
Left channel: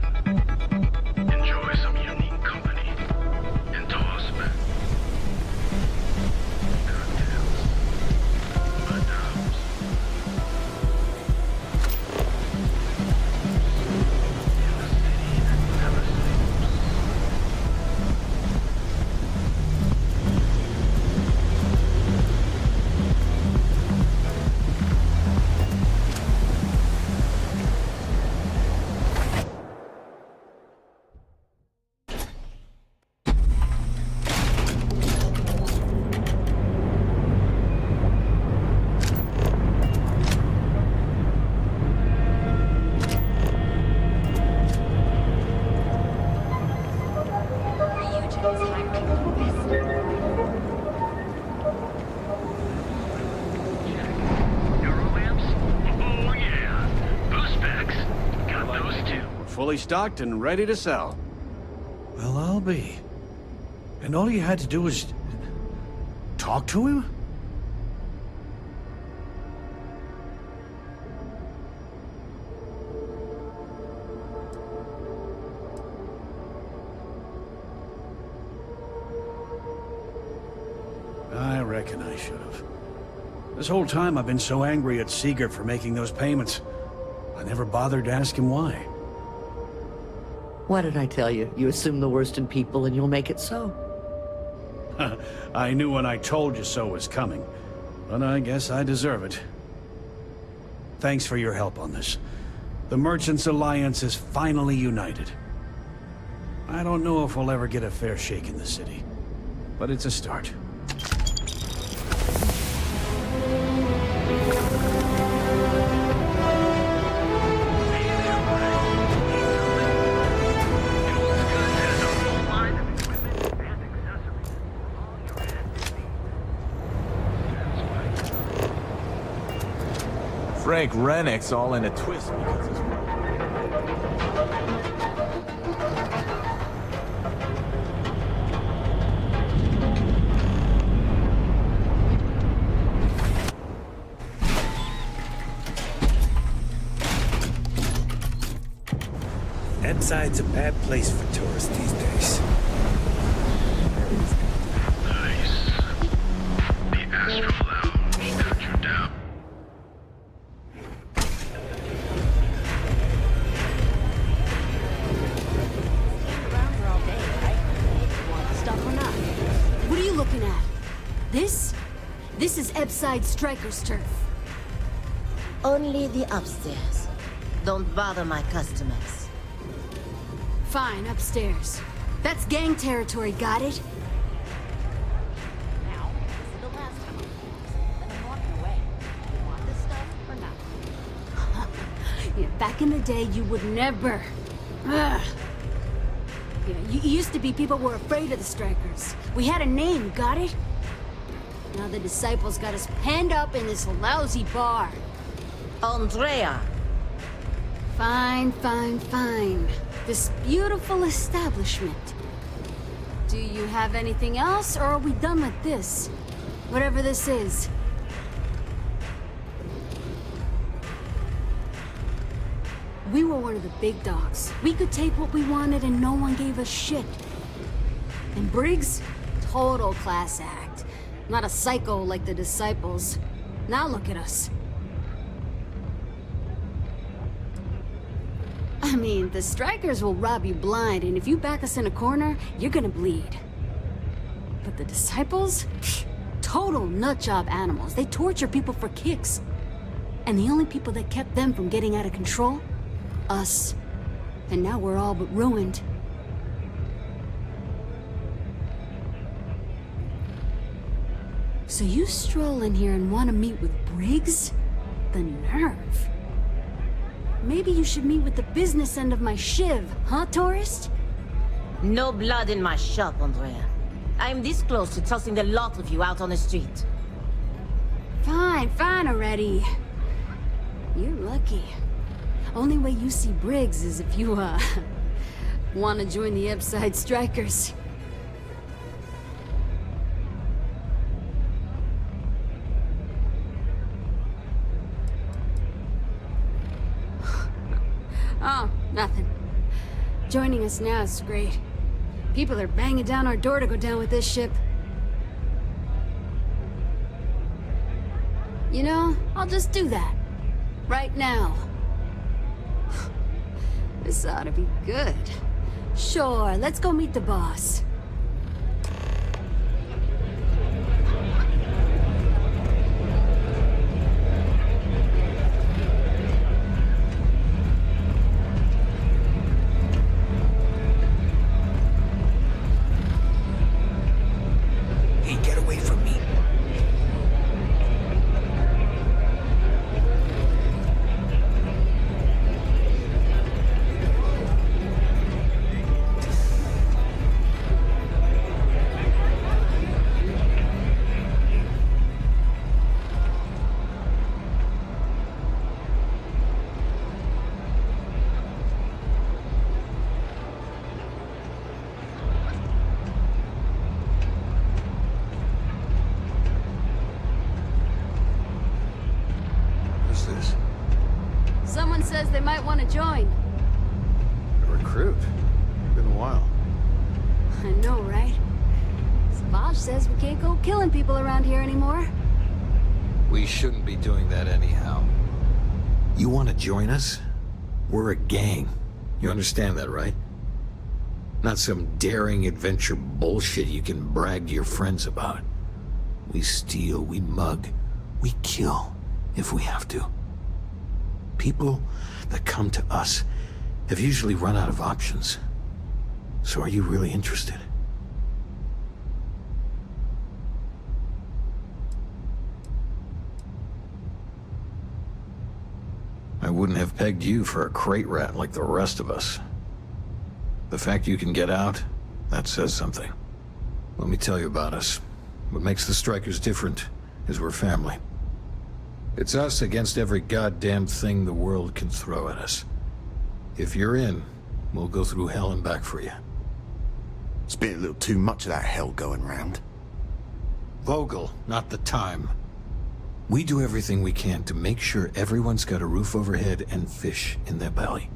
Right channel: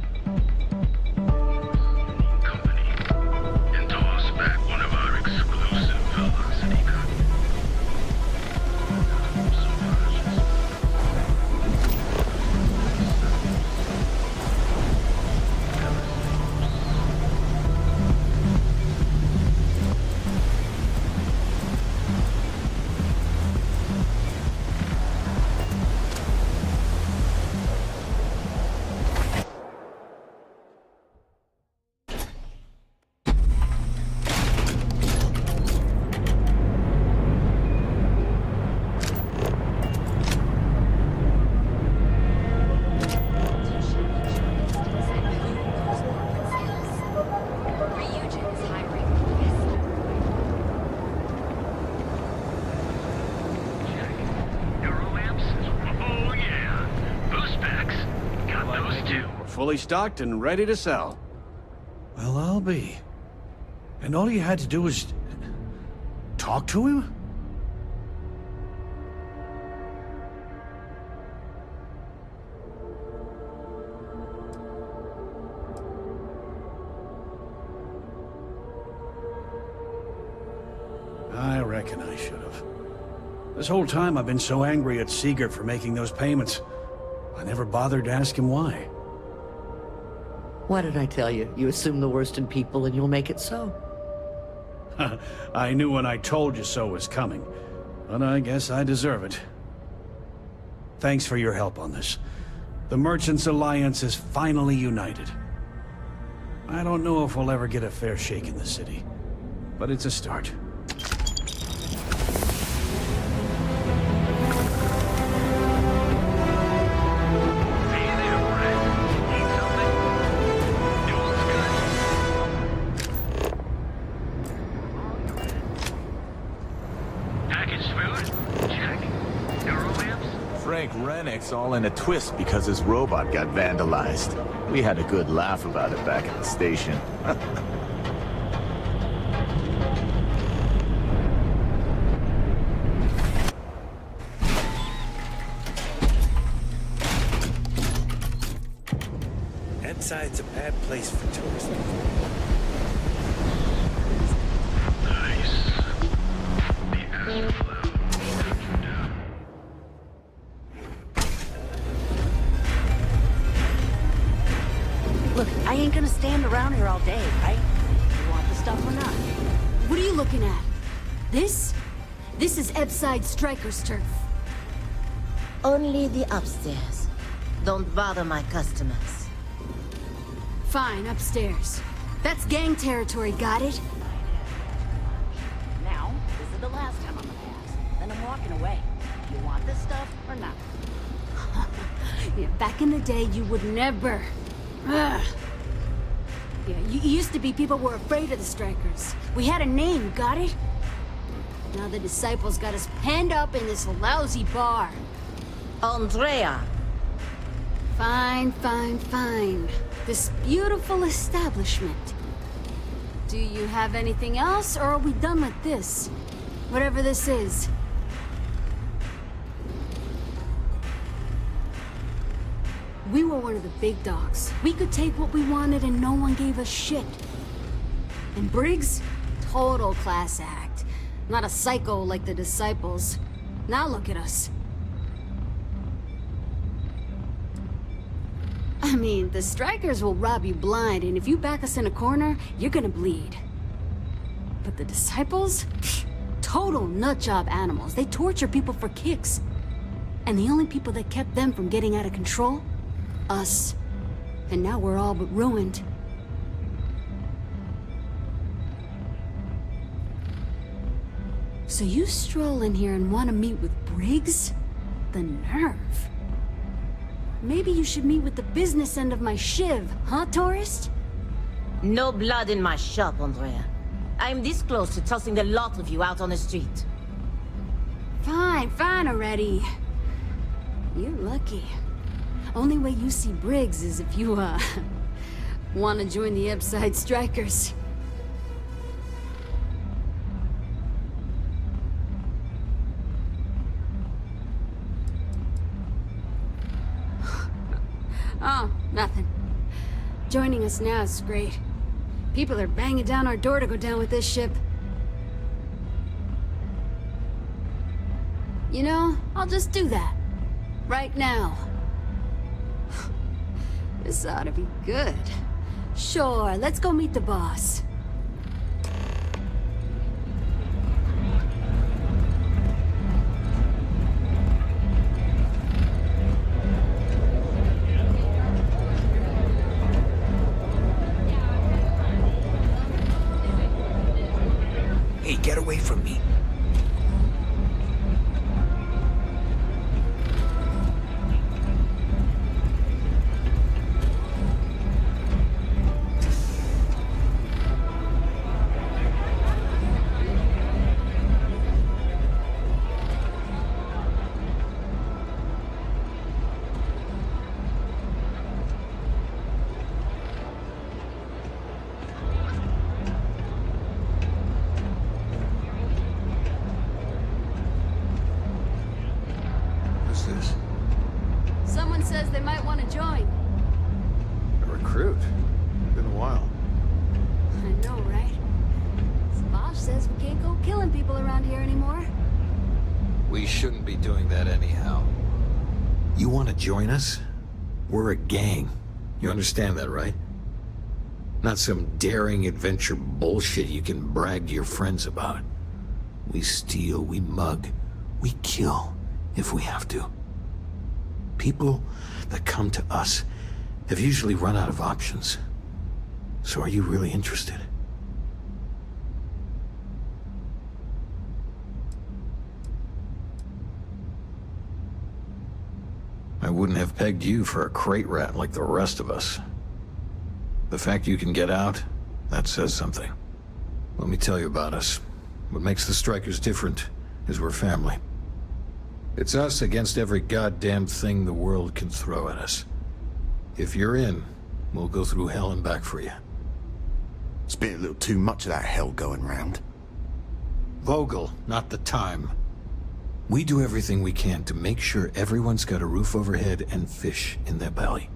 Enjoy some unique company. And toss back one of our exclusive velocity cocktails. Madame Sauvage. fully stocked and ready to sell. Well, I'll be. And all you had to do was... talk to him? I reckon I should have. This whole time I've been so angry at Sigurd for making those payments. I never bothered to ask him why. What did I tell you? You assume the worst in people and you'll make it so. I knew when I told you so was coming, but I guess I deserve it. Thanks for your help on this. The Merchants Alliance is finally united. I don't know if we'll ever get a fair shake in the city, but it's a start. Frank Rennick's all in a twist because his robot got vandalized. We had a good laugh about it back at the station. Ebside's a bad place for tourists these days. Nice. The Astral Lounge knocked you down. Look, I ain't gonna stand around here all day, right? You want the stuff or not? What are you looking at? This? This is Ebside Striker's turf. Only the upstairs. Don't bother my customers. Fine, upstairs. That's gang territory, got it? Now, this is the last time I'm gonna ask. Then I'm walking away. You want this stuff or not? Yeah, back in the day, you would never. Ugh. Yeah, you used to be people were afraid of the Strikers. We had a name, got it? Now the Disciples got us penned up in this lousy bar. Andrea! Fine, fine, fine. This beautiful establishment. Do you have anything else, or are we done with this? Whatever this is. We were one of the big dogs. We could take what we wanted and no one gave us shit. And Briggs? Total class act. Not a psycho like the Disciples. Now look at us. I mean, the Strikers will rob you blind, and if you back us in a corner, you're gonna bleed. But the Disciples? Pfft, total nutjob animals. They torture people for kicks. And the only people that kept them from getting out of control? Us. And now we're all but ruined. So you stroll in here and want to meet with Briggs? The nerve. Maybe you should meet with the business end of my shiv, huh, tourist? No blood in my shop, Andrea. I'm this close to tossing the lot of you out on the street. Fine, fine already. You're lucky. Only way you see Briggs is if you, want to join the Ebside Strikers. Oh, nothing. Joining us now is great. People are banging down our door to go down with this ship. You know, I'll just do that. Right now. This ought to be good. Sure, let's go meet the boss. Hey, get away from me. this? Someone says they might want to join. A recruit? Been a while. I know, right? Savage says we can't go killing people around here anymore. We shouldn't be doing that anyhow. You want to join us? We're a gang. You understand that, right? Not some daring adventure bullshit you can brag to your friends about. We steal, we mug, we kill if we have to. People that come to us have usually run out of options. So are you really interested? I wouldn't have pegged you for a crate rat like the rest of us. The fact you can get out, that says something. Let me tell you about us. What makes the Strikers different is we're family. It's us against every goddamn thing the world can throw at us. If you're in, we'll go through hell and back for you. It's been a little too much of that hell going round. Vogel, not the time. We do everything we can to make sure everyone's got a roof overhead and fish in their belly.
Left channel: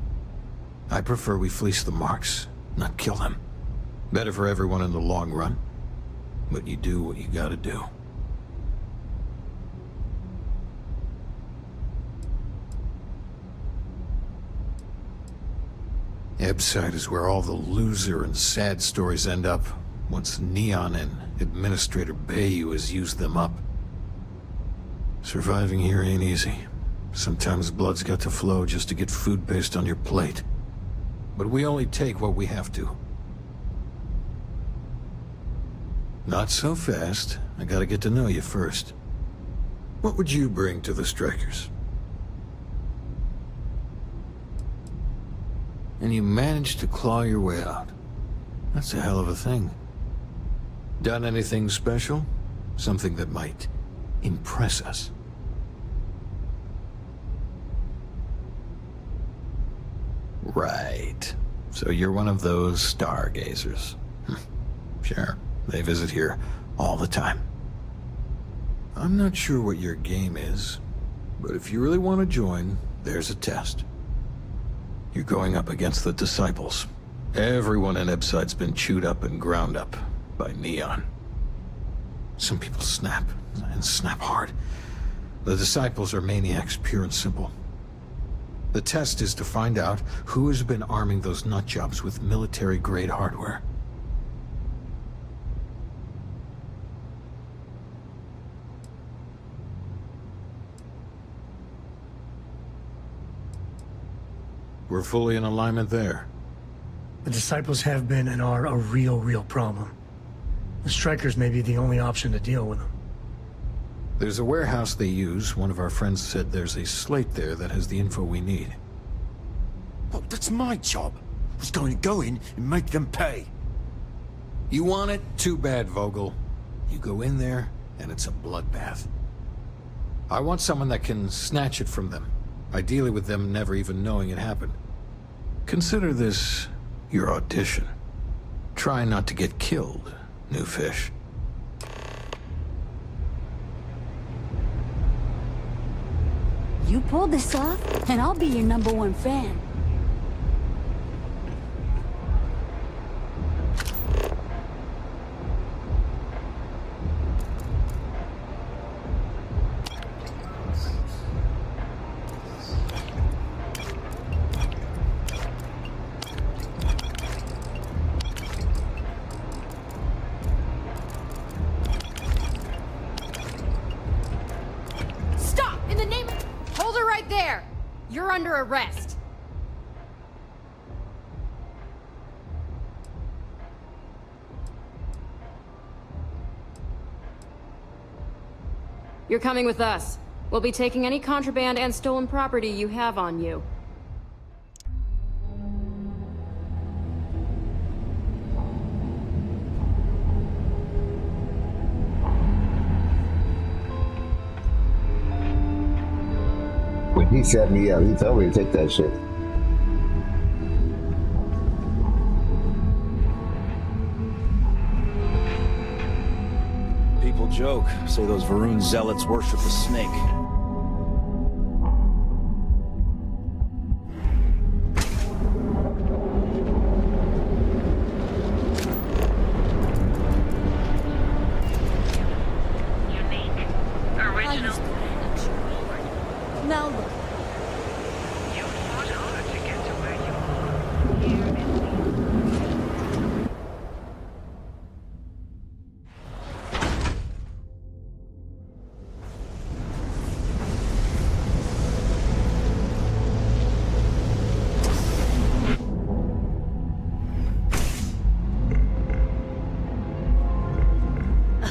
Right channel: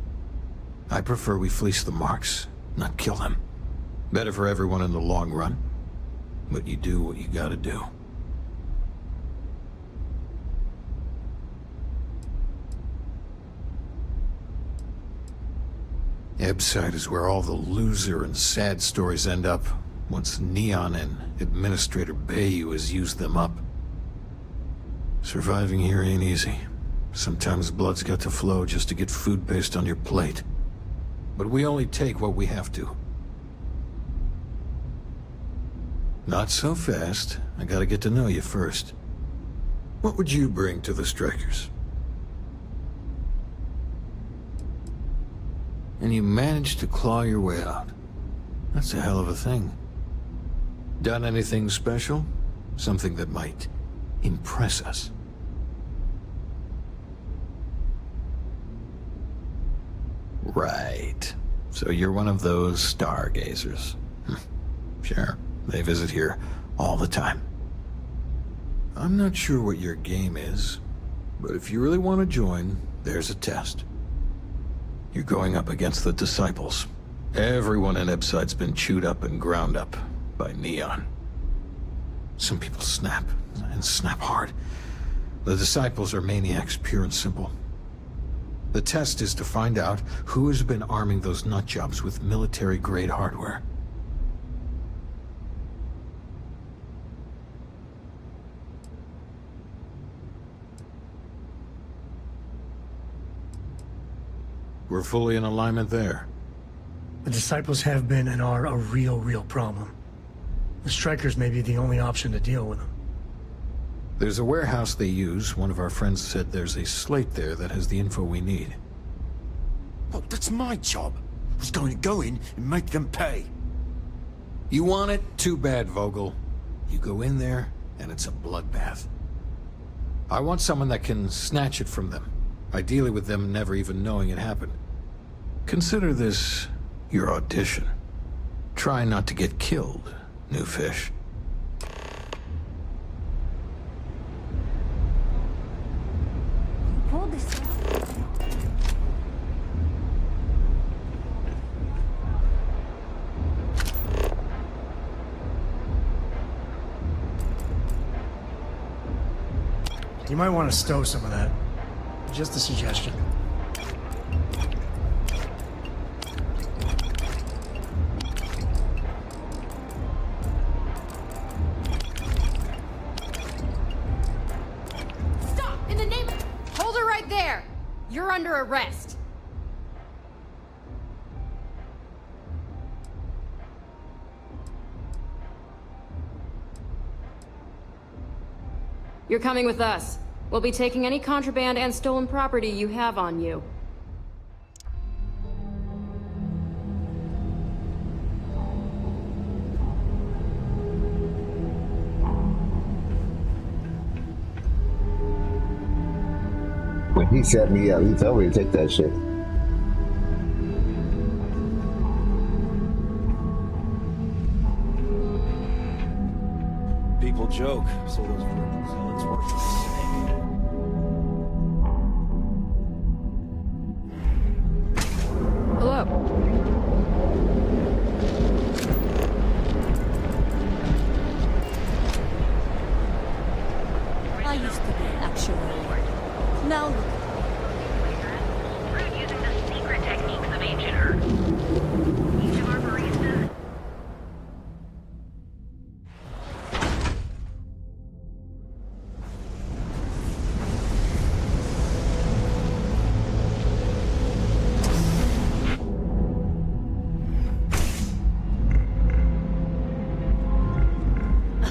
I prefer we fleece the marks, not kill them. Better for everyone in the long run. But you do what you gotta do. Ebside is where all the loser and sad stories end up, once Neon and Administrator Bayou has used them up. Surviving here ain't easy. Sometimes blood's got to flow just to get food based on your plate. But we only take what we have to. Not so fast. I gotta get to know you first. What would you bring to the Strikers? And you managed to claw your way out. That's a hell of a thing. Done anything special? Something that might impress us? Right. So you're one of those stargazers. Sure. They visit here all the time. I'm not sure what your game is, but if you really want to join, there's a test. You're going up against the Disciples. Everyone in Ebside's been chewed up and ground up by Neon. Some people snap, and snap hard. The Disciples are maniacs, pure and simple. The test is to find out who has been arming those nutjobs with military-grade hardware. We're fully in alignment there. The Disciples have been and are a real problem. The Strikers may be the only option to deal with them. There's a warehouse they use. One of our friends said there's a slate there that has the info we need. Oh, that's my job. I was going to go in and make them pay. You want it? Too bad, Vogel. You go in there, and it's a bloodbath. I want someone that can snatch it from them. Ideally with them never even knowing it happened. Consider this your audition. Try not to get killed, new fish. You pull this off, and I'll be your #1 fan. You might want to stow some of that. Just a suggestion. Stop! In the name of... Hold her right there! You're under arrest. You're coming with us. We'll be taking any contraband and stolen property you have on you. When he set me up, he told me to take that shit. People joke, say those Varun zealots worship the snake. Now look.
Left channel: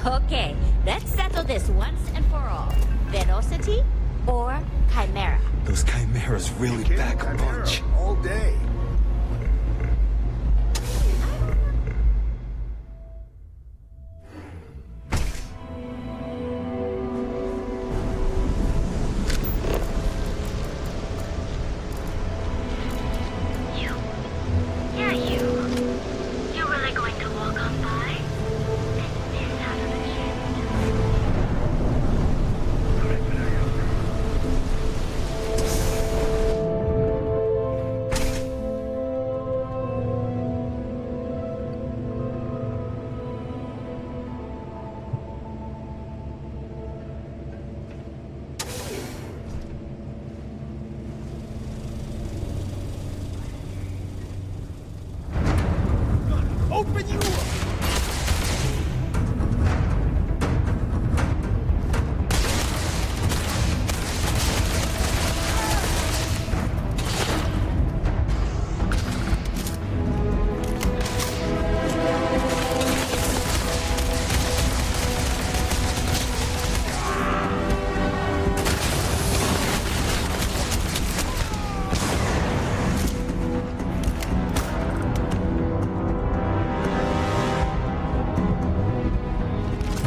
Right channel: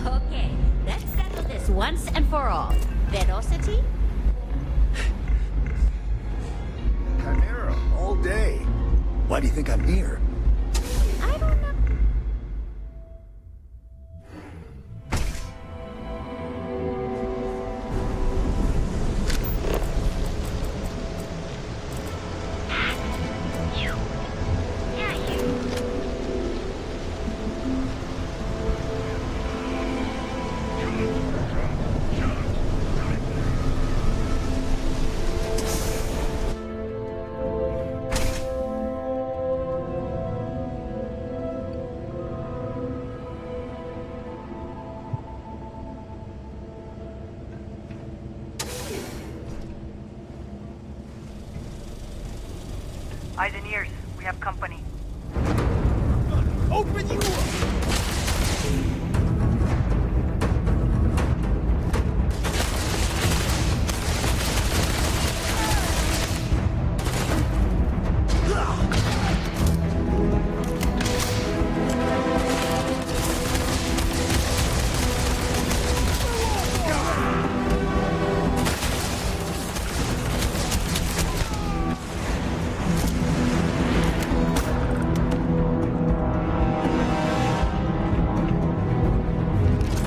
Okay, let's settle this once and for all. Velocity or Chimera? Those chimeras really back a Chimera bunch. all day. Why do you think I'm here? I don't know. You. Yeah, you. You really going to walk on by? Eyes and ears, we have company. Open you up!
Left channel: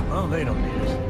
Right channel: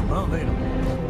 Well, they don't need it.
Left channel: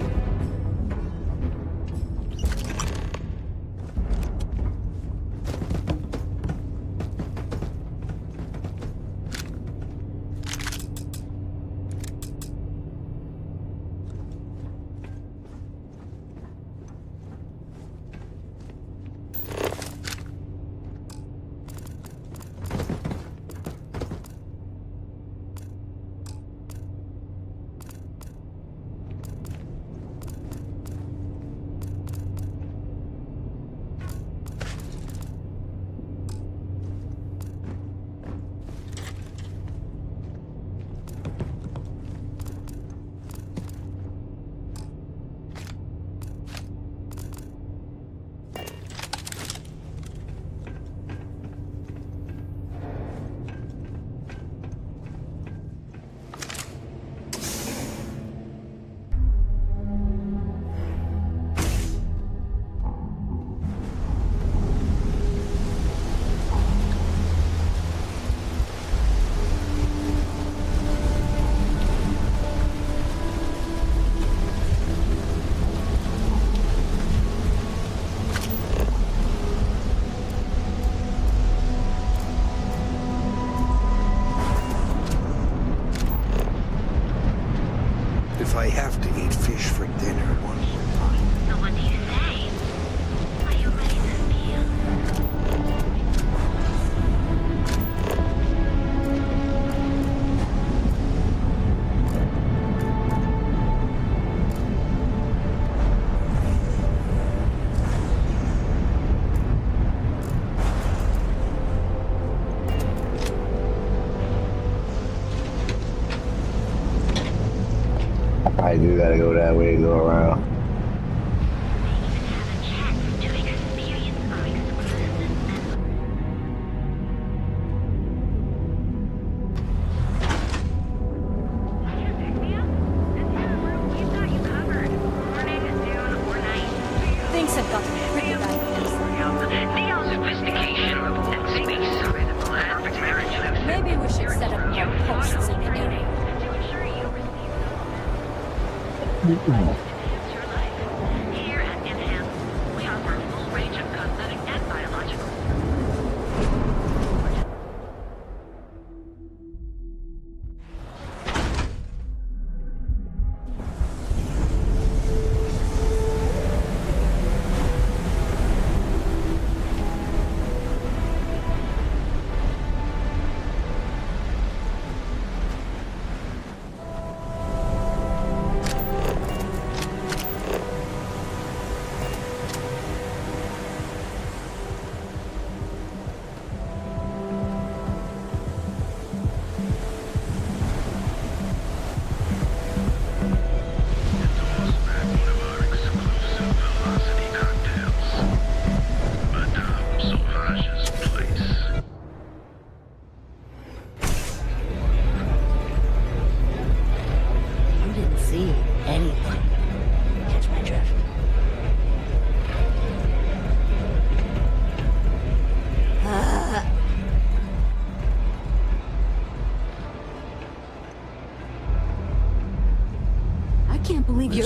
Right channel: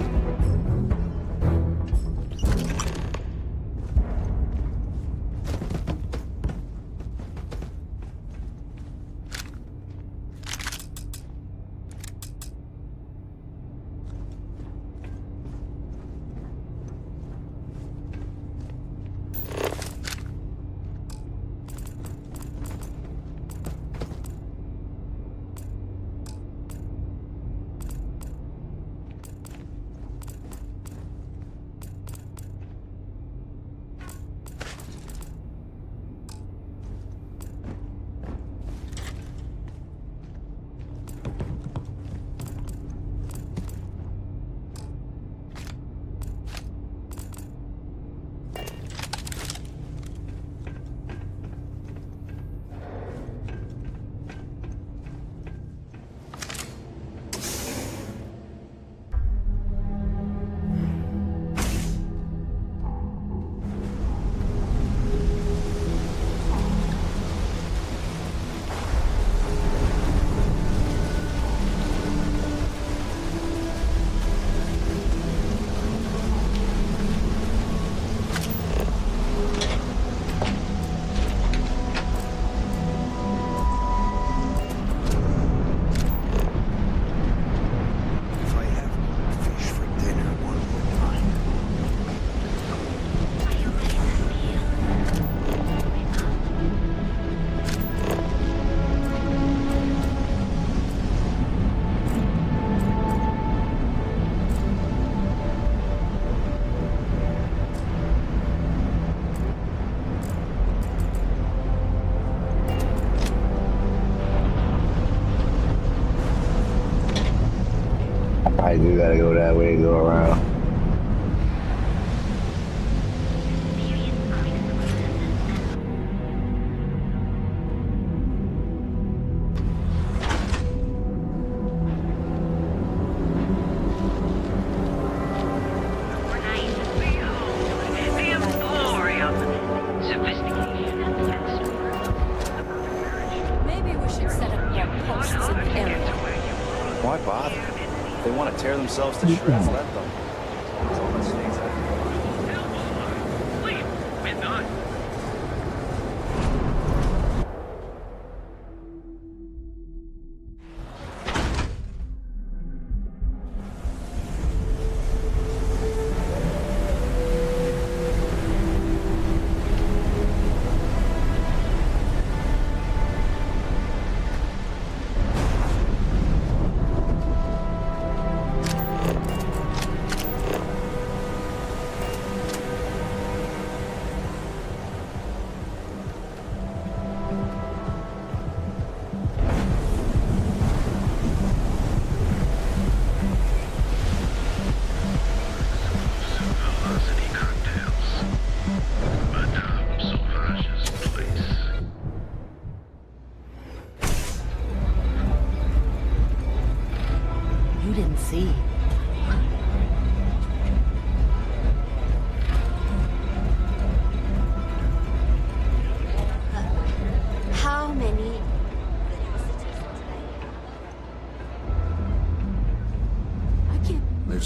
If I have to eat fish for dinner one more time. So what do you say? Are you ready to steal? I do gotta go that way to go around. Things have gotten pretty bad. Maybe we should set up more posts in the area. Why bother? If they want to tear themselves to shreds, let them.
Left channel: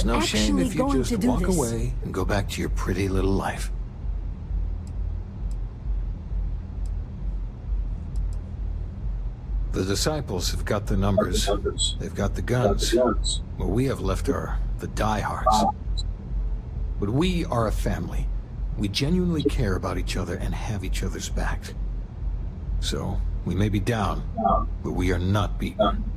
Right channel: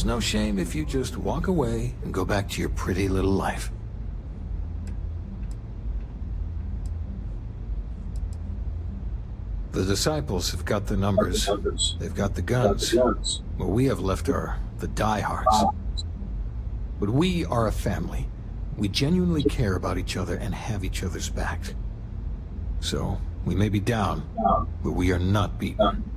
no shame if you going just to do walk this. away and go back to your pretty little life. The disciples have got the numbers. They've got the guns. What we have left are the diehards. But we are a family. We genuinely care about each other and have each other's back. So, we may be down, but we are not beaten.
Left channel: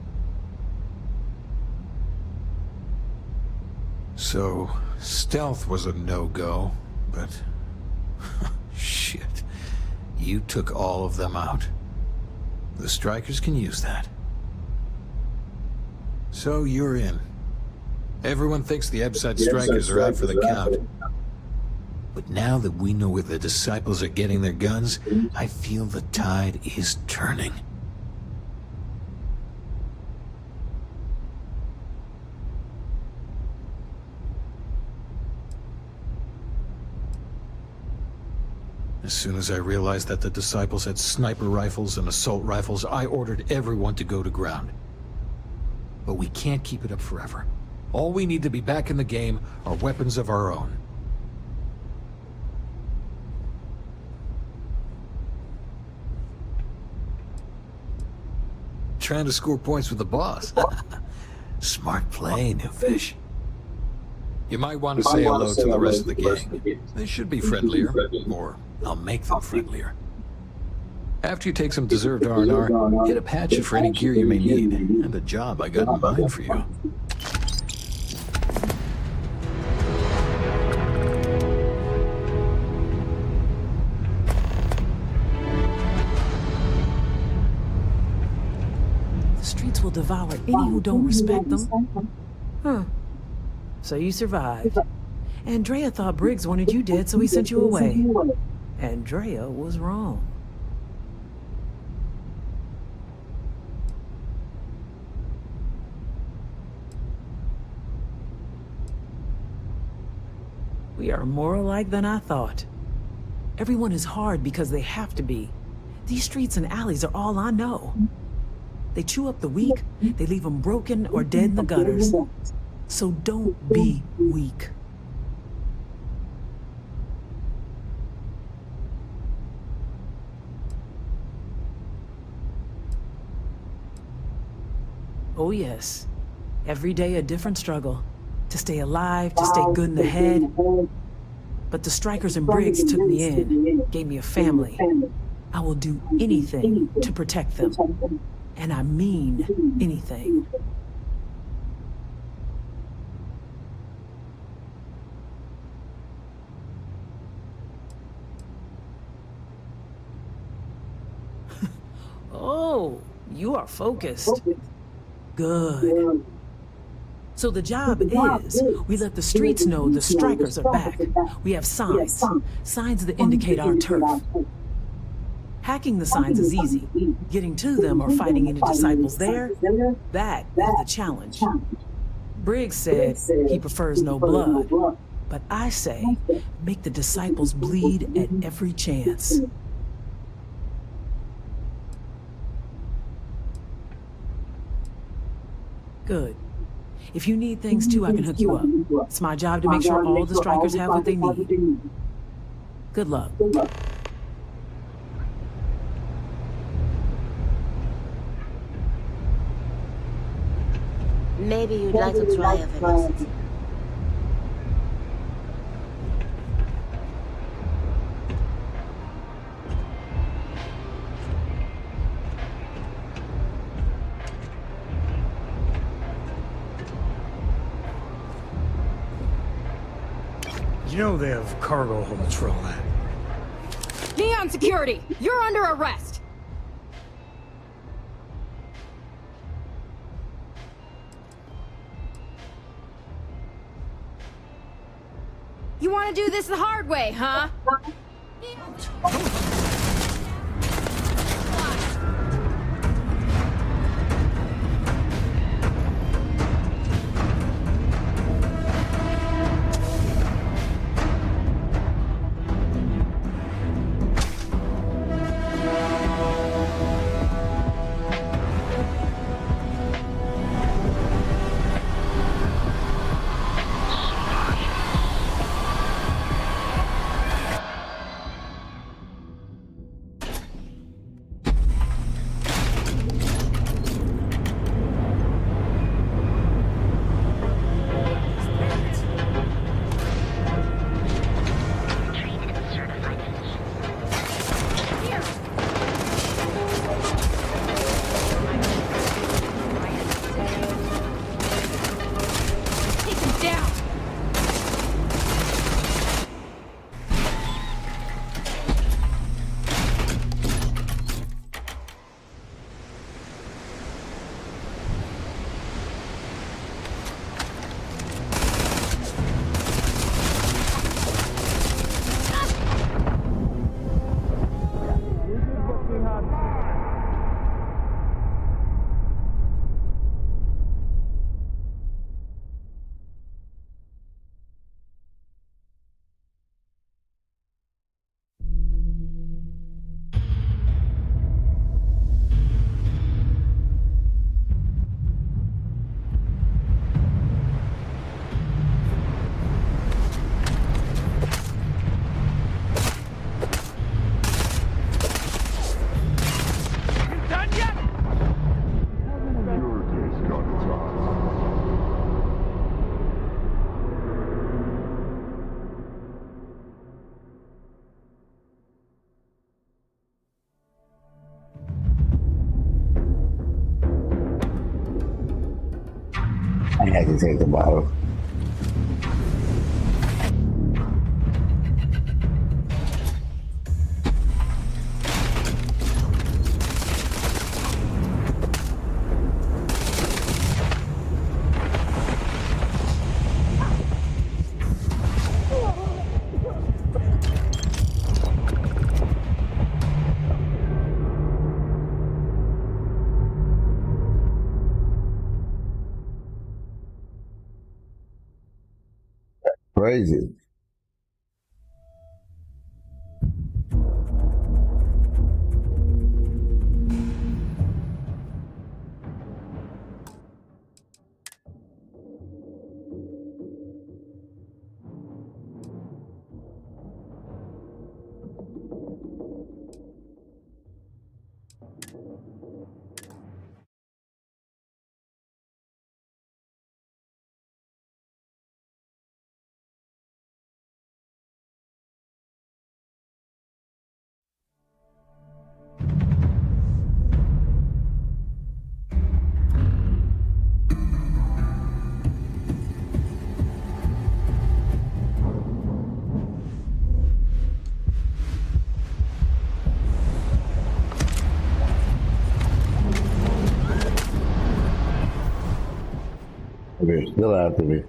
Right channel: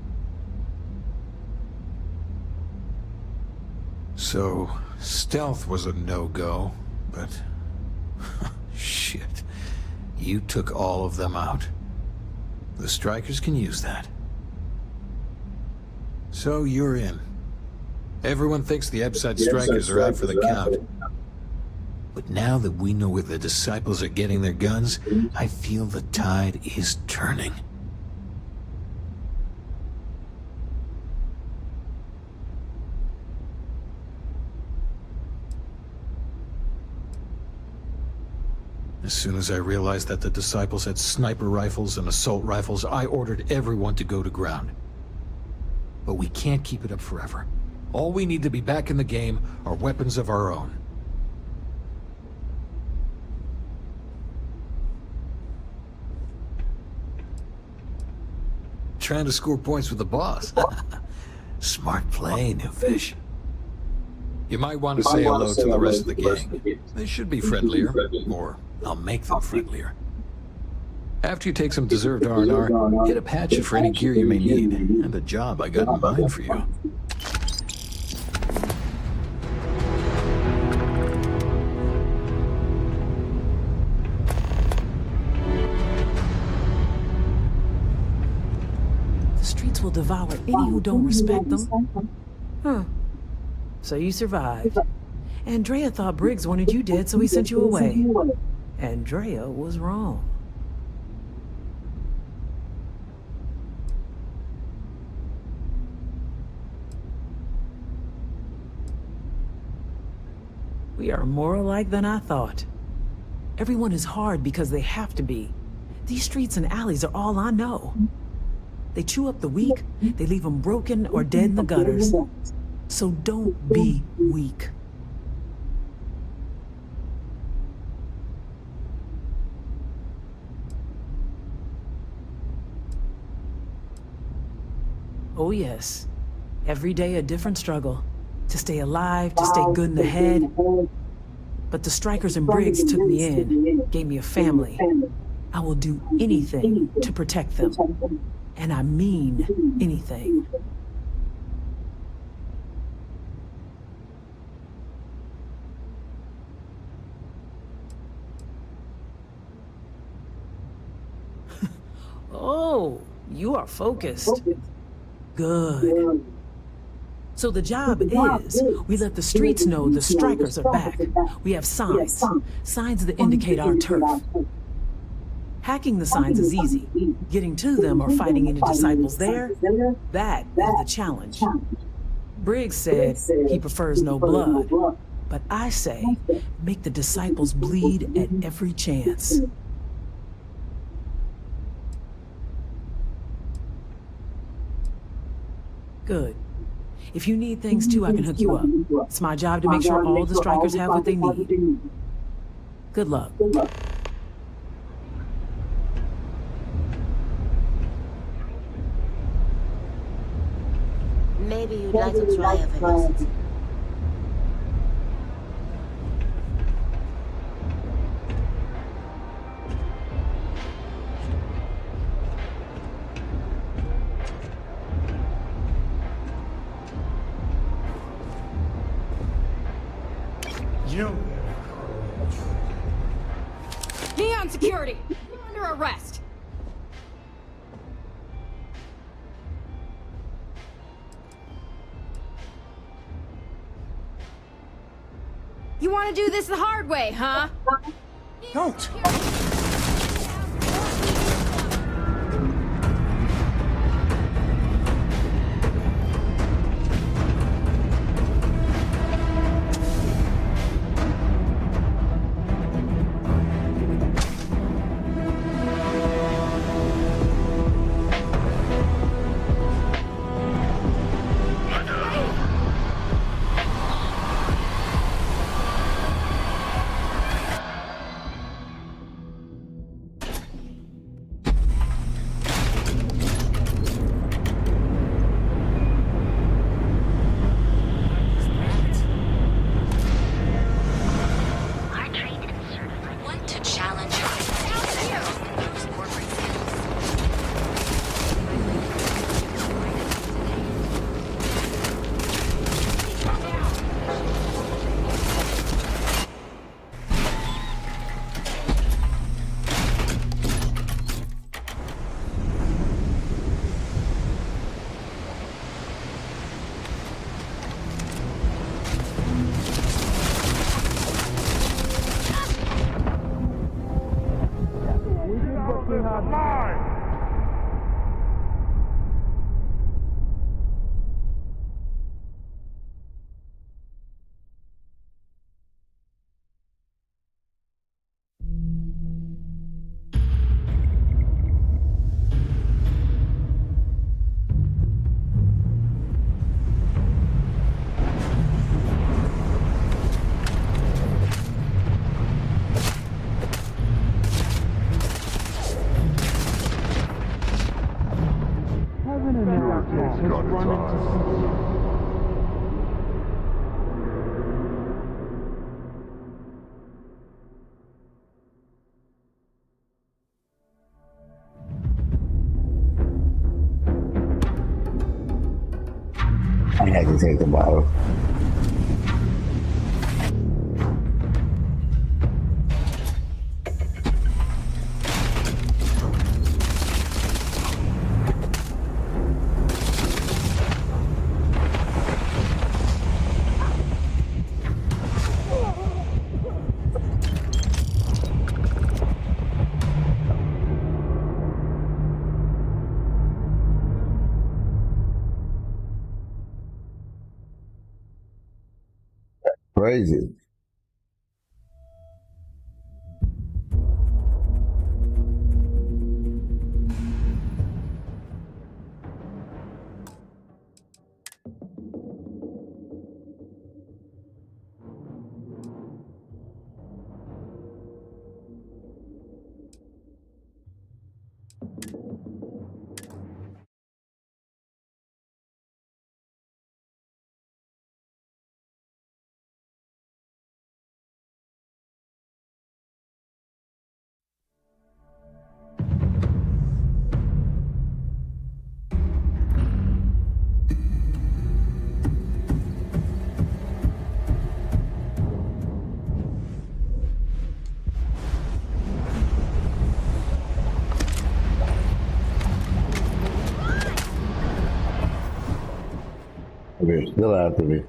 So, stealth was a no-go, but... shit. You took all of them out. The strikers can use that. So you're in. Everyone thinks the Ebside strikers are out for the count. But now that we know where the disciples are getting their guns, I feel the tide is turning. As soon as I realized that the disciples had sniper rifles and assault rifles, I ordered everyone to go to ground. But we can't keep it up forever. All we need to be back in the game are weapons of our own. Trying to score points with the boss. Smart play, new fish. You might want to say hello to the rest of the gang. They should be friendlier, or I'll make them friendlier. After you take some deserved R&R, hit up Hatchet for any gear you may need, and a job I got in mind for you. The streets will devour any who don't respect them. Huh. So you survived. Andrea thought Briggs wanted you dead, so he sent you away. Andrea was wrong. We are more alike than I thought. Everyone is hard because they have to be. These streets and alleys are all I know. They chew up the weak, they leave them broken or dead in the gutters. So don't be weak. Oh yes, every day a different struggle. To stay alive, to stay good in the head. But the strikers and Briggs took me in, gave me a family. I will do anything to protect them. And I mean anything. Oh, you are focused. Good. So the job is, we let the streets know the strikers are back. We have signs. Signs that indicate our turf. Hacking the signs is easy. Getting to them or fighting any disciples there, that is the challenge. Briggs said he prefers no blood. But I say, make the disciples bleed at every chance. Good. If you need things too, I can hook you up. It's my job to make sure all the strikers have what they need. Good luck. Maybe you'd like to try a velocity. You know they have cargo holds for all that. Neon Security, you're under arrest. You want to do this the hard way, huh? Don't. pretty hard. Security's got its eyes on you. I had to take the bottle. Crazy. Okay, still after me.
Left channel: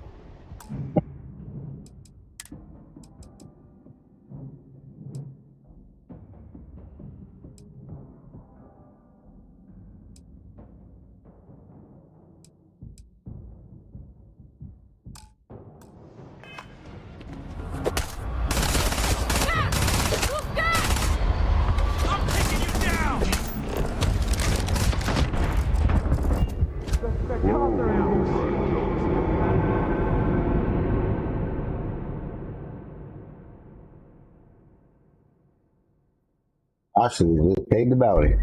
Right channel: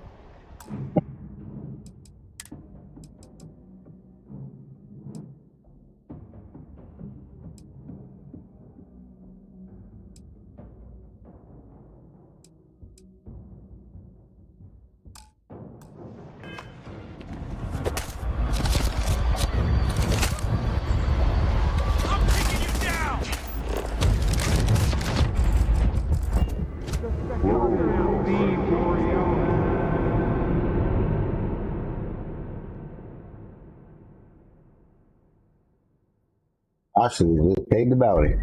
Actually, just paid the bounty.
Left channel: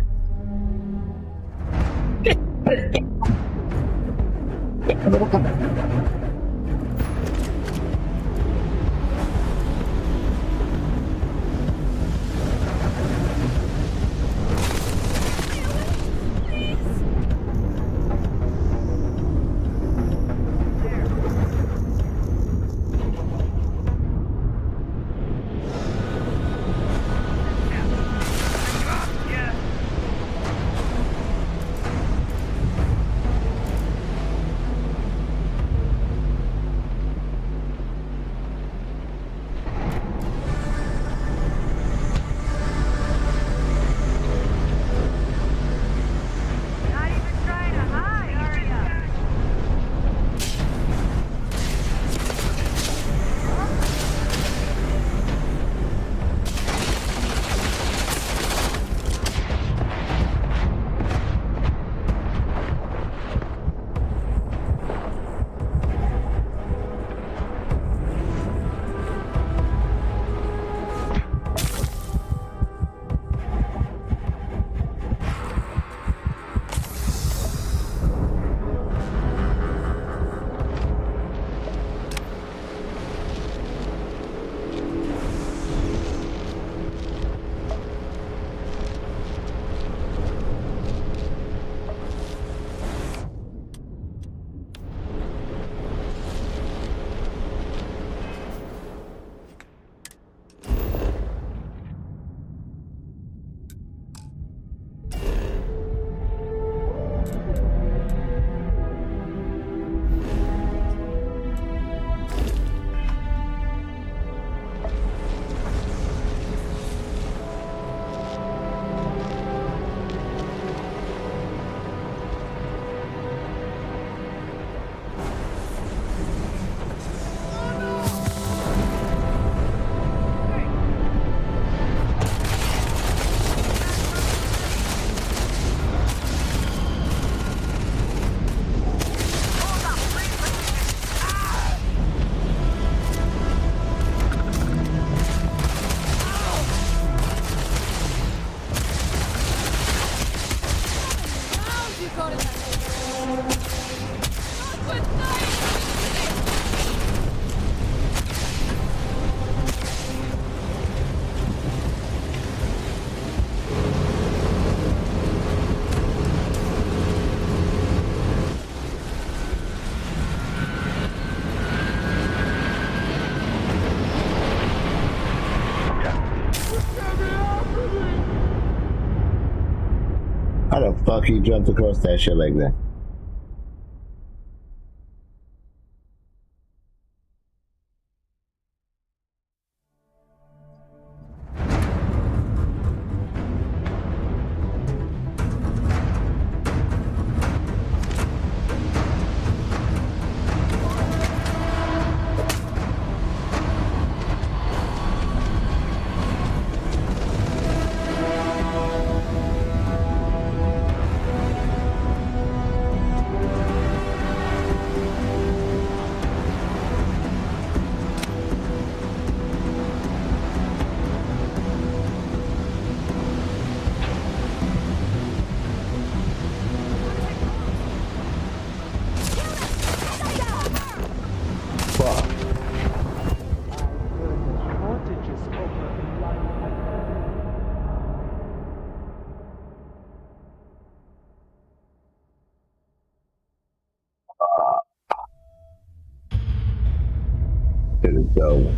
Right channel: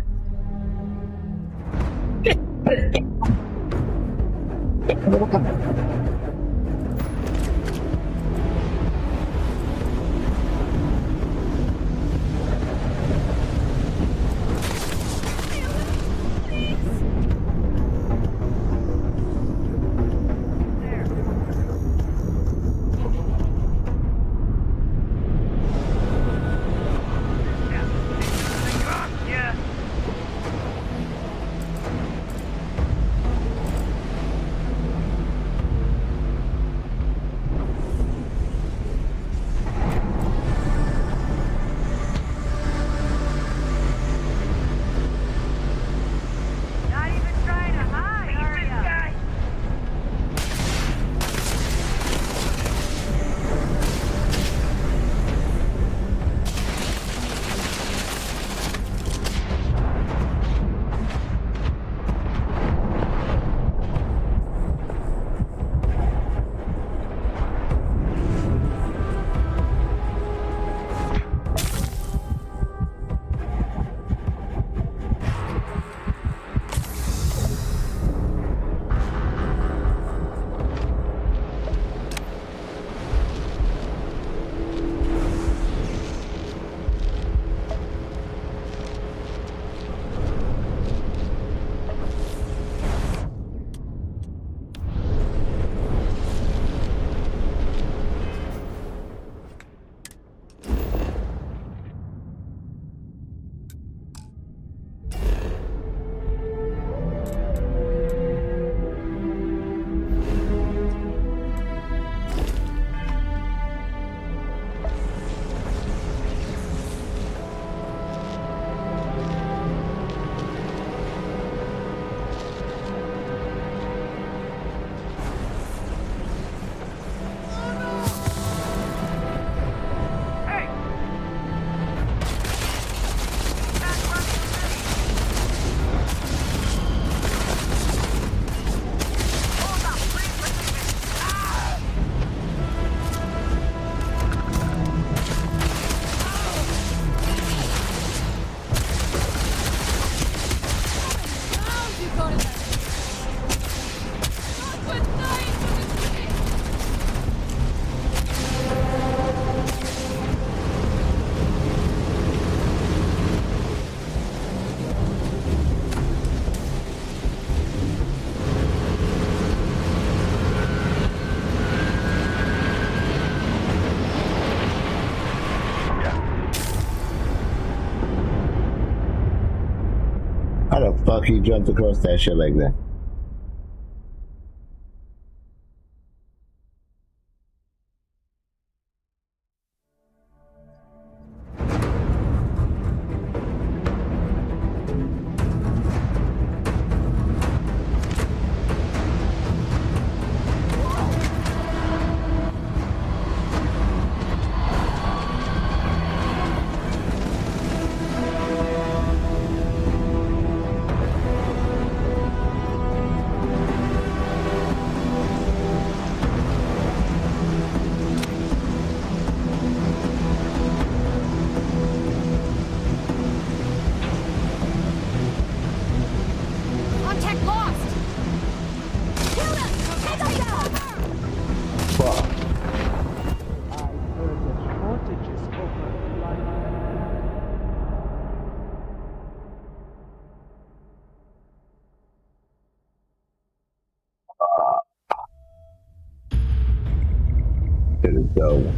fuck he jumped across that shit like that? Go.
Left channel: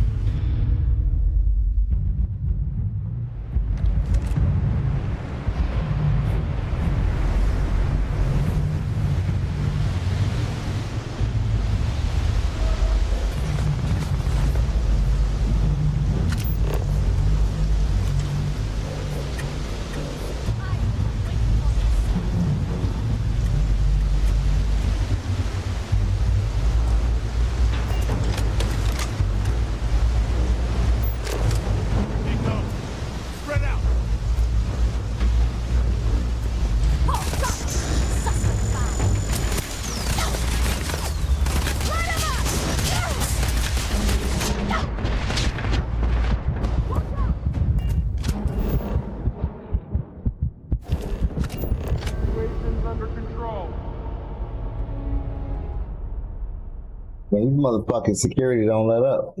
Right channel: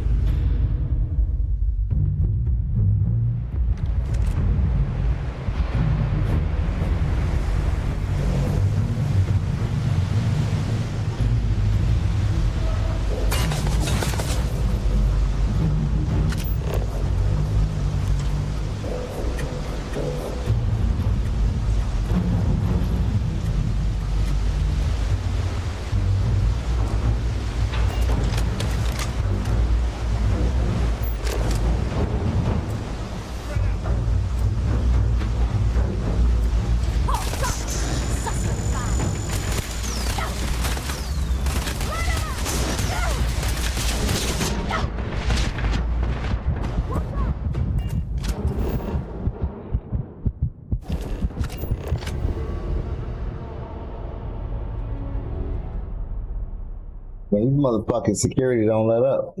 Man, these motherfucking security don't let up.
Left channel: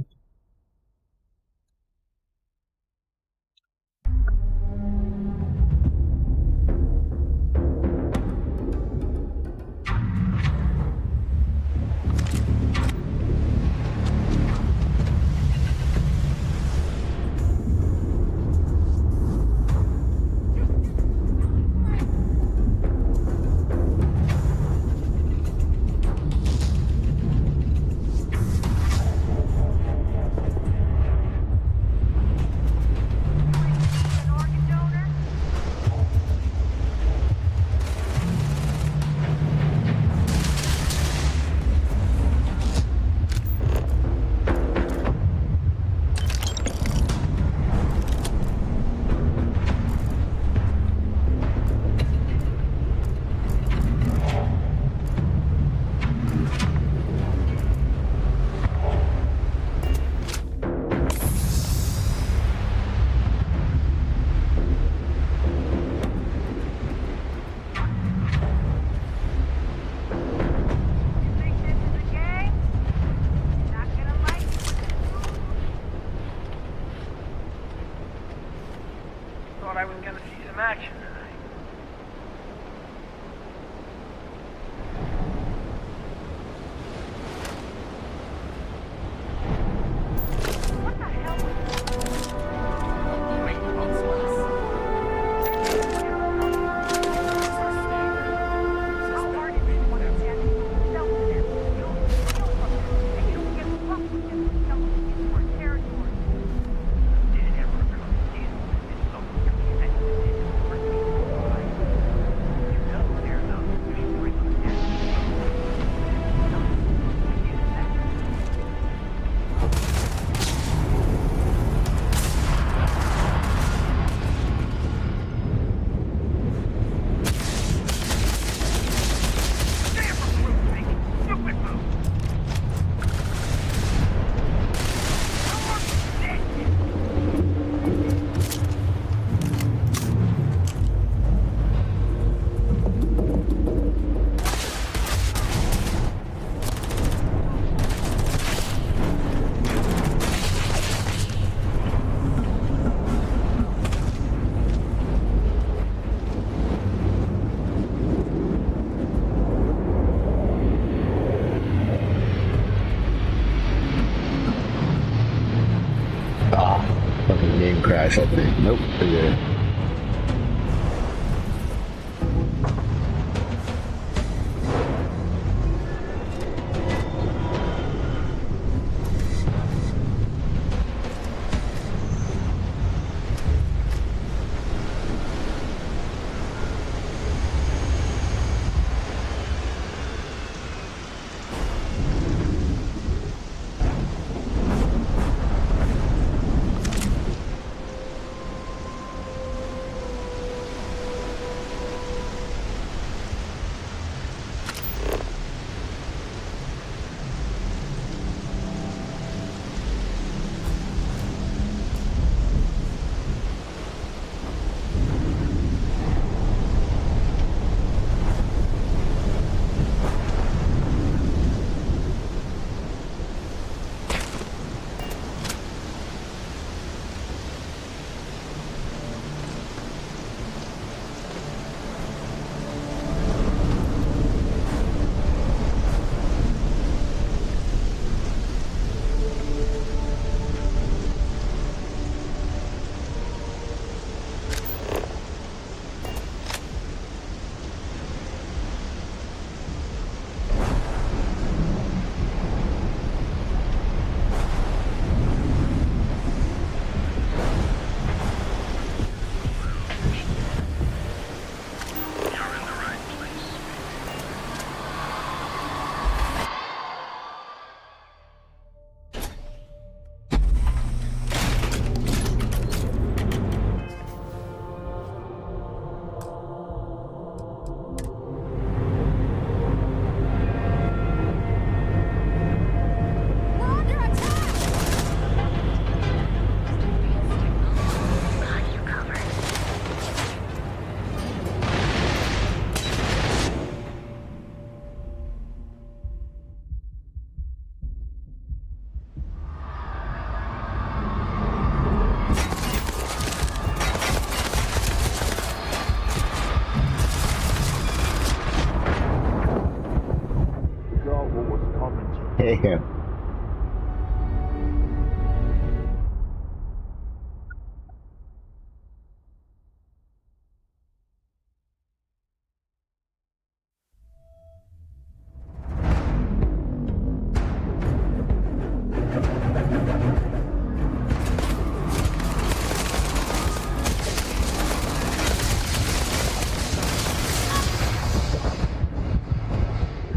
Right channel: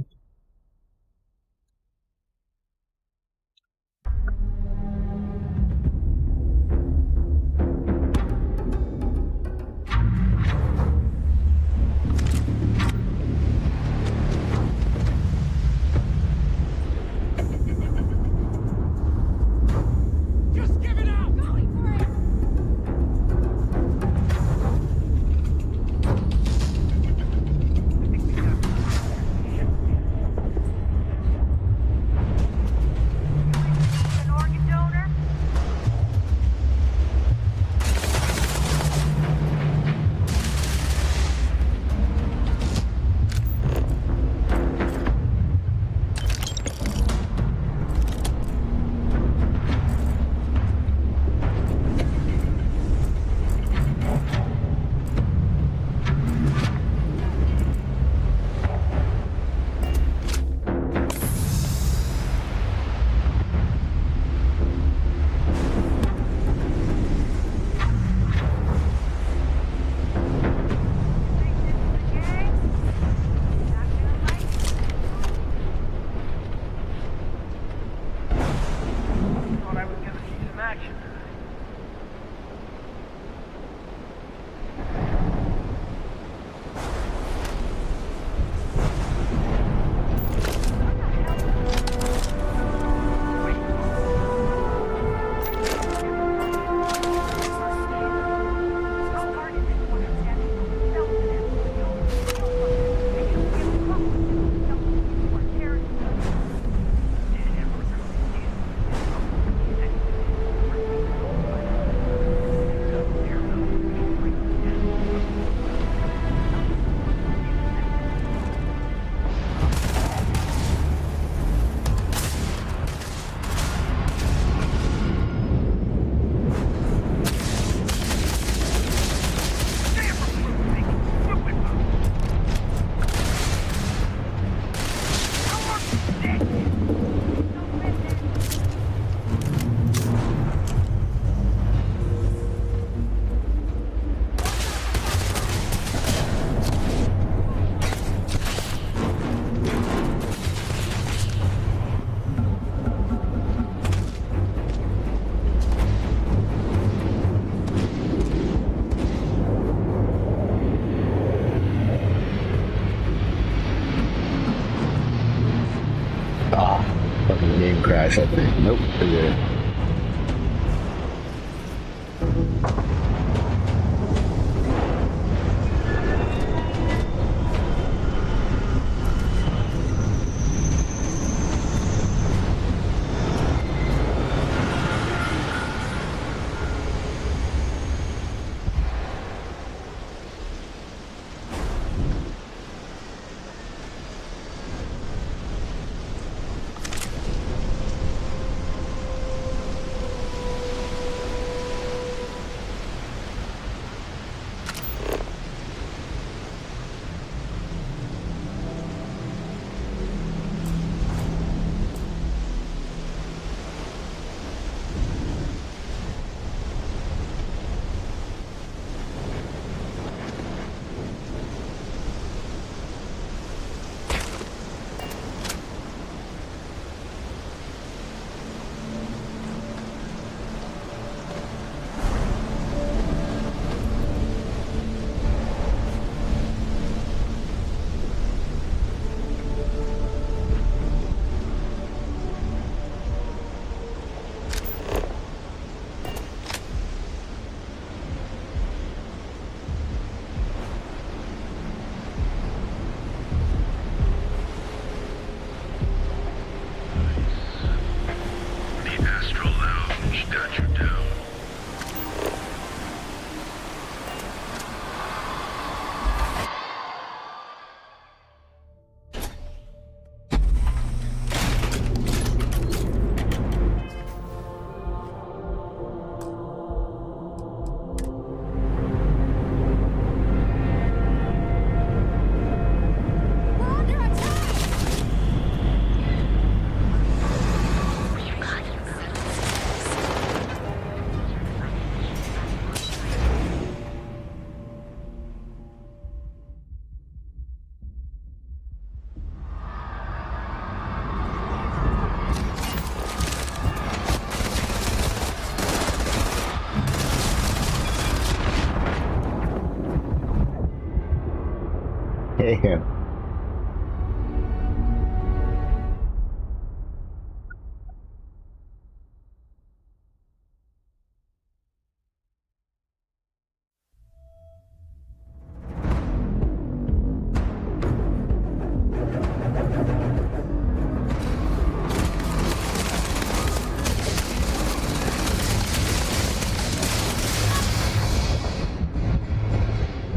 Fucking game crash, I think. Nope, they're good. Damn.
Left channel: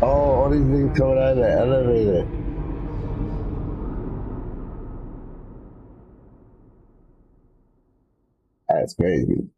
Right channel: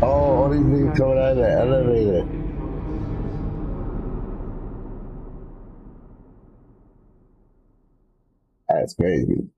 Oh, all these niggas coming out of the elevator. That's crazy.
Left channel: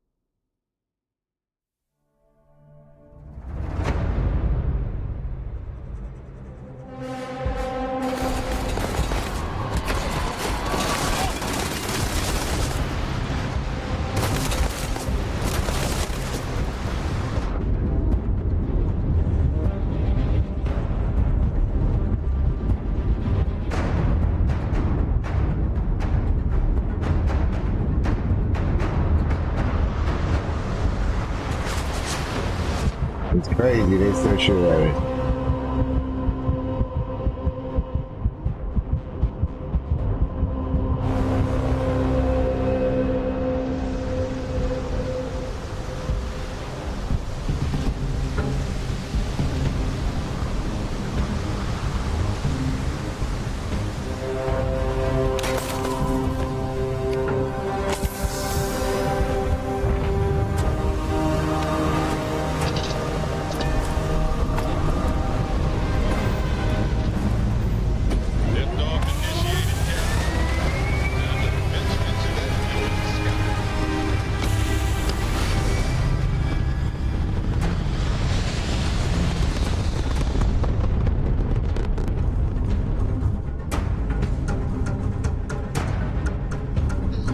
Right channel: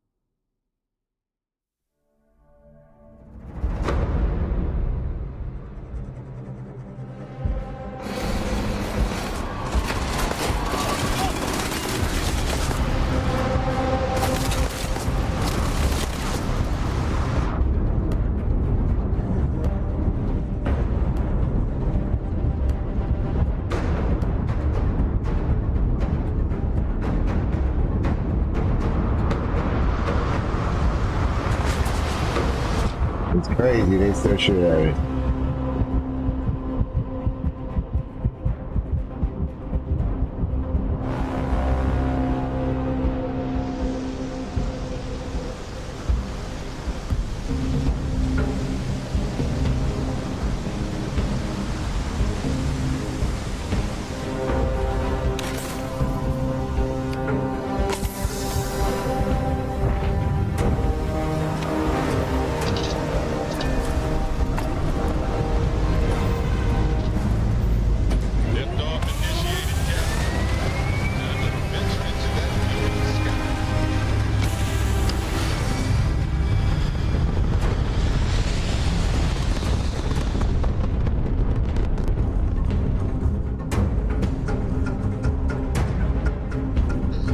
It's crazy, they still shoot at me.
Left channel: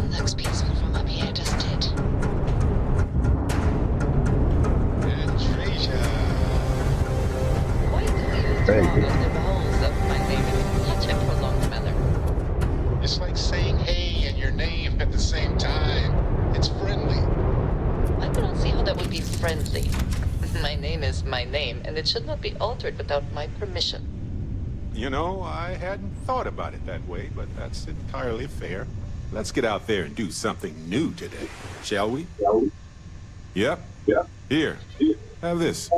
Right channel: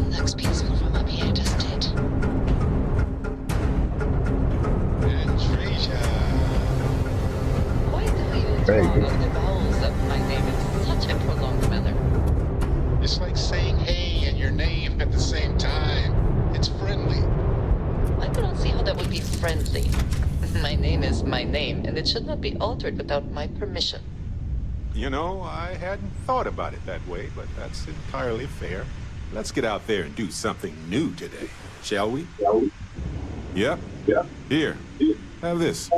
Looks peaceful from up here, doesn't it? Quite the view throng of the vowels of my name in such a prolonged manner. It's like saying hey and your name at the same time. It's friendly. I cannot see how that would be friendly. My name is my name, and it should not be altered without my permission. You know, I hadn't thought about it that way, but that's entirely fair. Let's get out there and do something new today, shall we? Yep. Yeah. Here. Have this.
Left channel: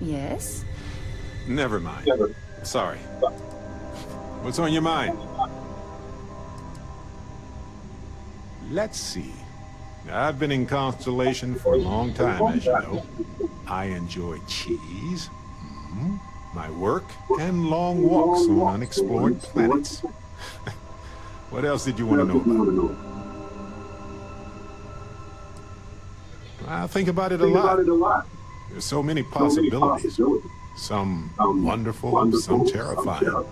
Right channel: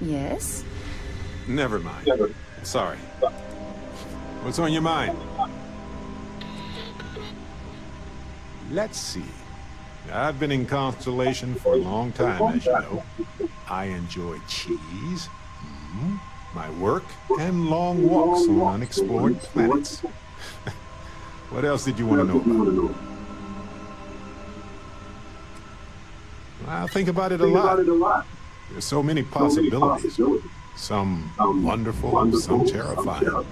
Yes? Never mind. Sorry. What's on your mind? Let's see. I've been in Constellation for a long time, as you know. I enjoy cheese, my work, and long walks on unexplored planets. What else did you want to know about? I think about it a lot. There's so many possibilities. Some wonderful, some terrifying.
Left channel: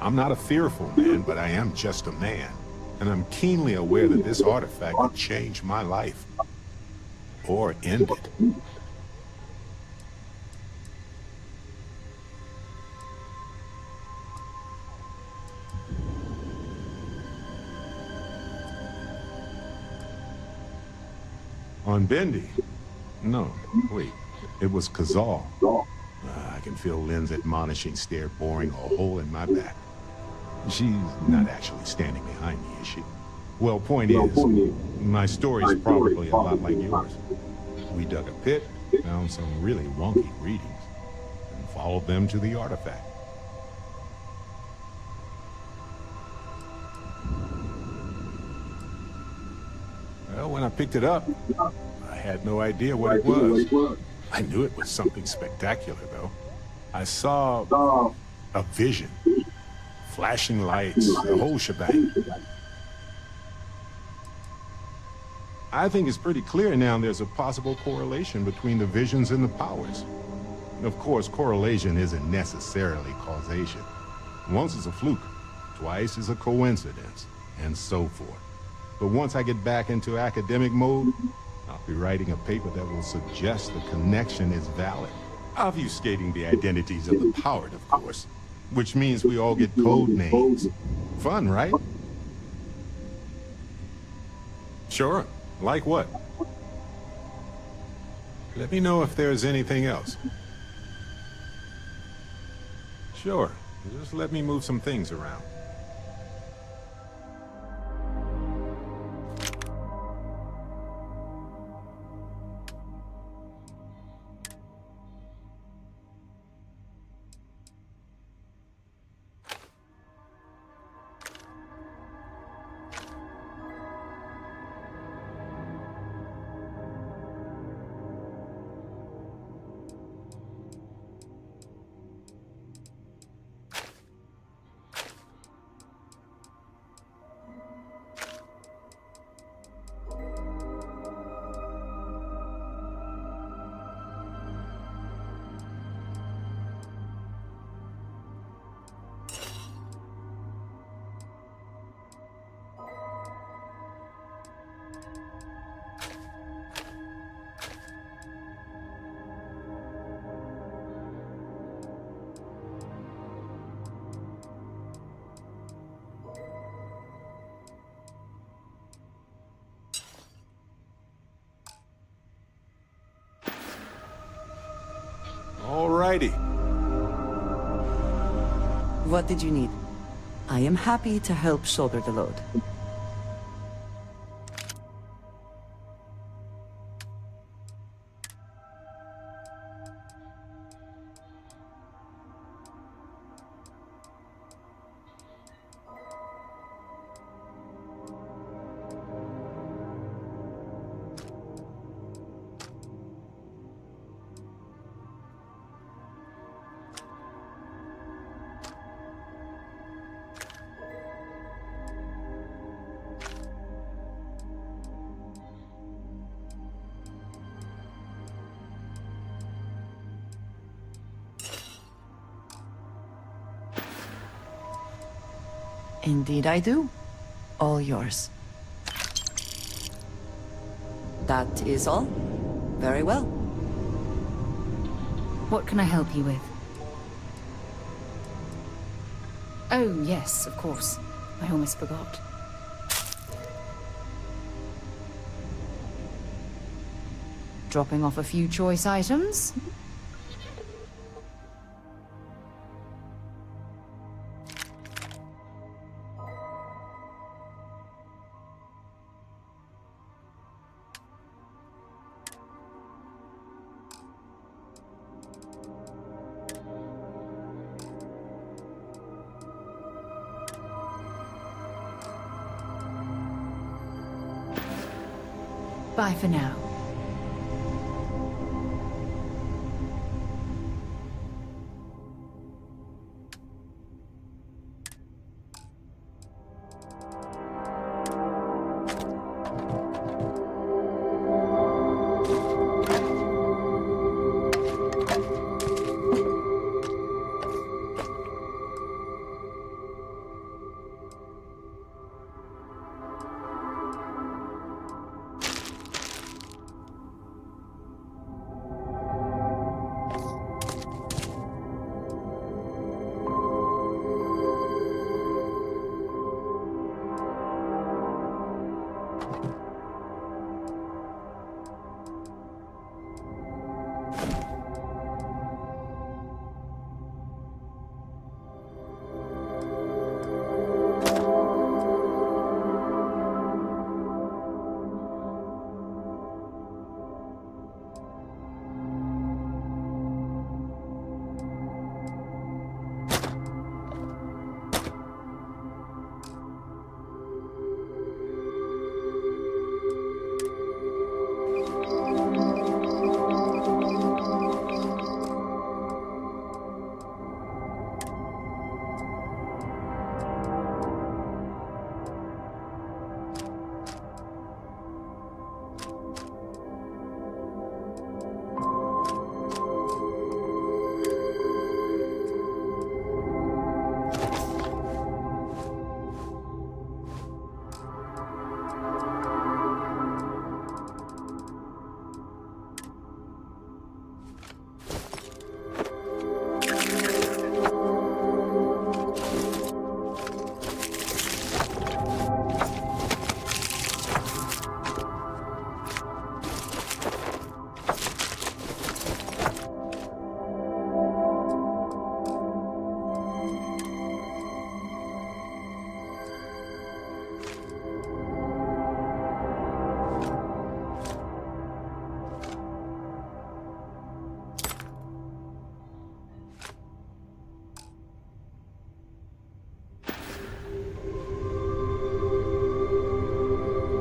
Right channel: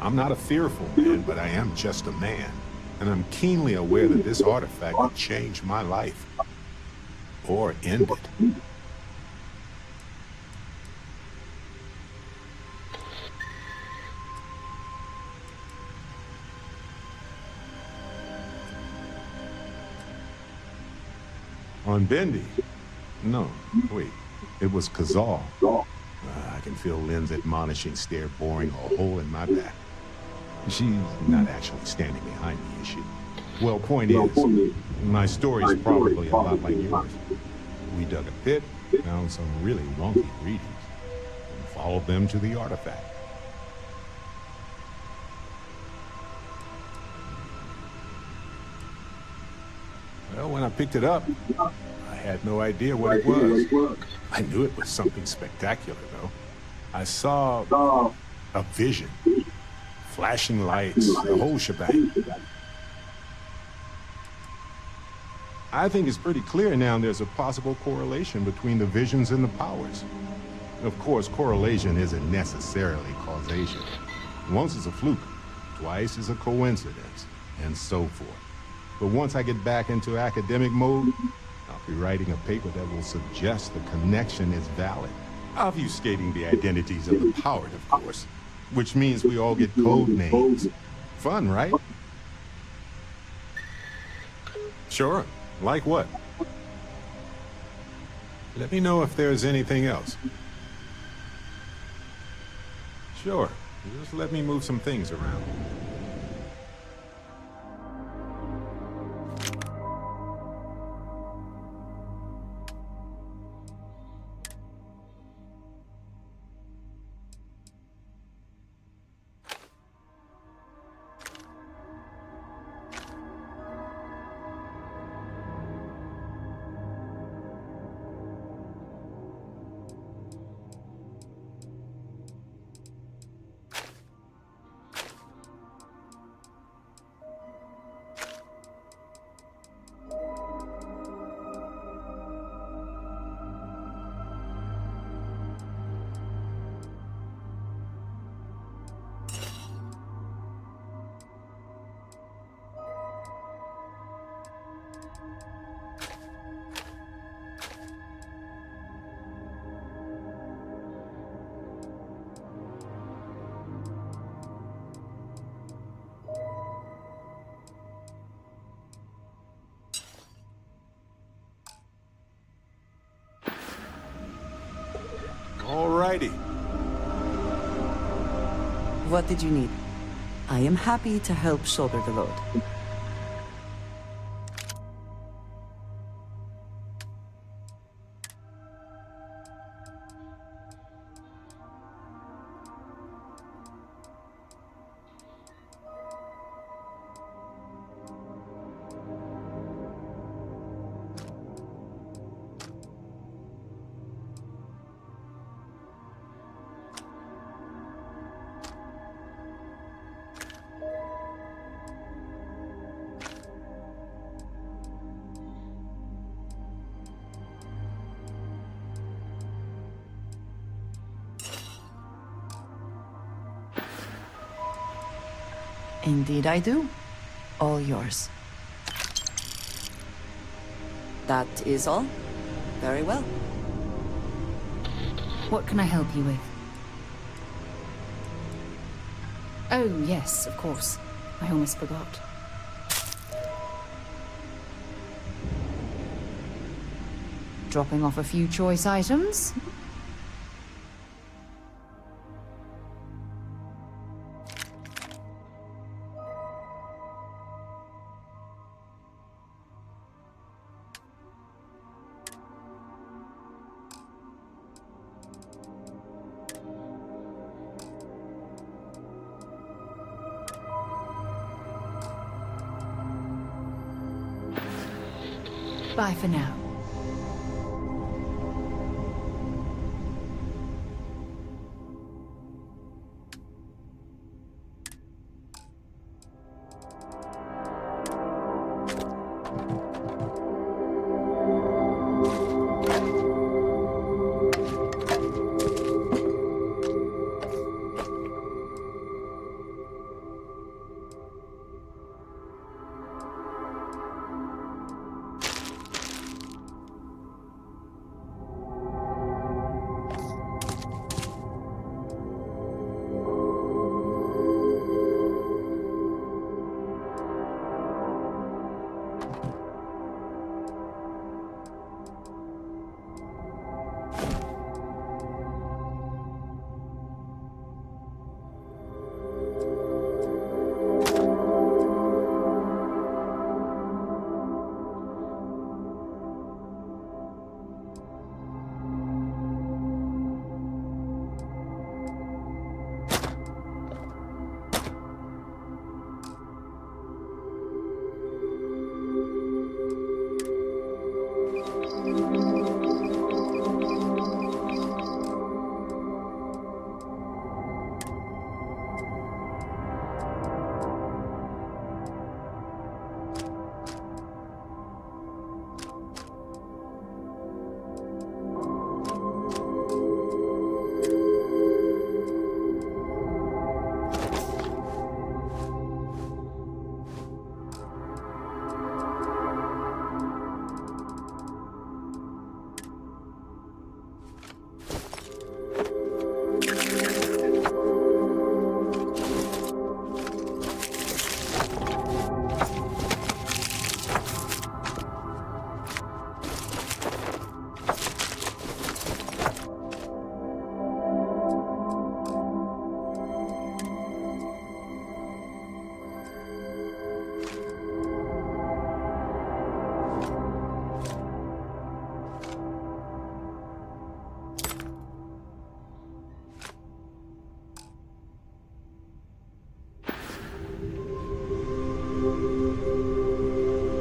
I'm not a fearful man, but I am just a man. And I'm keenly aware that this artifact could change my life. Or end it. On Bendy? No, wait. It was Kazal. I can feel Lynn's admonishing stare boring a hole in my back. She's not actually standing behind me, is she? Well, point is, my story's probably a lot like yours. We dug a pit, found some really wonky readings, and followed them to the artifact. Well, when I picked it up, I had no idea what it was. I knew it was something spectacular, though. I saw a vision. Flashing lights, the whole shebang. I think it's pretty clear now there's a possible correlation between the visions and the powers. Of course, correlation isn't necessarily causation. Once is a fluke, twice is a coincidence, and so forth. But once I get back into academic mode, I'll be writing a paper that will suggest the connection is valid. Obfuscating the identities of the powered, of course. Which means we all get code names. Fun, right? Sure. Like what? Let me know if there's anything else. Sure. Just let me move some things around. Alrighty. What did you need? I am happy to help shoulder the load. Indeed I do. All yours. That is all? Very well. What can I help you with? Oh, yes, of course. I almost forgot. Dropping off a few choice items. Bye for now.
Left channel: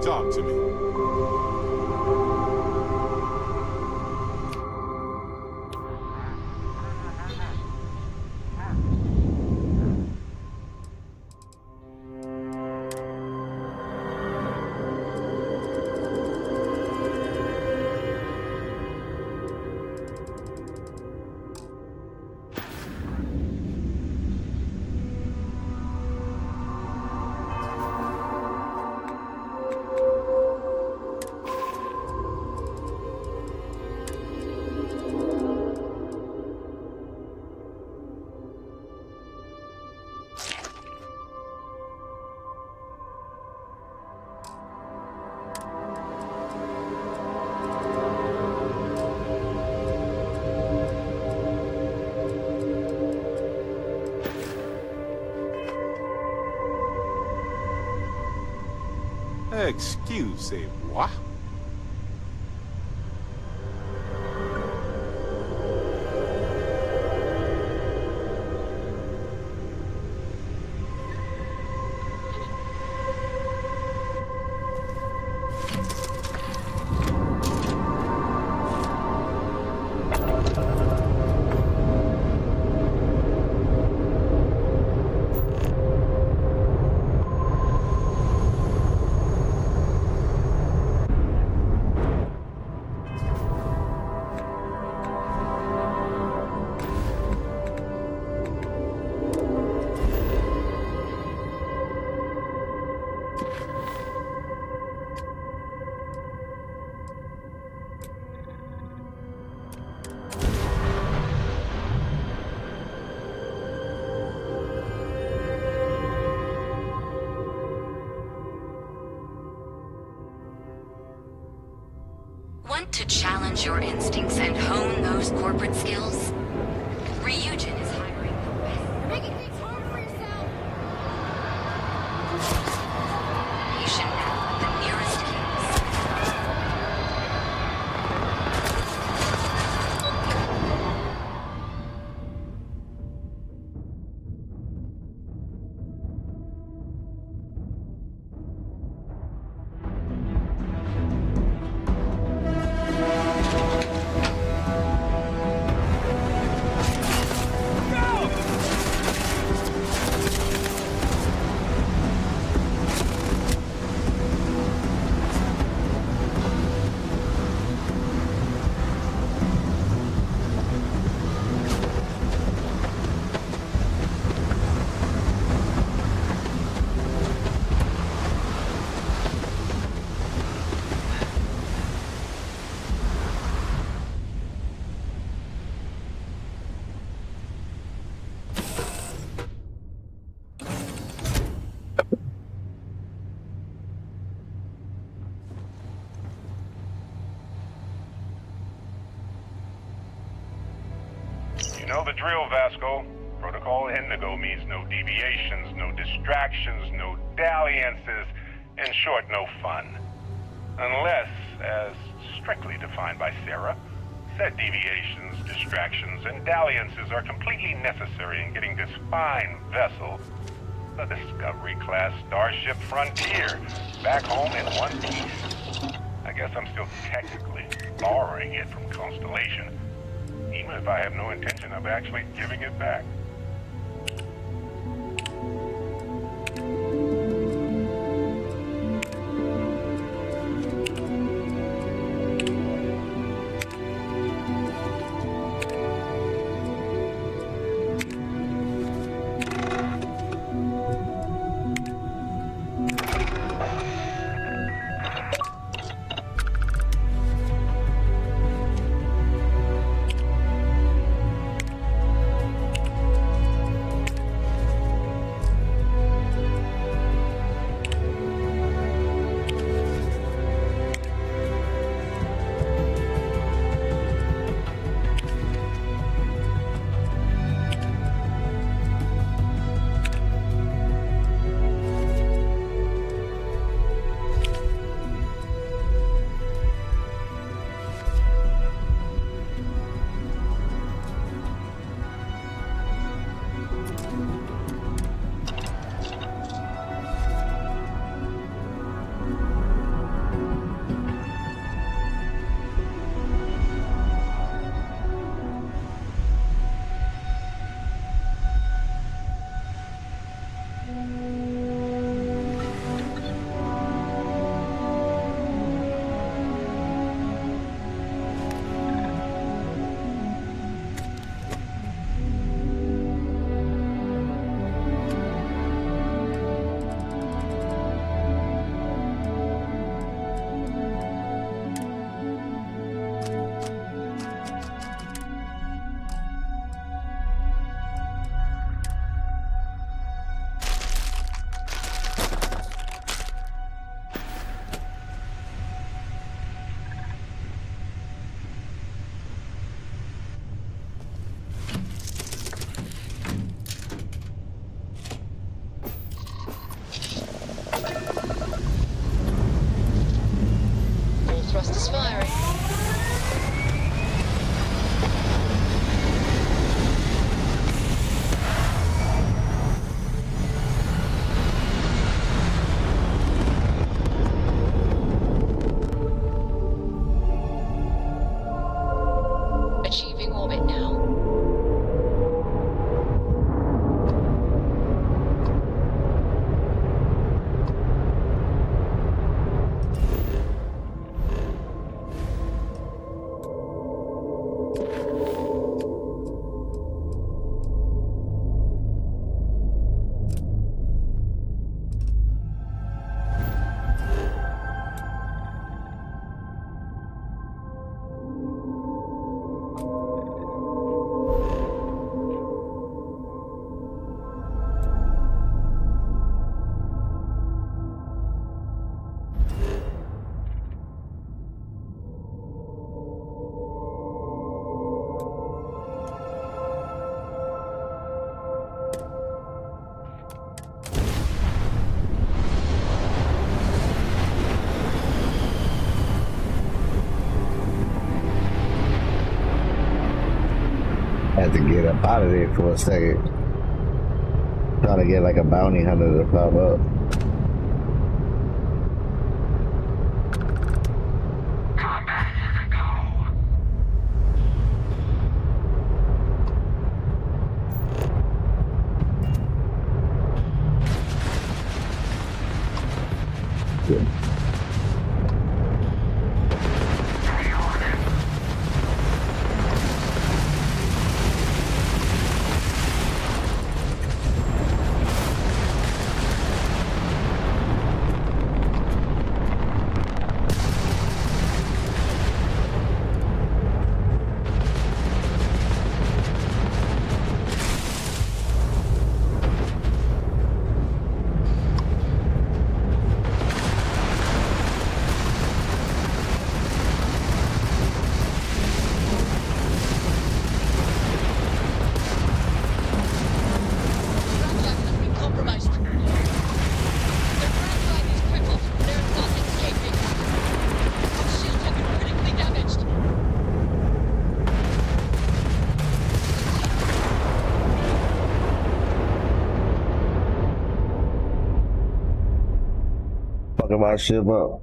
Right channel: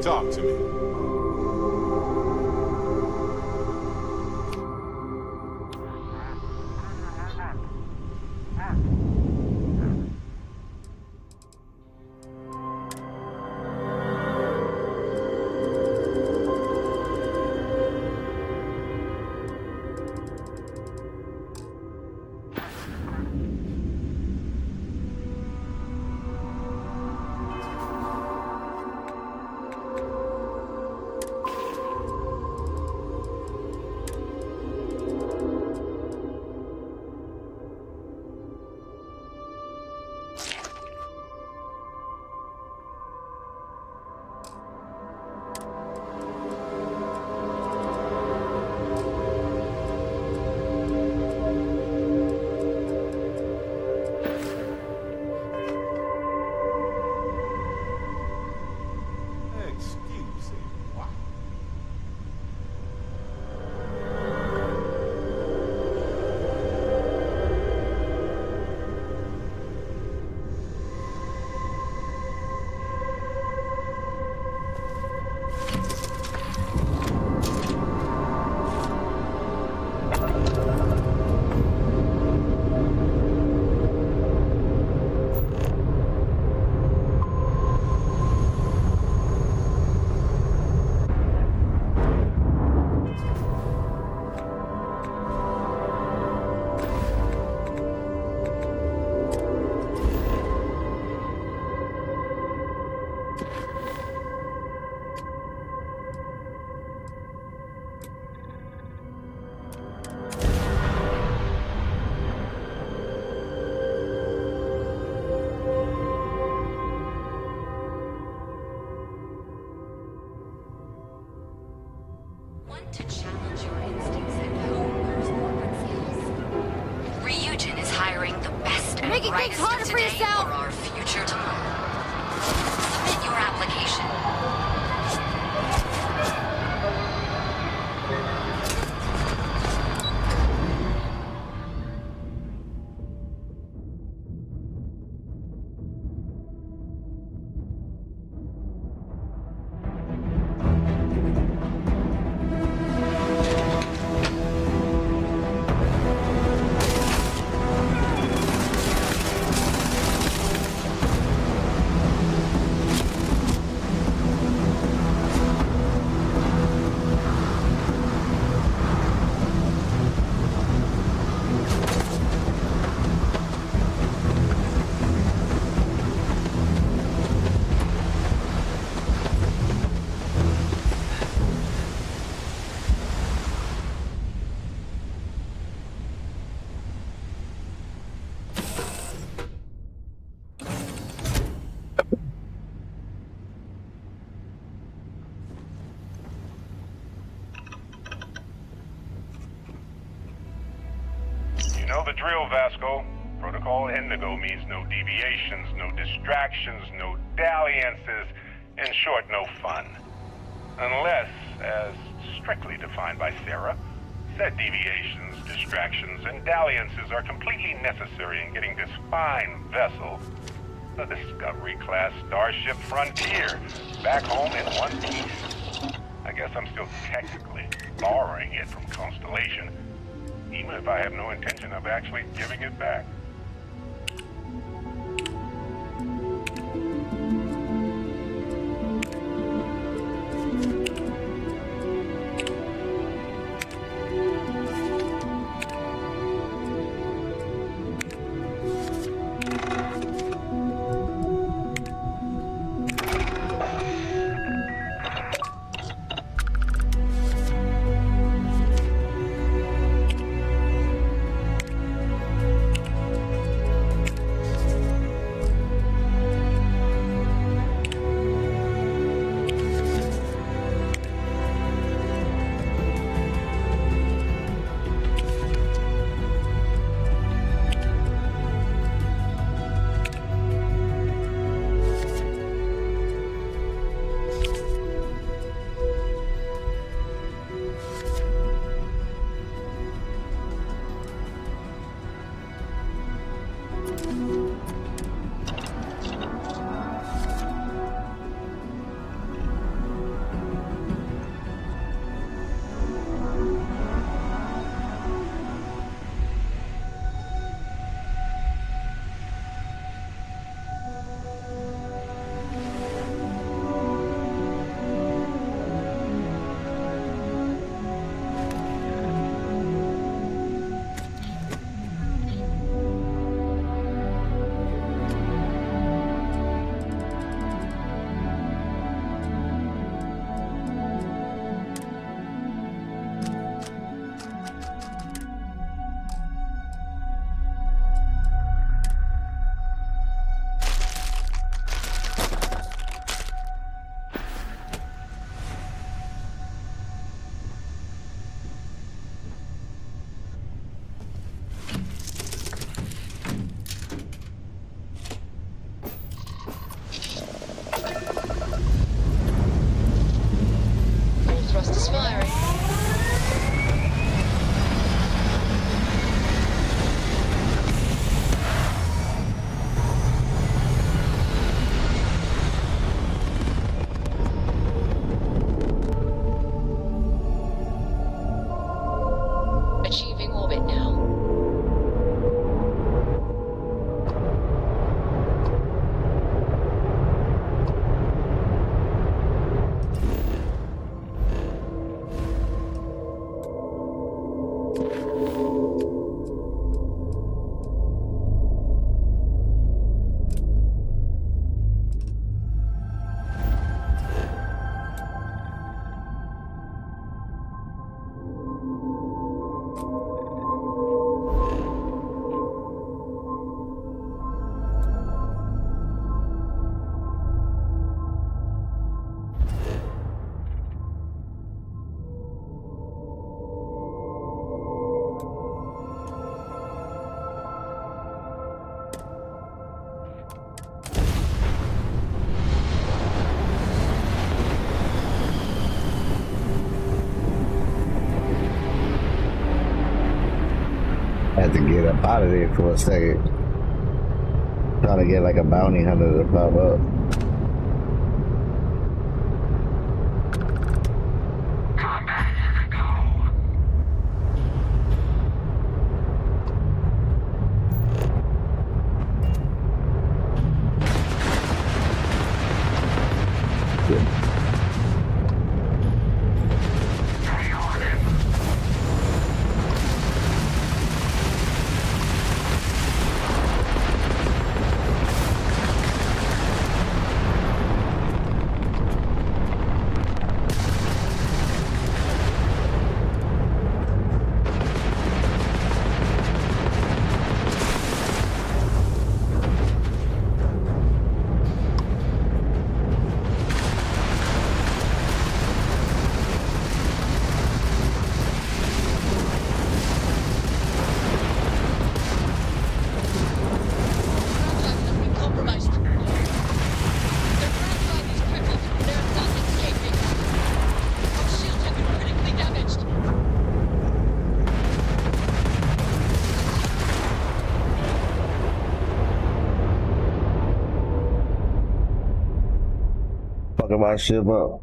Talk to me. Excusez-moi. Want to challenge your instincts and hone those corporate skills? Ryujin is hiring the best and Making things brightest harder of for today yourself. for our future tomorrow. Submit your application now in the nearest campus. You know the drill, Vasco. Protocol Indigo means no deviations, no distractions, no dalliances, in short, no fun. Unless, as strictly defined by Sarah, said deviations, distractions, and dalliances are completely necessary in getting this fine vessel, the Discovery-class Starship Frontier, back home in one piece. I guess I'm still technically borrowing it from Constellation, even if I have no intention of actually giving it back. had to get up out of there for a second. Trying to get like a bounty hunter to pop up. Fucking my ship up.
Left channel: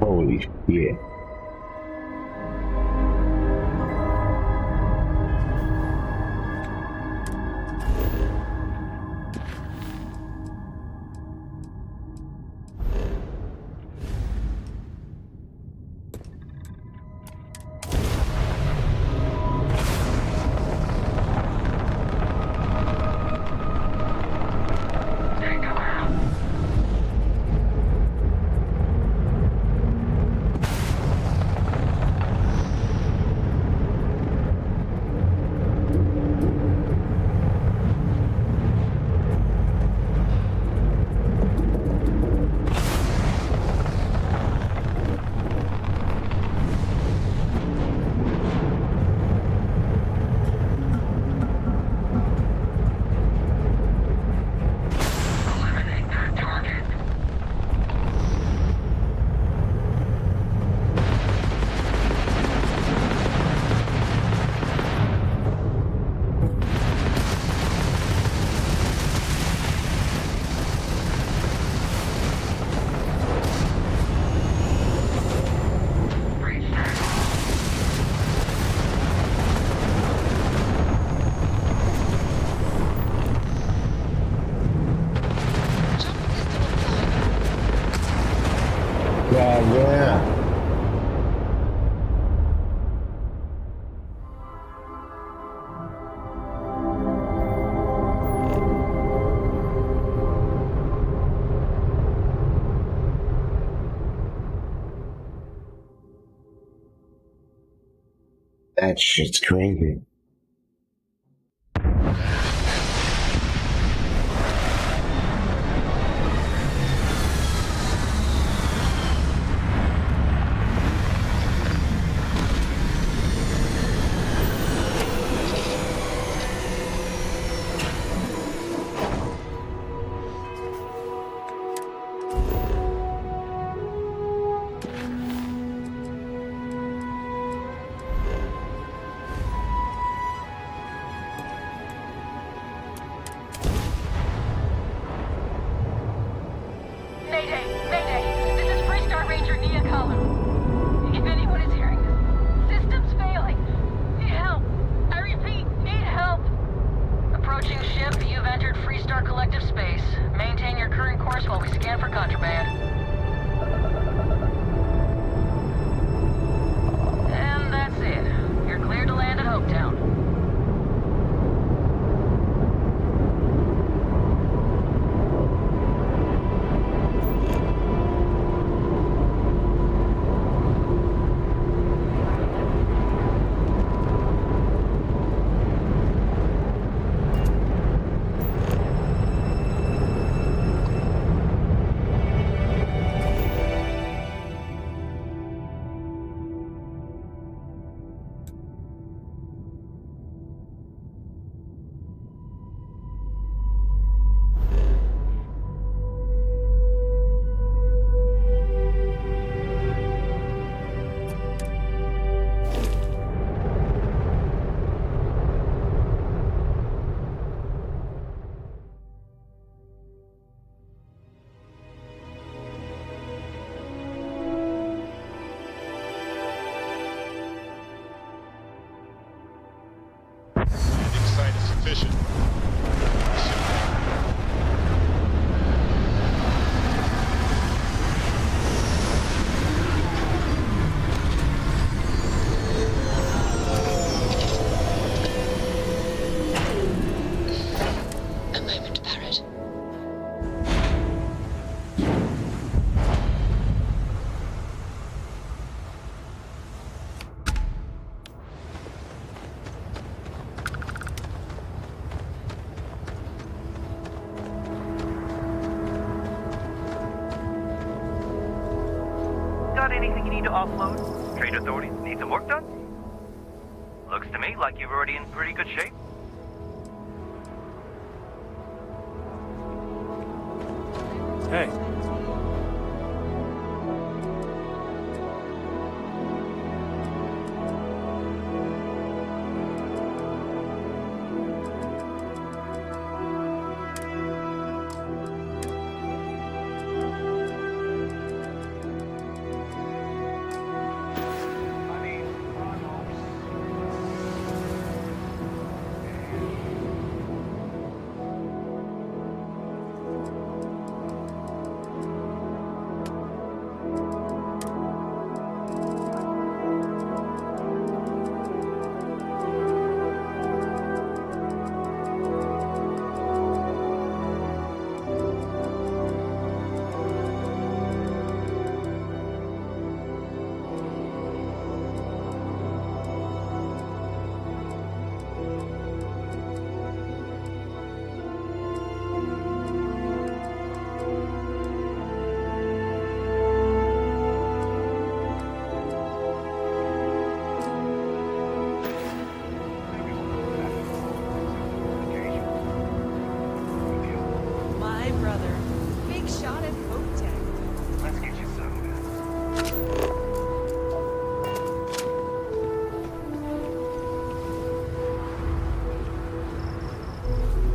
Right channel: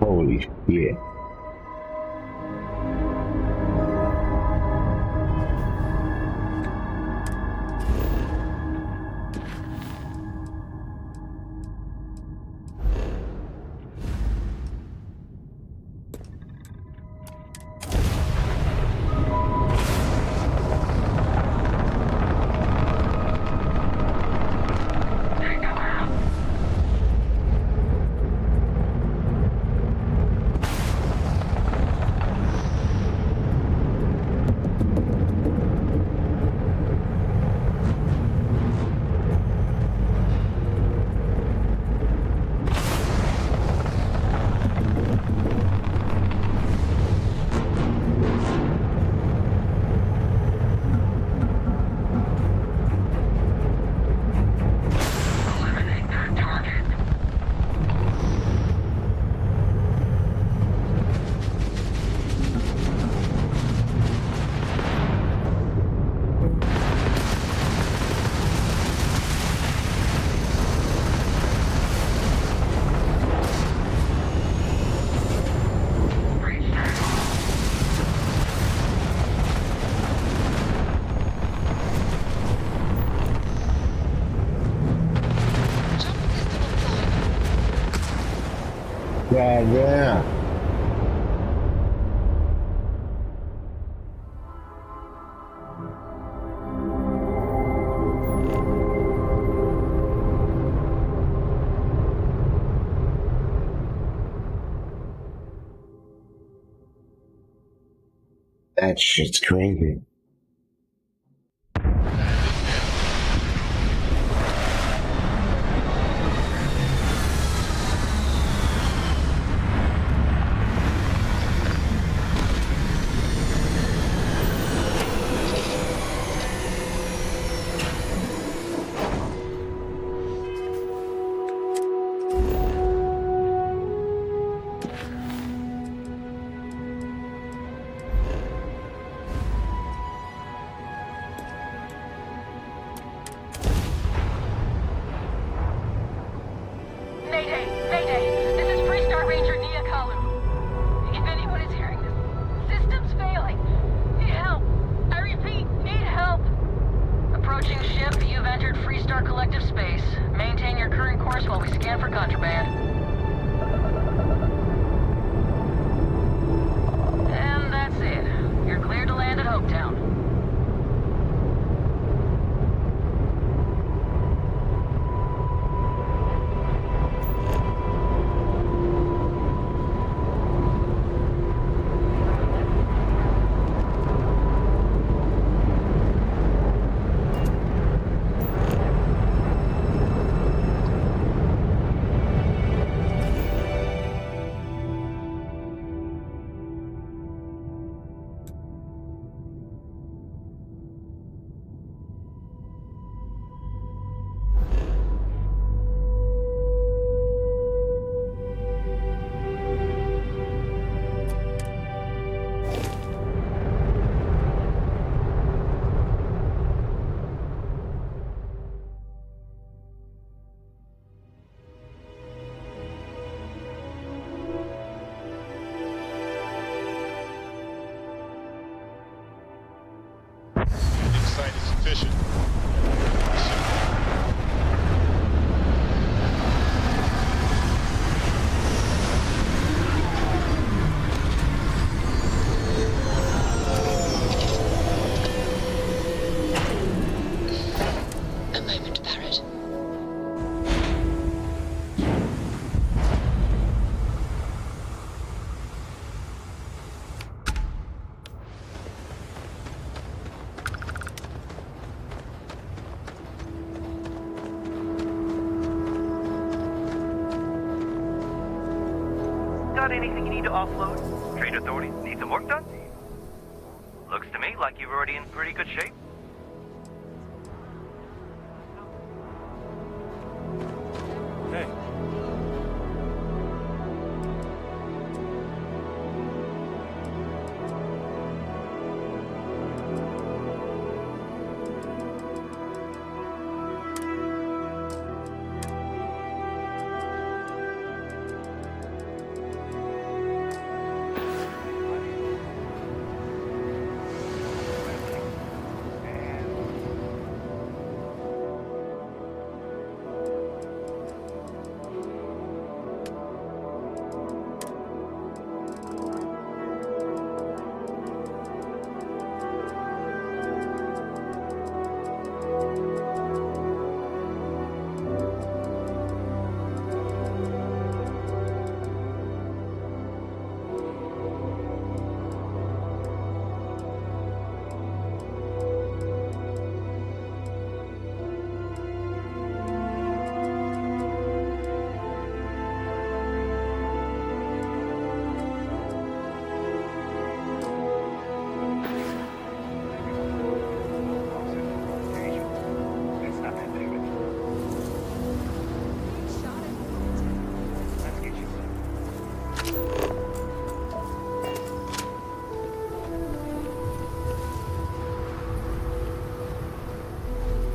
Holy shit. God damn. That shit's crazy. scan for contraband. And that's it. You're cleared to land at Hopetown. Site is sufficient. A moment, Barrett. Got anything you need to offload? Trade authorities need some work done? Looks to me like you're already in pretty good shape. Hey.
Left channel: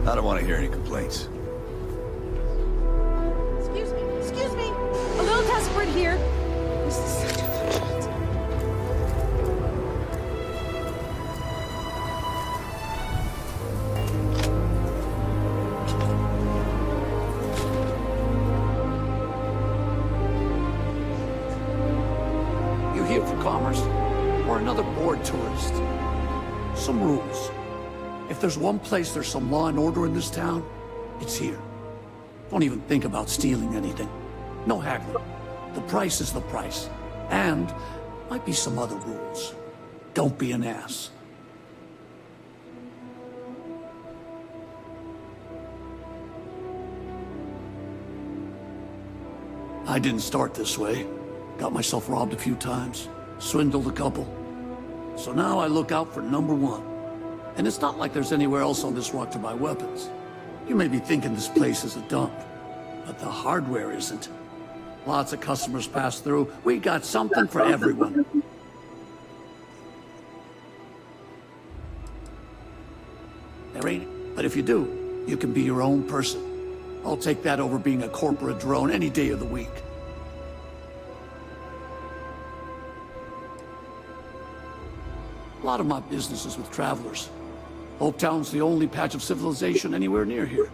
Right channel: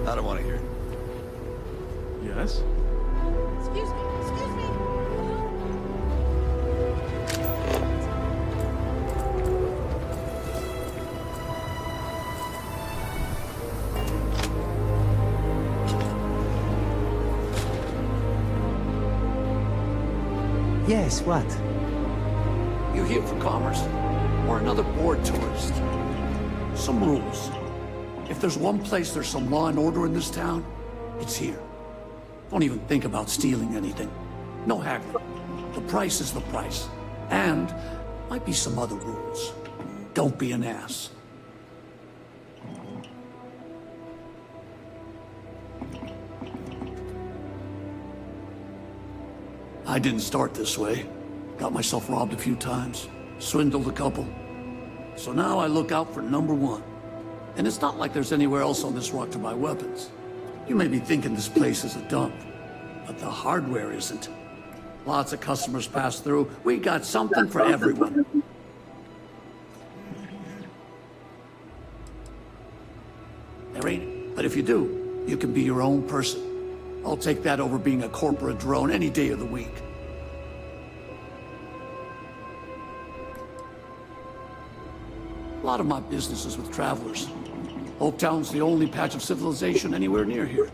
I don't want to hear any complaints. Yes? Excuse me. A little desperate here. This is such a bullshit. Yes, what? You here for commerce? Or another bored tourist? Some rules. If there's one place there's some law and order in this town, it's here. Don't even think about stealing anything. No haggling. The price is the price. And might be some other rules. Don't be an ass. I didn't start this way. Got myself robbed a few times. Swindled a couple. So now I look out for number one. And it's not like there's anywhere else on this rock to buy weapons. You may be thinking this place is a dump, but the hardware isn't. Lots of customers pass through. We got something for everyone. There ain't, but if you do, you can be your own person. I'll take that over being a corporate drone any day of the week. A lot of my business is with travelers. Hopetown's the only patch of civilization anywhere near here.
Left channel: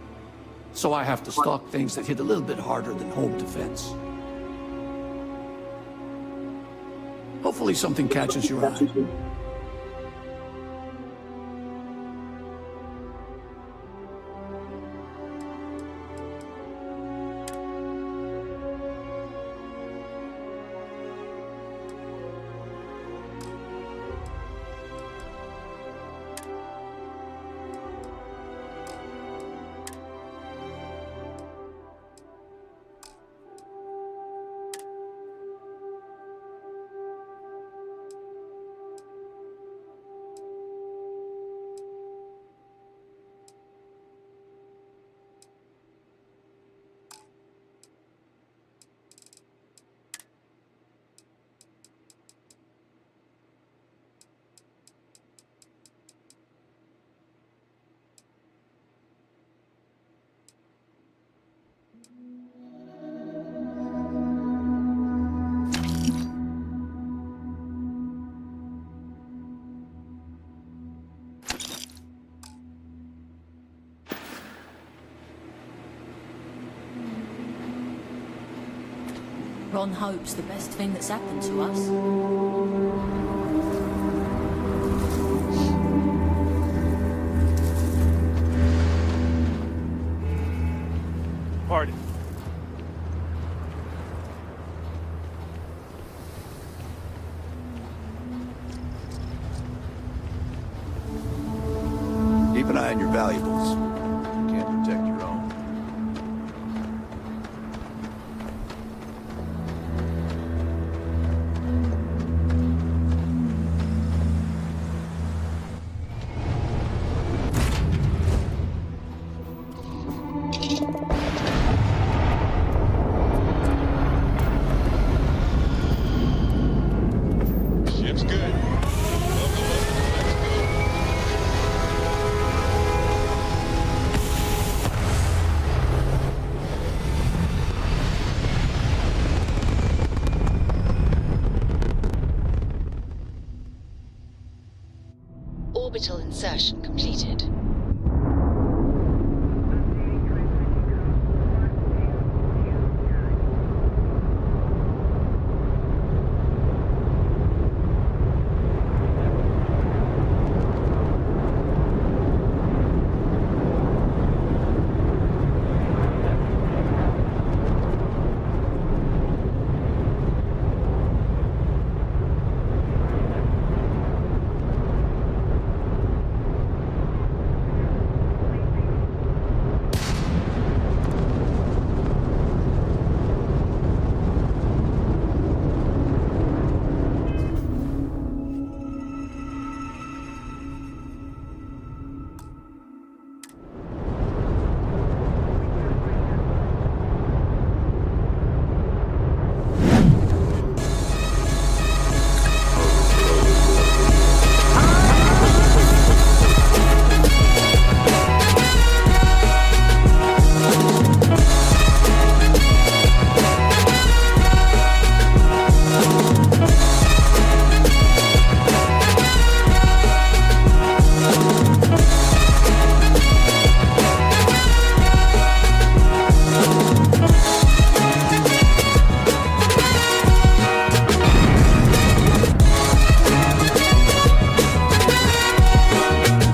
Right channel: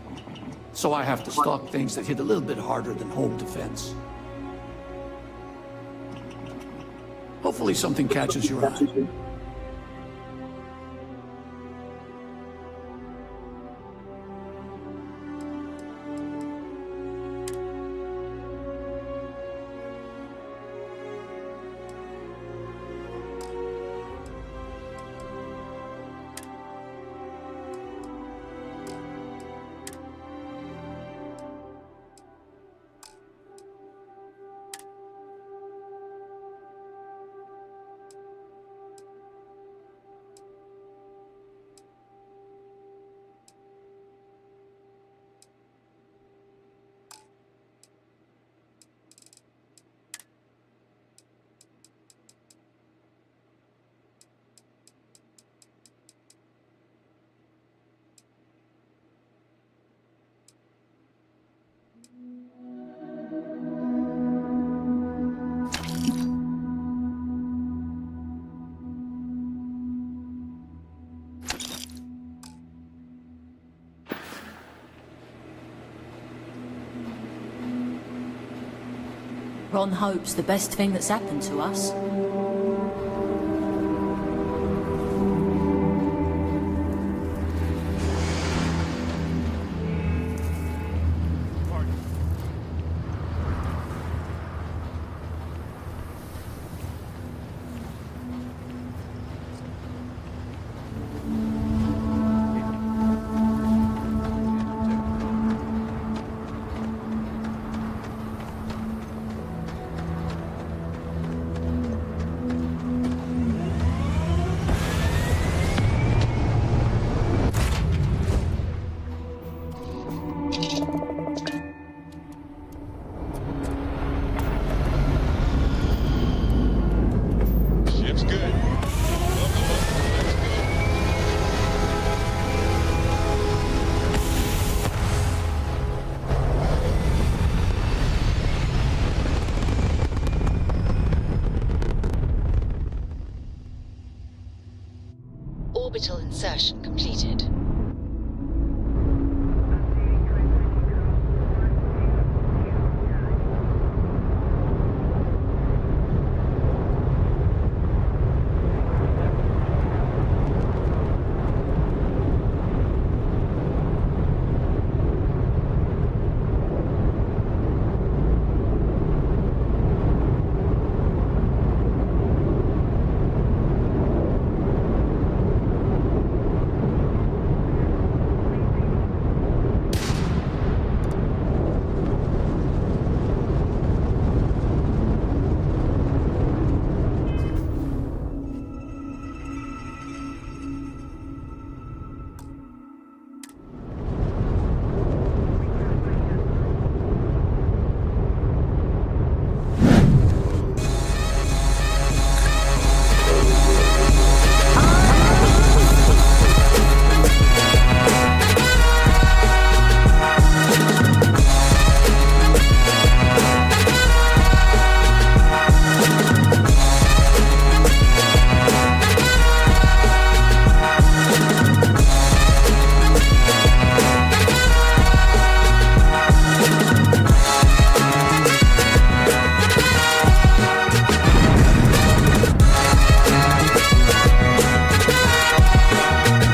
So I have to stock things that hit a little bit harder than home defense. Hopefully something catches your eye. Ron hopes the best thing that's happened to us. Pardon. Keep an eye on your valuables. You can't protect your own. Ship's good. Welcome up. Let's go. Orbital insertion completed.